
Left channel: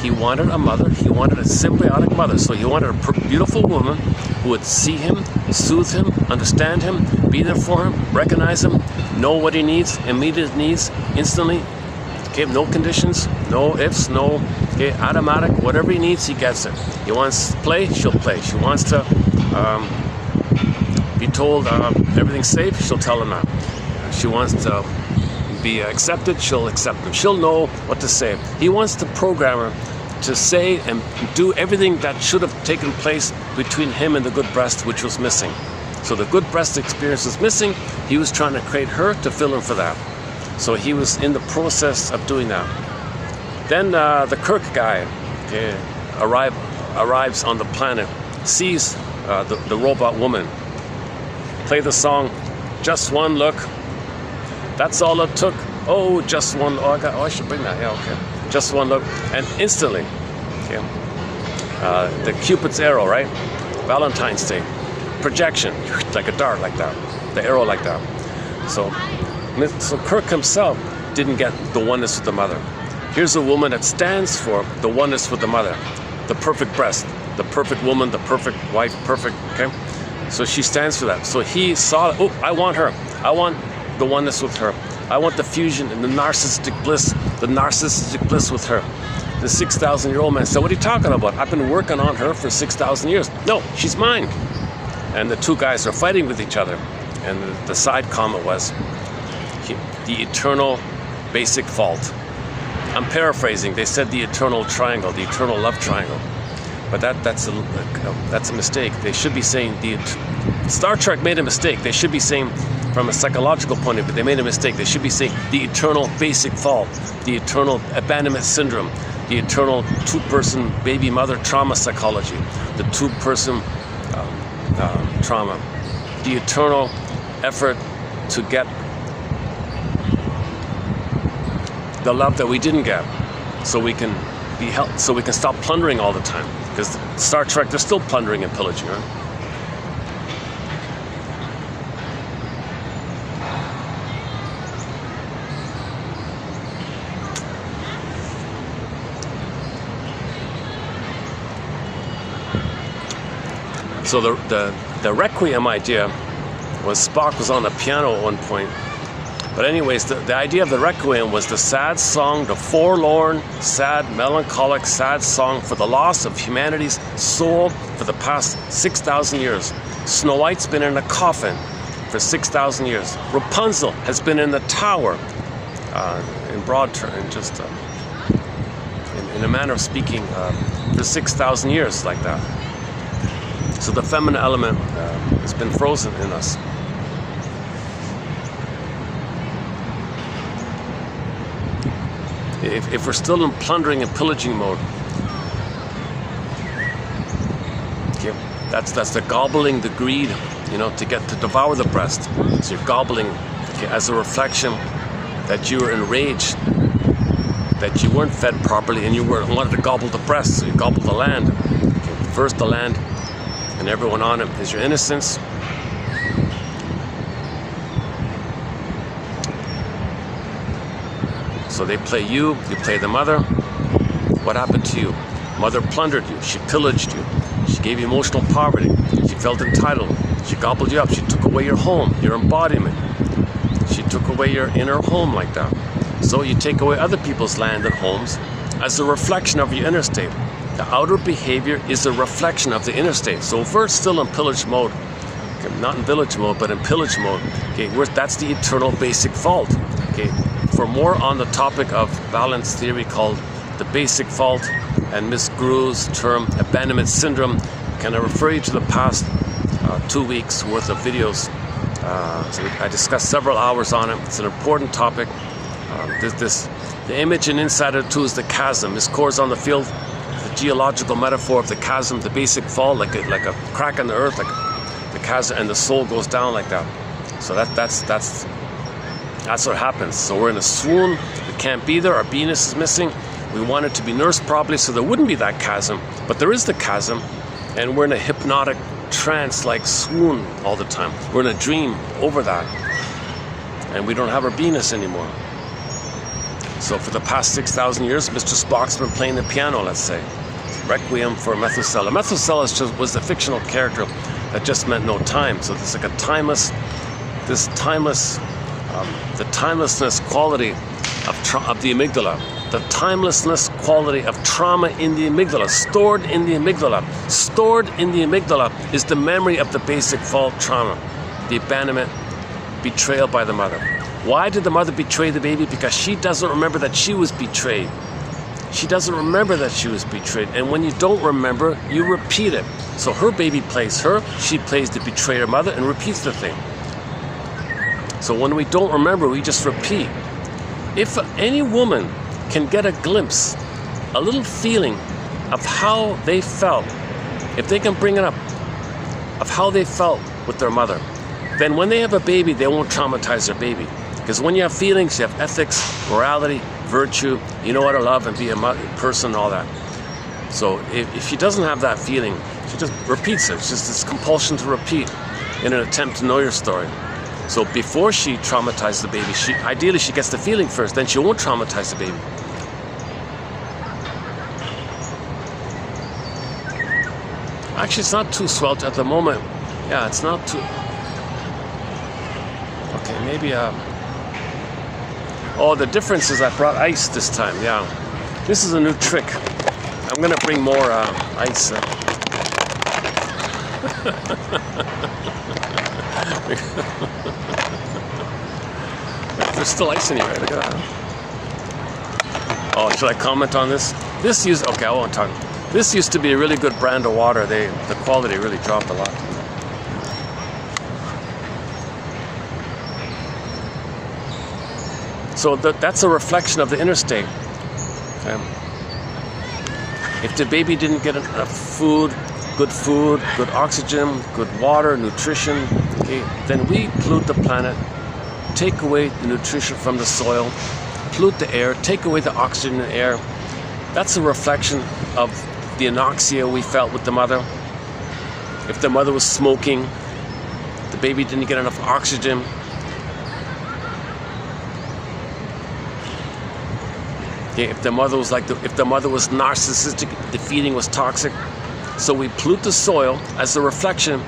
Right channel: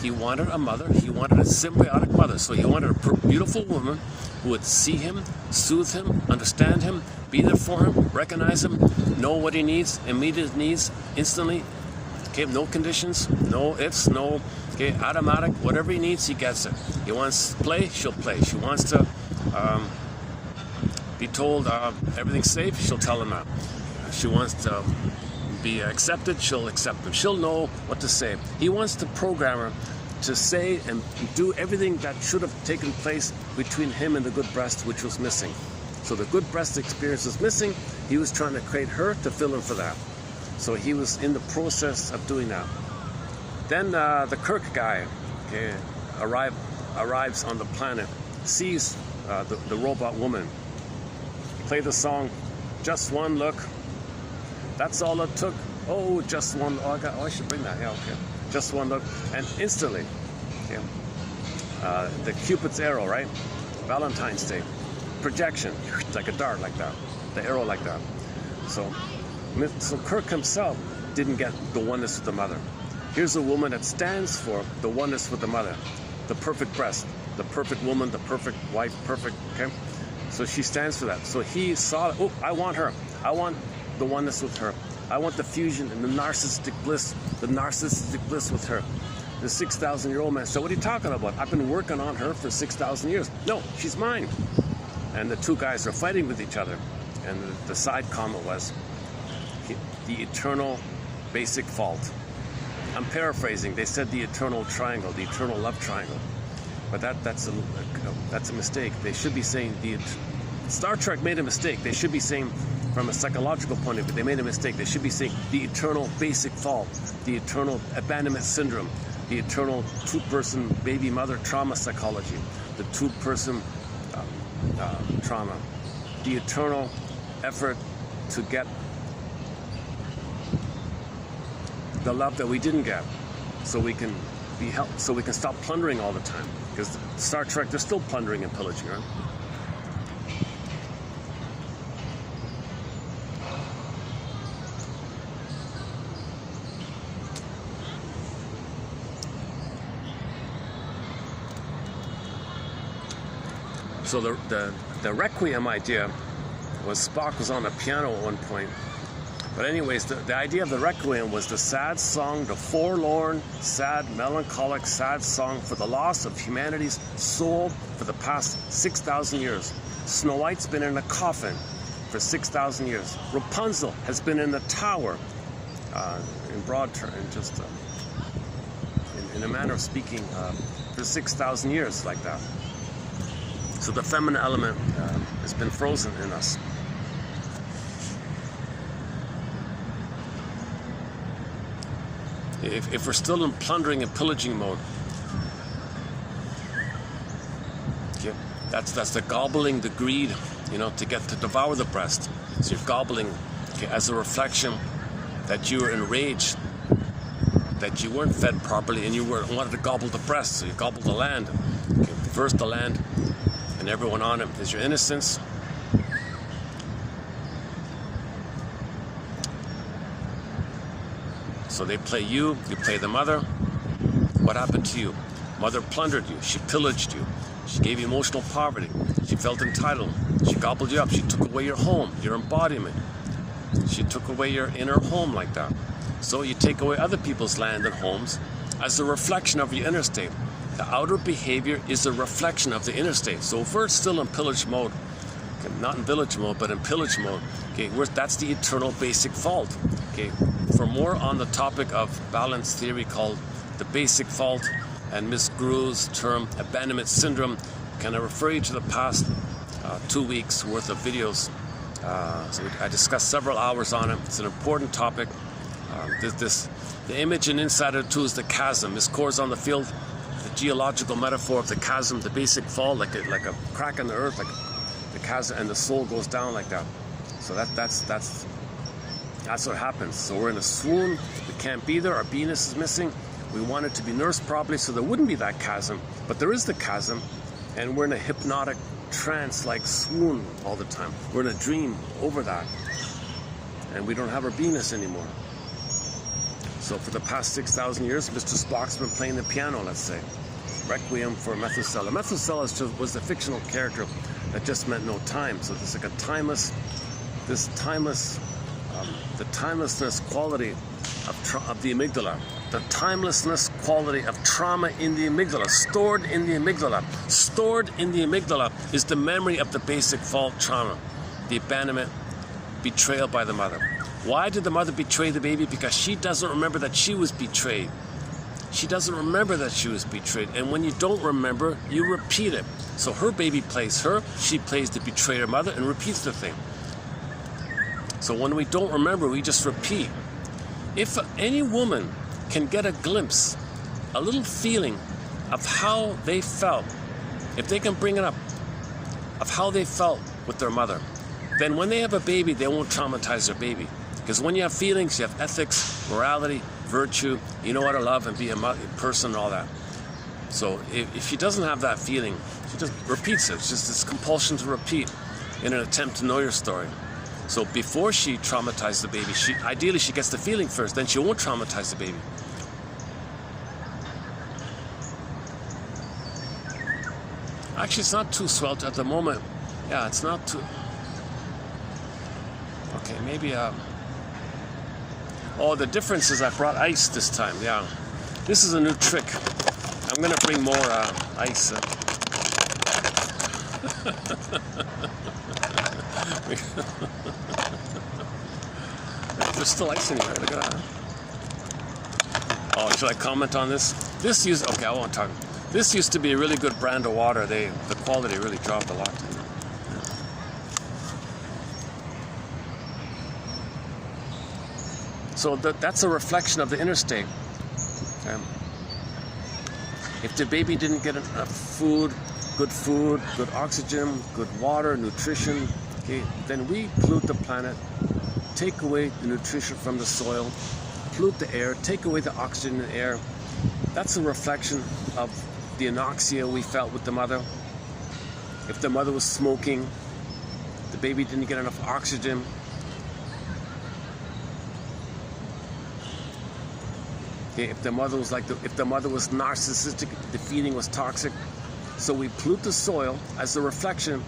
He wanted a mother. He wanted a symbiotic mother. So he wanted a beautiful woman who would see him, soothe him, understand him, be there for him, recognize him, know what he needs, immediate needs, instantly. Okay, no conditions, no ifs, no, okay, automatic, whatever he needs, he gets it. He wants to play, she'll play. She wants to be told everything's safe, she'll tell him that. If she wants to be accepted, she'll accept him. She'll know what to say. He wants to program her to say and do everything that should have taken place between him and the good breast, which was missing. So the good breast experience was missing. He was trying to create her to fill in for that. So he was in the process of doing that. Then the Kirk guy arrives on the planet, sees the robot woman, play the song, Just One Look. That's all it took. Oh, just one. Oh, I should bring that. Yeah, okay. Just one look, and instantly, okay. The Cupid's arrow, right? Valentine's Day, projection, like a dart, like that. The arrow, like that. So Kirk himself didn't get the oneness with the mother. Here's a woman that stands for the oneness with the mother, the perfect breast, the perfect woman, the perfect wife, perfect, okay? So she stands for that. So he saw, oh, I want her. I want the oneness with her. I want the fusion and the narcissistic bliss with her. The 6,000-year-old man said, what are you talking about? I've been working on her for 6,000 years. No, she's mine. And the two guys are fighting with each other. And the side comment was, the eternal basic fault. I'm paraphrasing. They said the eternal triangle, the eternal love triangle. But that's a mistake. They should be saying Star Trek made a mistake. They should be saying, from a psychological point of view, they made a mistake. They should be saying the eternal basic fault, the eternal abandonment syndrome, the eternal two-person baby mother trauma psychology, the two-person trauma, the eternal effort to get the love that we didn't get, so we can be helped, so we can stop plundering all the time. Because Star Trek, they're still plundering and pillaging, right? So the Requiem idea was Spock was on the piano at one point. But anyways, the idea of the Requiem was the sad song, the forlorn, sad, melancholic, sad song for the loss of humanity's soul for the past 6,000 years. Snow White's been in a coffin for 6,000 years. Rapunzel has been in the tower, in broad terms, just in a manner of speaking, for 6,000 years, like that. So the feminine element has been frozen in us. If we're still in plundering and pillaging mode, okay, that's the gobbling, the greed, you know, to devour the breast. So you're gobbling, okay, as a reflection that you were enraged, that you weren't fed properly, and you wanted to gobble the breast. So you gobble the land. Okay, first the land, and everyone on it is your innocence. So they play you play the mother. What happened to you? Mother plundered you, she pillaged you, she gave you emotional poverty, she felt entitled, she gobbled you up, she took away your home, your embodiment. She took away your inner home like that. So you take away other people's land and homes as a reflection of your inner state. The outer behavior is a reflection of the inner state. So if we're still in pillage mode, okay, not in village mode, but in pillage mode, okay, that's the eternal basic fault. Okay. For more on the topic of balance theory called the basic fault and Miss Gru's term abandonment syndrome, can I refer you to the past 2 weeks worth of videos. So I discussed several hours on it. It's an important topic. The image in Insider 2 is the chasm. Miss Core's on the field, the geological metaphor of the chasm, the basic fall, like a crack in the earth, like the chasm, and the soul goes down like that. So that's what happens. So we're in a swoon, we can't be there, our beingness is missing. We want it to be nursed properly so there wouldn't be that chasm, but there is the chasm, and we're in a hypnotic trance-like swoon all the time. We're in a dream over that, and we don't have our beingness anymore. So for the past 6,000 years, Mr. Spock's been playing the piano, let's say. Requiem for Methuselah. Methuselah was a fictional character that just meant no time. So it's like the timelessness quality of the amygdala. The timelessness quality of trauma in the amygdala, stored in the amygdala. Stored in the amygdala is the memory of the basic fault trauma, the abandonment, betrayal by the mother. Why did the mother betray the baby? Because she doesn't remember that she was betrayed. She doesn't remember that she was betrayed. And when you don't remember, you repeat it. So her baby plays her, she plays the betrayer mother and repeats the thing. So when we don't remember, we just repeat. If any woman can get a glimpse, a little feeling of how they felt, if they can bring it up, of how they felt with their mother, then when they have a baby, they won't traumatize their baby. Because when you have feelings, you have ethics, morality, virtue, you know how to love and be a person and all that. So if she doesn't have that feeling, she just repeats it. It's just this compulsion to repeat in an attempt to know your story. So before she traumatizes the baby, ideally she gets the feeling first, then she won't traumatize the baby. Actually, it's not too sweltered at the moment. Yeah, it's not too... Okay, maybe... Oh, the difference is I brought ice this time, yeah. This is a new trick. I'm gonna bring more ice. There's still ice in here, right? Look at that. Oh, should I comment on this? Okay, I won't talk. This used to be a really good brand of water. The quality really dropped a lot. So that's a reflection of the inner state. Okay. If the baby didn't get enough food, good oxygen, good water, nutrition, okay, then we pollute the planet, take away the nutrition from the soil, pollute the air, take away the oxygen in the air. That's a reflection of the anoxia we felt with the mother. If the mother was smoking, the baby didn't get enough oxygen. Okay, if the mother was narcissistic, the feeding was toxic. So we pollute the soil as a reflection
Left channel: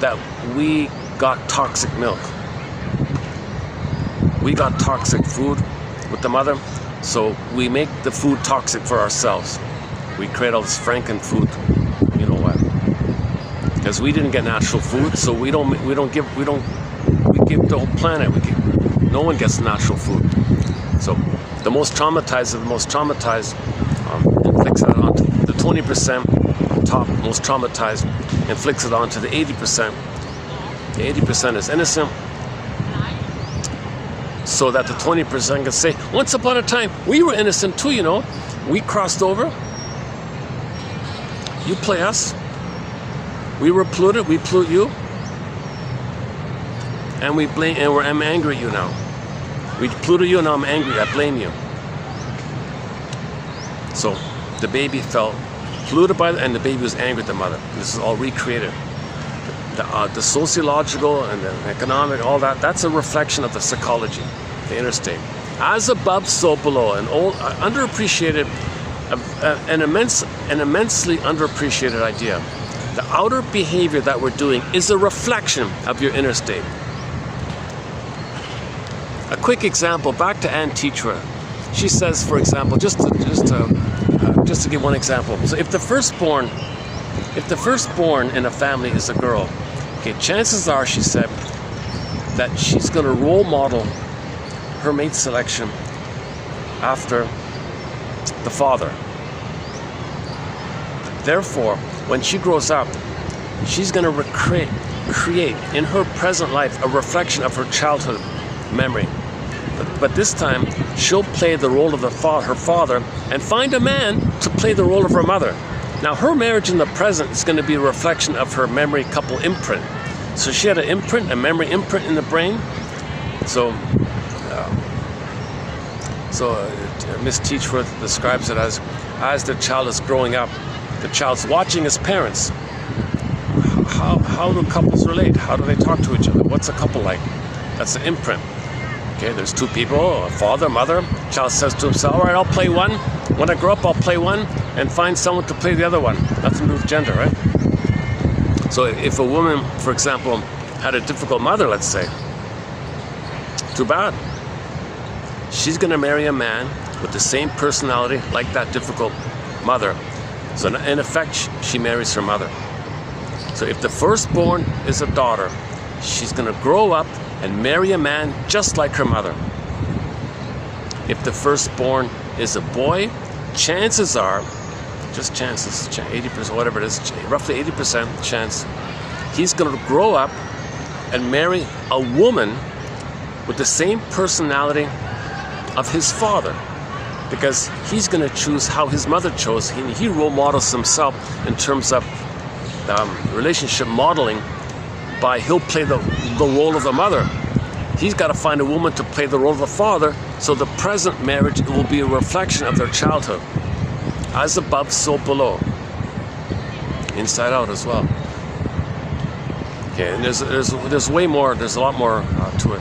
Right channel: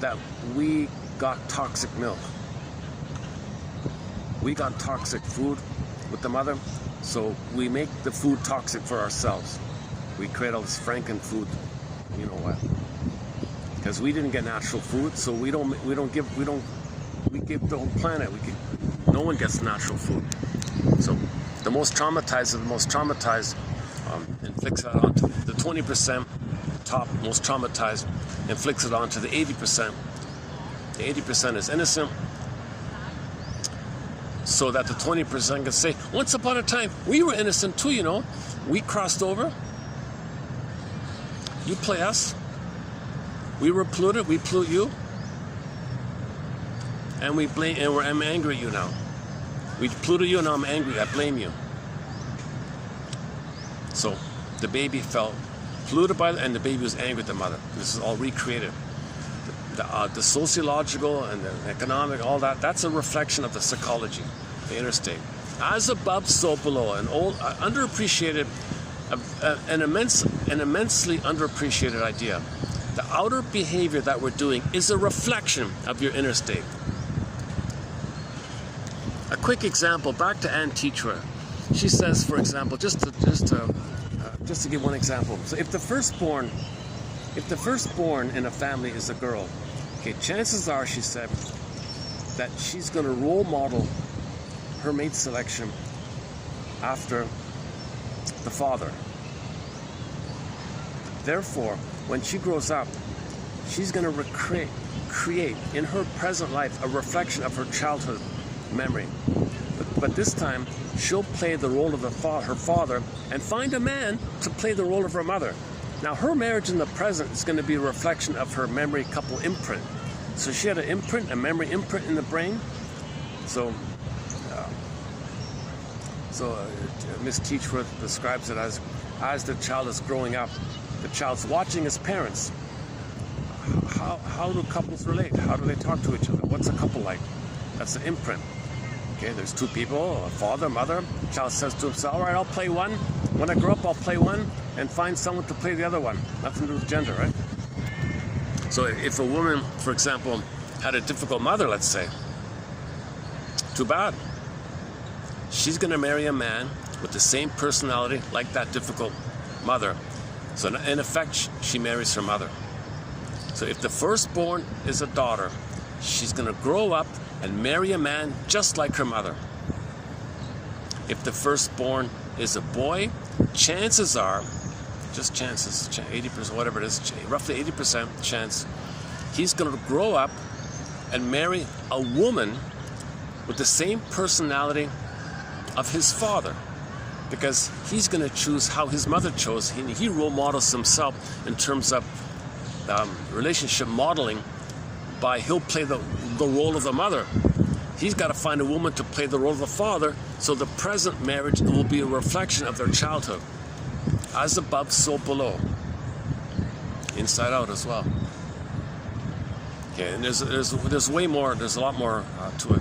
that we got toxic milk. We got toxic food with the mother, so we make the food toxic for ourselves. We create all this Franken food, you know what? Because we didn't get natural food, so we give the whole planet. No one gets natural food. So the most traumatized of the most traumatized inflicts it onto the 20% top most traumatized, inflicts it onto the 80%. The 80% is innocent, so that the 20% can say, once upon a time, we were innocent too, you know. We crossed over. You play us. We were polluted, we pollute you. And I'm angry at you now. We polluted you and now I'm angry, I blame you. So the baby felt polluted by it and the baby was angry at the mother. This is all recreated. The sociological and the economic, all that's a reflection of the psychology, the inner state. As above, so below. An old, underappreciated, an immensely underappreciated idea. The outer behavior that we're doing is a reflection of your inner state. A quick example, back to Anne Teacher. She says, for example, just to give one example. So if the firstborn in a family is a girl, okay, chances are, she said, that she's going to role model her mate selection after the father. Therefore, when she grows up, she's going to create in her present life a reflection of her childhood memory. But this time, she'll play the role of her father, and find a man to play the role of her mother. Now, her marriage in the present is going to be a reflection of her memory couple imprint. So she had an imprint, a memory imprint in the brain. So Miss Teachworth describes it as the child is growing up, the child's watching his parents. How do couples relate? How do they talk to each other? What's a couple like? That's an imprint. Okay, there's two people, a father, mother. Child says to himself, all right, I'll play one. When I grow up, I'll play one and find someone to play the other one. Nothing to do with gender, right? So if a woman, for example, had a difficult mother, let's say, too bad. She's going to marry a man with the same personality like that difficult mother. So in effect, she marries her mother. So if the firstborn is a daughter, she's going to grow up and marry a man just like her mother. If the firstborn is a boy, chances are, just chances, 80%, whatever it is, roughly 80% chance, he's going to grow up and marry a woman with the same personality of his father, because he's going to choose how his mother chose. He role models himself in terms of relationship modeling by he'll play the role of the mother. He's got to find a woman to play the role of the father, so the present marriage will be a reflection of their childhood. As above, so below. Inside out as well. Okay, and there's way more. There's a lot more to it.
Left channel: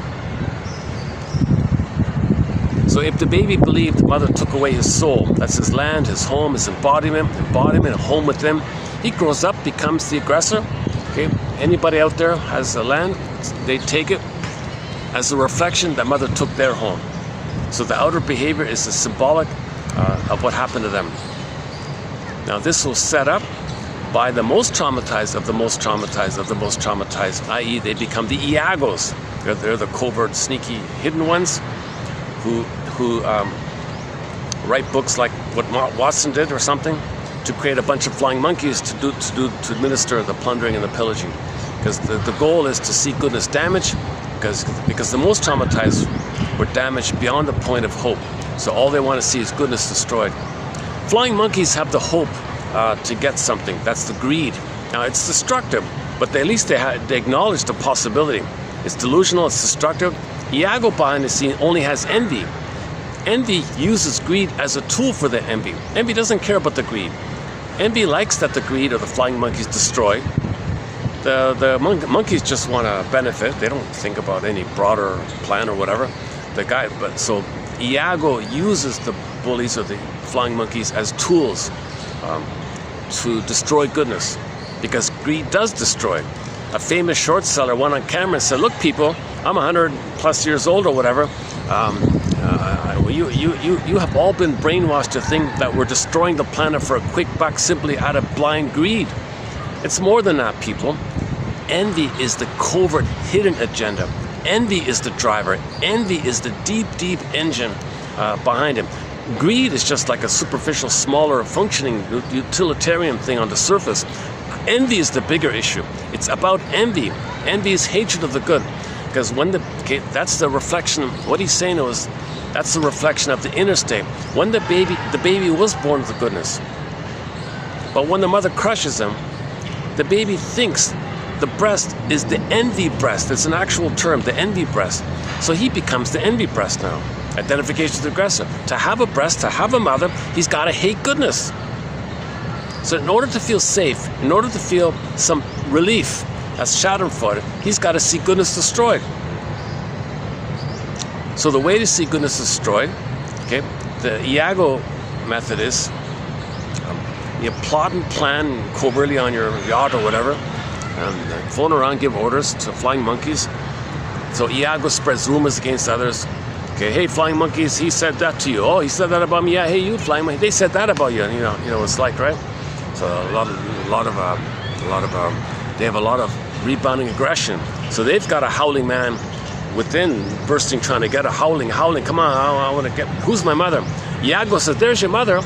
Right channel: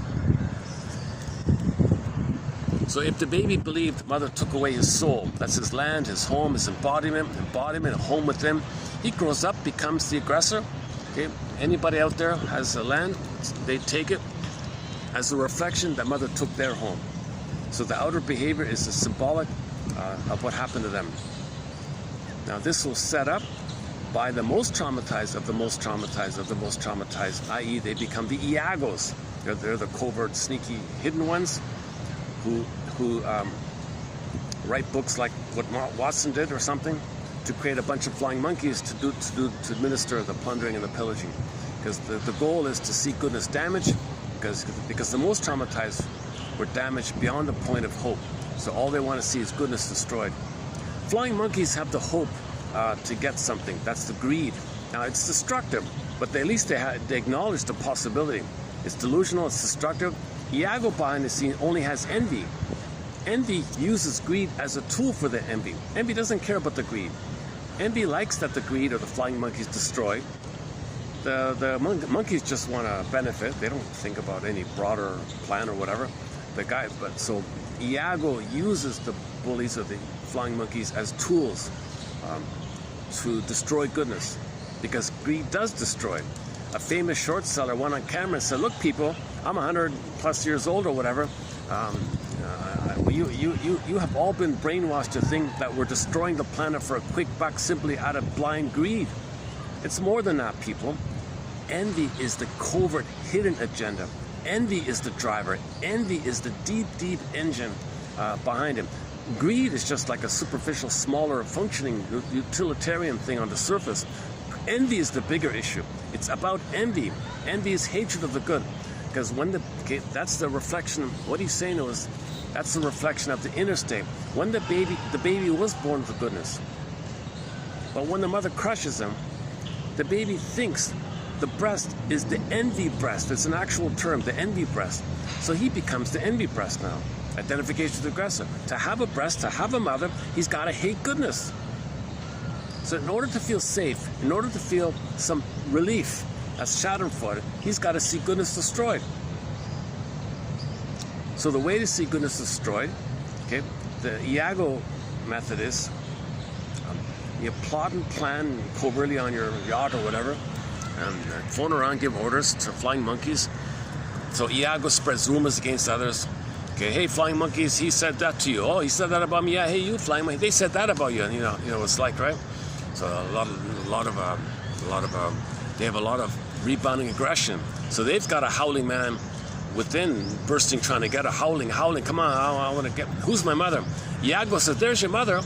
So if the baby believed mother took away his soul, that's his land, his home, his embodiment, a home with him, he grows up, becomes the aggressor. Okay, anybody out there has a land, they take it as a reflection that mother took their home. So the outer behavior is a symbolic of what happened to them. Now this was set up by the most traumatized of the most traumatized of the most traumatized, i.e. they become the Iagos. They're the covert, sneaky, hidden ones who write books like what Watson did or something, to create a bunch of flying monkeys to administer the plundering and the pillaging. Because the goal is to see goodness damaged, because the most traumatized were damaged beyond the point of hope. So all they want to see is goodness destroyed. Flying monkeys have the hope to get something. That's the greed. Now it's destructive, but at least they acknowledge the possibility. It's delusional, it's destructive. Iago behind the scene only has envy. Envy uses greed as a tool for the envy. Envy doesn't care about the greed. Envy likes that the greed of the flying monkeys destroy. The monkeys just want to benefit. They don't think about any broader plan or whatever. So Iago uses the bullies or the flying monkeys as tools to destroy goodness, because greed does destroy. A famous short seller went on camera and said, "Look, people, I'm 100 plus years old or whatever. You have all been brainwashed to think that we're destroying the planet for a quick buck simply out of blind greed. It's more than that, people. Envy is the covert, hidden agenda. Envy is the driver. Envy is the deep, deep engine behind him. Greed is just like a superficial, smaller, functioning, utilitarian thing on the surface. Envy is the bigger issue. It's about envy. Envy is hatred of the good. Because that's the reflection of what he's saying was, that's the reflection of the inner state. When the baby was born with the goodness. But when the mother crushes him, the baby thinks the breast is the envy breast. It's an actual term, the envy breast. So he becomes the envy breast now. Identification with the aggressor. To have a breast, to have a mother, he's got to hate goodness. So in order to feel safe, in order to feel some relief as Schadenfreude, he's got to see goodness destroyed. So the way to see goodness destroyed, okay, the Iago method is you plot and plan covertly on your yacht or whatever, phone around, give orders to flying monkeys. So Iago spreads rumors against others. Okay, hey, flying monkeys, he said that to you. Oh, he said that about me. Yeah, hey, you flying monkeys, they said that about you. You know what it's like, right? So they have a lot of rebounding aggression. So they've got a howling man within, bursting, trying to get a howling. Come on, I want to get. Who's my mother? Iago says, "There's your mother."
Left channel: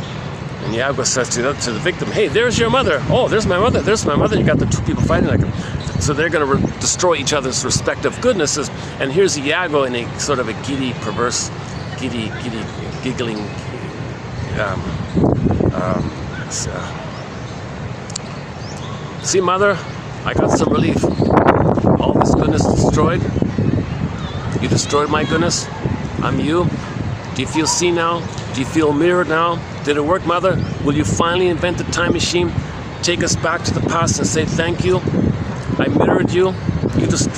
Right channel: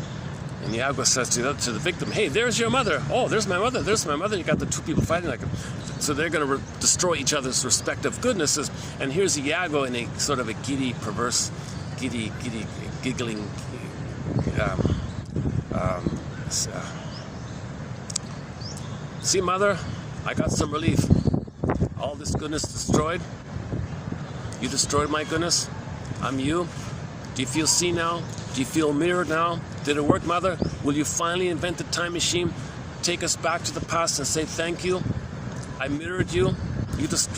And Iago says to the victim, "Hey, there's your mother." "Oh, there's my mother. There's my mother." You got the two people fighting like them. So they're going to destroy each other's respective goodnesses. And here's Iago in a sort of a giddy, perverse, giggling. See, mother, I got some relief. All this goodness destroyed. You destroyed my goodness. I'm you. Do you feel seen now? Do you feel mirrored now? Did it work, mother? Will you finally invent the time machine? Take us back to the past and say thank you? I mirrored you.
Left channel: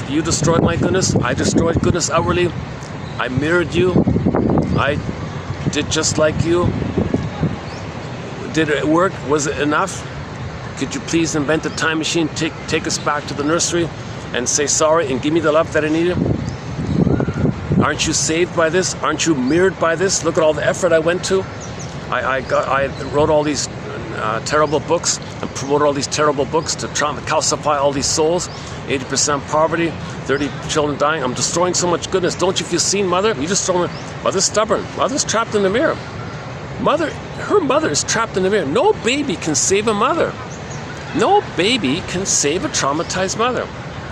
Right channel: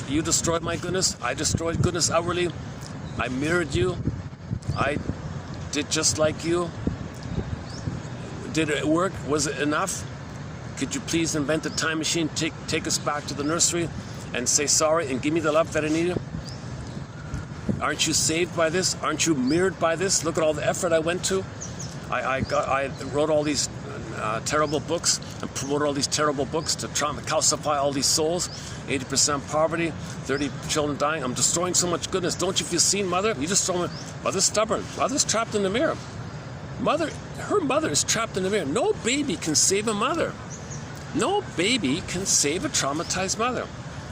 You destroyed my goodness. I destroyed goodness outwardly. I mirrored you. I did just like you. Did it work? Was it enough? Could you please invent the time machine, take us back to the nursery and say sorry and give me the love that I needed? Aren't you saved by this? Aren't you mirrored by this? Look at all the effort I went to. I wrote all these terrible books and promoted all these terrible books to calcify all these souls. 80% poverty, 30 children dying. I'm destroying so much goodness. Don't you feel seen, mother? You just throw me. Mother's stubborn. Mother's trapped in the mirror. Her mother is trapped in the mirror. No baby can save a mother. No baby can save a traumatized mother.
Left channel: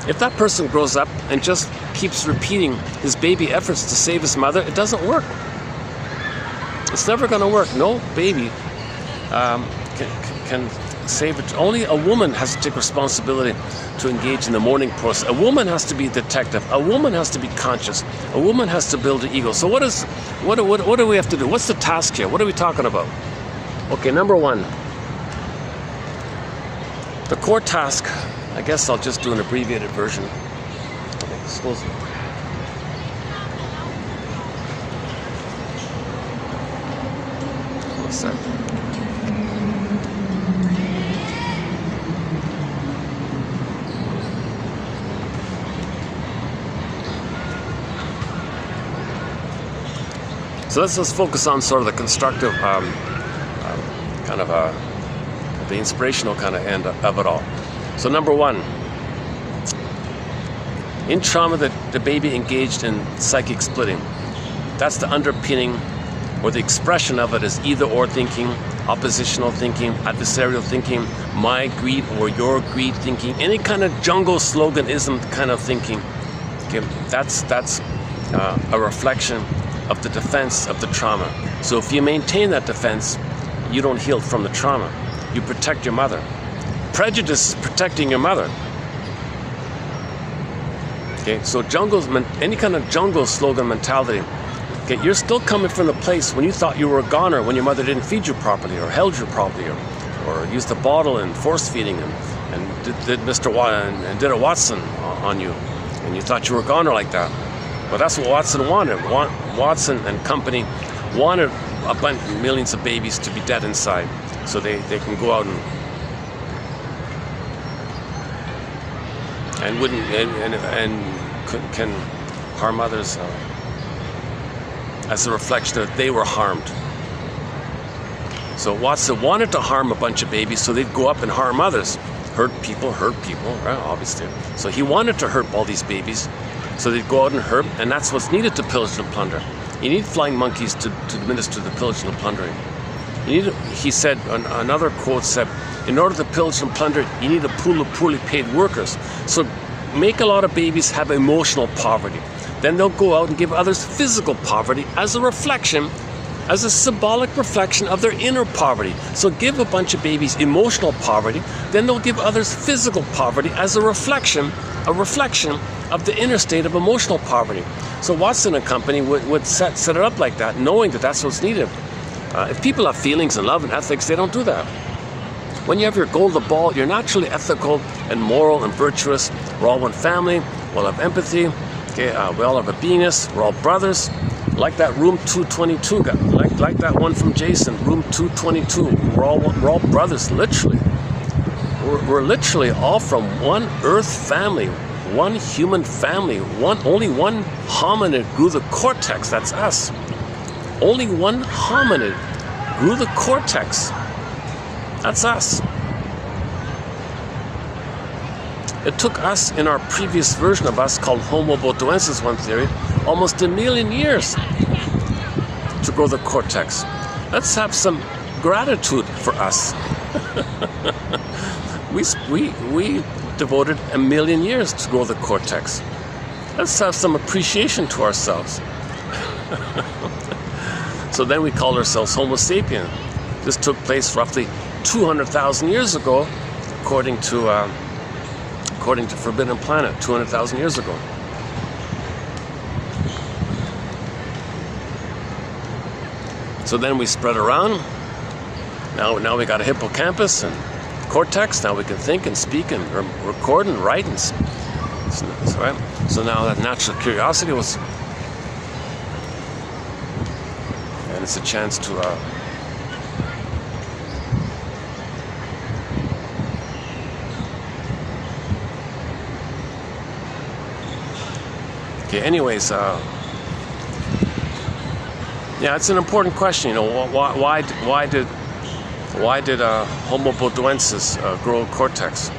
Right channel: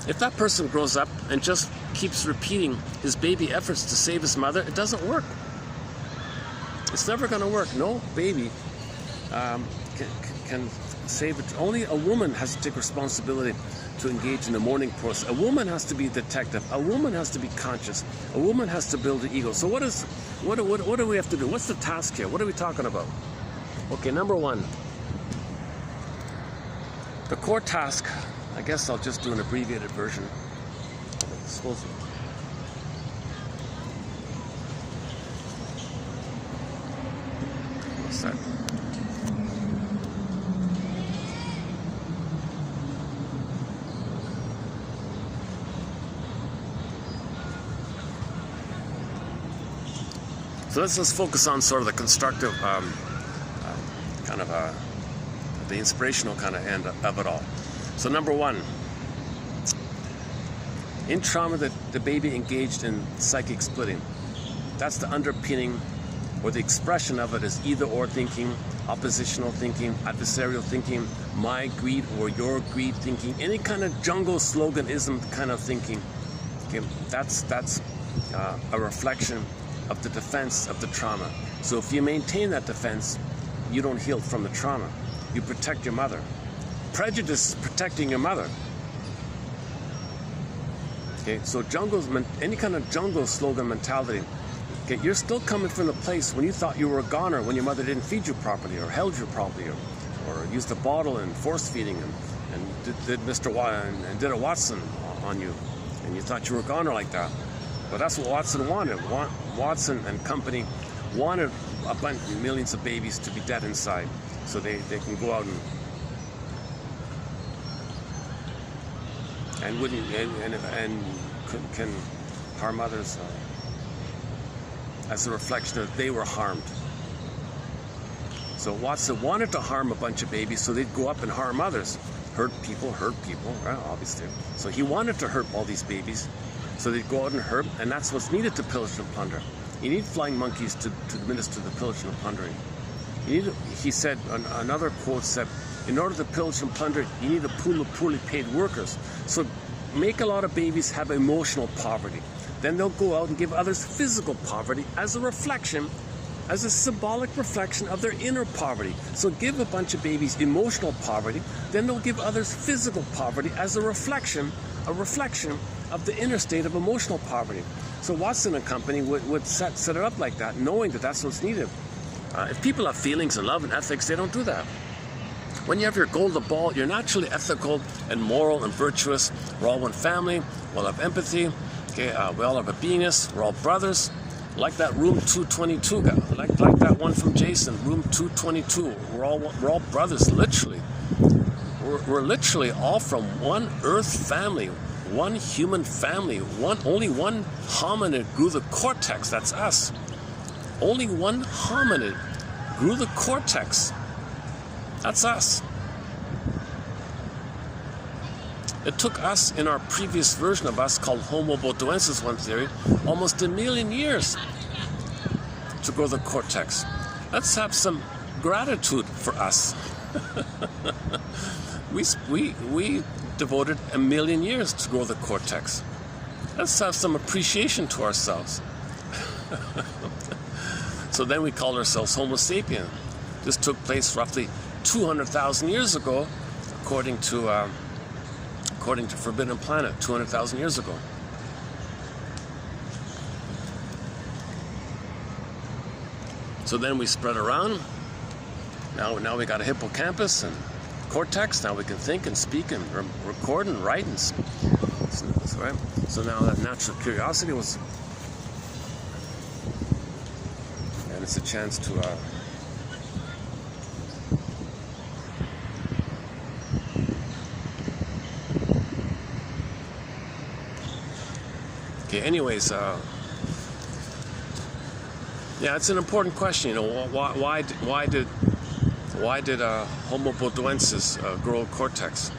If that person grows up and just keeps repeating his baby efforts to save his mother, it doesn't work. It's never going to work. No baby can save it. Only a woman has to take responsibility to engage in the mourning process. A woman has to be a detective. A woman has to be conscious. A woman has to build an ego. So what do we have to do? What's the task here? What are we talking about? Okay, number one. The core task I guess I'll just do an abbreviated version. I suppose. What's that? So let's just focus on sort of the constructive, kind of the inspirational kind of end of it all. So number one, in trauma, the baby engaged in psychic splitting. That's the underpinning or the expression of it is either or thinking, oppositional thinking, adversarial thinking, my greed or your greed thinking, any kind of jungle sloganism kind of thinking. Okay, that's a reflection of the defense of the trauma. So if you maintain that defense, you don't heal from the trauma. You protect your mother. Prejudice is protecting your mother. Okay, so any kind of jungle slogan mentality. Okay, you're still coming from the place when you thought you were a goner when your mother didn't feed you properly or held you properly or used the bottle and force feeding and did Mr. and did a Watson on you, and you thought you were a goner like that. Well, that's what Watson wanted. Watson and company wanted a bunch, millions of babies to be dead inside, so they can go out and can harm others as a reflection that they were harmed. So Watson wanted to harm a bunch of babies, so they'd go up and harm others, hurt people, right? Obviously. So he wanted to hurt all these babies. So they'd go out and hurt, and that's what's needed to pillage and plunder. You need flying monkeys to administer the pillage and plundering. He said, another quote said, in order to pillage and plunder, you need a pool of poorly paid workers. So make a lot of babies have emotional poverty. Then they'll go out and give others physical poverty as a reflection, as a symbolic reflection of their inner poverty. So give a bunch of babies emotional poverty, then they'll give others physical poverty as a reflection of the inner state of emotional poverty. So Watson and company would set it up like that, knowing that that's what's needed. If people have feelings and love and ethics, they don't do that. When you have your golden ball, you're naturally ethical and moral and virtuous. We're all one family. We all have empathy. Okay, we all have a beingness. We're all brothers. Like that room 222 guy. Like that one from Jason, room 222. We're all brothers, literally. We're literally all from one earth family, one human family, only one hominid grew the cortex, that's us. Only one hominid grew the cortex, that's us. It took us, in our previous version of us called Homo botuensis, one theory, almost 1 million years to grow the cortex. Let's have some gratitude for us. We devoted 1 million years to grow the cortex. Let's have some appreciation to ourselves. So then we called ourselves Homo sapien. This took place roughly 200,000 years ago, according to Forbidden Planet, 200,000 years ago. So then we spread around. Now we got a hippocampus and cortex. Now we can think and speak and record and write and right. So now that natural curiosity was, and it's a chance to okay. Anyways, yeah, it's an important question. You know, why did Homo botuensis grow cortex?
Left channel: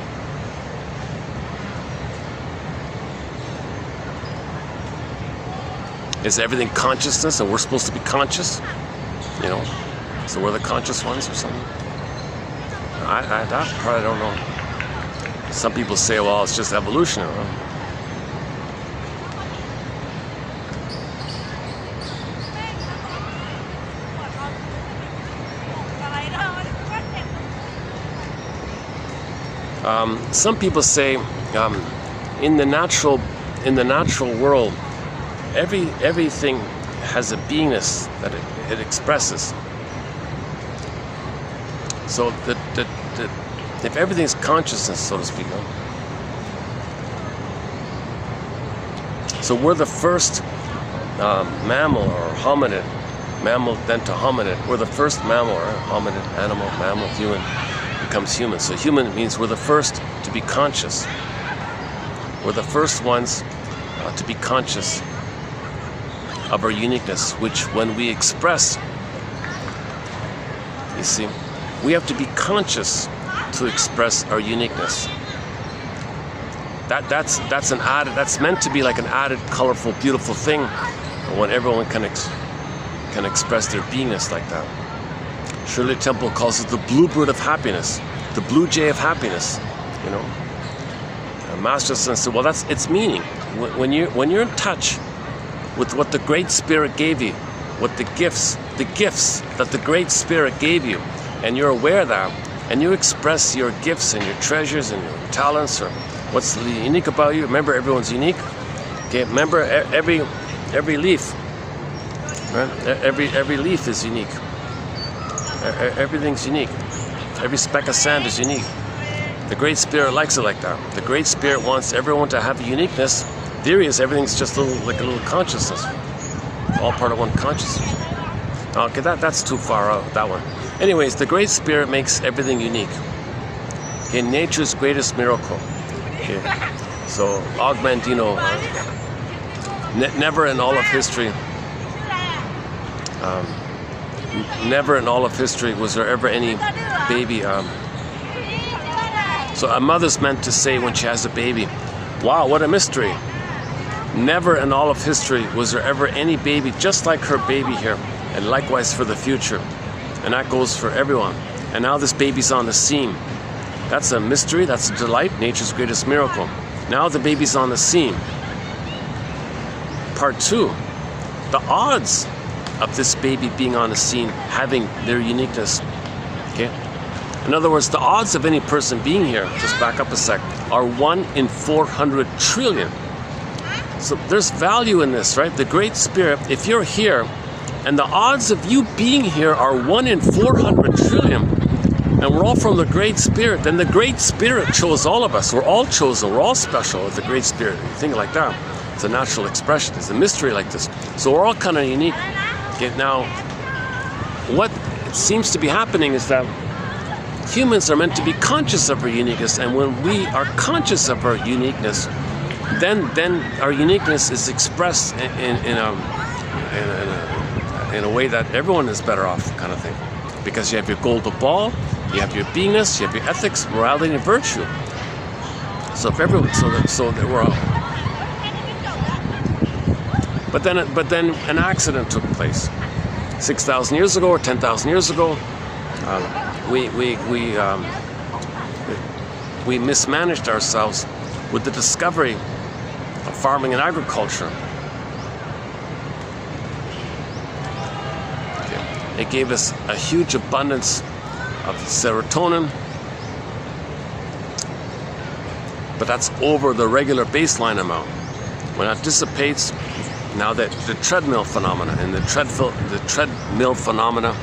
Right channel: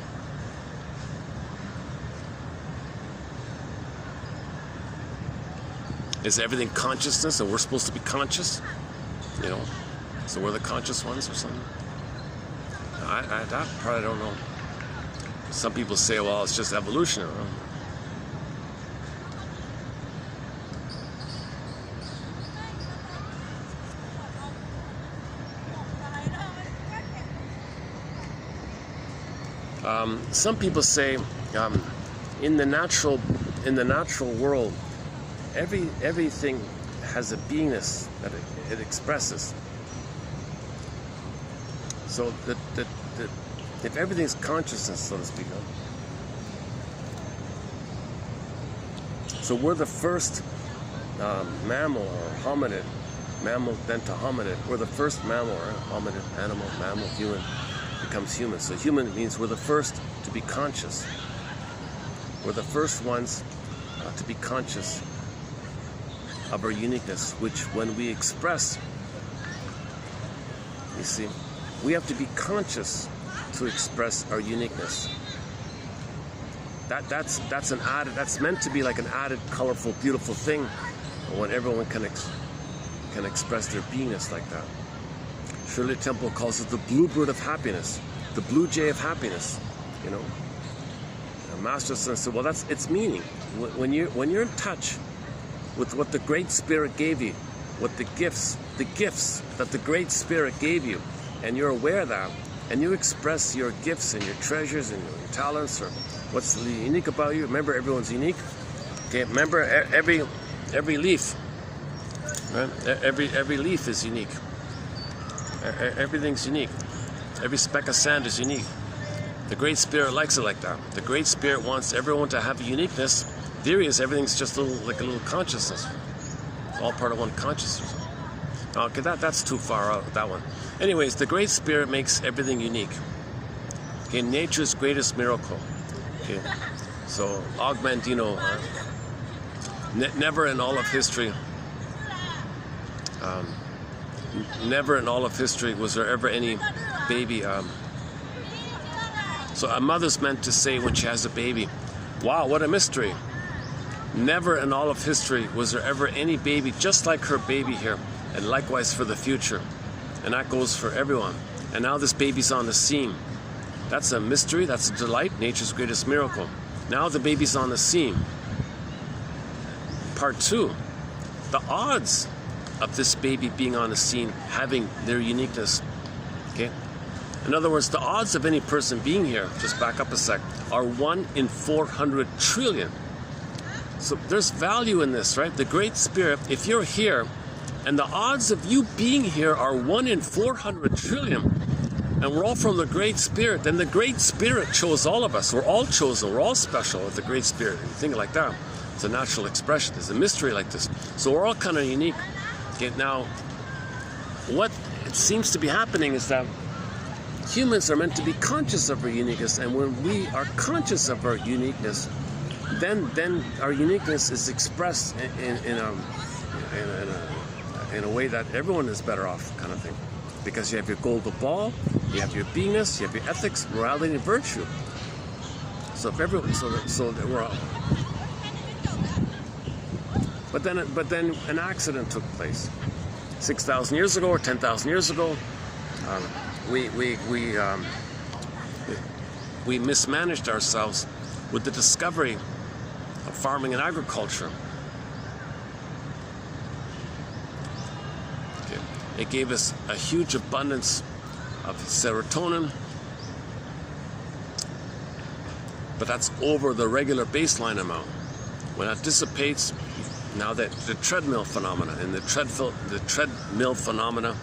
Is everything consciousness and we're supposed to be conscious? You know, so we're the conscious ones or something? I probably don't know. Some people say, well, it's just evolution. Some people say in the natural world, everything has a beingness that it expresses. So that if everything's consciousness, so to speak, So we're the first mammal or hominid, mammal then to hominid. We're the first mammal or hominid, animal, mammal, human, becomes human. So human means we're the first to be conscious. We're the first ones to be conscious of our uniqueness, which when we express, you see, we have to be conscious to express our uniqueness. That's an added, that's meant to be like an added, colorful, beautiful thing when everyone can express their beingness like that. Shirley Temple calls it the bluebird of happiness, the blue jay of happiness, you know. Master Son said, well, that's its meaning. When you're in touch with what the Great Spirit gave you, what the gifts that the Great Spirit gave you, and you're aware of that, and you express your gifts and your treasures and your talents, or what's unique about you. Remember, everyone's unique. Okay, remember every leaf, right? Every leaf is unique. Everything's unique. Every speck of sand is unique. The Great Spirit likes it like that. The Great Spirit wants everyone to have a uniqueness. Theory is everything's just like a little consciousness, all part of one consciousness. Okay, that's too far out, that one. Anyways, the Great Spirit makes everything unique. Okay, nature's greatest miracle. Okay, so Augmentino, never in all of history, was there ever any baby. So a mother's meant to say when she has a baby, wow, what a mystery. Never in all of history was there ever any baby just like her baby here, and likewise for the future. And that goes for everyone. And now this baby's on the scene. That's a mystery, that's a delight, nature's greatest miracle. Now the baby's on the scene. Part 2, the odds of this baby being on the scene, having their uniqueness. Okay? In other words, the odds of any person being here, just back up a sec, are 1 in 400 trillion. So there's value in this, right? The Great Spirit, if you're here, and the odds of you being here are 1 in 400 trillion, and we're all from the Great Spirit, then the Great Spirit chose all of us. We're all chosen, we're all special with the Great Spirit. You think like that. It's a natural expression, it's a mystery like this. So we're all kind of unique. Okay, now, what seems to be happening is that humans are meant to be conscious of our uniqueness, and when we are conscious of our uniqueness, then our uniqueness is expressed in a way that everyone is better off, kind of thing. Because you have your golden ball, you have your beingness, you have your ethics, morality, and virtue. So if everyone, so that we're all. But then an accident took place. 6,000 years ago or 10,000 years ago, we mismanaged ourselves with the discovery of farming and agriculture. It gave us a huge abundance of serotonin, but that's over the regular baseline amount. When that dissipates, now that the treadmill phenomena, and the treadmill phenomena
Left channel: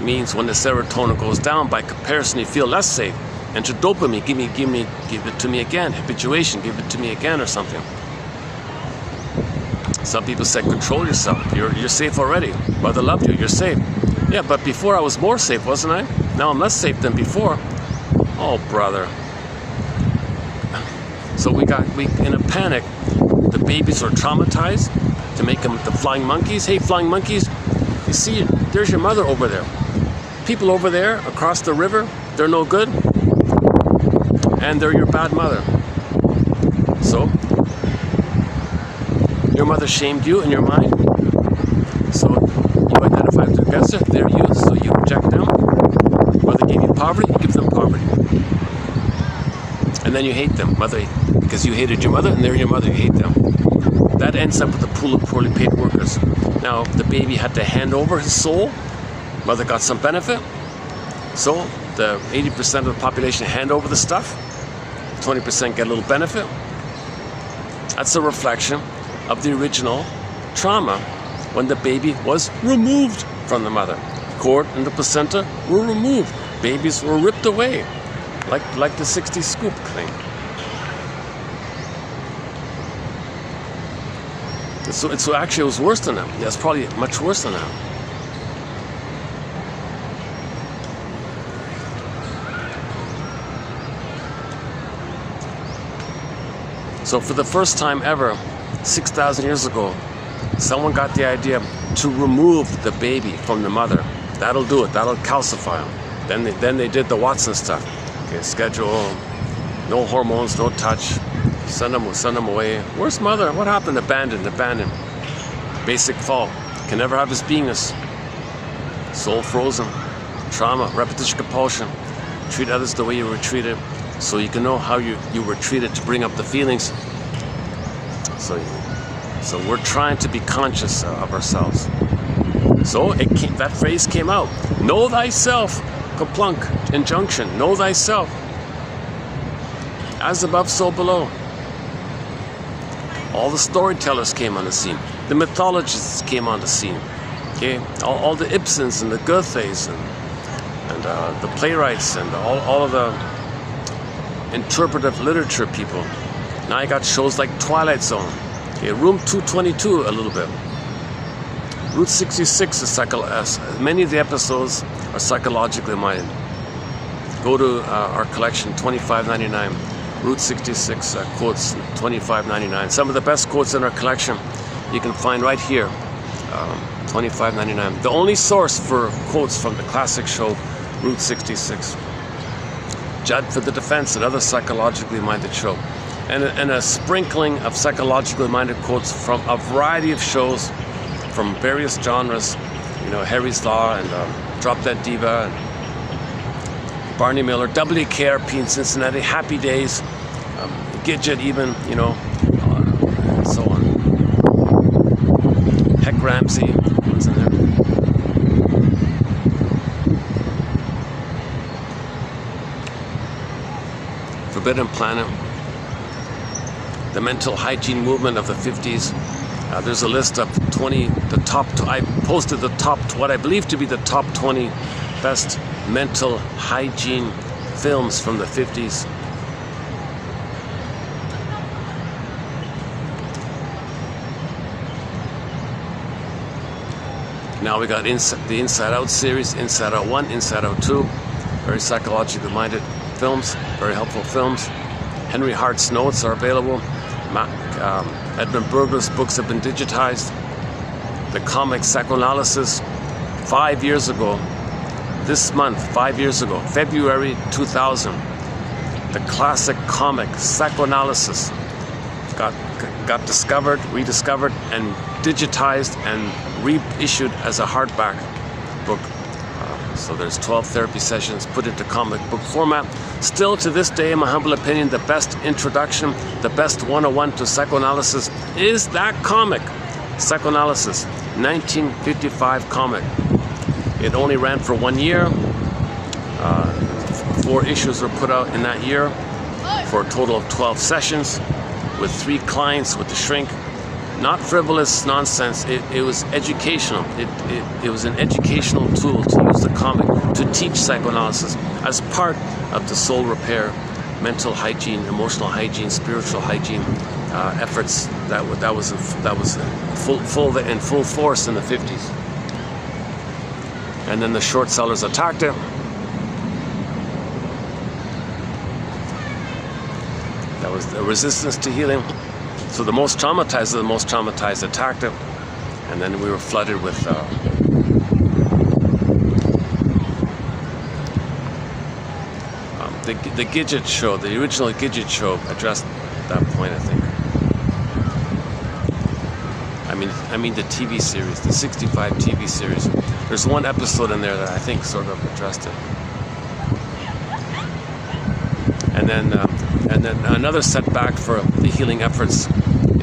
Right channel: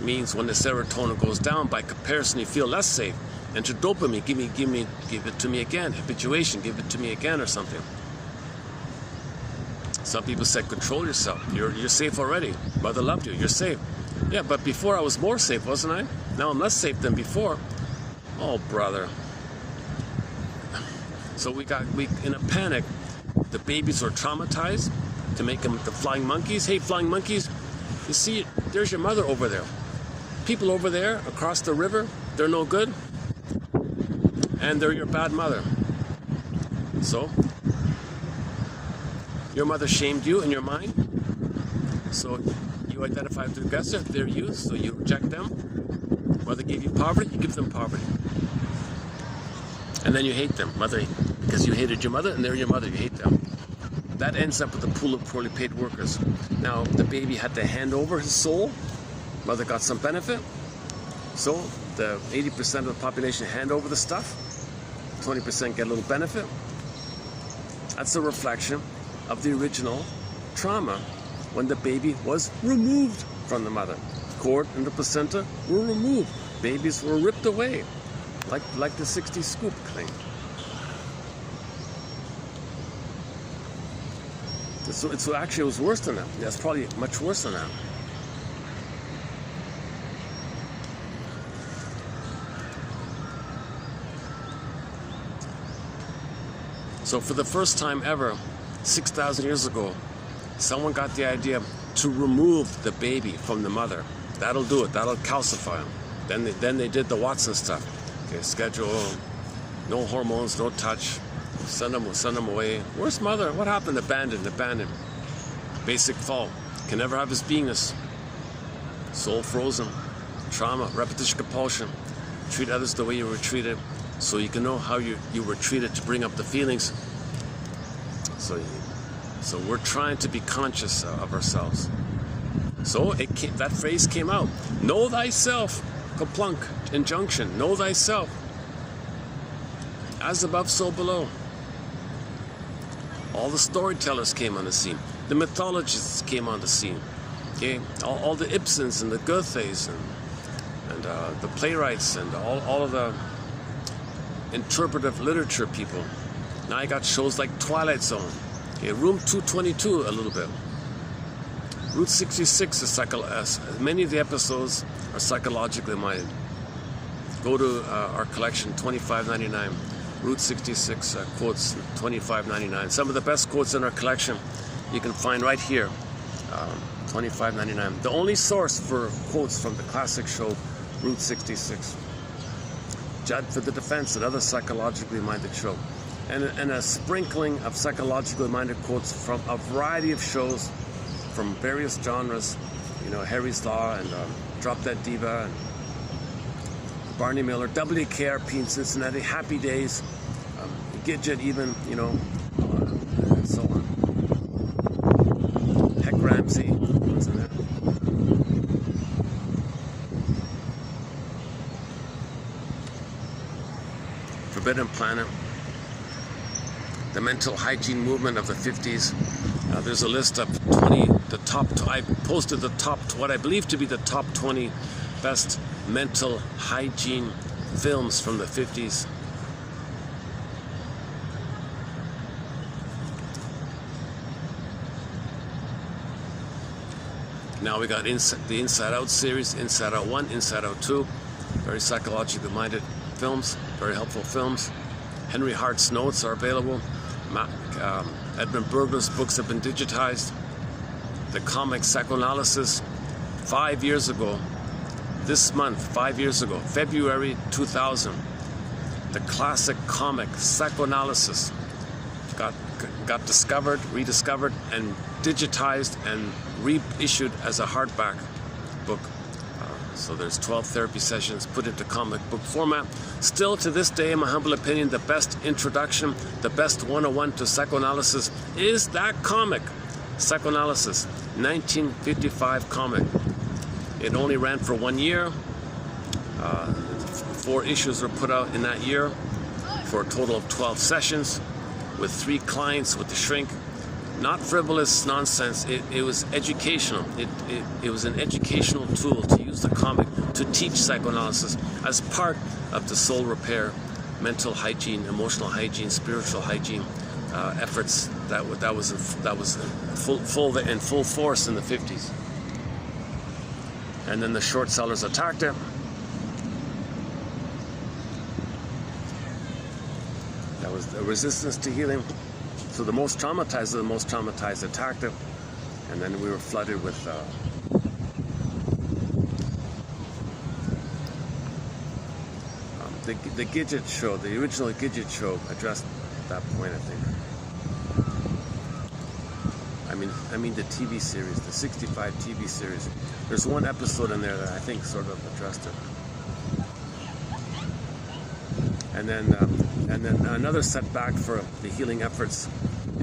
means when the serotonin goes down, by comparison, you feel less safe. And to dopamine, give it to me again. Habituation, give it to me again, or something. Some people say, control yourself. You're safe already. Mother loved you. You're safe. Yeah, but before I was more safe, wasn't I? Now I'm less safe than before. Oh, brother. So we in a panic. The babies are traumatized to make them the flying monkeys. Hey, flying monkeys, you see, there's your mother over there. People over there across the river, they're no good, and they're your bad mother. So your mother shamed you in your mind. So you identify with the aggressor. They're you. So you reject them. Mother gave you poverty. You give them poverty, and then you hate them, mother, because you hated your mother, and they're your mother. You hate them. That ends up with a pool of poorly paid workers. Now the baby had to hand over his soul. Mother got some benefit. So the 80% of the population hand over the stuff. 20% get a little benefit. That's a reflection of the original trauma when the baby was removed from the mother. Cord and the placenta were removed. Babies were ripped away, like the 60 scoop claim. It's actually, it was worse than that. Yeah, it's probably much worse than that. So for the first time ever, 6,000 years ago, someone got the idea to remove the baby from the mother. That'll do it. That'll calcify them. Then they did the Watson stuff. Okay, schedule, no hormones, no touch. Send them away. Where's mother? What happened? Abandoned. Basic fault. Can never have his beingness. Soul frozen. Trauma. Repetition compulsion. Treat others the way you were treated, so you can know how you were treated to bring up the feelings. So we're trying to be conscious of ourselves. So that phrase came out. Know thyself. Kaplunk. Injunction. Know thyself. As above, so below. All the storytellers came on the scene. The mythologists came on the scene. Okay, all the Ibsens and the Goethes and the playwrights and all of the interpretive literature people. Now I got shows like Twilight Zone. Okay, Room 222 a little bit. Route 66 is many of the episodes are psychologically minded. Go to our collection, $25.99. Route 66 quotes, $25.99. Some of the best quotes in our collection you can find right here, $25.99. The only source for quotes from the classic show, Route 66. Judd for the Defense, another psychologically minded show. And a sprinkling of psychologically minded quotes from a variety of shows from various genres. You know, Harry's Law and Drop Dead Diva, and Barney Miller, WKRP in Cincinnati, Happy Days, Gidget even, you know, and so on. Heck Ramsey was in there. Forbidden Planet. The mental hygiene movement of the 50s. There's a list of 20, I posted the top, what I believe to be the top 20 best mental hygiene films from the 50s. Now we got the Inside Out series, Inside Out 1, Inside Out 2. Very psychologically minded films, very helpful films. Henry Hart's notes are available. Edmund Burger's books have been digitized. The comic Psychoanalysis, 5 years ago, this month, 5 years ago, February 2000, the classic comic Psychoanalysis got discovered, rediscovered, and digitized and reissued as a hardback book. So there's 12 therapy sessions put into comic book format. Still to this day, in my humble opinion, the best introduction, the best 101 to psychoanalysis is that comic, Psychoanalysis, 1955 comic. It only ran for 1 year. 4 issues were put out in that year for a total of 12 sessions with 3 clients with the shrink. Not frivolous nonsense. It was educational. It was an educational tool to use the comic to teach psychoanalysis as part of the soul repair, mental hygiene, emotional hygiene, spiritual hygiene efforts that was in full force in the 50s. And then the short sellers attacked it. That was the resistance to healing. So the most traumatized of the most traumatized attacked it, and then we were flooded with the Gidget show. The original Gidget show addressed that point, I think. I mean the TV series, the 65 TV series. There's one episode in there that I think sort of addressed it. And then another setback for the healing efforts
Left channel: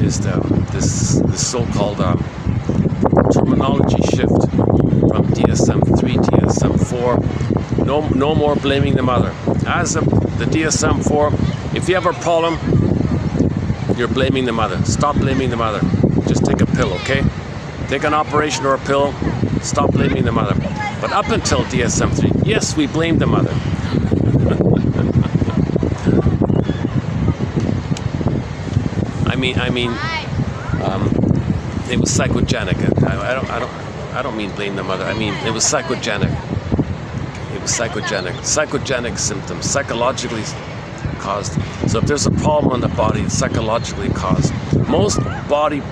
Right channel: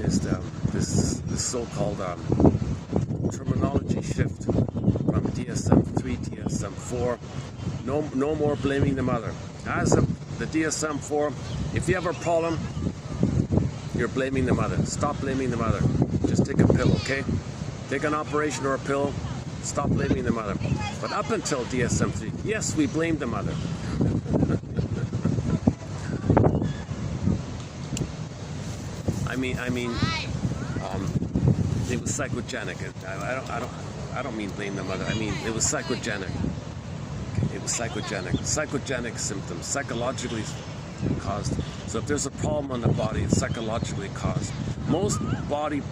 is this so-called terminology shift from DSM-3 to DSM-4. No more blaming the mother. As of the DSM-4, if you have a problem, you're blaming the mother. Stop blaming the mother. Just take a pill, okay? Take an operation or a pill. Stop blaming the mother. But up until DSM-3, yes, we blame the mother. it was psychogenic. I don't mean blame the mother. I mean it was psychogenic. It was psychogenic. Psychogenic symptoms, psychologically caused. So if there's a problem in the body, it's psychologically caused. Most body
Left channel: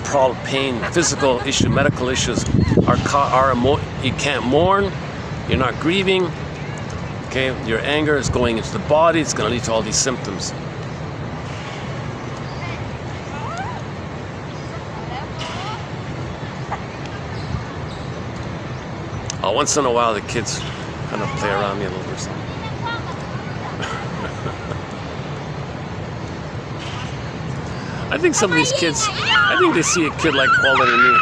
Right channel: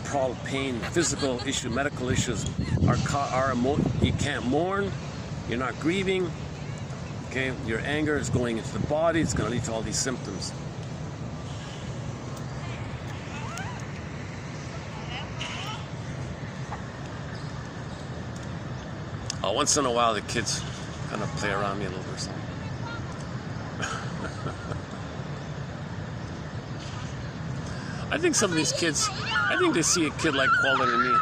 pain, physical issue, medical issues you can't mourn, you're not grieving. Okay, your anger is going into the body. It's going to lead to all these symptoms. Once in a while, the kids kind of play around me a little or something. I think some of these kids, I think they see a kid like quality in me.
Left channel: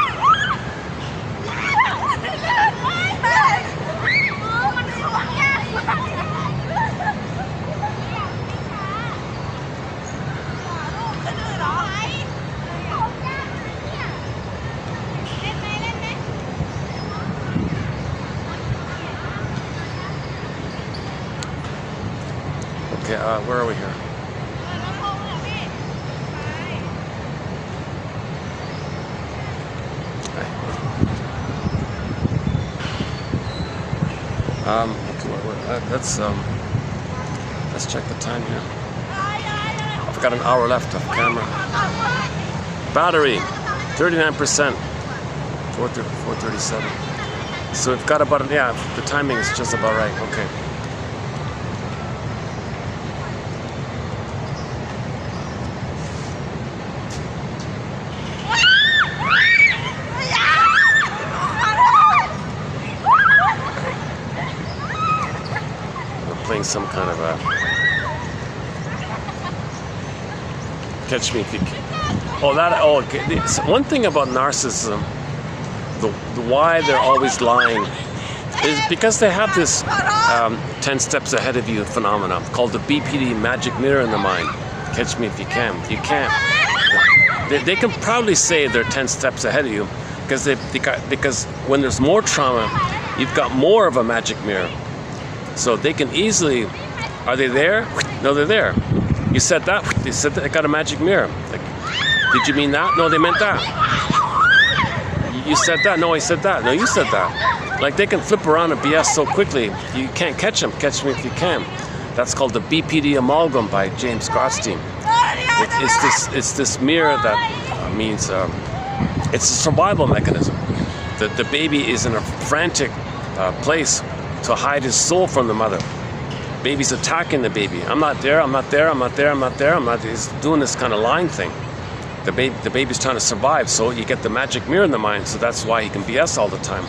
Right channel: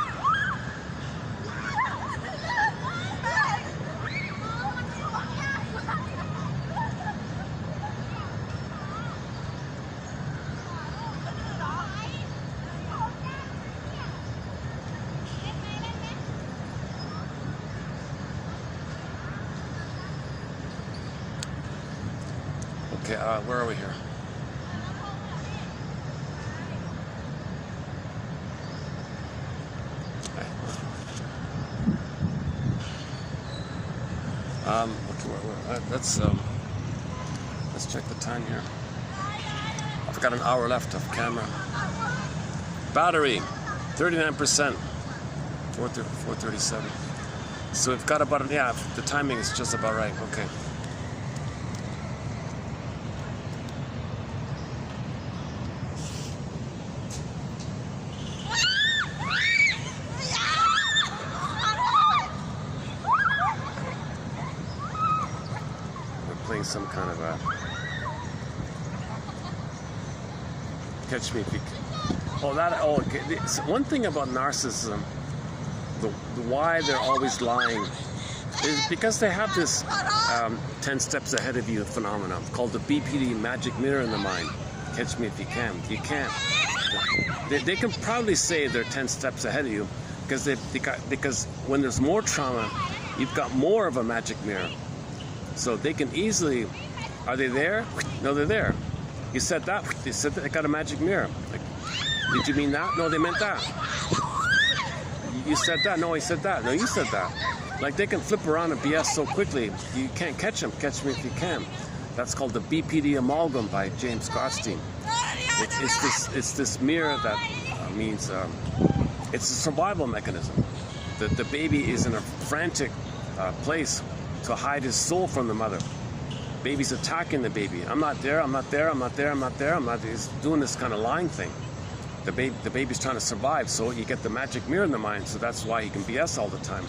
Okay, where are we here? Let's check the time here. I've got an hour left of camera. Battery, 39%, 4:37. So we've got about, yeah, the timing is just about right. Okay. Some kind of a catch me if you can. Okay. One thing about narcissism, the why they're always lying is because they have this 10 steps ahead of you phenomenon called the BPD, magic mirror in the mind. Catch me if you can. You can't. They can proudly say they're 10 steps ahead of you because when there's more trauma, you've got more of a magic mirror. So they can easily, are they there? No, they're there. You said that. They said that. I got a magic mirror. Like, did you mean that? No, they meant that. You said that. No, I said that. No, you said that. Like they can flip around and BS so quickly, you can't catch them. Catch me if you can. That's called the BPD amalgam by James Grotstein. It's this mirror that means it's a survival mechanism. The baby is in a frantic place to hide his soul from the mother. Baby's attacking the baby. I'm not there, I'm not there, I'm not there, I'm not there, I'm not. He's doing this kind of lying thing. The baby's trying to survive, so you get the magic mirror in the mind, so that's why he can BS all the time.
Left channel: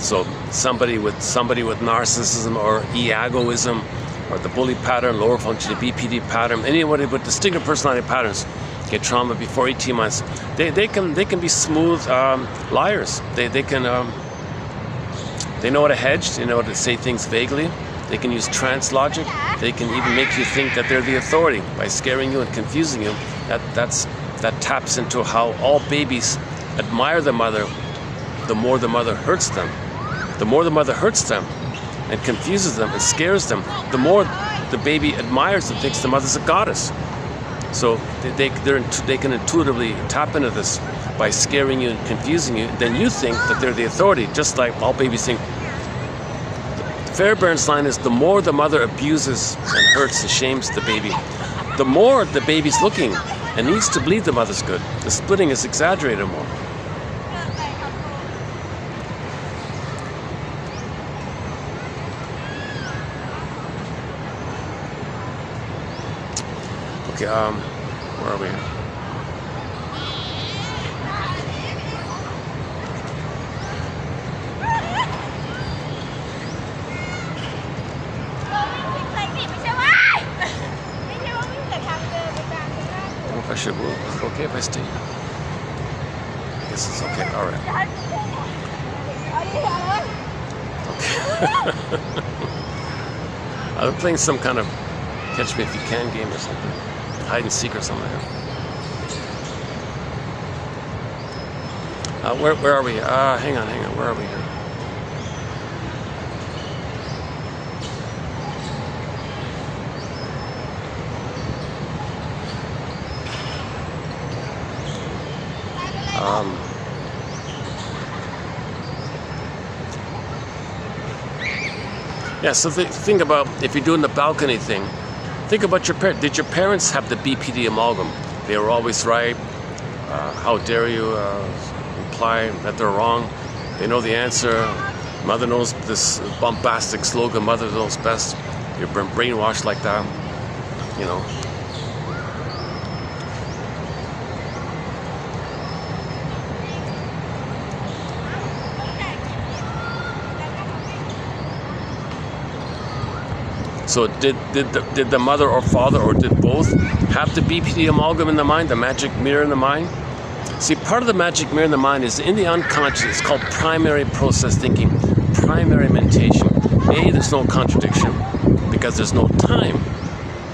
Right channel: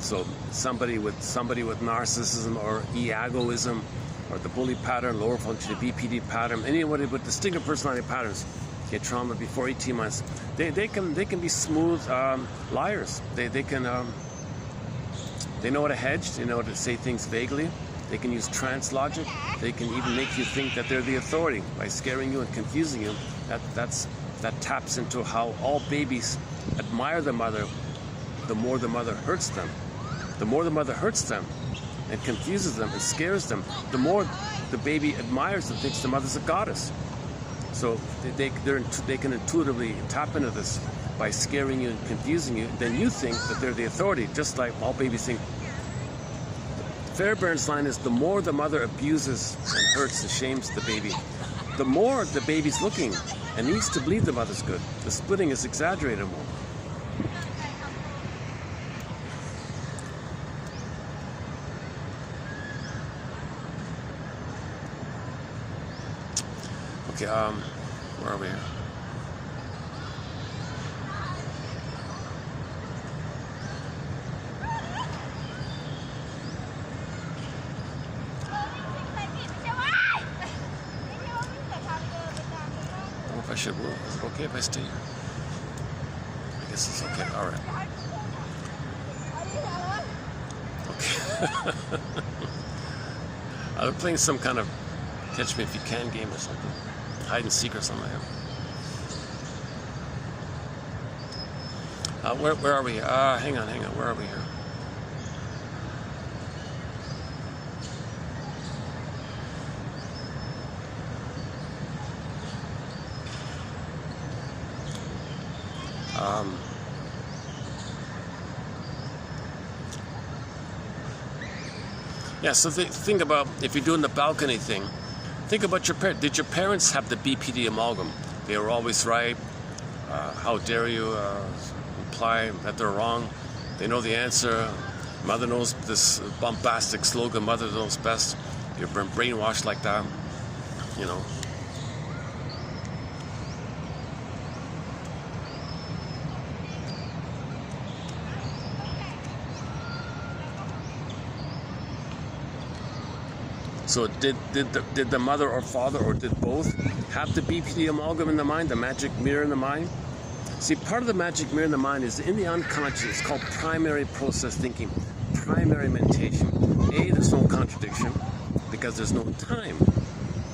So somebody with narcissism or egoism or the bully pattern, lower functioning BPD pattern, anybody with distinctive personality patterns get trauma before 18 months. They can be smooth liars. They know how to hedge, they know how to say things vaguely. They can use trance logic. They can even make you think that they're the authority by scaring you and confusing you. That taps into how all babies admire the mother the more the mother hurts them. The more the mother hurts them and confuses them and scares them, the more the baby admires and thinks the mother's a goddess. So they can intuitively tap into this by scaring you and confusing you. Then you think that they're the authority, just like all babies think. Fairbairn's line is the more the mother abuses and hurts and shames the baby, the more the baby's looking and needs to believe the mother's good. The splitting is exaggerated more. Okay, where are we? I should move. Is it okay if I stay? I guess it's okay. All right. Okay. I'm playing some kind of catch me if you can game or something. Hide and seek or something like that. Where are we? Hang on. Where are we here? Yeah, so think about, if you're doing the balcony thing, think about your parents. Did your parents have the BPD amalgam? They were always right. How dare you imply that they're wrong? They know the answer. Mother knows this bombastic slogan, mother knows best. You're brainwashed like that, you know. So did the mother or father, or did both, have the BPD amalgam in the mind, the magic mirror in the mind? See, part of the magic mirror in the mind is in the unconscious. It's called primary process thinking, primary mentation. A, there's no contradiction because there's no time.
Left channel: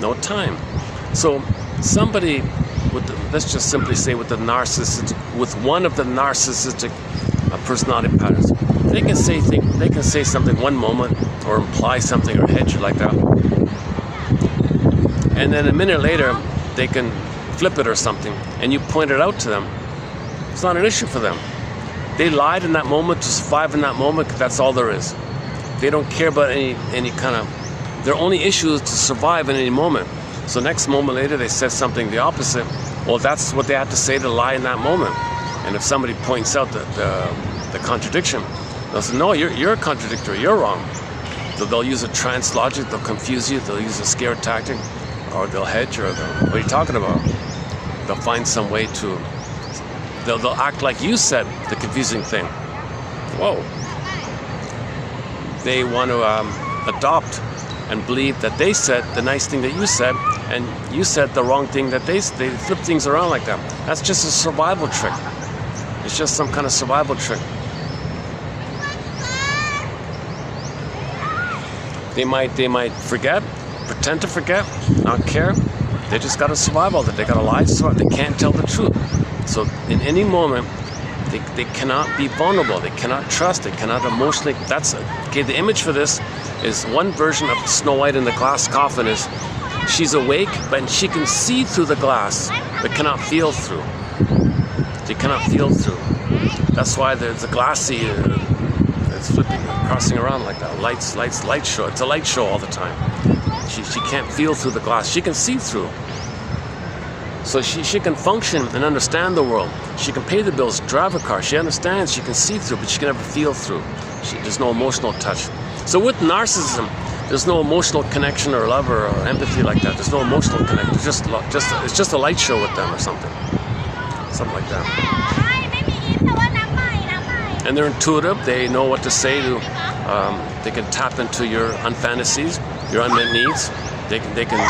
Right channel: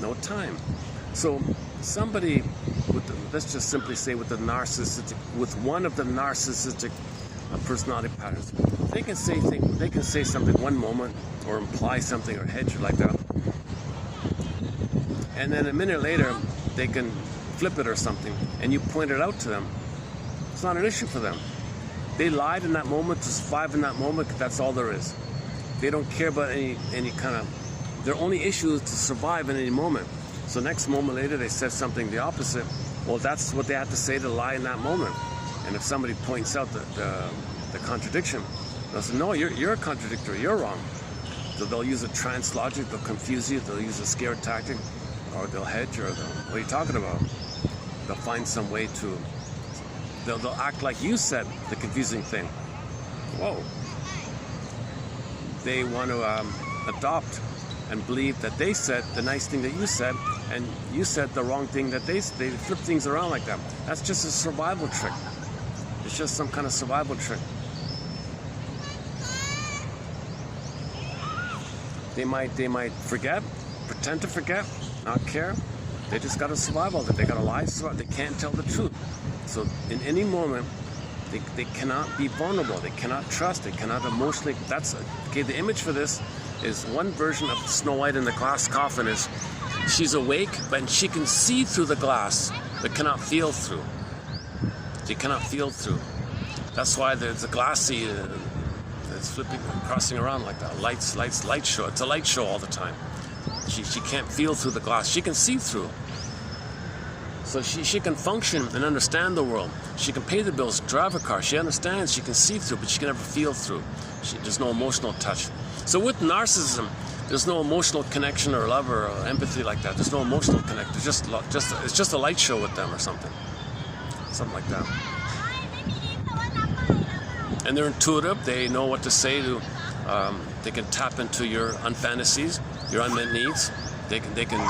No time. So somebody with, let's just simply say with the narcissistic, with one of the narcissistic personality patterns, they can say things, they can say something one moment or imply something or hedge like that. And then a minute later, they can flip it or something, and you point it out to them. It's not an issue for them. They lied in that moment to survive in that moment. That's all there is. They don't care about any kind of. Their only issue is to survive in any moment. So next moment later, they said something the opposite. Well, that's what they had to say to lie in that moment. And if somebody points out the contradiction, they'll say, "No, you're a contradictory. You're wrong." So they'll use a trance logic. They'll confuse you. They'll use a scare tactic, or they'll hedge, or what are you talking about? They'll find some way to. They'll act like you said the confusing thing. Whoa. They want to adopt and believe that they said the nice thing that you said, and you said the wrong thing that they flip things around like that. That's just a survival trick. It's just some kind of survival trick. They might forget, pretend to forget, not care. They just got to survive all that. They got to lie to survive. They can't tell the truth. So in any moment, they cannot be vulnerable. They cannot trust. They cannot emotionally. That's it. Okay. The image for this is one version of Snow White in the glass coffin. Is she's awake, but she can see through the glass, but cannot feel through. She cannot feel through. That's why there's a glassy. It's flipping, crossing around like that. Light show. It's a light show all the time. She can't feel through the glass. She can see through. So she can function and understand the world. She can pay the bills, drive a car. She understands, she can see through, but she can never feel through. There's no emotional touch. So with narcissism, there's no emotional connection or love or empathy like that. There's no emotional connection. It's just a light show with them or something. Something like that. And they're intuitive. They know what to say to. They can tap into your unfantasies, your unmet needs. They can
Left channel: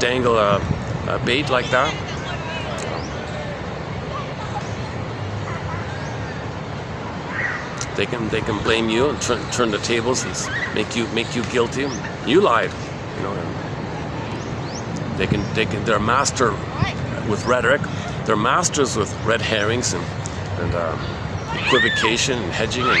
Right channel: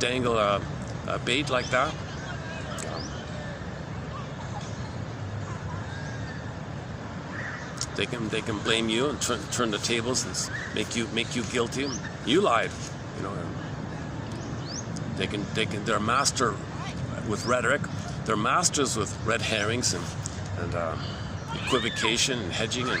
dangle a bait like that. They can blame you and turn the tables and make you guilty. You lied, you know. They're master with rhetoric. They're masters with red herrings and equivocation and hedging and.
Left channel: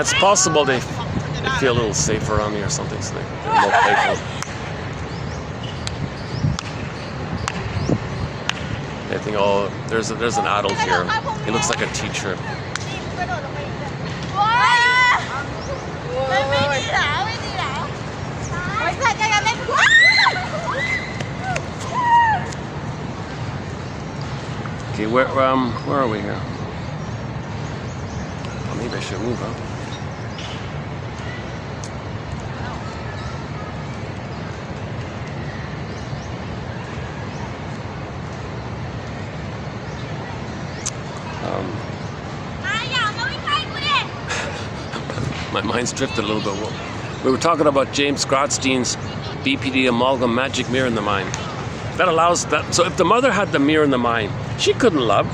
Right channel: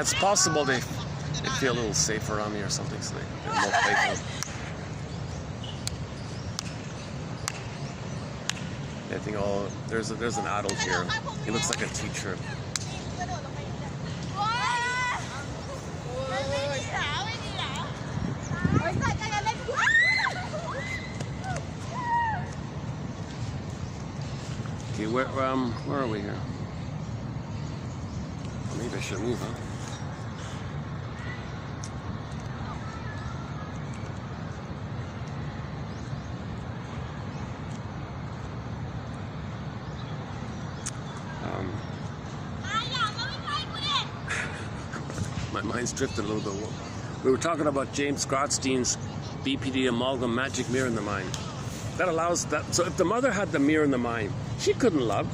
It's possible they feel a little safer around me or something, so they're more playful. They think, oh, there's an adult here. He looks like a teacher. Okay, where are we here? Well, maybe I should move, huh? My mind's drifted a little bit. We were talking about James Grotstein's BPD amalgam magic mirror in the mind. That allows that. So if the mother had the mirror in the mind, she couldn't love.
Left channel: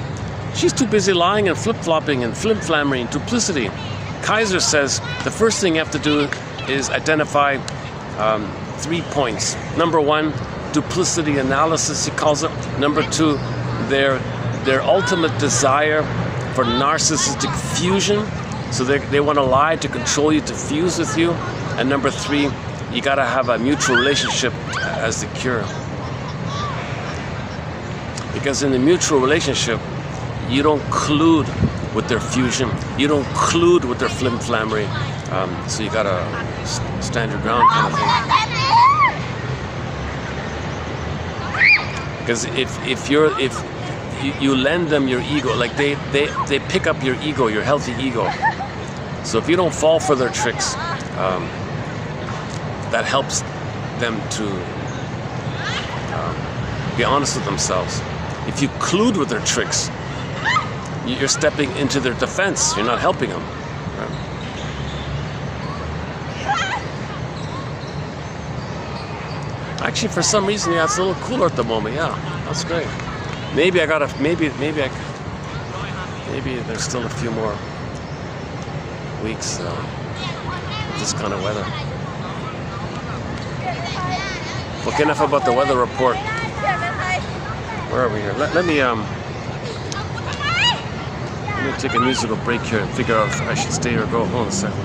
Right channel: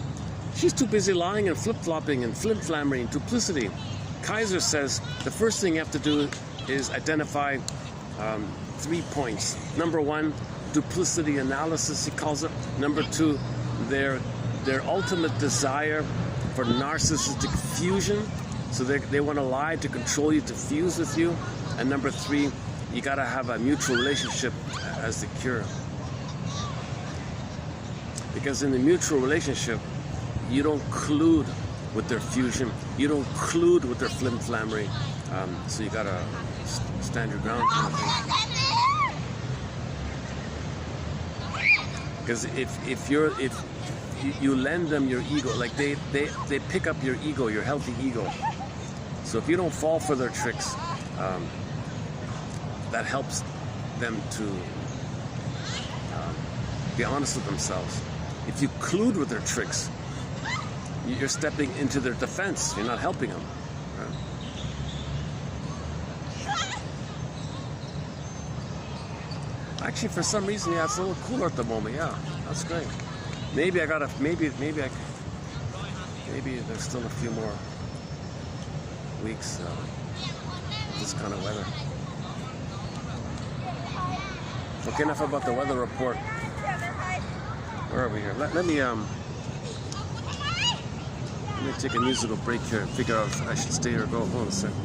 She's too busy lying and flip-flopping and flim-flammery and duplicity. Kaiser says the first thing you have to do is identify 3 points. Number 1, duplicity analysis, he calls it. Number 2, their ultimate desire for narcissistic fusion. So they want to lie to control you, to fuse with you. And number 3, you got to have a mutual relationship as the cure. Because in the mutual relationship, you don't collude with their fusion. You don't collude with their flim-flammery. So you got to stand your ground kind of thing. Because if you lend them your ego, like they pick up your ego, your healthy ego. So if you don't fall for their tricks, that helps them to be honest with themselves. If you collude with their tricks, you're stepping into their defense. You're not helping them. Actually, for some reason, yeah, it's a little cooler at the moment. Yeah, that's great. Maybe I gotta. Maybe there's still a few more weeks of this kind of weather. Okay, enough about the weather report. Where are we here? Let me take a musical break here and figure out if I should stay or go. Hold on a second.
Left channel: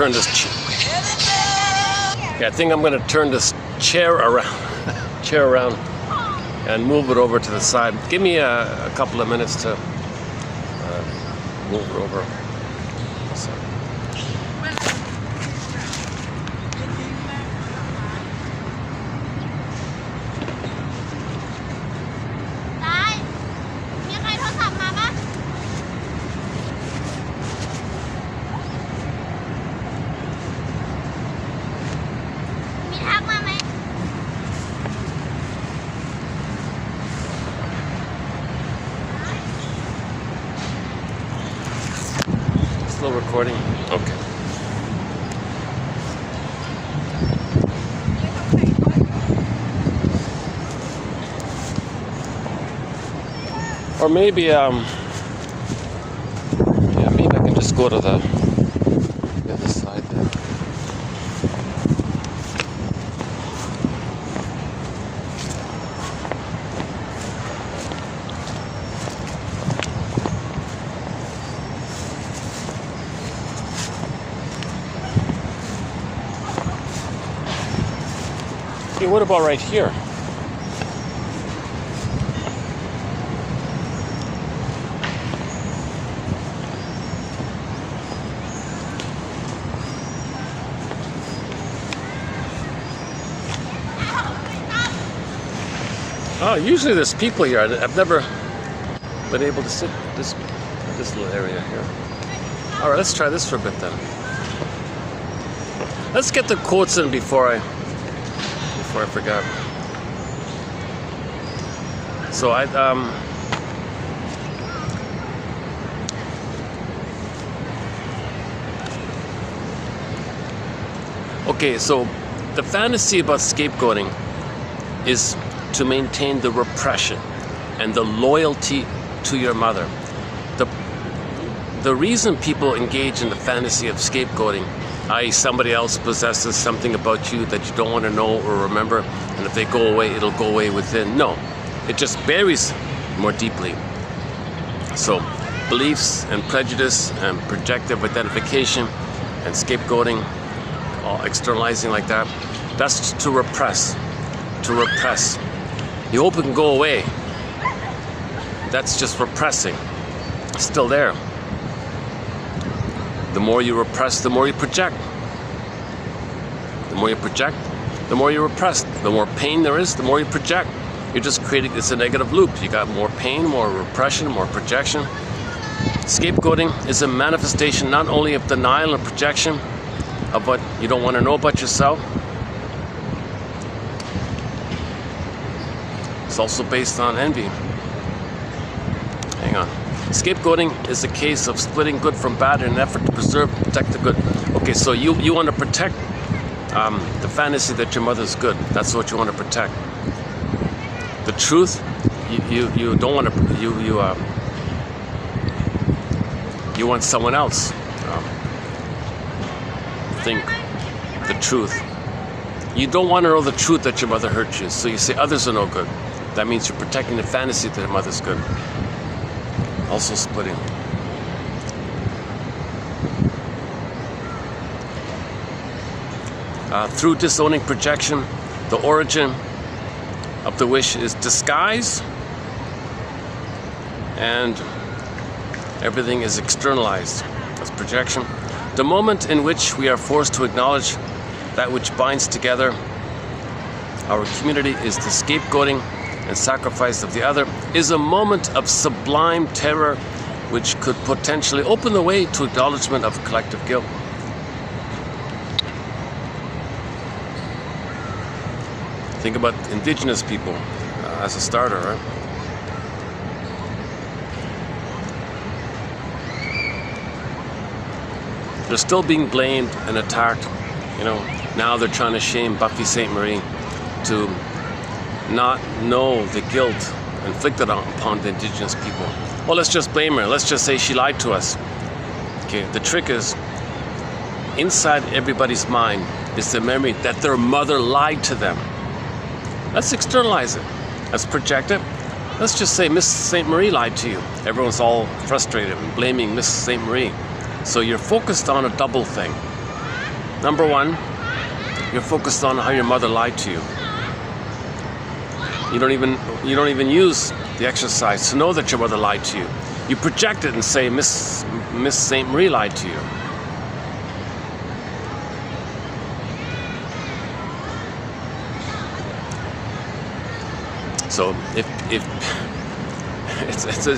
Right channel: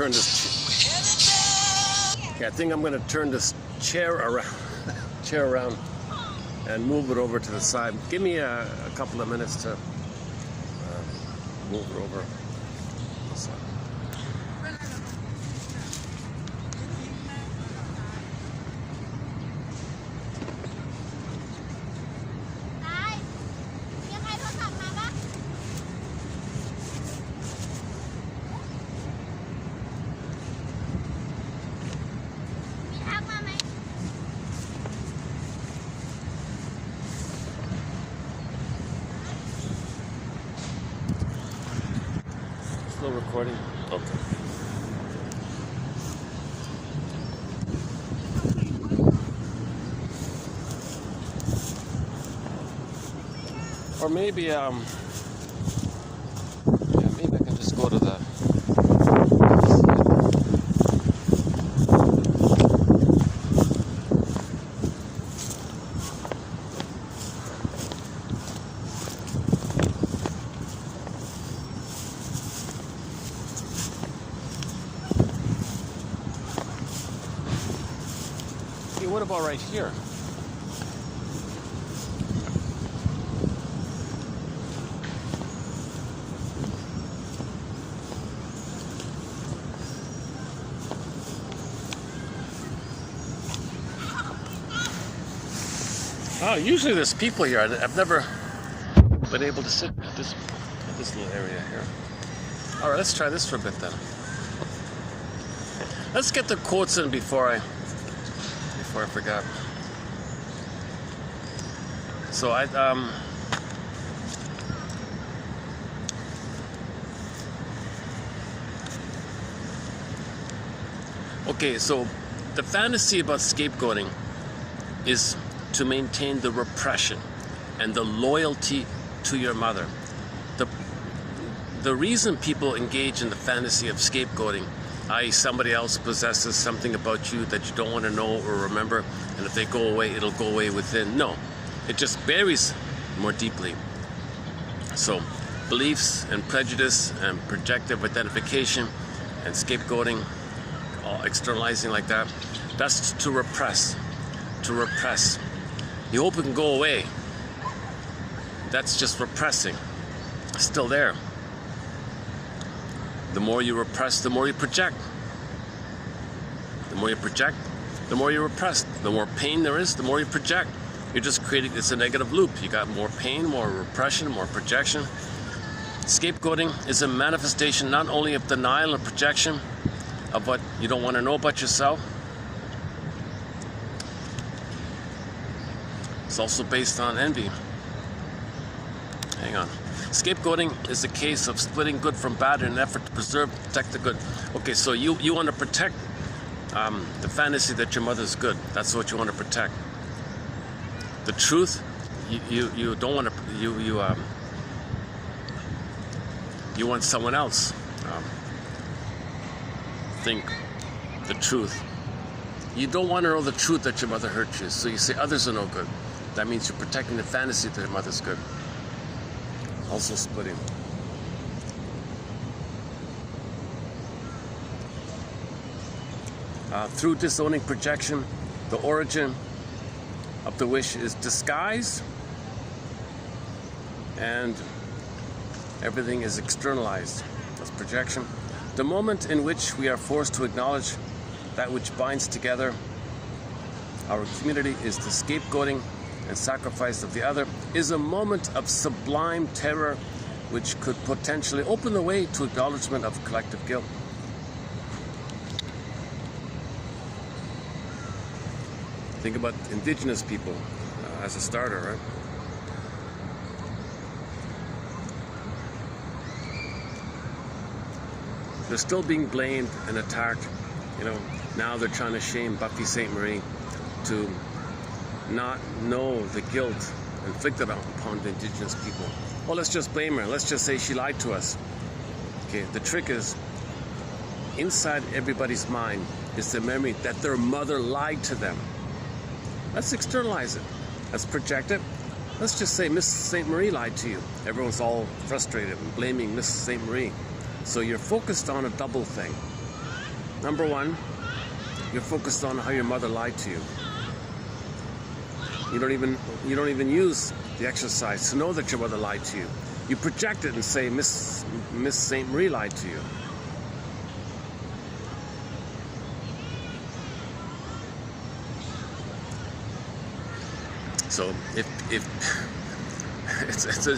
turn this. Yeah, I think I'm gonna turn this chair around, and move it over to the side. Give me a couple of minutes to move it over. Still recording? Okay. Or maybe, yeah, maybe I can just go to the other side there. Okay, what about right here? Oh, usually there's people here. I've never been able to sit this little area here. All right, let's try this for a bit then. Let's get the quotes in before I forgot. So okay, so the fantasy about scapegoating is to maintain the repression and the loyalty to your mother. The reason people engage in the fantasy of scapegoating, i.e. somebody else possesses something about you that you don't want to know or remember, and if they go away, it'll go away within. No, it just buries more deeply. So beliefs and prejudice and projective identification and scapegoating, externalizing like that, that's to repress. You hope it can go away. That's just repressing. It's still there. The more you repress, the more you project. The more you project, the more you repress. The more pain there is, the more you project. You're just creating, it's a negative loop. You got more pain, more repression, more projection. Scapegoating is a manifestation not only of denial and projection of what you don't want to know about yourself. It's also based on envy. Hang on. Scapegoating is a case of splitting good from bad in an effort to preserve and protect the good. Okay, so you want to protect the fantasy that your mother's good. That's what you want to protect. The truth, you don't want to. You want someone else think the truth. You don't want to know the truth that your mother hurt you, so you say others are no good. That means you're protecting the fantasy that your mother's good. Also splitting. Through disowning projection, the origin of the wish is disguise, and everything is externalized. That's projection. The moment in which we are forced to acknowledge that which binds together our community is the scapegoating and sacrifice of the other, is a moment of sublime terror which could potentially open the way to acknowledgement of collective guilt. Think about indigenous people as a starter, right? They're still being blamed and attacked. You know, now they're trying to shame Buffy St. Marie to not know the guilt inflicted upon the indigenous people. Well, let's just blame her. Let's just say she lied to us. Okay, the trick is, inside everybody's mind is the memory that their mother lied to them. Let's externalize it. Let's project it. Let's just say Miss St. Marie lied to you. Everyone's all frustrated and blaming Miss St. Marie. So you're focused on a double thing. Number one, you're focused on how your mother lied to you. You don't even use the exercise to know that your mother lied to you. You project it and say, Miss St. Marie lied to you. So if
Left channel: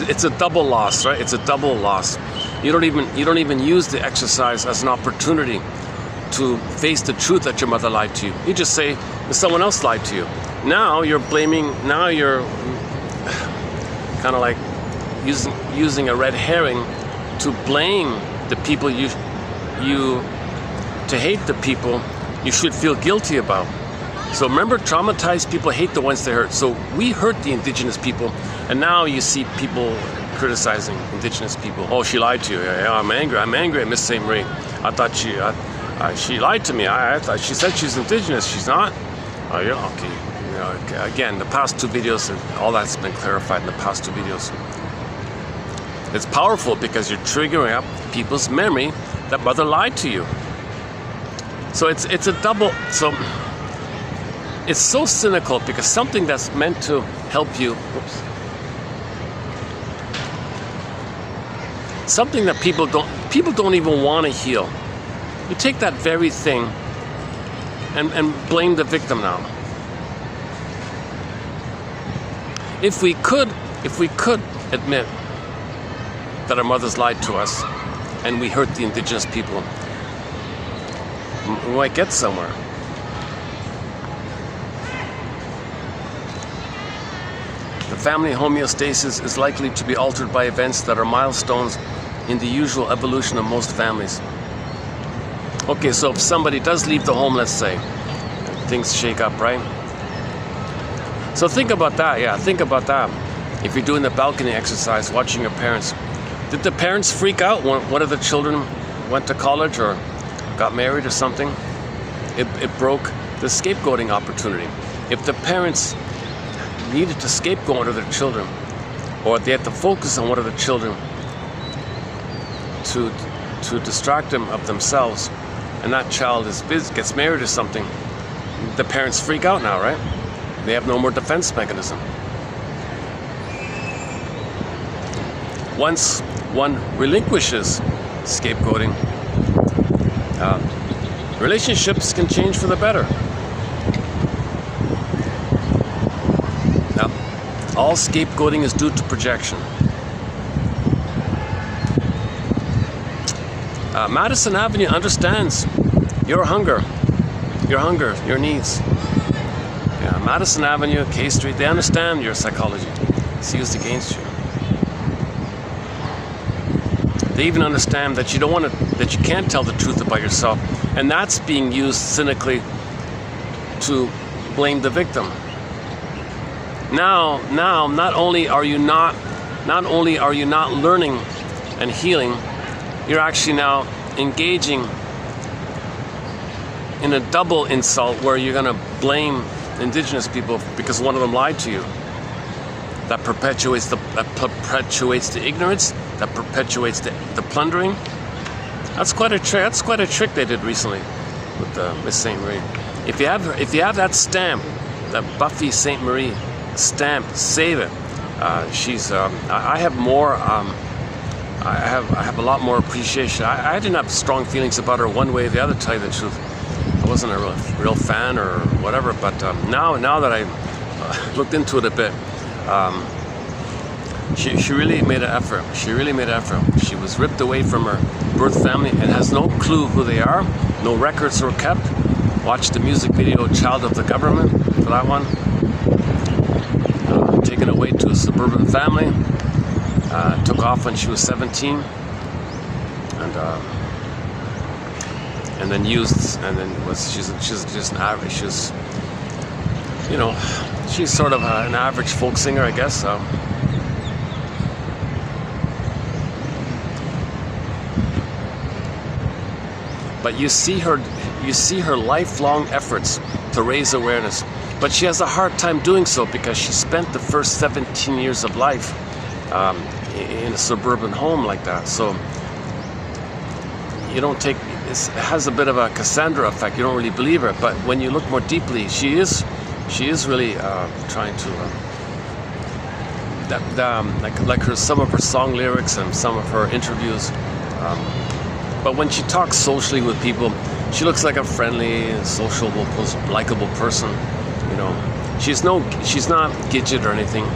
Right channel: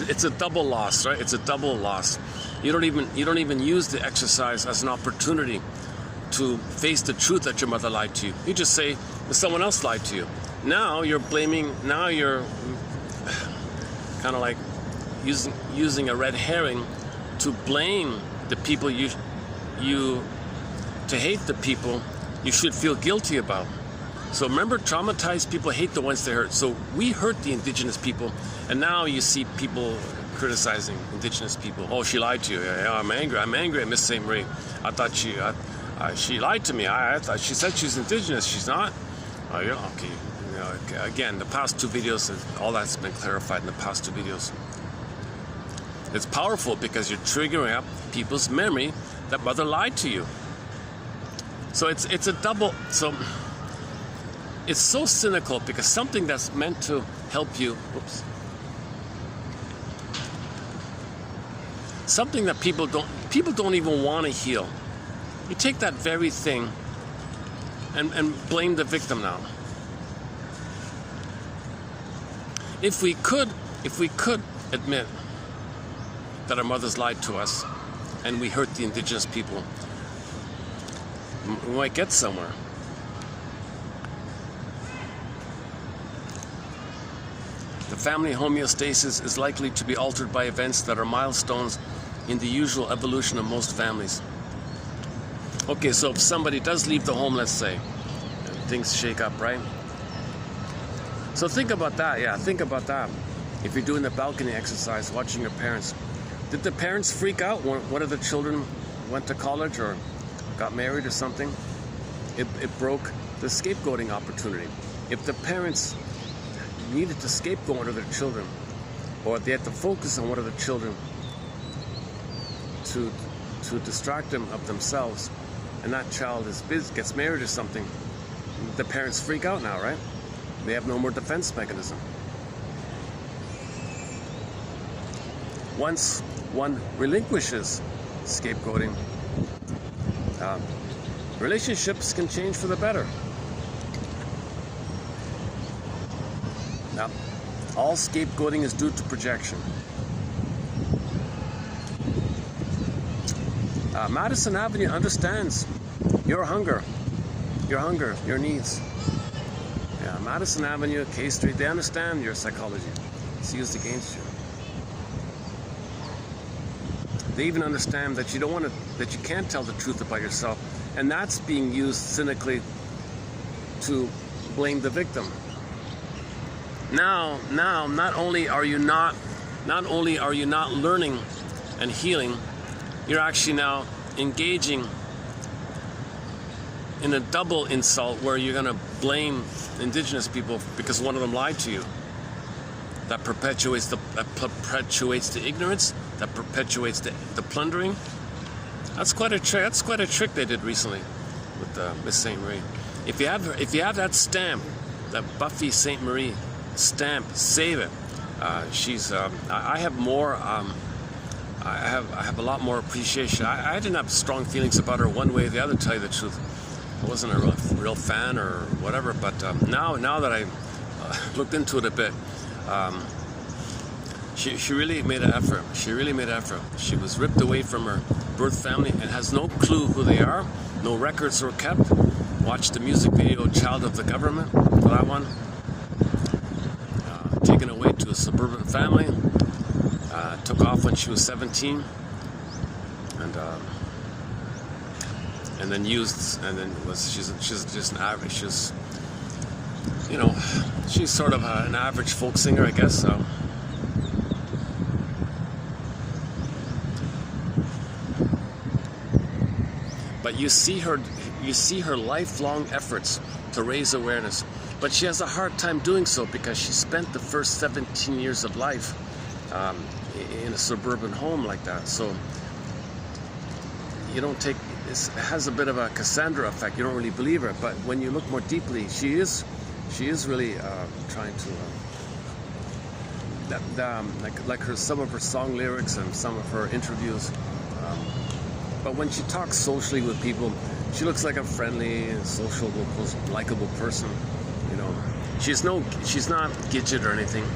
it's a double loss, right? It's a double loss. You don't even use the exercise as an opportunity to face the truth that your mother lied to you. You just say someone else lied to you. Now you're blaming. Now you're kind of like using a red herring to blame the people to hate the people you should feel guilty about. So remember, traumatized people hate the ones they hurt. So we hurt the indigenous people, and now you see people criticizing indigenous people. Oh, she lied to you. Yeah, I'm angry at Miss St. Marie. I thought she lied to me. I thought she said she's indigenous. She's not. Oh, yeah, okay. You know, okay. Again, the past two videos, all that's been clarified in the past two videos. It's powerful because you're triggering up people's memory that mother lied to you. So it's a double. So it's so cynical because something that's meant to help you. Oops. Something that people don't even want to heal. You take that very thing and blame the victim now. If we could admit that our mothers lied to us and we hurt the indigenous people, we might get somewhere. The family homeostasis is likely to be altered by events that are milestones in the usual evolution of most families. Okay, so if somebody does leave the home, let's say, things shake up, right? So think about that, yeah, think about that. If you're doing the balcony exercise, watching your parents, did the parents freak out when one of the children went to college or got married or something? It broke the scapegoating opportunity. If the parents needed to scapegoat one of their children, or they had to focus on one of the children to distract them of themselves, and that child gets married or something, the parents freak out now, right? They have no more defense mechanism. Once one relinquishes scapegoating, relationships can change for the better. Now, all scapegoating is due to projection. Madison Avenue understands your hunger, your needs. Yeah, Madison Avenue, K Street, they understand your psychology. It's used against you. They even understand that that you can't tell the truth about yourself, and that's being used cynically to blame the victim. Now, not only are you not learning and healing, you're actually now engaging in a double insult where you're going to blame indigenous people because one of them lied to you. That perpetuates the ignorance, that perpetuates the plundering. That's quite a trick. That's quite a trick they did recently with Miss St. Marie. If you have that stamp, that Buffy St. Marie stamp, save it. I have more. I have a lot more appreciation. I didn't have strong feelings about her one way or the other, to tell you the truth. I wasn't a real fan or whatever, but now that I looked into it a bit, she really made an effort. She really made an effort. She was ripped away from her birth family and has no clue who they are. No records were kept. Watched the music video "Child of the Government" for that one. Taken away to a suburban family. Took off when she was 17, and then she's just an average. She's sort of an average folk singer, I guess. But you see her lifelong efforts to raise awareness, but she has a hard time doing so because she spent the first 17 years of life in a suburban home like that. So has a bit of a Cassandra effect. You don't really believe her, but when you look more deeply, she is really trying to like some of her song lyrics and some of her interviews. But when she talks socially with people, she looks like a friendly, sociable, likable person. You know, she's not gidget or anything.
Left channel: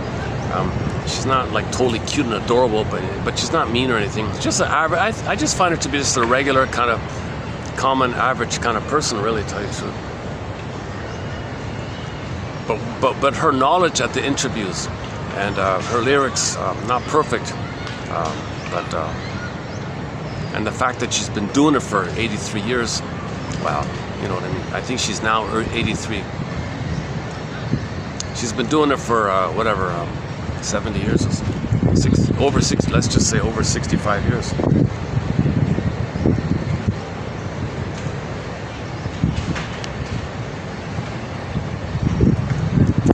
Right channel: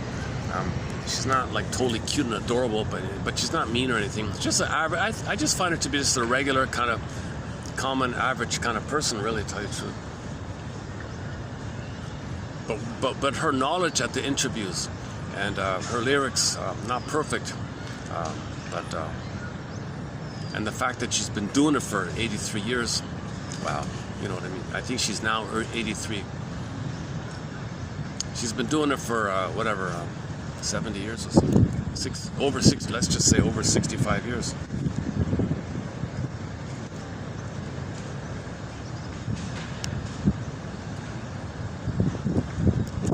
She's not like totally cute and adorable, but she's not mean or anything. Just an average. I just find her to be just a regular kind of common, average kind of person, really, to tell you the truth. But her knowledge at the interviews and her lyrics, not perfect, and the fact that she's been doing it for 83 years, wow, you know what I mean? I think she's now 83. She's been doing it for 70 years or so. Over 60, let's just say over 65 years.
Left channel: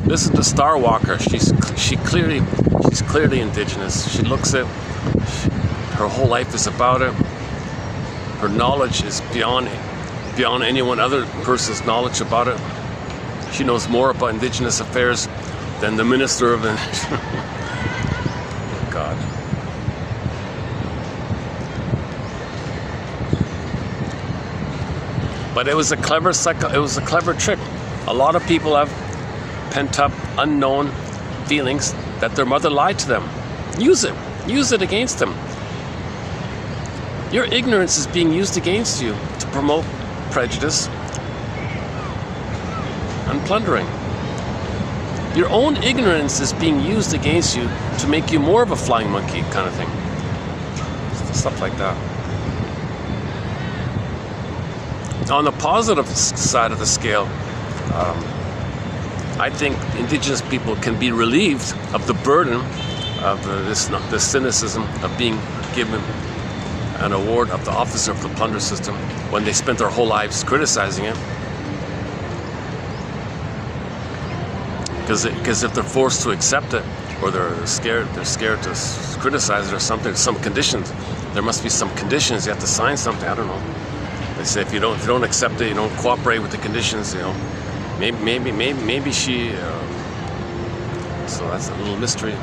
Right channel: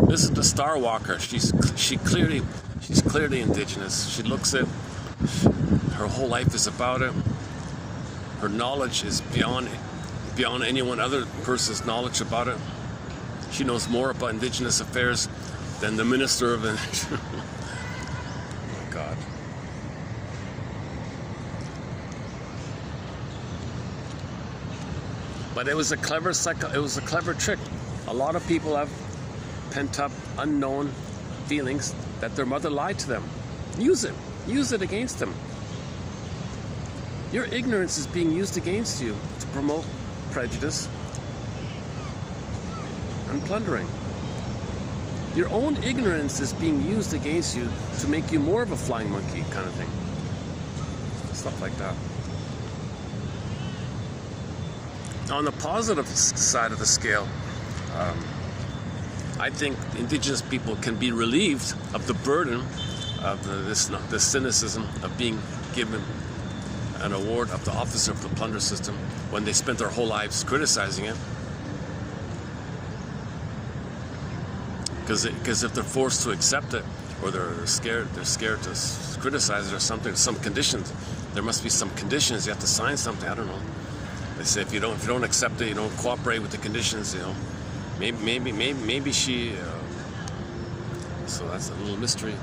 This is the Star Walker. She's clearly indigenous. She looks it. Her whole life is about it. Her knowledge is beyond anyone other person's knowledge about it. She knows more about indigenous affairs than the minister of oh God. But it was a clever trick. A lot of people have pent up, unknown feelings that their mother lied to them. Use it against them. Your ignorance is being used against you to promote prejudice and plundering. Your own ignorance is being used against you to make you more of a flying monkey kind of thing. Stuff like that. On the positive side of the scale, I think indigenous people can be relieved of the burden of the cynicism of being given an award of the officer of the plunder system when they spent their whole lives criticizing it. Because if they're forced to accept it, or they're scared to criticize it or something, some conditions. There must be some conditions. You have to sign something. I don't know. They say if you don't accept it, you don't cooperate with the conditions. You know, maybe she. So that's a little mystery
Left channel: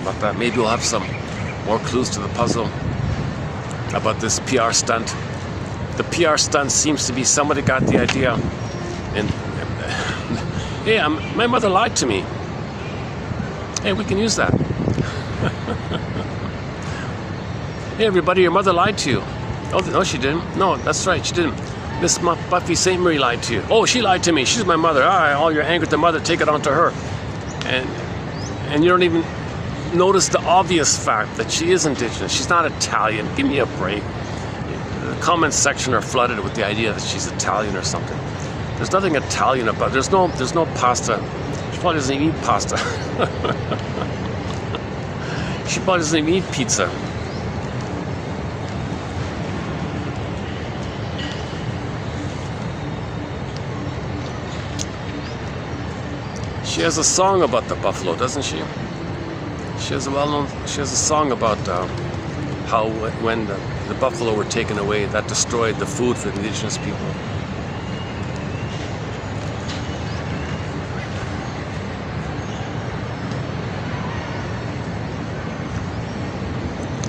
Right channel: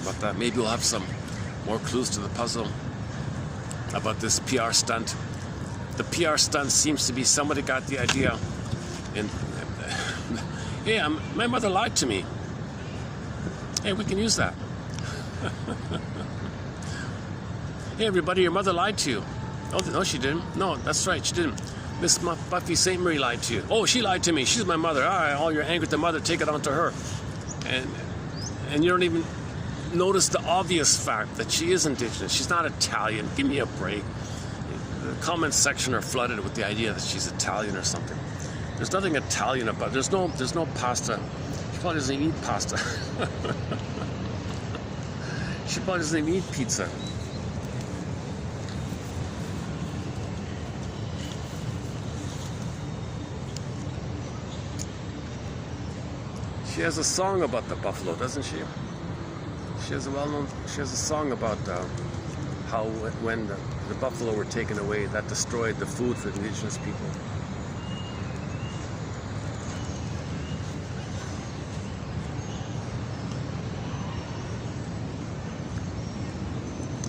about that. Maybe we'll have some more clues to the puzzle about this PR stunt. The PR stunt seems to be somebody got the idea, and hey, my mother lied to me. Hey, we can use that. Hey, everybody, your mother lied to you. Oh, no, she didn't. No, that's right, she didn't. Miss Buffy St. Marie lied to you. Oh, she lied to me. She's my mother. All right, all your anger at the mother, take it on to her. And you don't even notice the obvious fact that she is indigenous. She's not Italian. Give me a break. The comments section are flooded with the idea that she's Italian or something. There's nothing Italian about it. There's no pasta. She probably doesn't even eat pasta. She probably doesn't even eat pizza. She has a song about the buffalo, doesn't she? She has a song about how when the buffalo were taken away, that destroyed the food for the indigenous people.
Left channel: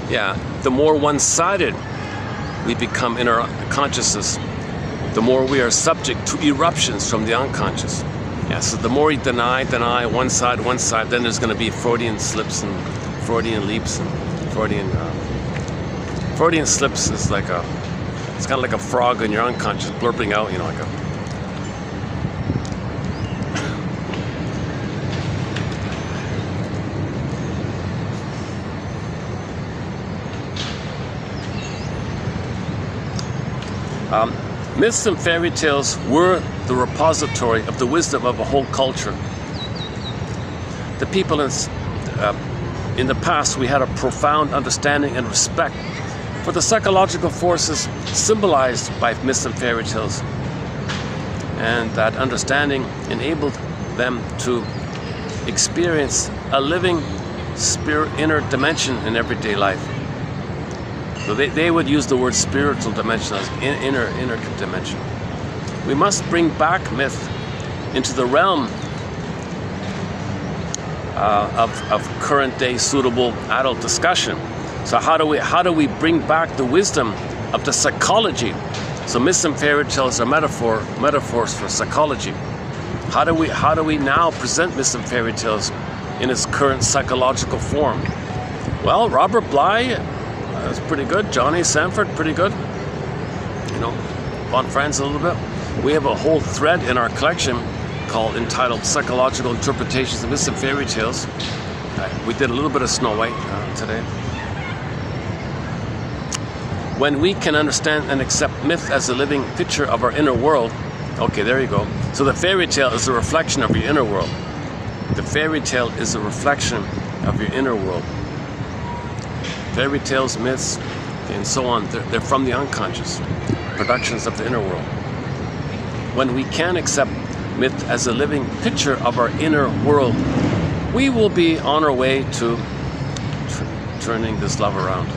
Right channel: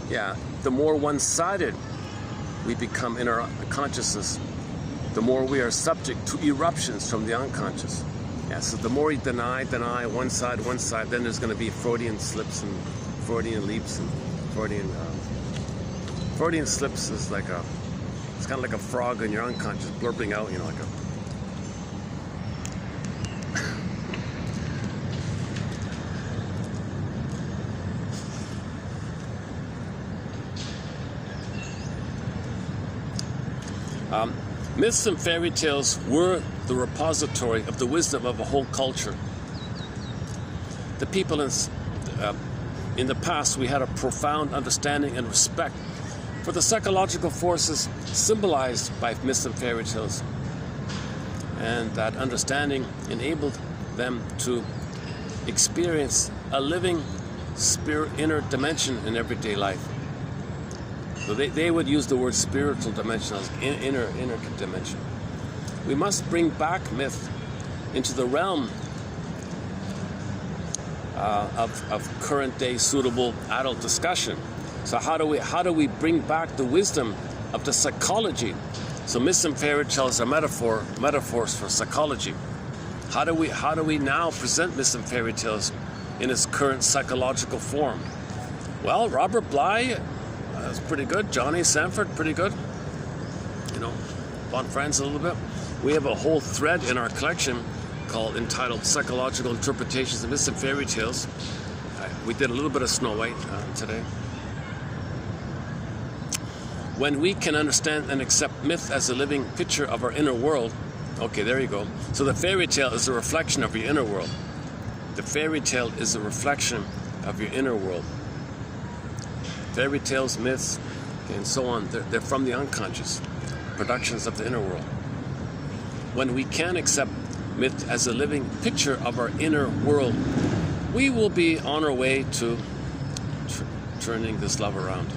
Yeah, the more one-sided we become in our consciousness, the more we are subject to eruptions from the unconscious. Yeah, so the more you deny, one side, then there's going to be Freudian slips and Freudian leaps and Freudian slips is like it's kind of like a frog in your unconscious blurping out, you know, like a. Myths and fairy tales were the repository of the wisdom of a whole culture. The people in the past, we had a profound understanding and respect for the psychological forces symbolized by myths and fairy tales. And that understanding enabled them to experience a living spirit inner dimension in everyday life. So they would use the word spiritual dimension as inner dimension. We must bring back myth into the realm of current day suitable adult discussion. So how do we bring back the wisdom of the psychology? So myths and fairy tales are metaphors for psychology. How do we now present myths and fairy tales in its current psychological form? Well, Robert Bly, that's pretty good. Johnny Sanford, pretty good. You know, Von Franz a little bit. We have a whole thread in our collection entitled Psychological Interpretations of Myths and Fairy Tales. We did a little bit of Snow White today. When we can understand and accept myth as a living picture of our inner world. Okay, there you go. So the fairy tale is a reflection of your inner world. The fairy tale is a reflection of your inner world. Fairy tales, myths, and so on, they're from the unconscious, productions of the inner world. When we can accept myth as a living picture of our inner world, we will be on our way to turning this love around.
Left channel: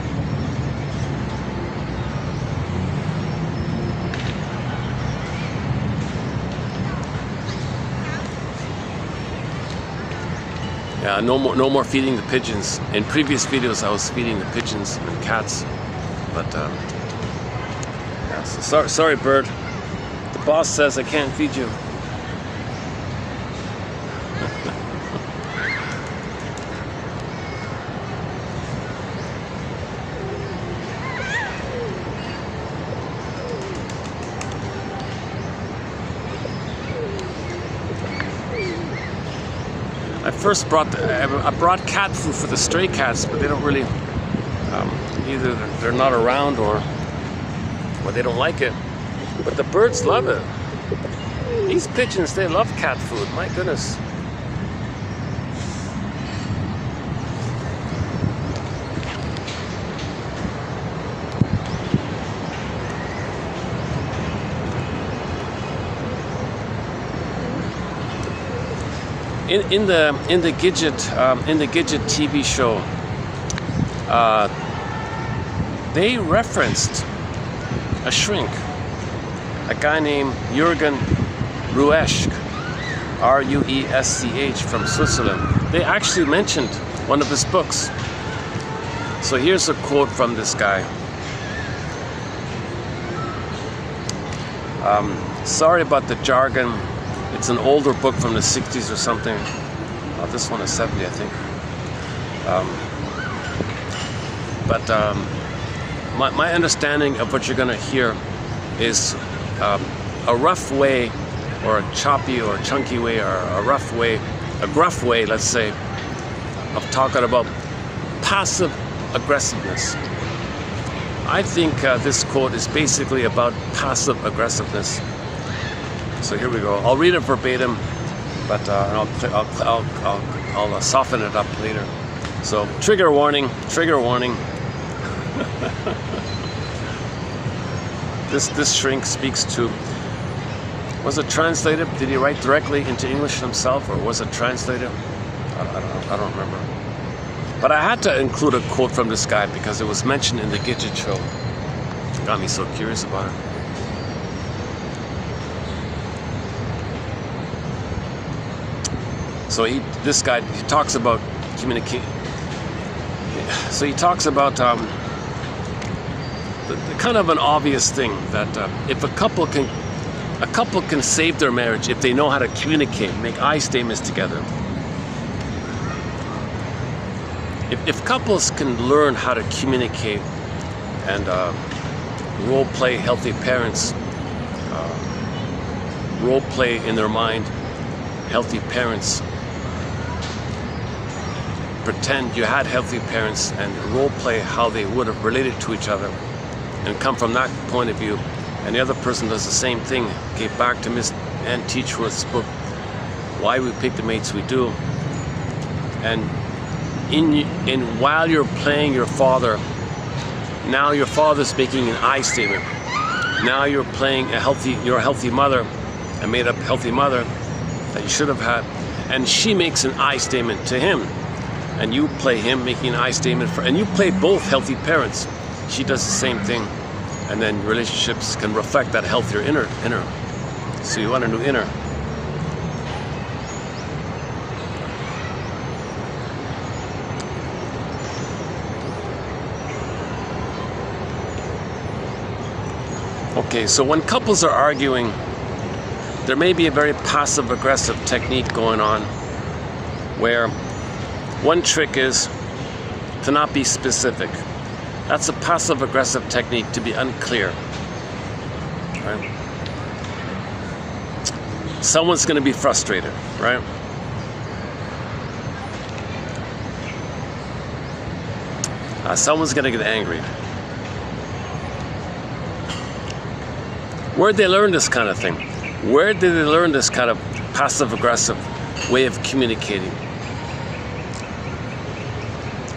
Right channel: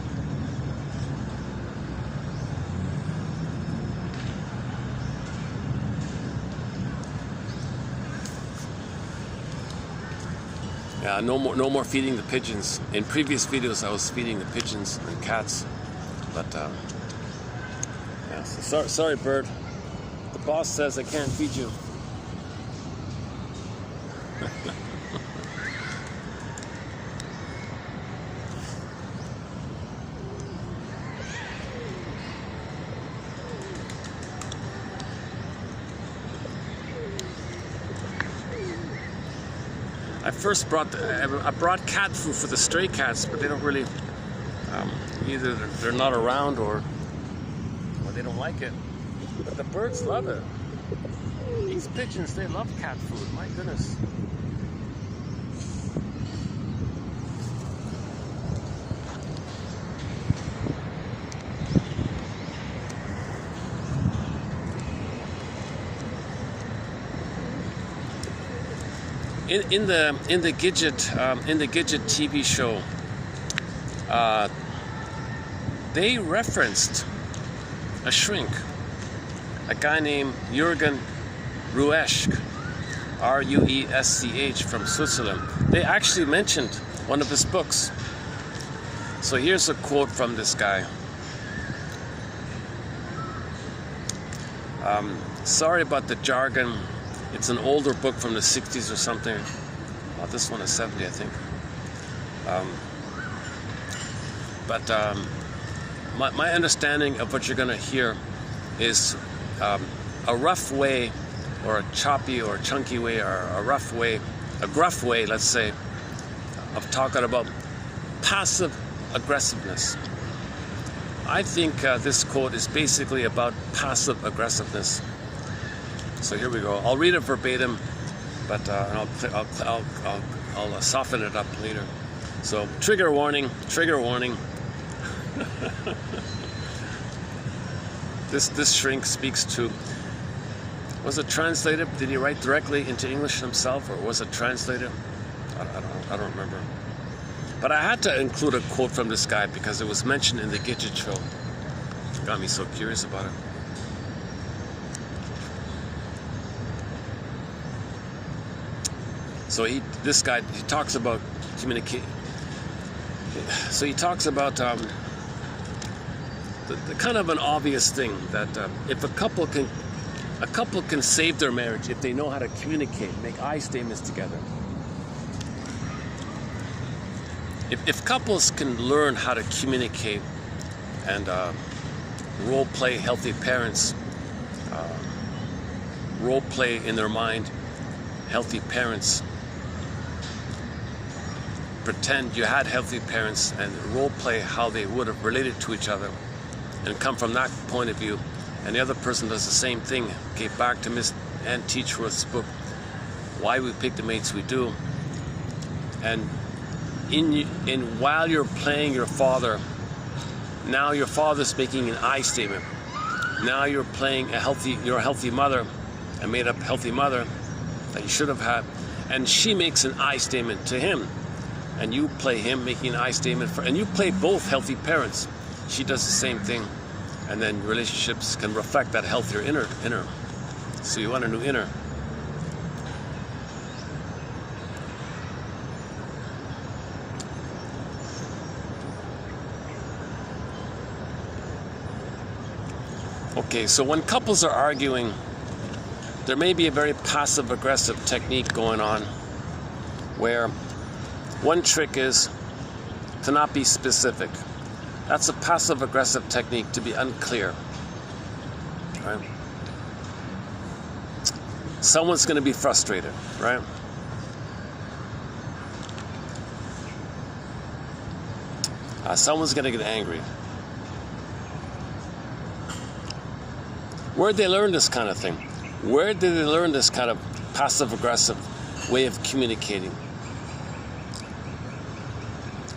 Yeah, no more feeding the pigeons. In previous videos, I was feeding the pigeons and cats, but yeah. So sorry, bird. The boss says I can't feed you. I brought cat food for the stray cats, but they don't really either they're not around or they don't like it. But the birds love it. These pigeons, they love cat food. My goodness. In the Gidget TV show, they referenced a shrink, a guy named Jürgen Ruesch, R-U-E-S-C-H, from Switzerland. They actually mentioned one of his books. So here's a quote from this guy. Sorry about the jargon. It's an older book from the 60s or something. This one is 70, I think. My understanding of what you're going to hear is a rough way, or a choppy or chunky way, or a rough way, a gruff way, let's say, of talking about passive aggressiveness. I think this quote is basically about passive aggressiveness. So here we go. I'll read it verbatim, but I'll soften it up later. So trigger warning, trigger warning. This shrink speaks to. Was it translated? Did he write directly into English himself, or was it translated? I don't remember. But I had to include a quote from this guy because it was mentioned in the Gidget show. It got me so curious about it. So this guy talks about communication. So he talks about the kind of an obvious thing that if a couple can save their marriage if they know how to communicate, make I statements together. If couples can learn how to communicate and role play healthy parents, role play in their mind healthy parents. Pretend you had healthy parents and role play how they would have related to each other and come from that point of view, and the other person does the same thing. Okay, back to Miss Ann Teachworth's book, Why We Pick the Mates We Do. And while you're playing your father, now your father's making an I statement. Now you're playing you're a healthy mother, a made up healthy mother that you should have had, and she makes an I statement to him. And you play him making an I statement and you play both healthy parents. she does the same thing, and then relationships can reflect that healthier inner. So you want a new inner. Okay, so when couples are arguing, there may be a very passive-aggressive technique going on, where one trick is to not be specific. That's a passive-aggressive technique, to be unclear. Right? Someone's going to be frustrated, right? Someone's going to get angry. Where'd they learn this kind of thing? Where did they learn this kind of passive-aggressive way of communicating?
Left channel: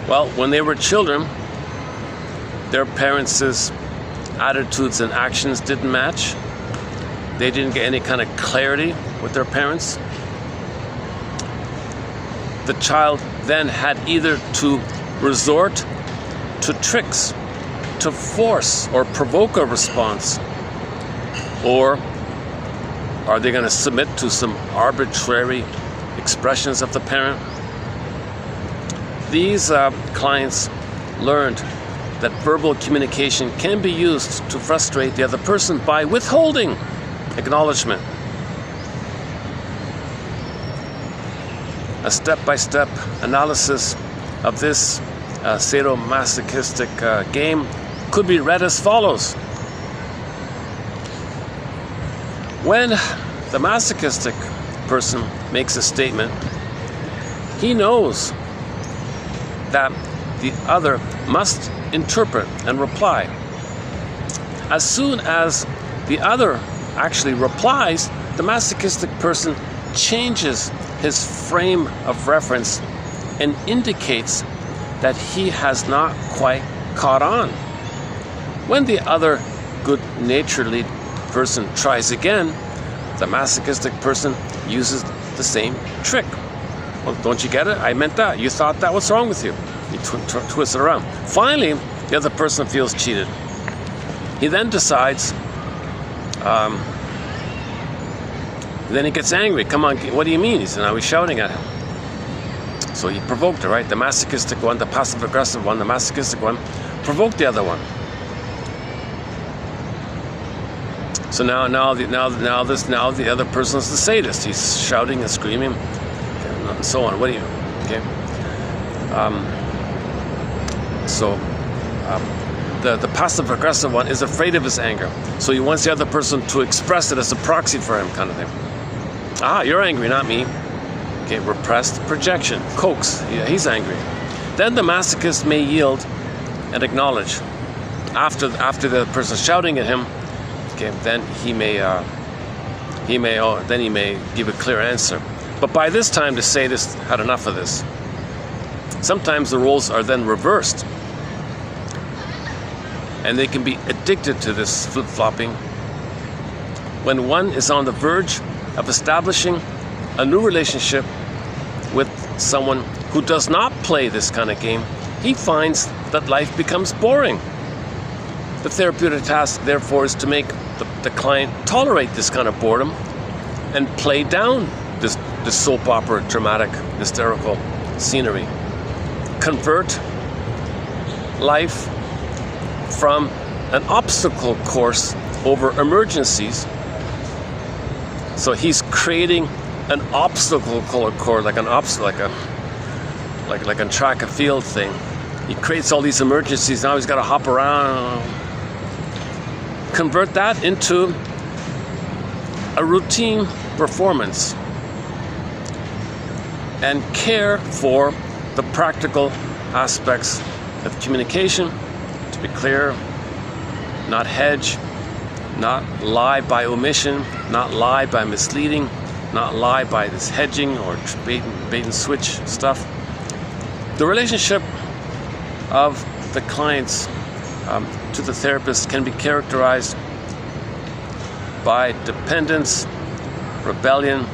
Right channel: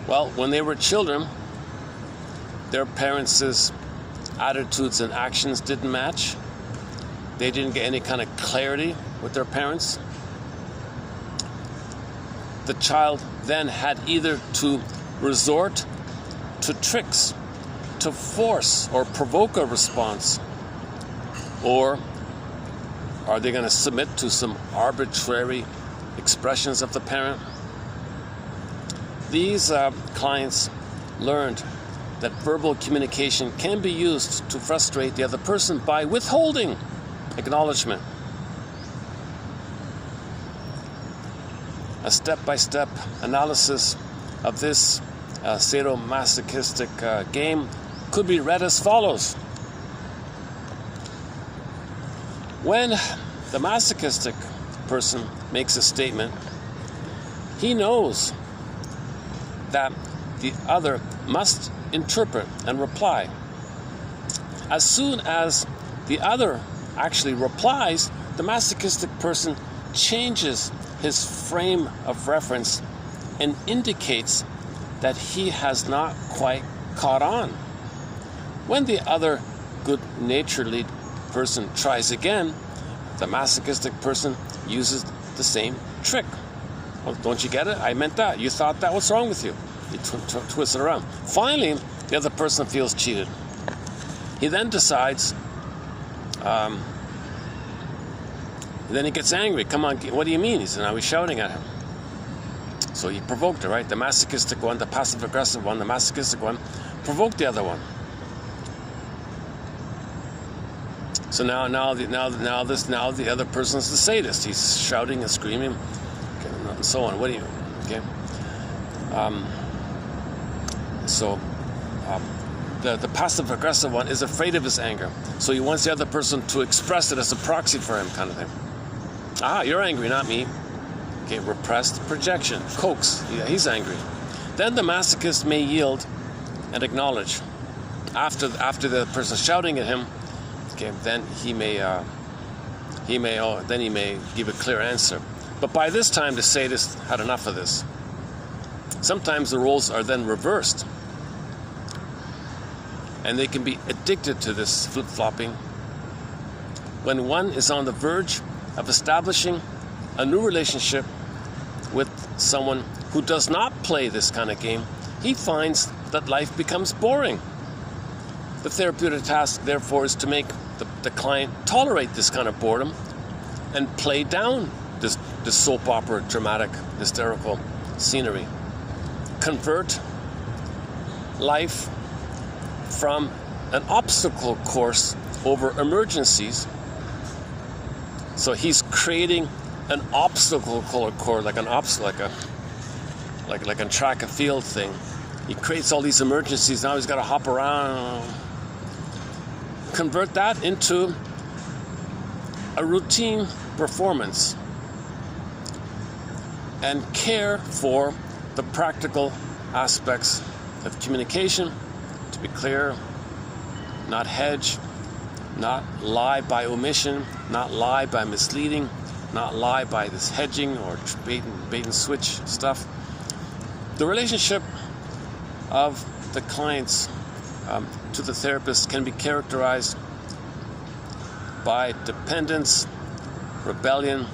Well, when they were children, their parents' attitudes and actions didn't match. They didn't get any kind of clarity with their parents. The child then had either to resort to tricks to force or provoke a response, or are they going to submit to some arbitrary expressions of the parent? These clients learned that verbal communication can be used to frustrate the other person by withholding acknowledgement. A step-by-step analysis of this sadomasochistic game could be read as follows. When the masochistic person makes a statement, he knows that the other must interpret and reply. As soon as the other actually replies, the masochistic person changes his frame of reference and indicates that he has not quite caught on. When the other good-naturedly person tries again, the masochistic person uses the same trick. Well, don't you get it? I meant that. You thought that. What's wrong with you? You twist it around. Finally, the other person feels cheated. He then decides, then he gets angry. Come on, what do you mean? He said, now he's shouting at him. So he provoked her, right? The masochistic one, the passive-aggressive one, the masochistic one, provoked the other one. So now the other person is the sadist. He's shouting and screaming, and so on. What do you? Okay. The passive-aggressive one is afraid of his anger, so he wants the other person to express it as a proxy for him, kind of thing. Ah, you're angry, not me. Okay, repressed projection, coax. Yeah, he's angry. Then the masochist may yield and acknowledge. After the person shouting at him. Okay, then he may give a clear answer. But by this time, the sadist had enough of this. Sometimes the roles are then reversed, and they can be addicted to this flip-flopping. When one is on the verge of establishing a new relationship with someone who does not play this kind of game, he finds that life becomes boring. The therapeutic task, therefore, is to make the client tolerate this kind of boredom and play down this soap opera, dramatic, hysterical scenery. Convert life from an obstacle course over emergencies. So he's creating an obstacle course, like a track and field thing. He creates all these emergencies. Now he's got to hop around. Convert that into a routine performance and care for the practical aspects of communication. To be clear, not hedge, not lie by omission, not lie by misleading, not lie by this hedging or bait and switch stuff. The relationship of the clients to the therapist can be characterized by dependence, rebellion,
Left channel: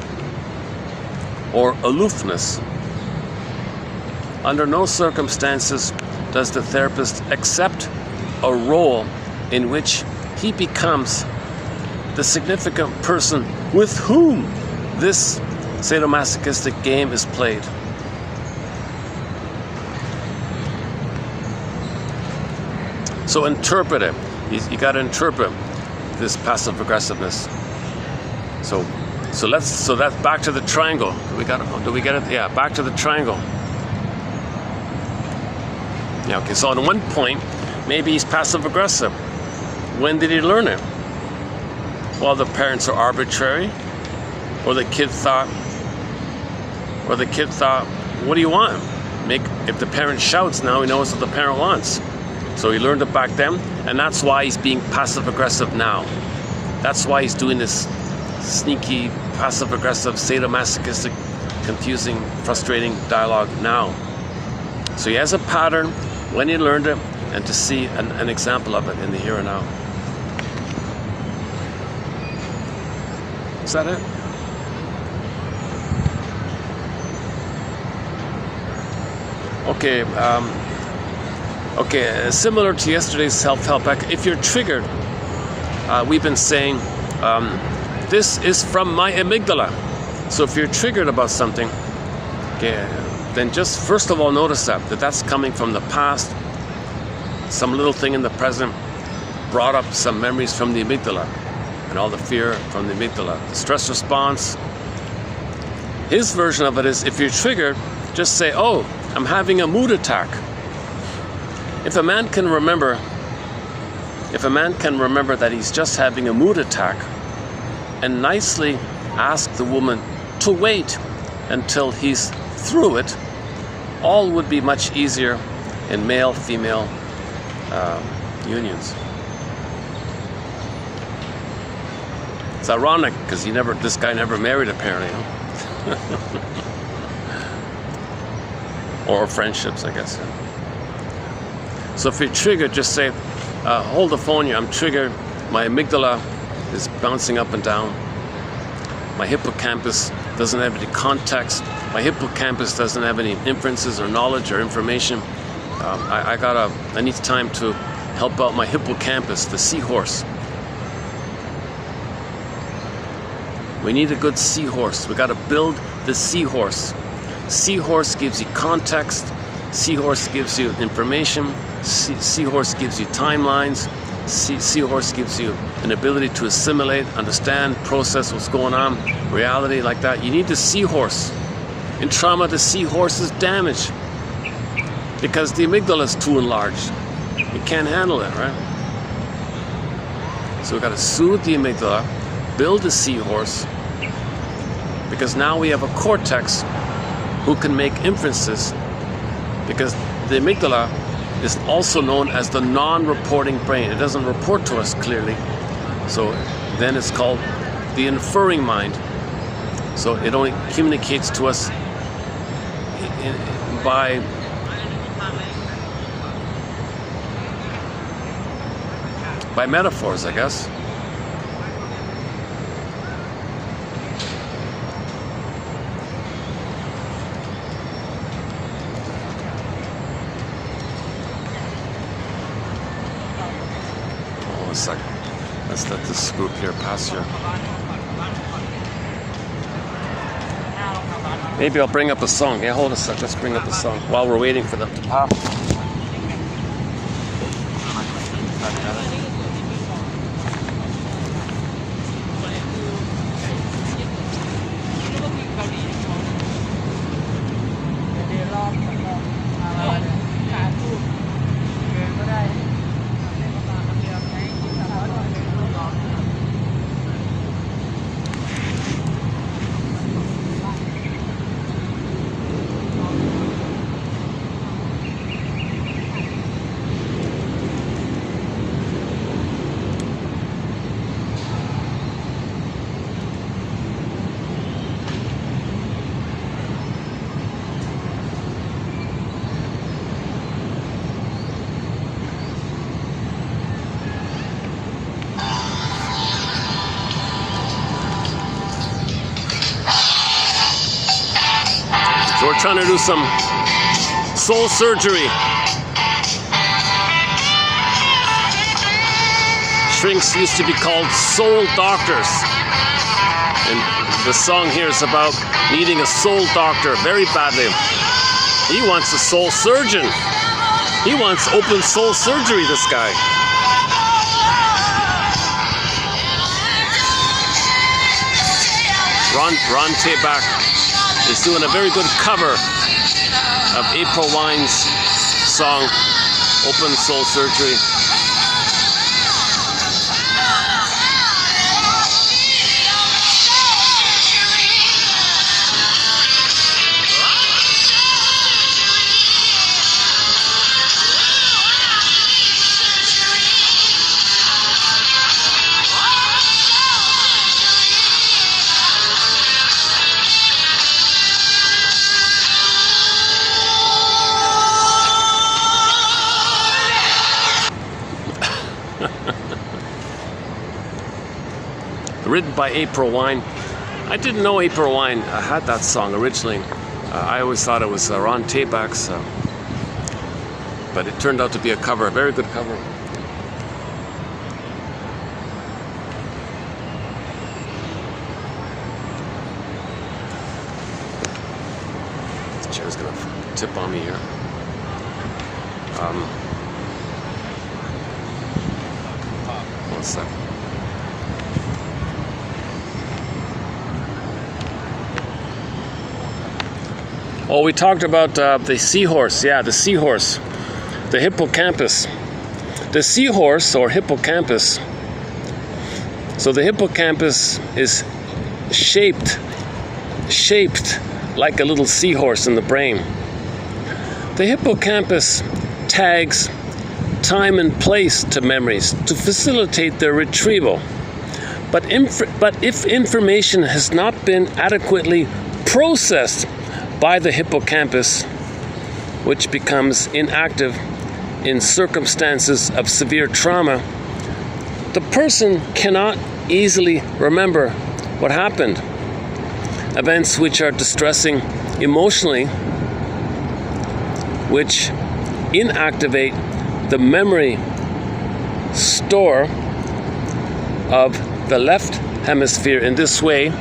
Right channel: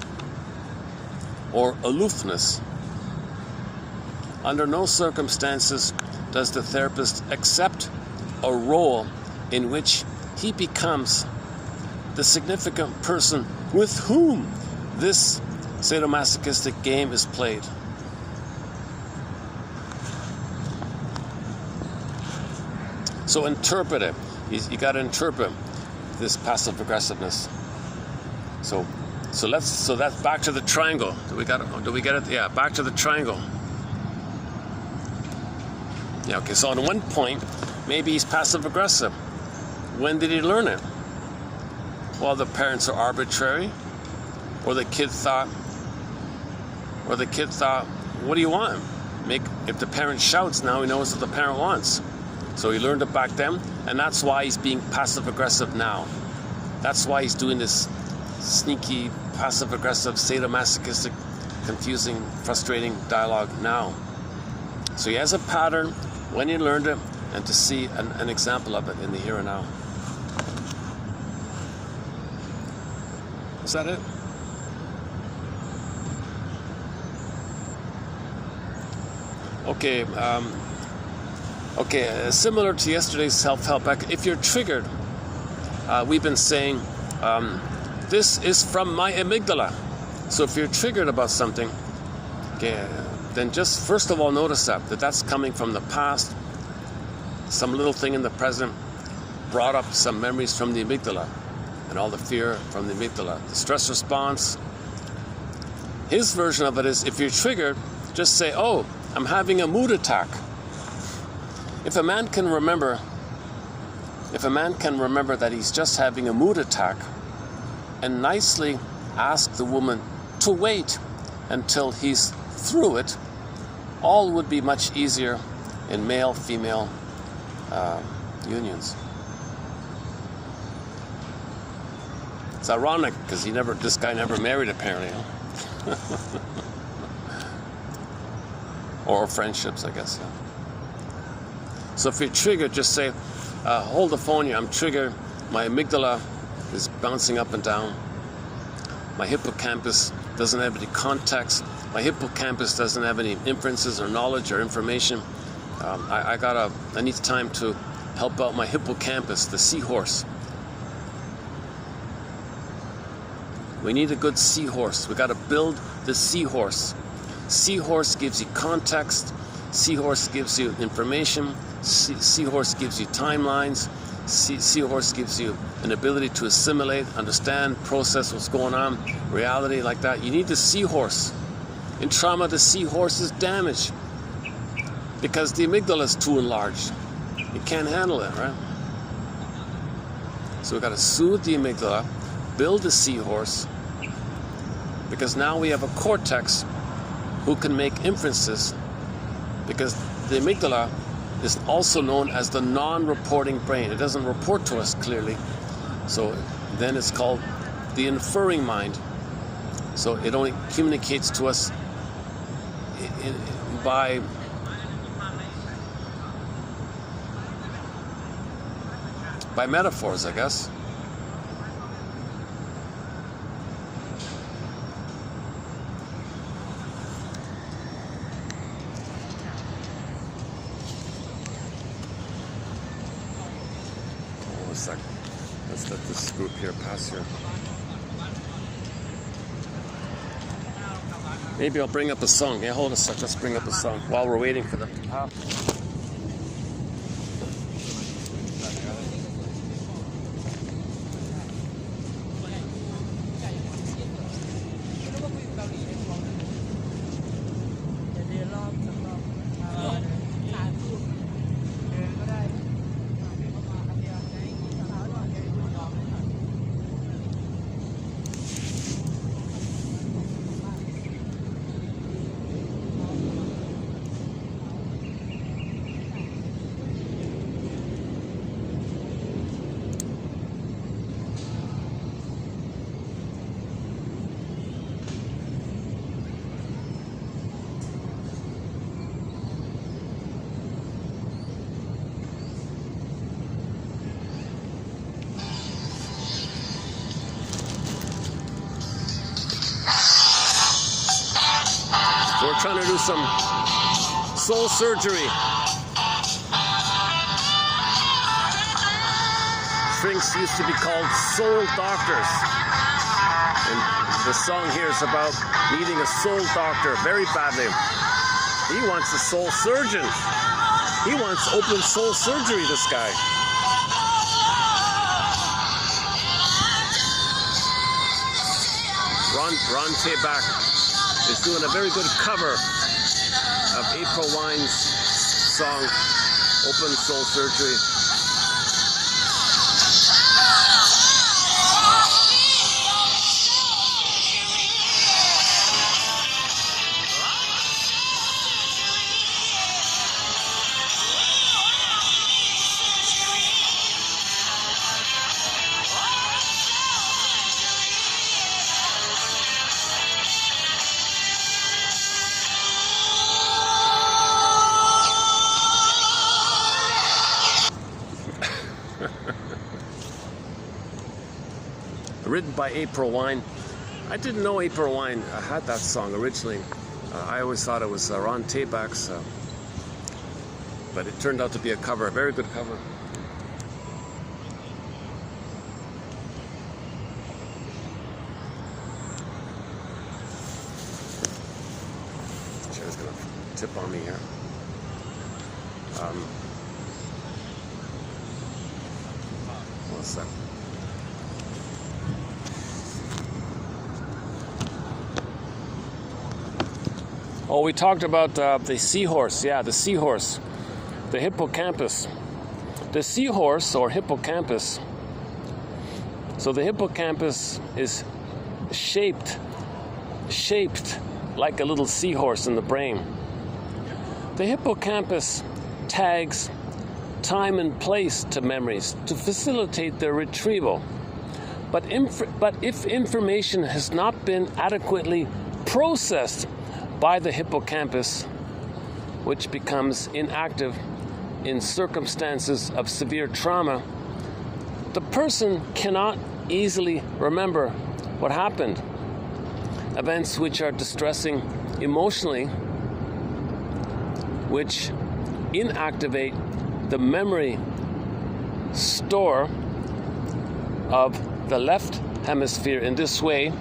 or aloofness. Under no circumstances does the therapist accept a role in which he becomes the significant person with whom this sadomasochistic game is played. So interpret it. You got to interpret this passive aggressiveness. So that's back to the triangle. Do we get it? Yeah, back to the triangle. Yeah, okay, so on one point, maybe he's passive aggressive. When did he learn it? Well, the parents are arbitrary, or the kid thought, what do you want? If the parent shouts, now he knows what the parent wants. So he learned it back then, and that's why he's being passive aggressive now. That's why he's doing this sneaky, passive aggressive, sadomasochistic, confusing, frustrating dialogue now. So he has a pattern when he learned it, and to see an example of it in the here and now. Is that it? Okay. Similar to yesterday's self-help, if you're triggered, we've been saying this is from my amygdala. So if you're triggered about something, okay, then just first of all notice that that's coming from the past. Some little thing in the present brought up some memories from the amygdala, and all the fear from the amygdala. The stress response. His version of it is, if you're triggered, just say, oh, I'm having a mood attack. If a man can remember that he's just having a mood attack, and nicely ask the woman to wait until he's through it, all would be much easier in male-female unions. It's ironic because this guy never married apparently, huh? Or friendships, I guess. So if you're triggered, just say, hold the phone here, I'm triggered. My amygdala is bouncing up and down. My hippocampus doesn't have any context. My hippocampus doesn't have any inferences or knowledge or information. I need time to help out my hippocampus, the seahorse. We need a good seahorse. We got to build the seahorse. Seahorse gives you context. Seahorse gives you information. Seahorse gives you timelines. Seahorse gives you an ability to assimilate, understand, process what's going on, reality like that. You need the seahorse. In trauma, the seahorse is damaged because the amygdala is too enlarged. You can't handle it, right? So we've got to soothe the amygdala, build a seahorse, because now we have a cortex who can make inferences, because the amygdala is also known as the non-reporting brain. It doesn't report to us clearly. So then it's called the inferring mind. So it only communicates to us by metaphors, I guess. Let's let this group here pass here. Maybe I'll bring up a song. Yeah, hold a sec. Let's bring up a song while we're waiting for them to pass. So we're trying to do some soul surgery. shrinks used to be called soul doctors. And the song here is about needing a soul doctor very badly. He wants a soul surgeon. He wants open soul surgery, this guy. Ron Tabak is doing a very good cover of April Wine's song, Open Soul Surgery. Written by April Wine. I didn't know April Wine had that song originally. I always thought it was Ron Tabak's, but it turned out to be a cover, a very good cover. This chair's gonna tip on me here. What's that? Oh, we talked about the seahorse. Yeah, the seahorse. The hippocampus. The seahorse, or hippocampus. So the hippocampus is shaped like a little seahorse in the brain. The hippocampus tags time and place to memories to facilitate their retrieval. But if information has not been adequately processed by the hippocampus, which becomes inactive in circumstances of severe trauma, the person cannot easily remember what happened. Events which are distressing emotionally, which inactivate the memory store of the left hemisphere in this way,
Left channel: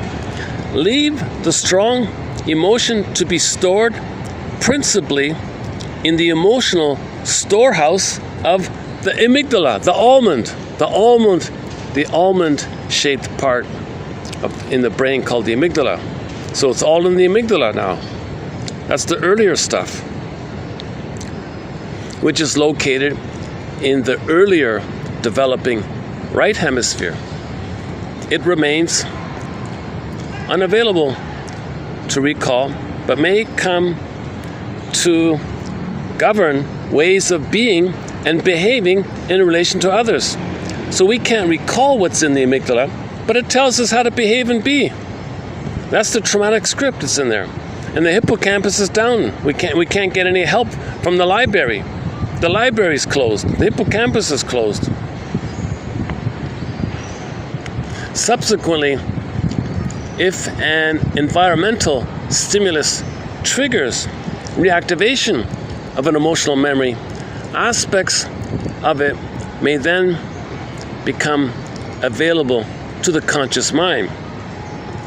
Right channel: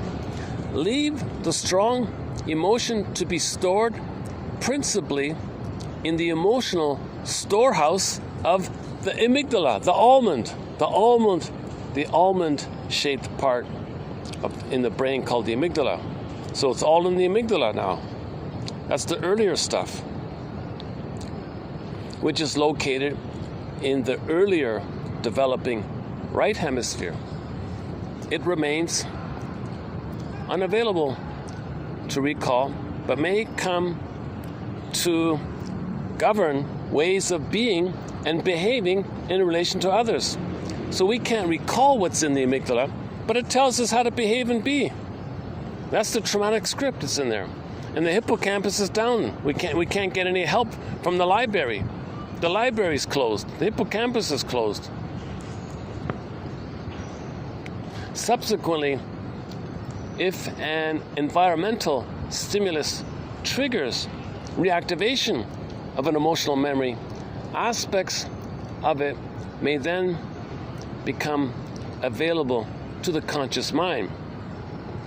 leave the strong emotion to be stored principally in the emotional storehouse of the amygdala, the almond-shaped part in the brain called the amygdala. So it's all in the amygdala now. That's the earlier stuff, which is located in the earlier developing right hemisphere. It remains unavailable to recall, but may come to govern ways of being and behaving in relation to others. So we can't recall what's in the amygdala, but it tells us how to behave and be. That's the traumatic script that's in there. And the hippocampus is down. We can't get any help from the library. The library's closed. The hippocampus is closed. Subsequently, if an environmental stimulus triggers reactivation of an emotional memory, aspects of it may then become available to the conscious mind.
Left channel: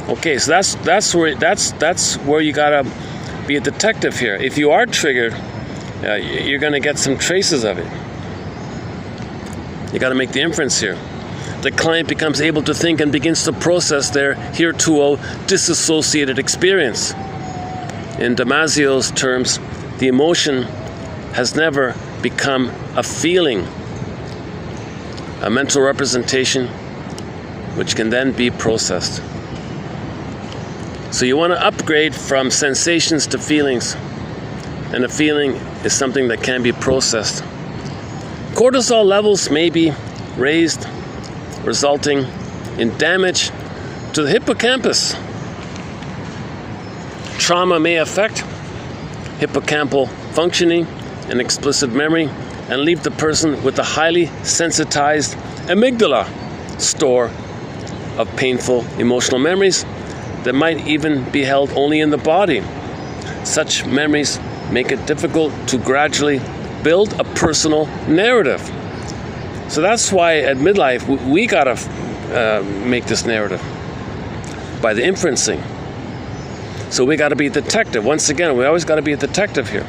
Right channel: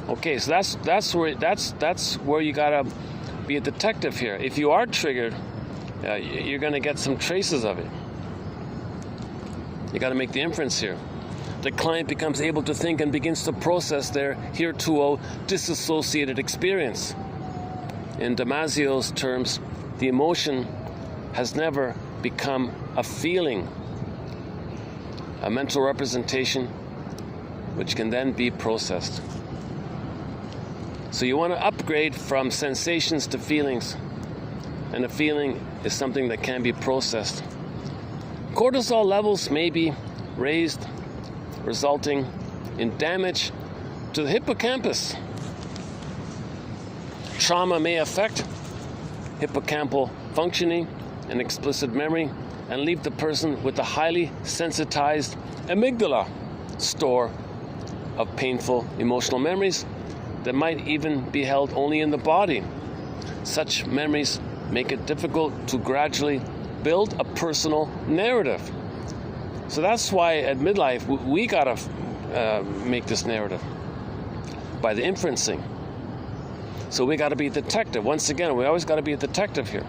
Okay, so that's where you gotta be a detective here. If you are triggered, you're gonna get some traces of it. You gotta make the inference here. The client becomes able to think and begins to process their heretofore disassociated experience. In Damasio's terms, the emotion has never become a feeling, a mental representation which can then be processed. So you want to upgrade from sensations to feelings, and a feeling is something that can be processed. Cortisol levels may be raised, resulting in damage to the hippocampus. Trauma may affect hippocampal functioning and explicit memory and leave the person with a highly sensitized amygdala store of painful emotional memories that might even be held only in the body. Such memories make it difficult to gradually build a personal narrative. So that's why at midlife, we gotta make this narrative by the inferencing. So we gotta be a detective. Once again, we always gotta be a detective here.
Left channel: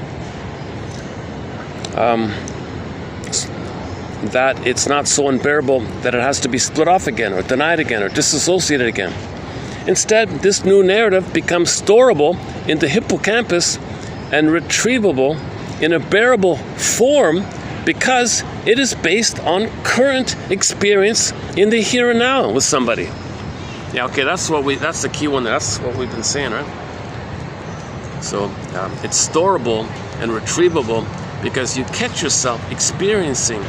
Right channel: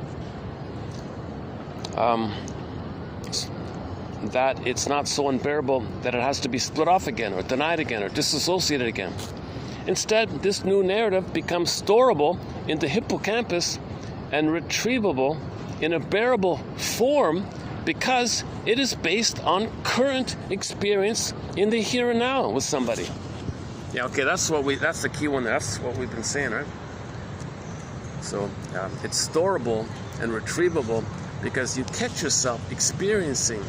That it's not so unbearable that it has to be split off again, or denied again, or disassociated again. Instead, this new narrative becomes storable in the hippocampus and retrievable in a bearable form because it is based on current experience in the here and now with somebody. Yeah, okay, that's the key one. That's what we've been saying, right? So it's storable and retrievable because you catch yourself experiencing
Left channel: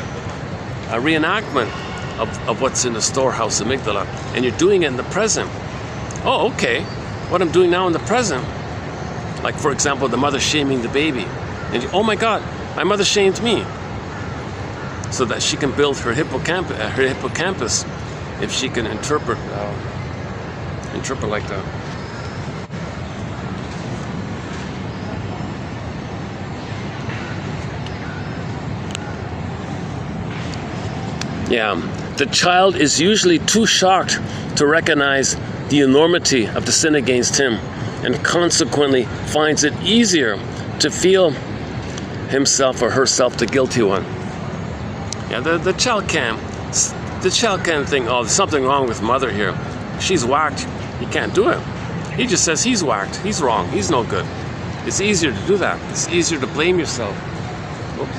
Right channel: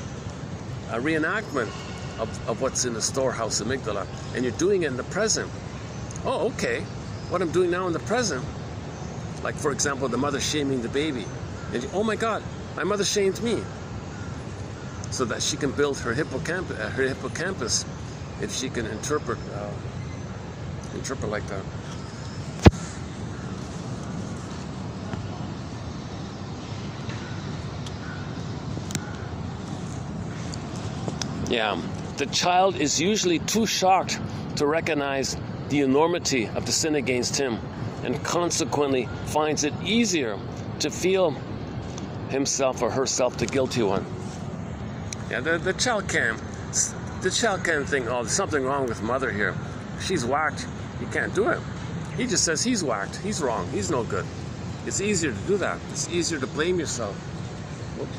a reenactment of what's in the storehouse amygdala, and you're doing it in the present. Oh, okay. What I'm doing now in the present, like for example, the mother shaming the baby, and oh my God, my mother shamed me, so that she can build her hippocampus, if she can interpret like that. Yeah, the child is usually too shocked to recognize the enormity of the sin against him, and consequently finds it easier to feel himself or herself the guilty one. Yeah, the child can't think, oh, there's something wrong with mother here. She's whacked. He can't do it. He just says he's whacked. He's wrong. He's no good. It's easier to do that. It's easier to blame yourself. Oops.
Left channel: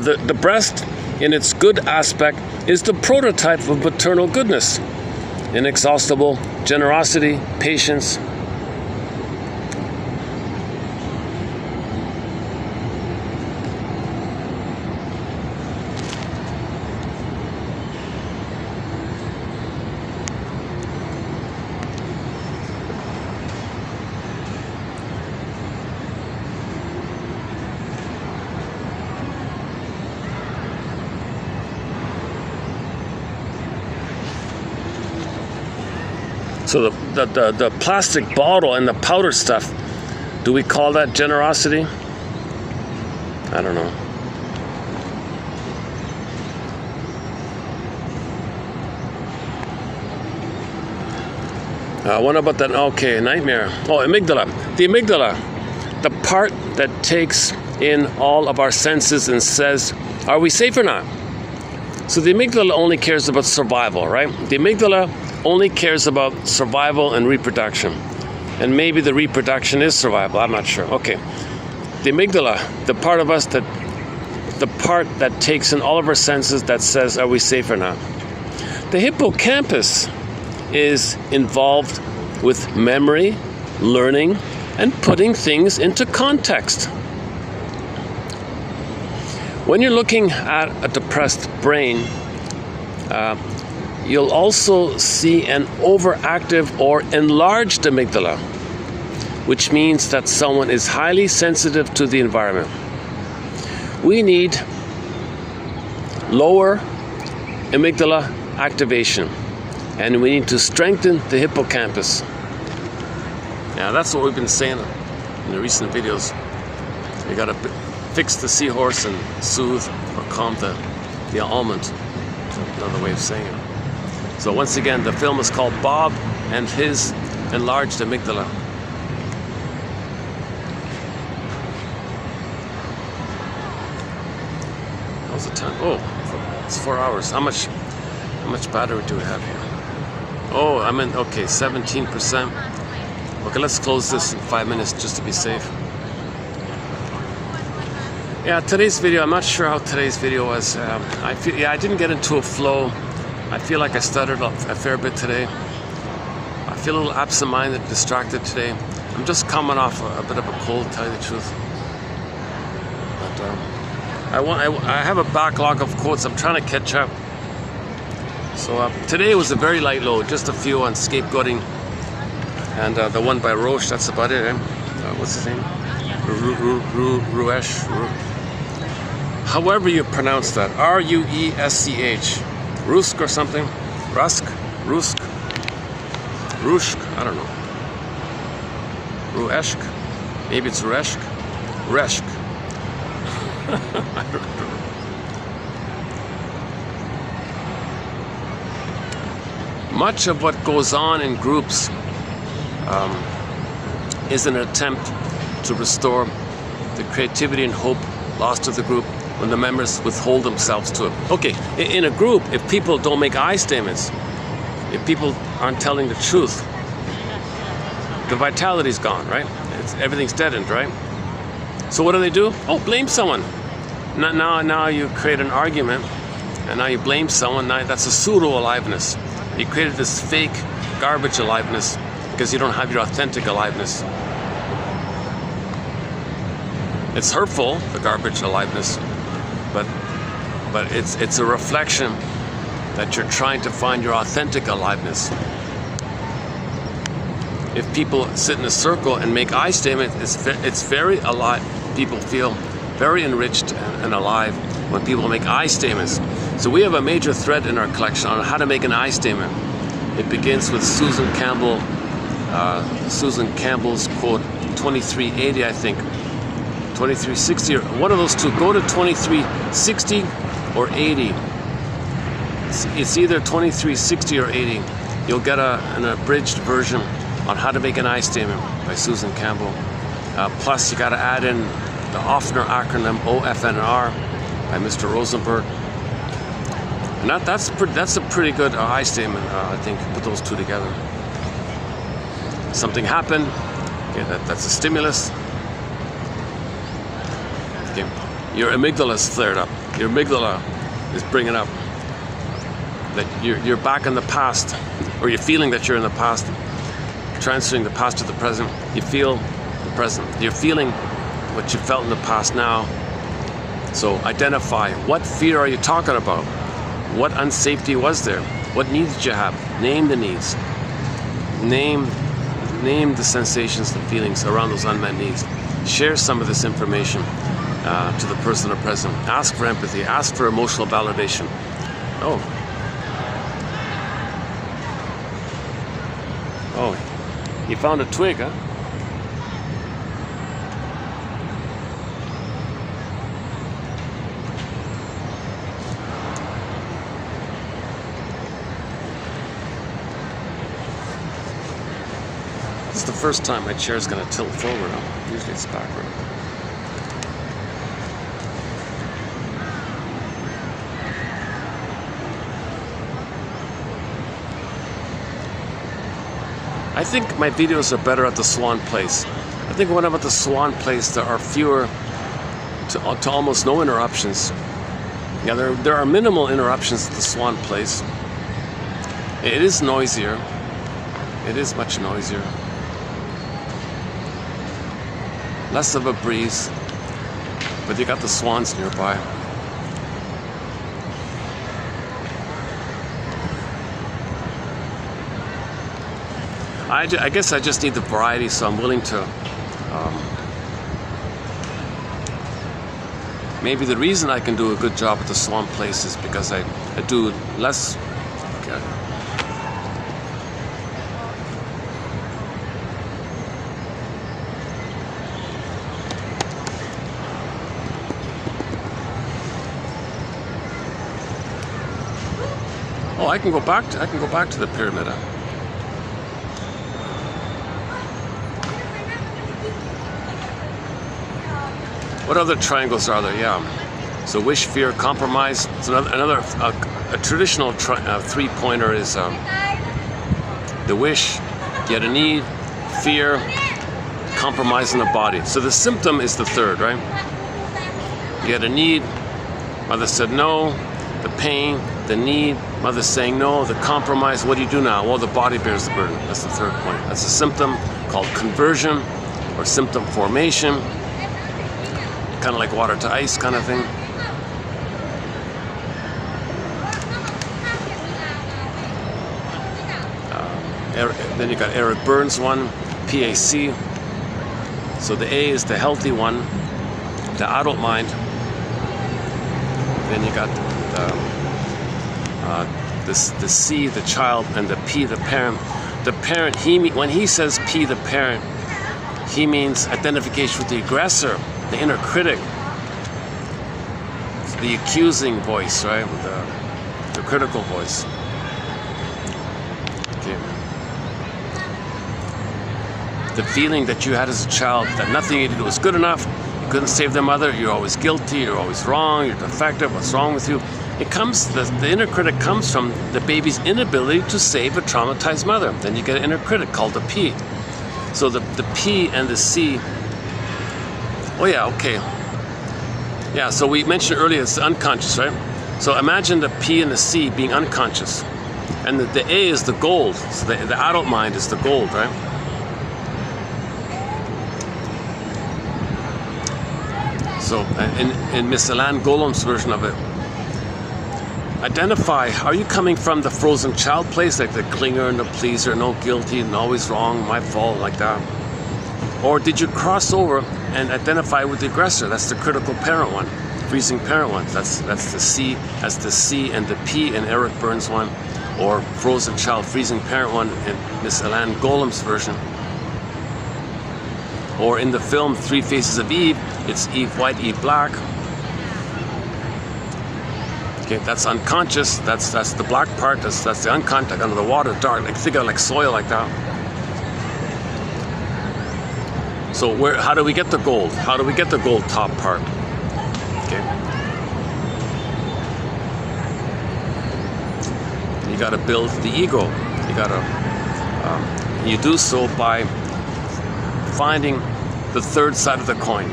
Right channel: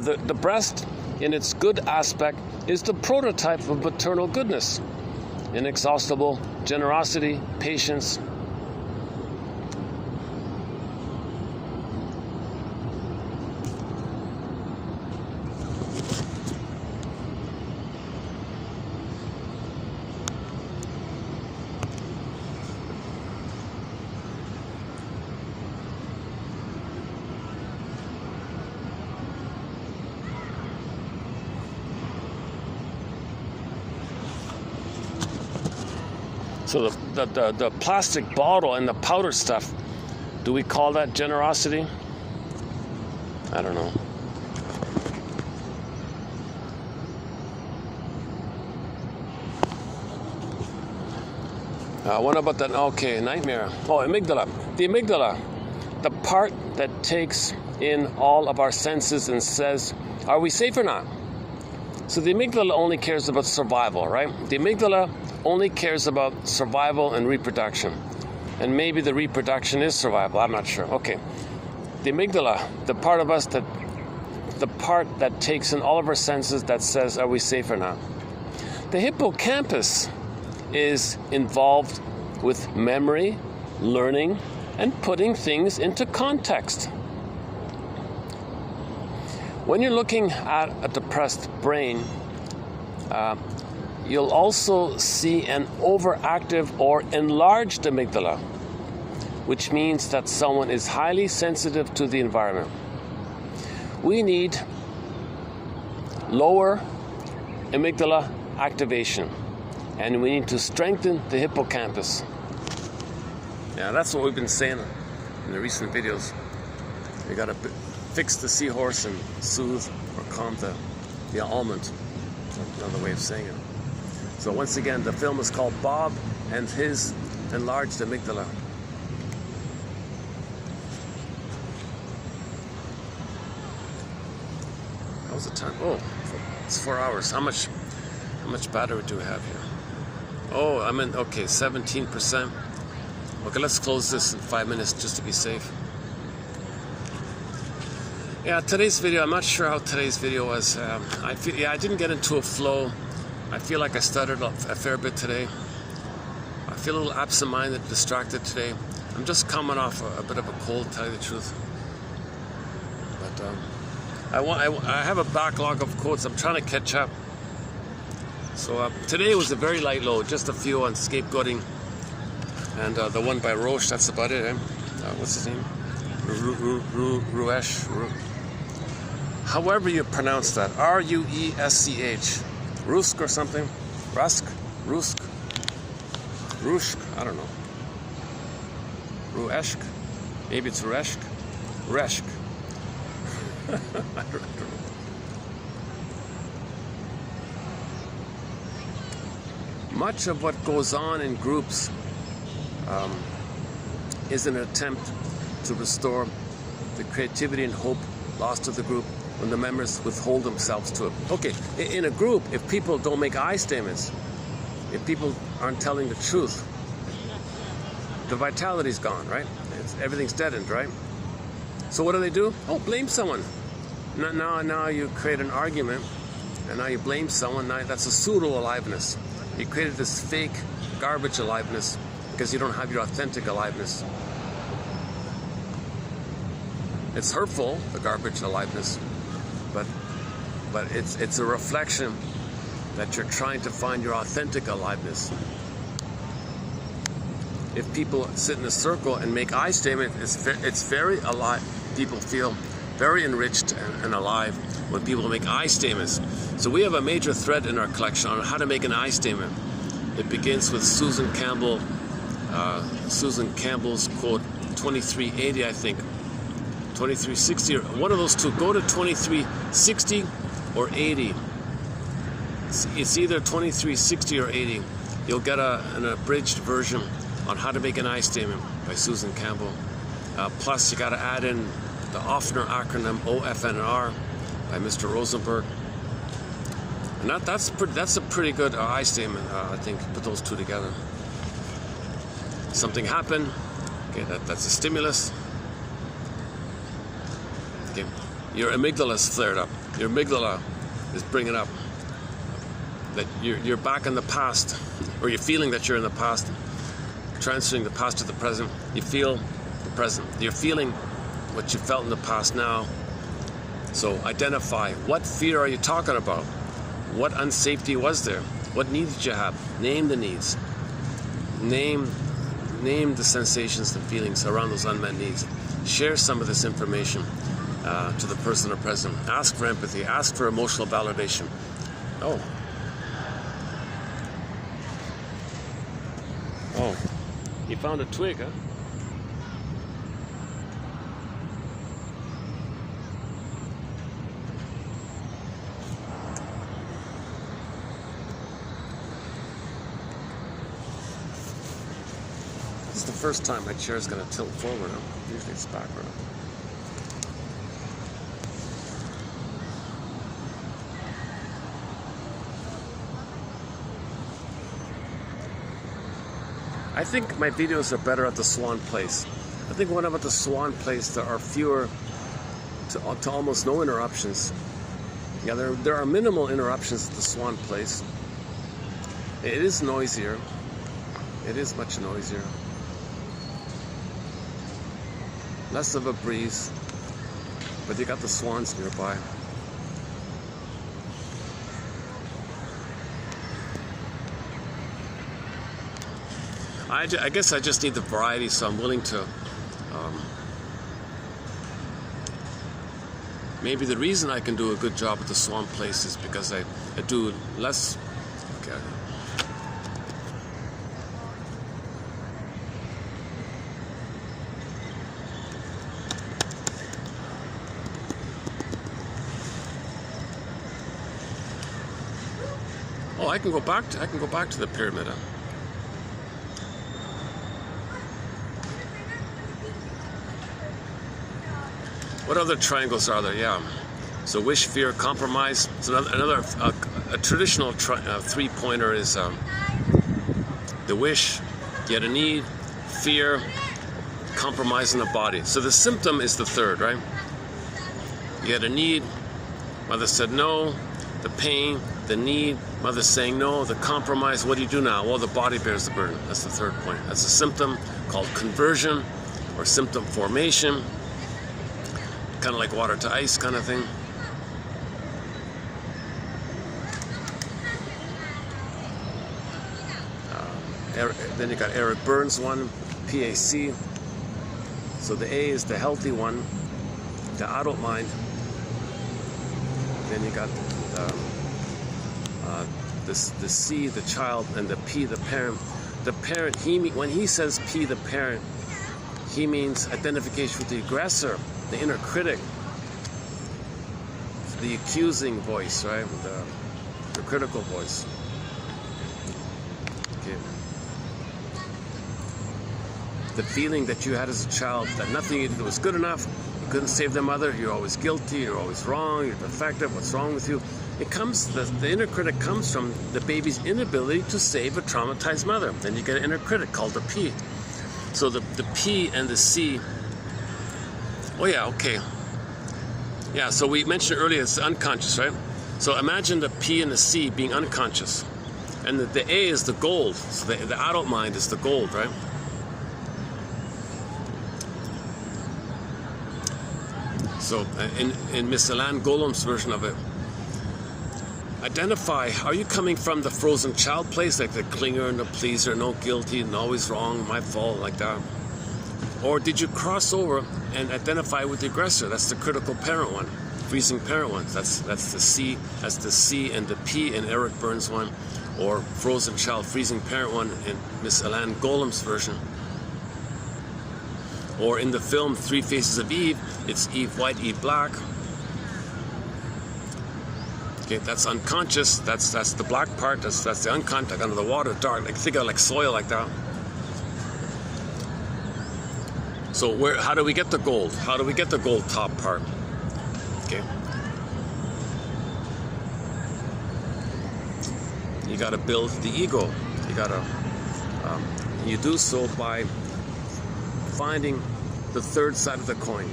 The breast, in its good aspect, is the prototype of maternal goodness, inexhaustible generosity, patience. So the plastic bottle and the powder stuff, do we call that generosity? I don't know. What about that? Okay, nightmare. Oh, amygdala. The amygdala, the part that takes in all of our senses and says, are we safe or not? So the amygdala only cares about survival, right? The amygdala only cares about survival and reproduction. And maybe the reproduction is survival, I'm not sure. Okay. The amygdala, the part of us the part that takes in all of our senses that says, are we safe or not? The hippocampus is involved with memory, learning, and putting things into context. When you're looking at a depressed brain, you'll also see an overactive or enlarged amygdala, which means that someone is highly sensitive to the environment. We need lower amygdala activation, and we need to strengthen the hippocampus. Yeah, that's what we've been saying in the recent videos. We gotta fix the seahorse and soothe or calm the almond. Another way of saying it. So once again, the film is called Bob and His Enlarged Amygdala. How's the time? Oh, it's 4 hours. How much battery do we have here? Oh, okay, 17%. Okay, let's close this in 5 minutes just to be safe. Yeah, today's video, I'm not sure how today's video was. I didn't get into a flow. I feel like I stuttered a fair bit today. I feel a little absent-minded, distracted today. I'm just coming off a bit of a cold, to tell you the truth. But I have a backlog of quotes. I'm trying to catch up. So today was a very light load, just a few on scapegoating, and the one by Roche. That's about it. What's his name? Ruesch. However you pronounce that, R-U-E-S-C-H. Rusk or something? Rusk? Rushk, I don't know. Rueshk, maybe it's Reshk. Reshk. I don't know. Much of what goes on in groups is an attempt to restore the creativity and hope lost to the group when the members withhold themselves to it. Okay, in a group, if people don't make I statements, if people aren't telling the truth, the vitality's gone, right? Everything's deadened, right? So what do? Oh, blame someone. Now you create an argument, and now you blame someone. Now that's a pseudo-aliveness. You created this fake garbage aliveness because you don't have your authentic aliveness. It's hurtful, the garbage aliveness, but it's a reflection that you're trying to find your authentic aliveness. If people sit in a circle and make I statements, it's very alive. People feel very enriched and alive when people make I statements. So we have a major thread in our collection on how to make an I statement. It begins with Susan Campbell's quote, 2380, I think. 2360, or one of those two. Go to 2360 or 80. It's either 2360 or 80. You'll get an abridged version on how to make an I statement by Susan Campbell. Plus, you got to add in the Offner acronym OFNR by Mr. Rosenberg. And that's a pretty good I statement, I think, put those two together. Something happened. Okay, that's a stimulus. Okay. Your amygdala is flared up. Your amygdala is bringing up that you're back in the past, or you're feeling that you're in the past, transferring the past to the present. You feel the present. You're feeling what you felt in the past now. So identify, what fear are you talking about? What unsafety was there? What needs did you have? Name the needs. Name the sensations and feelings around those unmet needs. Share some of this information to the person or present. Ask for empathy. Ask for emotional validation. Oh, you found a twig, huh? This is the first time my chair's gonna tilt forward. Usually it's backward. I think my videos are better at the Swan Place. I think when I'm at the Swan Place, there are fewer to almost no interruptions. Yeah, there are minimal interruptions at the Swan Place. It is noisier. It is much noisier. Less of a breeze, but you got the swans nearby. I guess I just need the variety, so I'm willing to. Maybe the reason I can do a good job at the Swan Place is because I do less. Okay. Oh, I can go back to the pyramid. What other triangles are there? Yeah. So wish, fear, compromise. So another a traditional three-pointer is the wish, you had a need, fear, compromise in the body. So the symptom is the third, right? You had a need, mother said no, the pain, the need, mother saying no, the compromise, what do you do now? Well, the body bears the burden. That's the third point. That's a symptom called conversion or symptom formation. Kind of like water to ice kind of thing. Then you got Eric Burns' one, PAC. So the A is the healthy one, the adult mind. Then you got the C, the child, and the P, the parent. the parent, when he says P, the parent, he means identification with the aggressor, the inner critic, the accusing voice, right? The critical voice. Okay. The feeling that you had as a child that nothing you did was good enough, you couldn't save their mother, you're always guilty, you're always wrong, you're defective, what's wrong with you? It comes, the inner critic comes from the baby's inability to save a traumatized mother. Then you get an inner critic called the P. So the P and the C, oh yeah, okay. Yeah, so we mentioned earlier it's unconscious, right? So imagine the P and the C being unconscious. And the A is the gold. So the adult mind is the gold, right? So in Miss Alan Golem's version of it, identify, are you coming from the frozen child place, like the clinger and the pleaser, no guilty and always wrong, my fault, like that? Or did you cross over and identify with the aggressor? That's the critical parent one, freezing parent one. That's the C, that's the C and the P in Eric Burns' one, or frozen child, freezing parent one in Miss Alan Golem's version. Or in the film Three Faces of Eve, it's Eve White, Eve Black. Okay, that's unconscious. That's the black part. That's the unconscious, under the water, dark. Like, think of it like soil, like that. So how do we get the gold? How do we get the gold top part? Okay. You got to build the ego. You got to. You do so by finding the third side of the coin.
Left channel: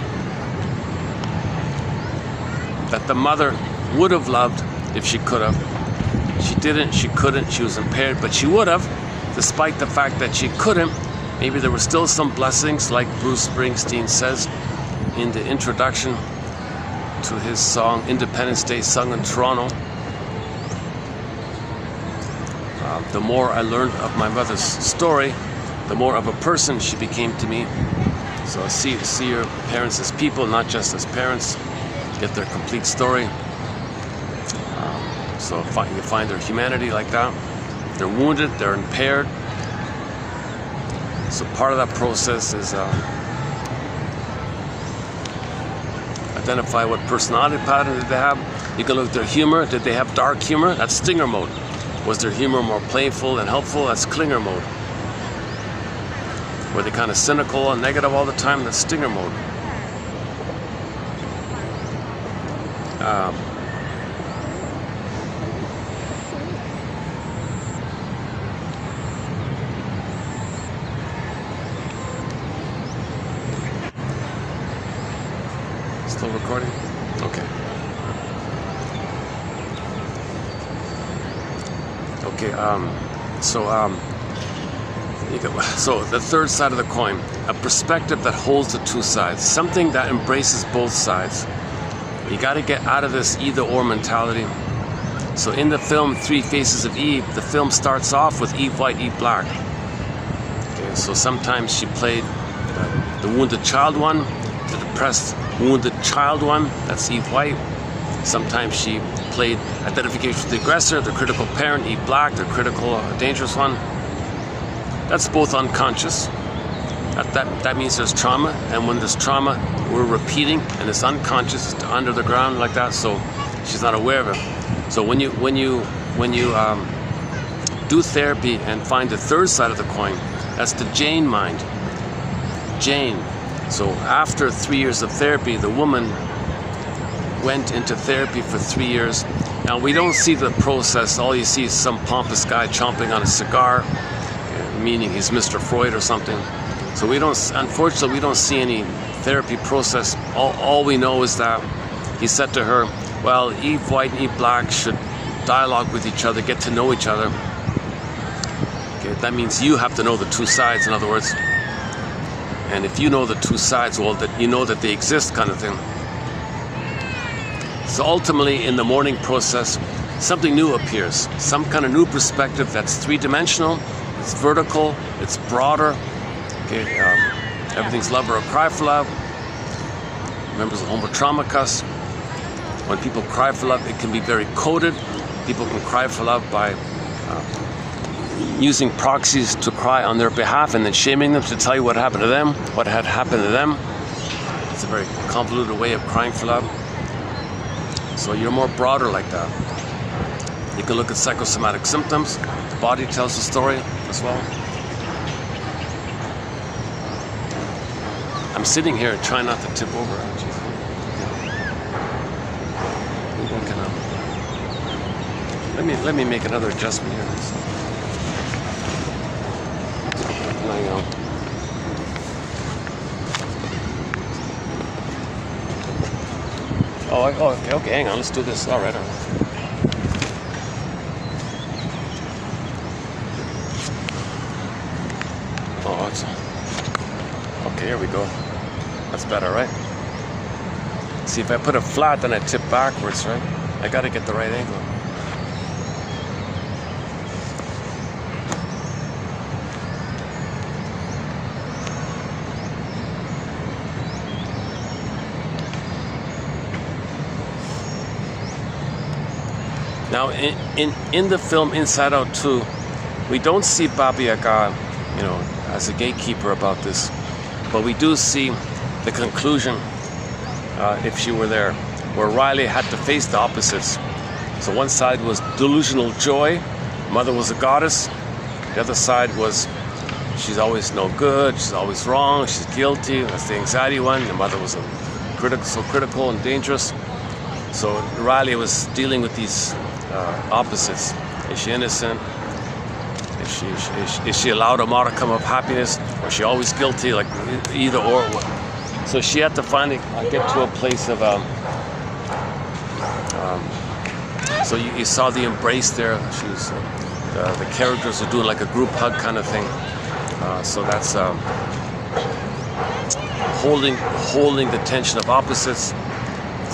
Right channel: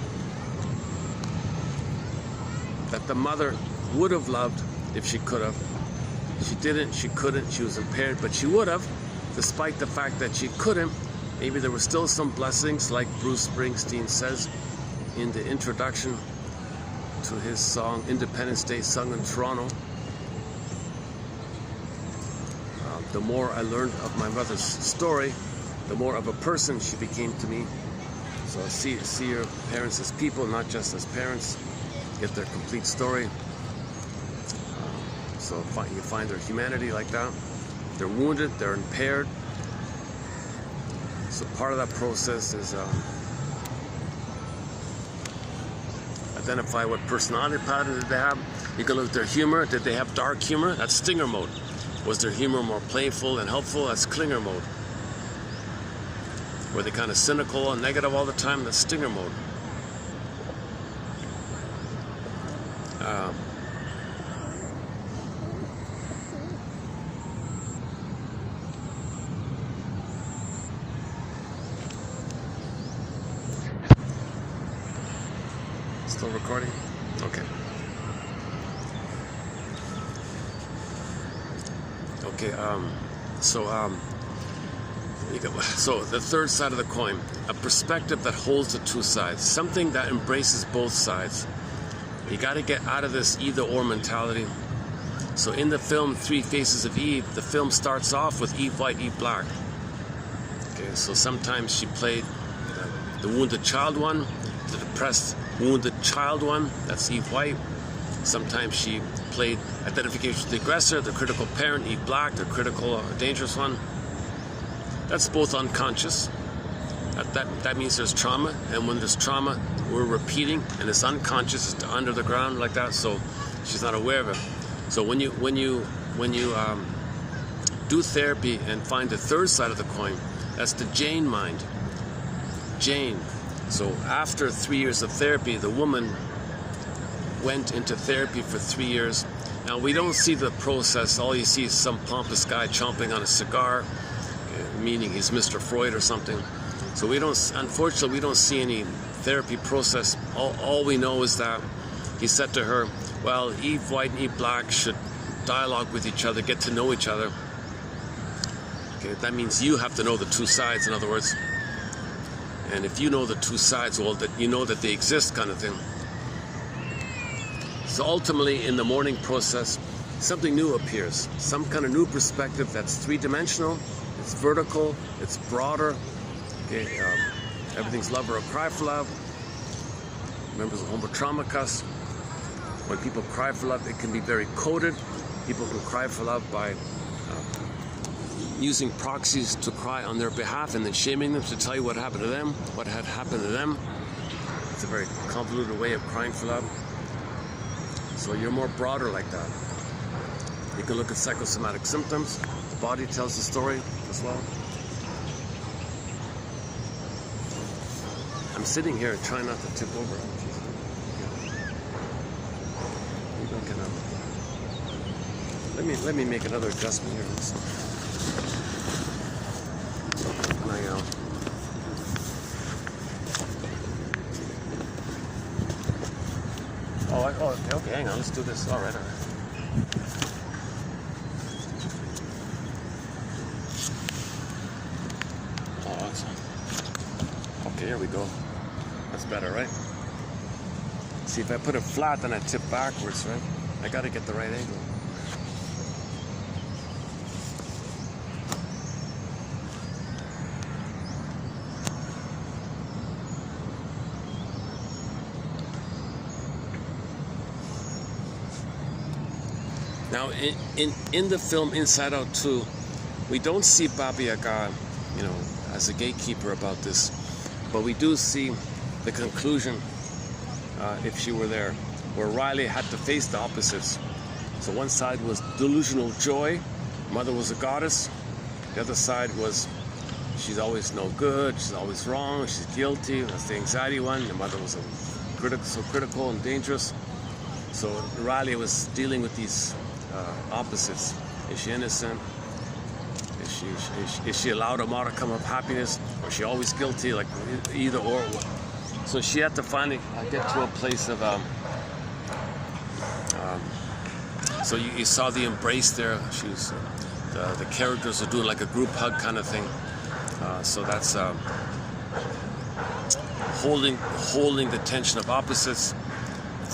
That the mother would have loved if she could have. She didn't, she couldn't, she was impaired, but she would have, despite the fact that she couldn't. Maybe there were still some blessings, like Bruce Springsteen says in the introduction to his song Independence Day, sung in Toronto. The more I learned of my mother's story, the more of a person she became to me. So see your parents as people, not just as parents. Get their complete story. So you find their humanity like that. They're wounded, they're impaired. So part of that process is identify what personality pattern did they have. You can look at their humor. Did they have dark humor? That's stinger mode. Was their humor more playful and helpful? That's clinger mode. Were they kind of cynical and negative all the time? That's stinger mode. Still recording? Okay. Okay, so the third side of the coin, a perspective that holds the two sides, something that embraces both sides. You got to get out of this either-or mentality. So in the film Three Faces of Eve, the film starts off with Eve White, Eve Black. Okay, so sometimes she played the wounded child one, the depressed wounded child one, that's Eve White. Sometimes she played identification with the aggressor, the critical parent, Eve Black, the critical, dangerous one. That's both unconscious. That means there's trauma, and when there's trauma, we're repeating, and it's unconscious, it's under the ground like that, so she's not aware of it. So when you do therapy and find the third side of the coin, that's the Jane mind. Jane. So after 3 years of therapy, the woman went into therapy for 3 years. Now we don't see the process. All you see is some pompous guy chomping on a cigar, meaning he's Mr. Freud or something. So unfortunately, we don't see any therapy process. All we know is that he said to her, well, Eve White and Eve Black should dialogue with each other, get to know each other. Okay, that means you have to know the two sides, in other words. And if you know the two sides, well, that you know that they exist, kind of thing. So ultimately, in the mourning process, something new appears. Some kind of new perspective that's three-dimensional, it's vertical, it's broader. Okay, everything's love or a cry for love. Members of Homo Traumacus. When people cry for love, it can be very coded. People can cry for love by using proxies to cry on their behalf and then shaming them to tell you what happened to them, what had happened to them. It's a very convoluted way of crying for love. So you're more broader like that. You can look at psychosomatic symptoms. The body tells the story as well. I'm sitting here trying not to tip over. Let me make another adjustment here. Okay, hang on, let's do this. All right. Okay, here we go. That's better, right? See, if I put it flat, then I tip backwards, right? I gotta get the right angle. Now, in the film Inside Out 2, we don't see Baba Yaga, as a gatekeeper about this, but we do see the conclusion, if she were there, where Riley had to face the opposites. So one side was delusional joy, mother was a goddess. The other side was she's always no good, she's always wrong, she's guilty. That's the anxiety one. The mother was so critical and dangerous. So Riley was dealing with these opposites. Is she innocent? Is she allowed a modicum of happiness? Or is she always guilty? Like either or. So she had to finally get to a place of. So you saw the embrace there. She's the characters are doing like a group hug kind of thing. So that's holding the tension of opposites.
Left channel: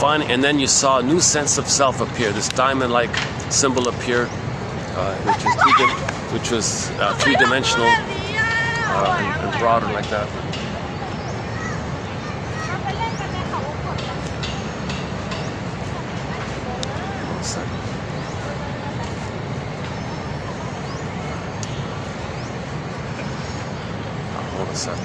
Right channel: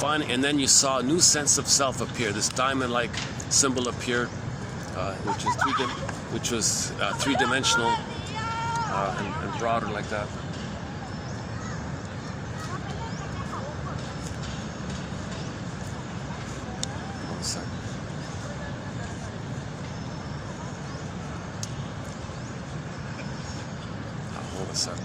And then you saw a new sense of self appear. This diamond-like symbol appeared, which was three-dimensional and broader like that. Hold a sec.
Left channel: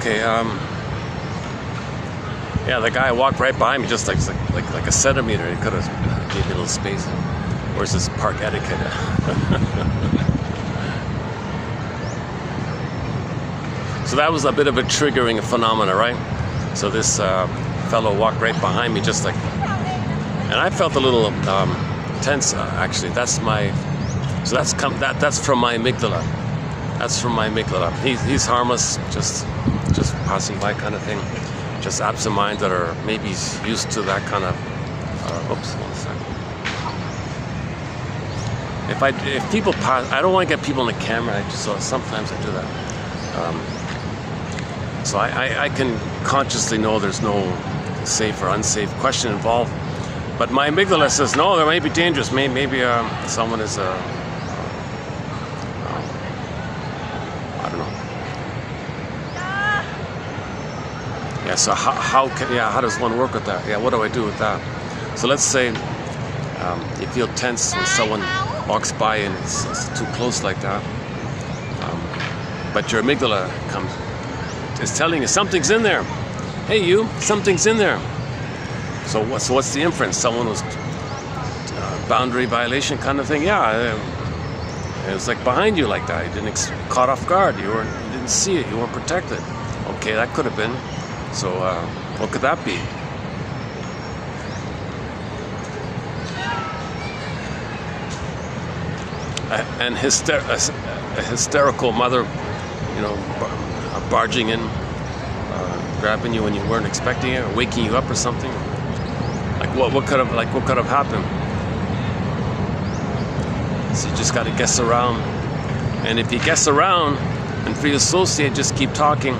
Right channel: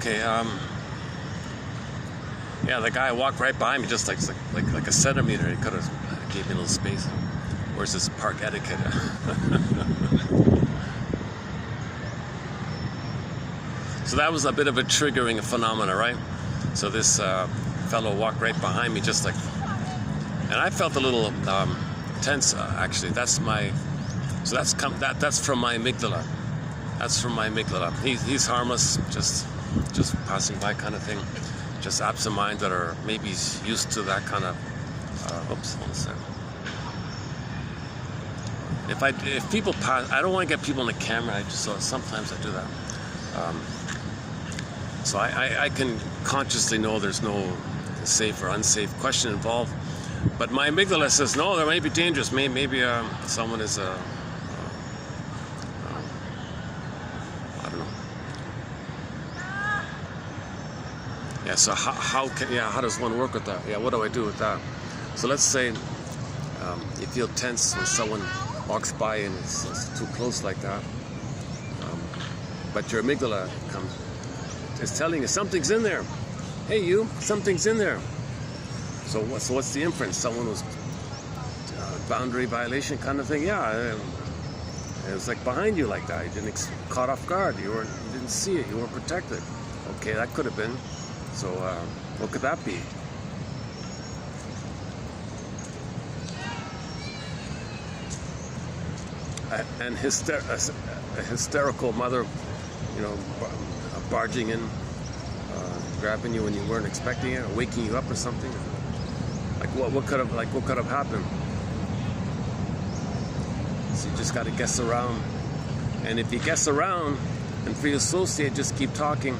Okay, yeah, the guy walked right behind me, just like a centimeter. He could have gave me a little space. Where's this park etiquette? So that was a bit of a triggering phenomena, right? So this fellow walked right behind me, just like, and I felt a little tense. Actually, that's from my amygdala. That's from my amygdala. He's harmless, just passing by kind of thing. Just absent-minded, or maybe he's used to that kind of. Oops, one sec. If people pass, I don't want to get people in the camera. So sometimes I do that. So I can consciously know there's no safe or unsafe question involved, but my amygdala says no. There may be dangerous. Maybe someone is So how does one work with that? Yeah, what do I do with that? So let's say you feel tense when someone walks by and it's too close like that, but your amygdala is telling you something's in there. Hey, you, something's in there. So what's the inference? Someone was boundary violation kind of thing. Yeah, it was like behind you like that. You didn't caught off guard. You didn't see it. You weren't protected. Okay, that could have been. So What could that be? An hysterical mother, you know, barging in, grabbing you when you weren't expecting it, or waking you up or something. Like what could have happened? So you just got to guess around, and if you guess around and free associate, just keep talking.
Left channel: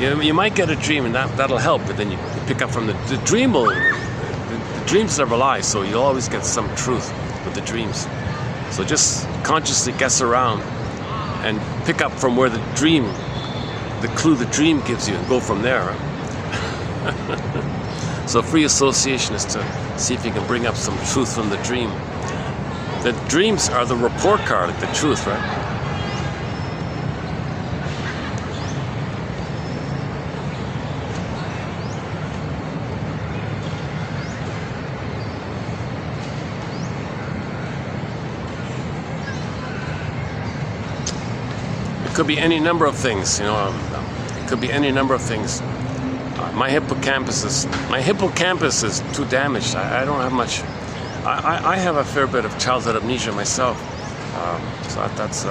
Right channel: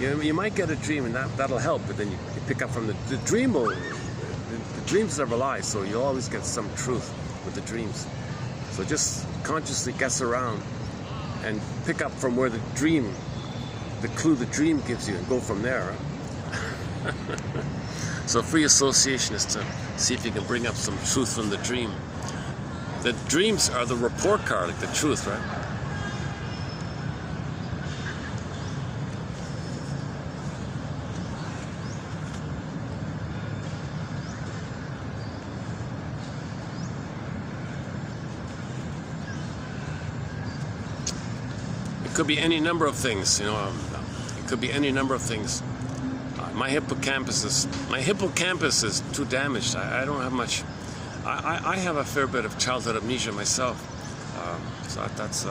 You might get a dream, and that'll help. But then you pick up from the dream. The dreams never lie, so you'll always get some truth with the dreams. So just consciously guess around and pick up from where the clue the dream gives you, and go from there. So free association is to see if you can bring up some truth from the dream. The dreams are the report card, like the truth, right? It could be any number of things, you know. It could be any number of things. My hippocampus is too damaged. I don't have much. I have a fair bit of childhood amnesia myself. So that's.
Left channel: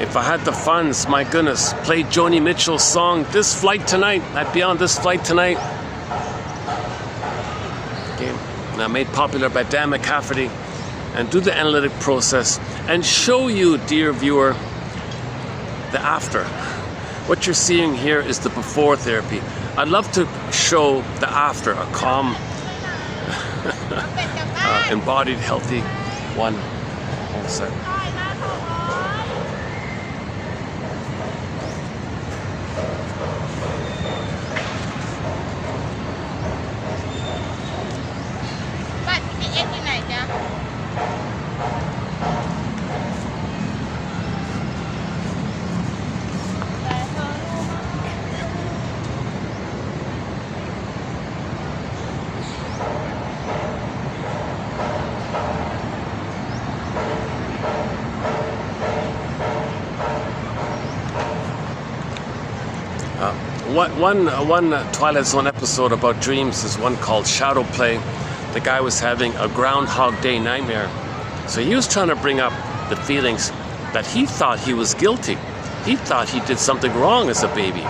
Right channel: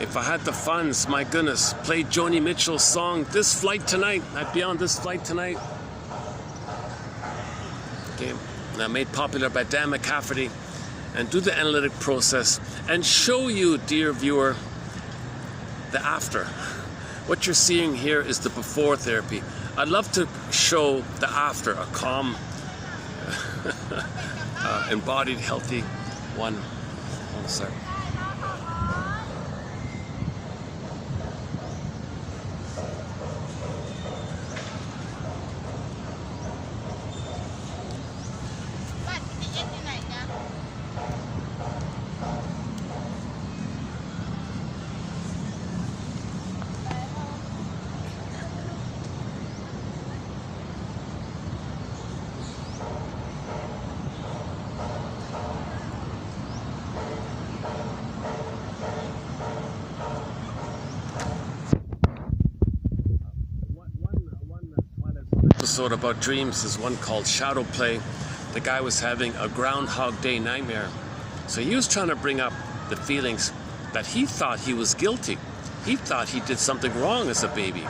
If I had the funds, my goodness, play Joni Mitchell's song "This Flight Tonight." I'd be on this flight tonight. Okay, now made popular by Dan McCafferty. And do the analytic process and show you, dear viewer, the after. What you're seeing here is the before therapy. I'd love to show the after, a calm, embodied, healthy one. One sec. One Twilight Zone episode about dreams is one called Shadow Play. The guy was having a Groundhog Day nightmare. So he was trying to bring up the feelings that he thought he was guilty. He thought he did something wrong as a baby.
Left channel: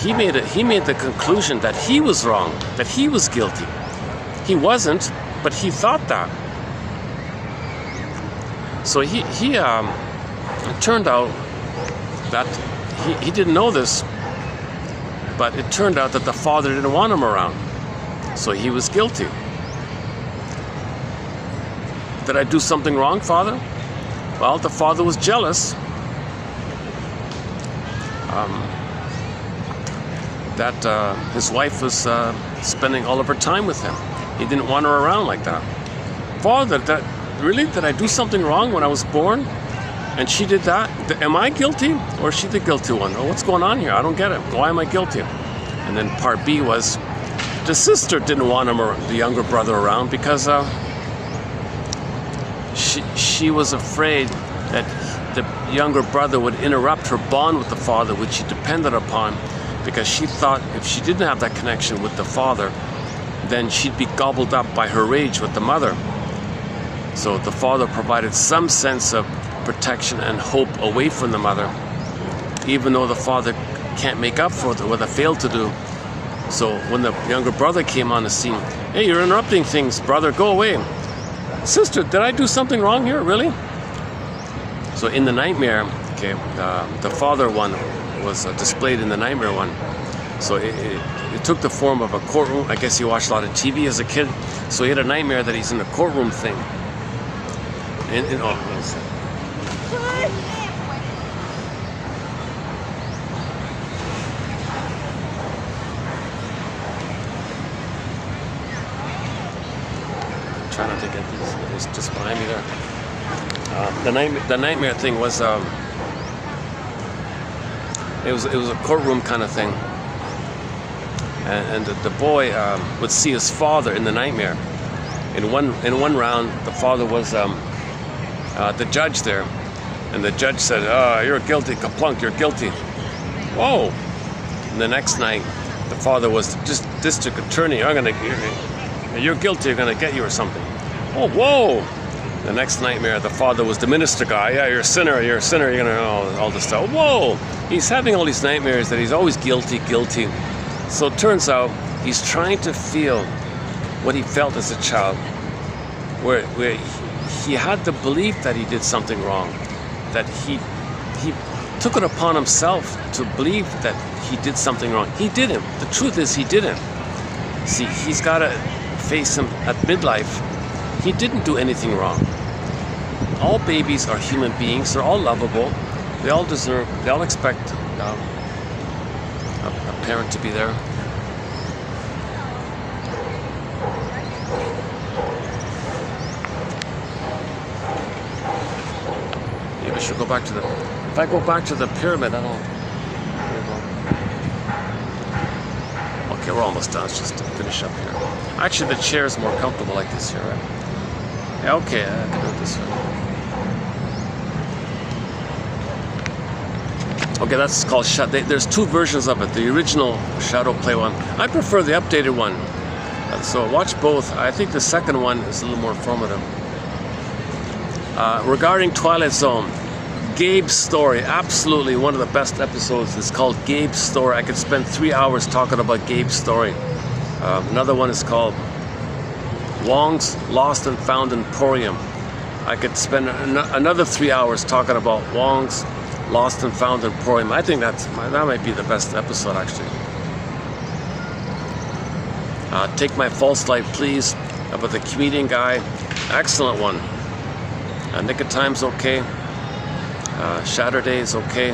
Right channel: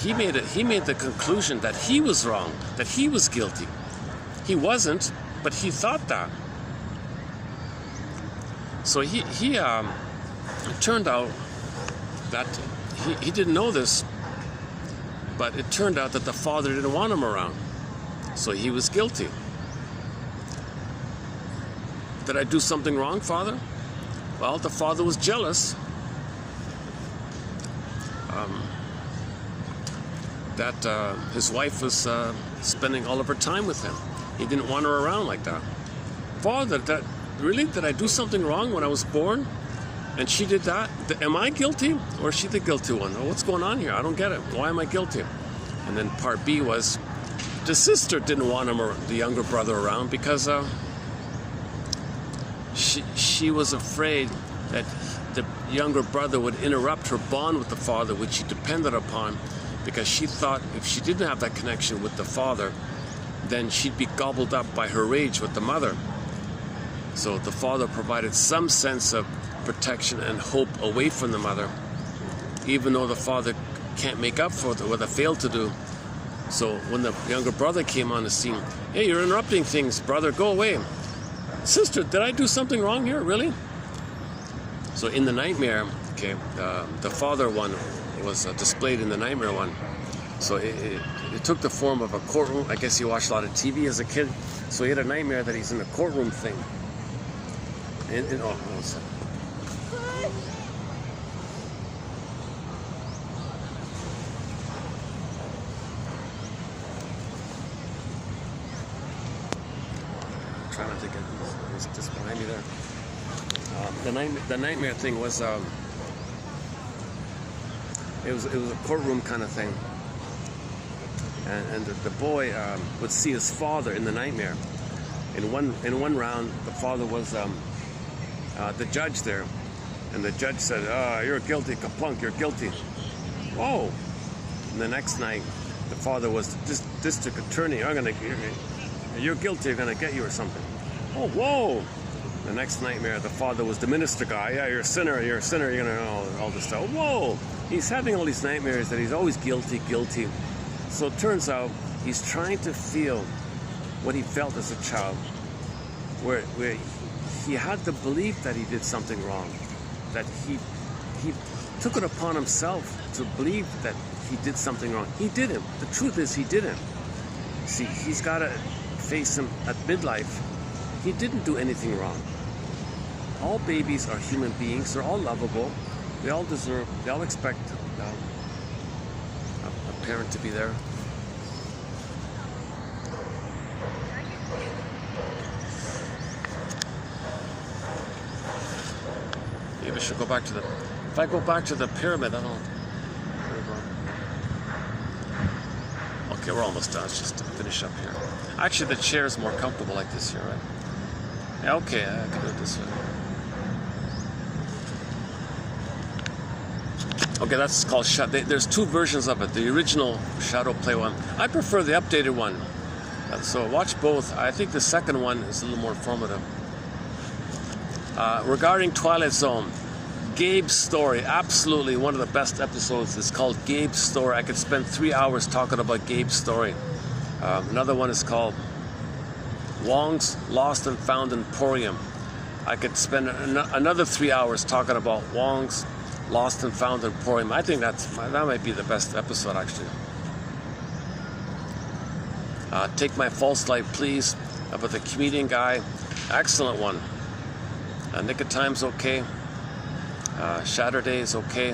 He made the conclusion that he was wrong, that he was guilty. He wasn't, but he thought that. So he turned out that he didn't know this, but it turned out that the father didn't want him around. So he was guilty. Did I do something wrong, Father? Well, the father was jealous that his wife was spending all of her time with him. He didn't want her around like that. Father, really? Did I do something wrong when I was born? And she did that? Am I guilty? Or is she the guilty one? Oh, what's going on here? I don't get it. Why am I guilty? And then part B was, the sister didn't want him, or the younger brother, around because she was afraid that the younger brother would interrupt her bond with the father, which she depended upon, because she thought if she didn't have that connection with the father, then she'd be gobbled up by her rage with the mother. So the father provided some sense of protection and hope away from the mother, even though the father can't make up for what they failed to do. So when the younger brother came on the scene, hey, you're interrupting things, brother, go away. Sister, did I do something wrong here, really? So in the nightmare, okay, the father one was displayed in the nightmare one. So it took the form of a courtroom. I guess he watched a lot of TV as a kid. So he had a nightmare that he's in a courtroom thing. And oh, what is it? Try not to get these. It's just behind me there. The nightmare thing was it was a courtroom kind of thing, and the boy would see his father in the nightmare. In one round, the father was the judge there, And the judge said, "Oh, you're guilty, kaplunk, you're guilty." Whoa. And the next night, the father was district attorney. You're guilty, you're gonna get you or something. Oh, whoa. The next nightmare, the father was the minister guy. "Yeah, you're a sinner, you're gonna all this stuff." Whoa. He's having all these nightmares that he's always guilty. So it turns out he's trying to feel what he felt as a child, where he had the belief that he did something wrong, that he took it upon himself to believe that he did something wrong. He didn't. The truth is he didn't. See, he's got to face him at midlife. He didn't do anything wrong. All babies are human beings. They're all lovable. They all expect a parent to be there. Maybe I should go back to if I go back to the pyramid, I don't... Okay, we're almost done. Let's just finish up here. Actually, the chair is more comfortable like this here, right? Yeah, okay, I can do it this way. Okay, that's called there's two versions of it. The original Shadow Play one. I prefer the updated one. So watch both. I think the second one is a little more informative. Regarding Twilight Zone, Gabe's story, absolutely one of the best episodes. It's called Gabe's Story. I could spend 3 hours talking about Gabe's story. Another one is called Wong's Lost and Found Emporium. I could spend another 3 hours talking about Wong's Lost and Found Emporium. I think that might be the best episode, actually. Take My False Light, Please, about the comedian guy. Excellent one. Nick of Time's okay. Saturday is okay.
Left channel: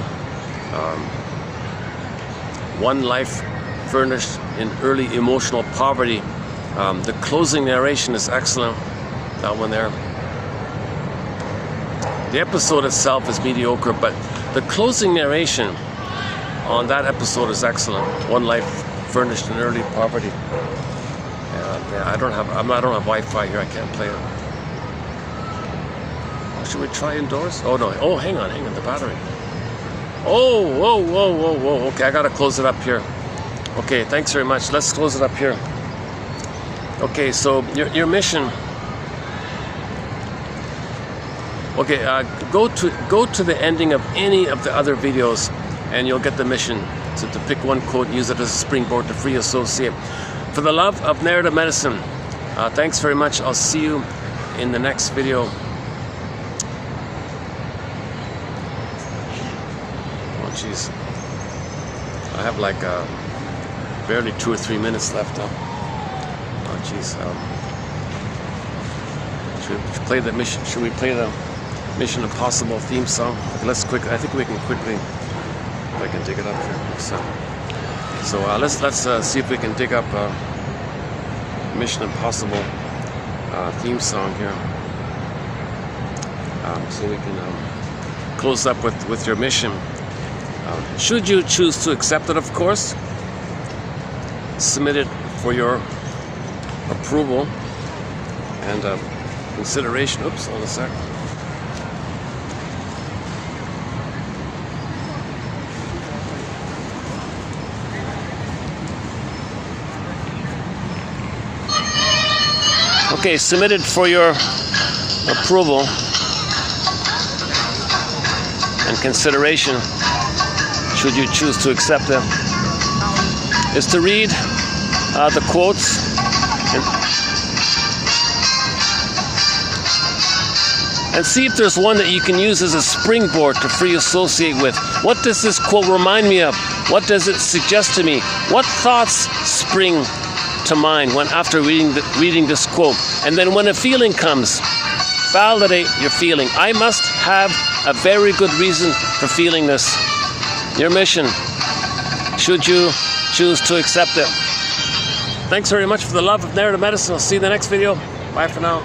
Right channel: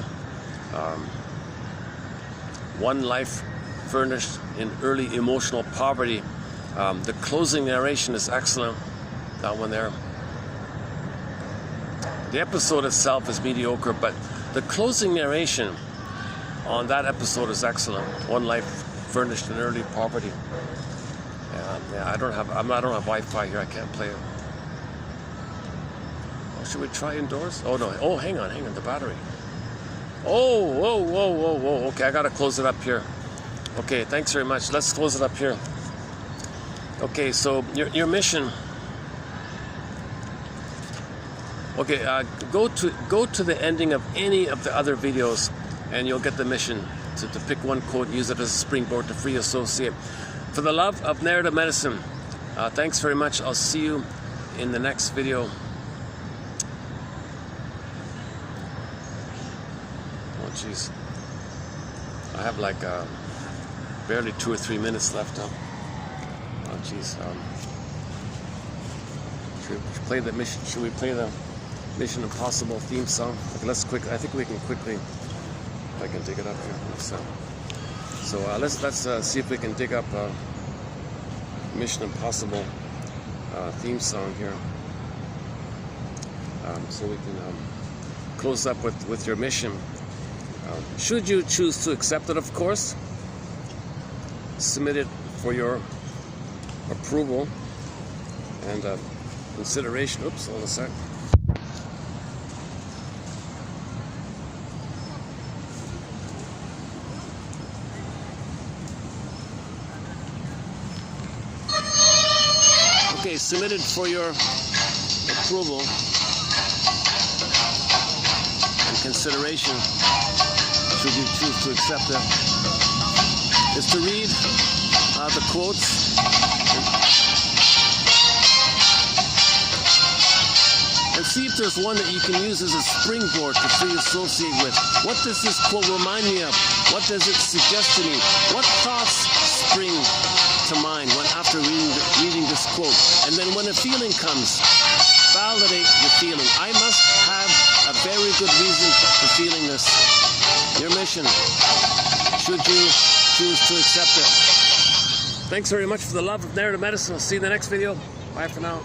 One Life Furnished in Early Emotional Poverty. The closing narration is excellent. That one there. The episode itself is mediocre, but the closing narration on that episode is excellent. One Life Furnished in Early Poverty. Yeah, I don't have Wi-Fi here. I can't play it. Should we try indoors? Oh no! Oh, hang on, the battery. Oh, whoa! Okay, I gotta close it up here. Okay, thanks very much. Let's close it up here. Okay, so your mission. Okay, go to the ending of any of the other videos, and you'll get the mission to pick one quote, use it as a springboard to free associate. For the love of narrative medicine, thanks very much. I'll see you in the next video. Oh, jeez. I have like barely 2 or 3 minutes left. Oh, jeez. Should we play the mission? Should we play the Mission Impossible theme song? I think we can quickly. If I can dig it up here. So let's see if we can dig up Mission Impossible theme song here. So we can close up with your mission. Should you choose to accept it, of course, submit it for your approval and consideration. Oops, hold a sec. Okay, submitted for your approval and consideration, should you choose to accept it, is to read the quotes and see if there's one that you can use as a springboard to free associate with. What does this quote remind me of? What does it suggest to me? What thoughts spring to mind after reading this quote? And then when a feeling comes, validate your feeling. I must have a very good reason for feeling this. Your mission, should you choose to accept it. Thanks very much for the love of narrative medicine. I'll see you in the next video. Bye for now.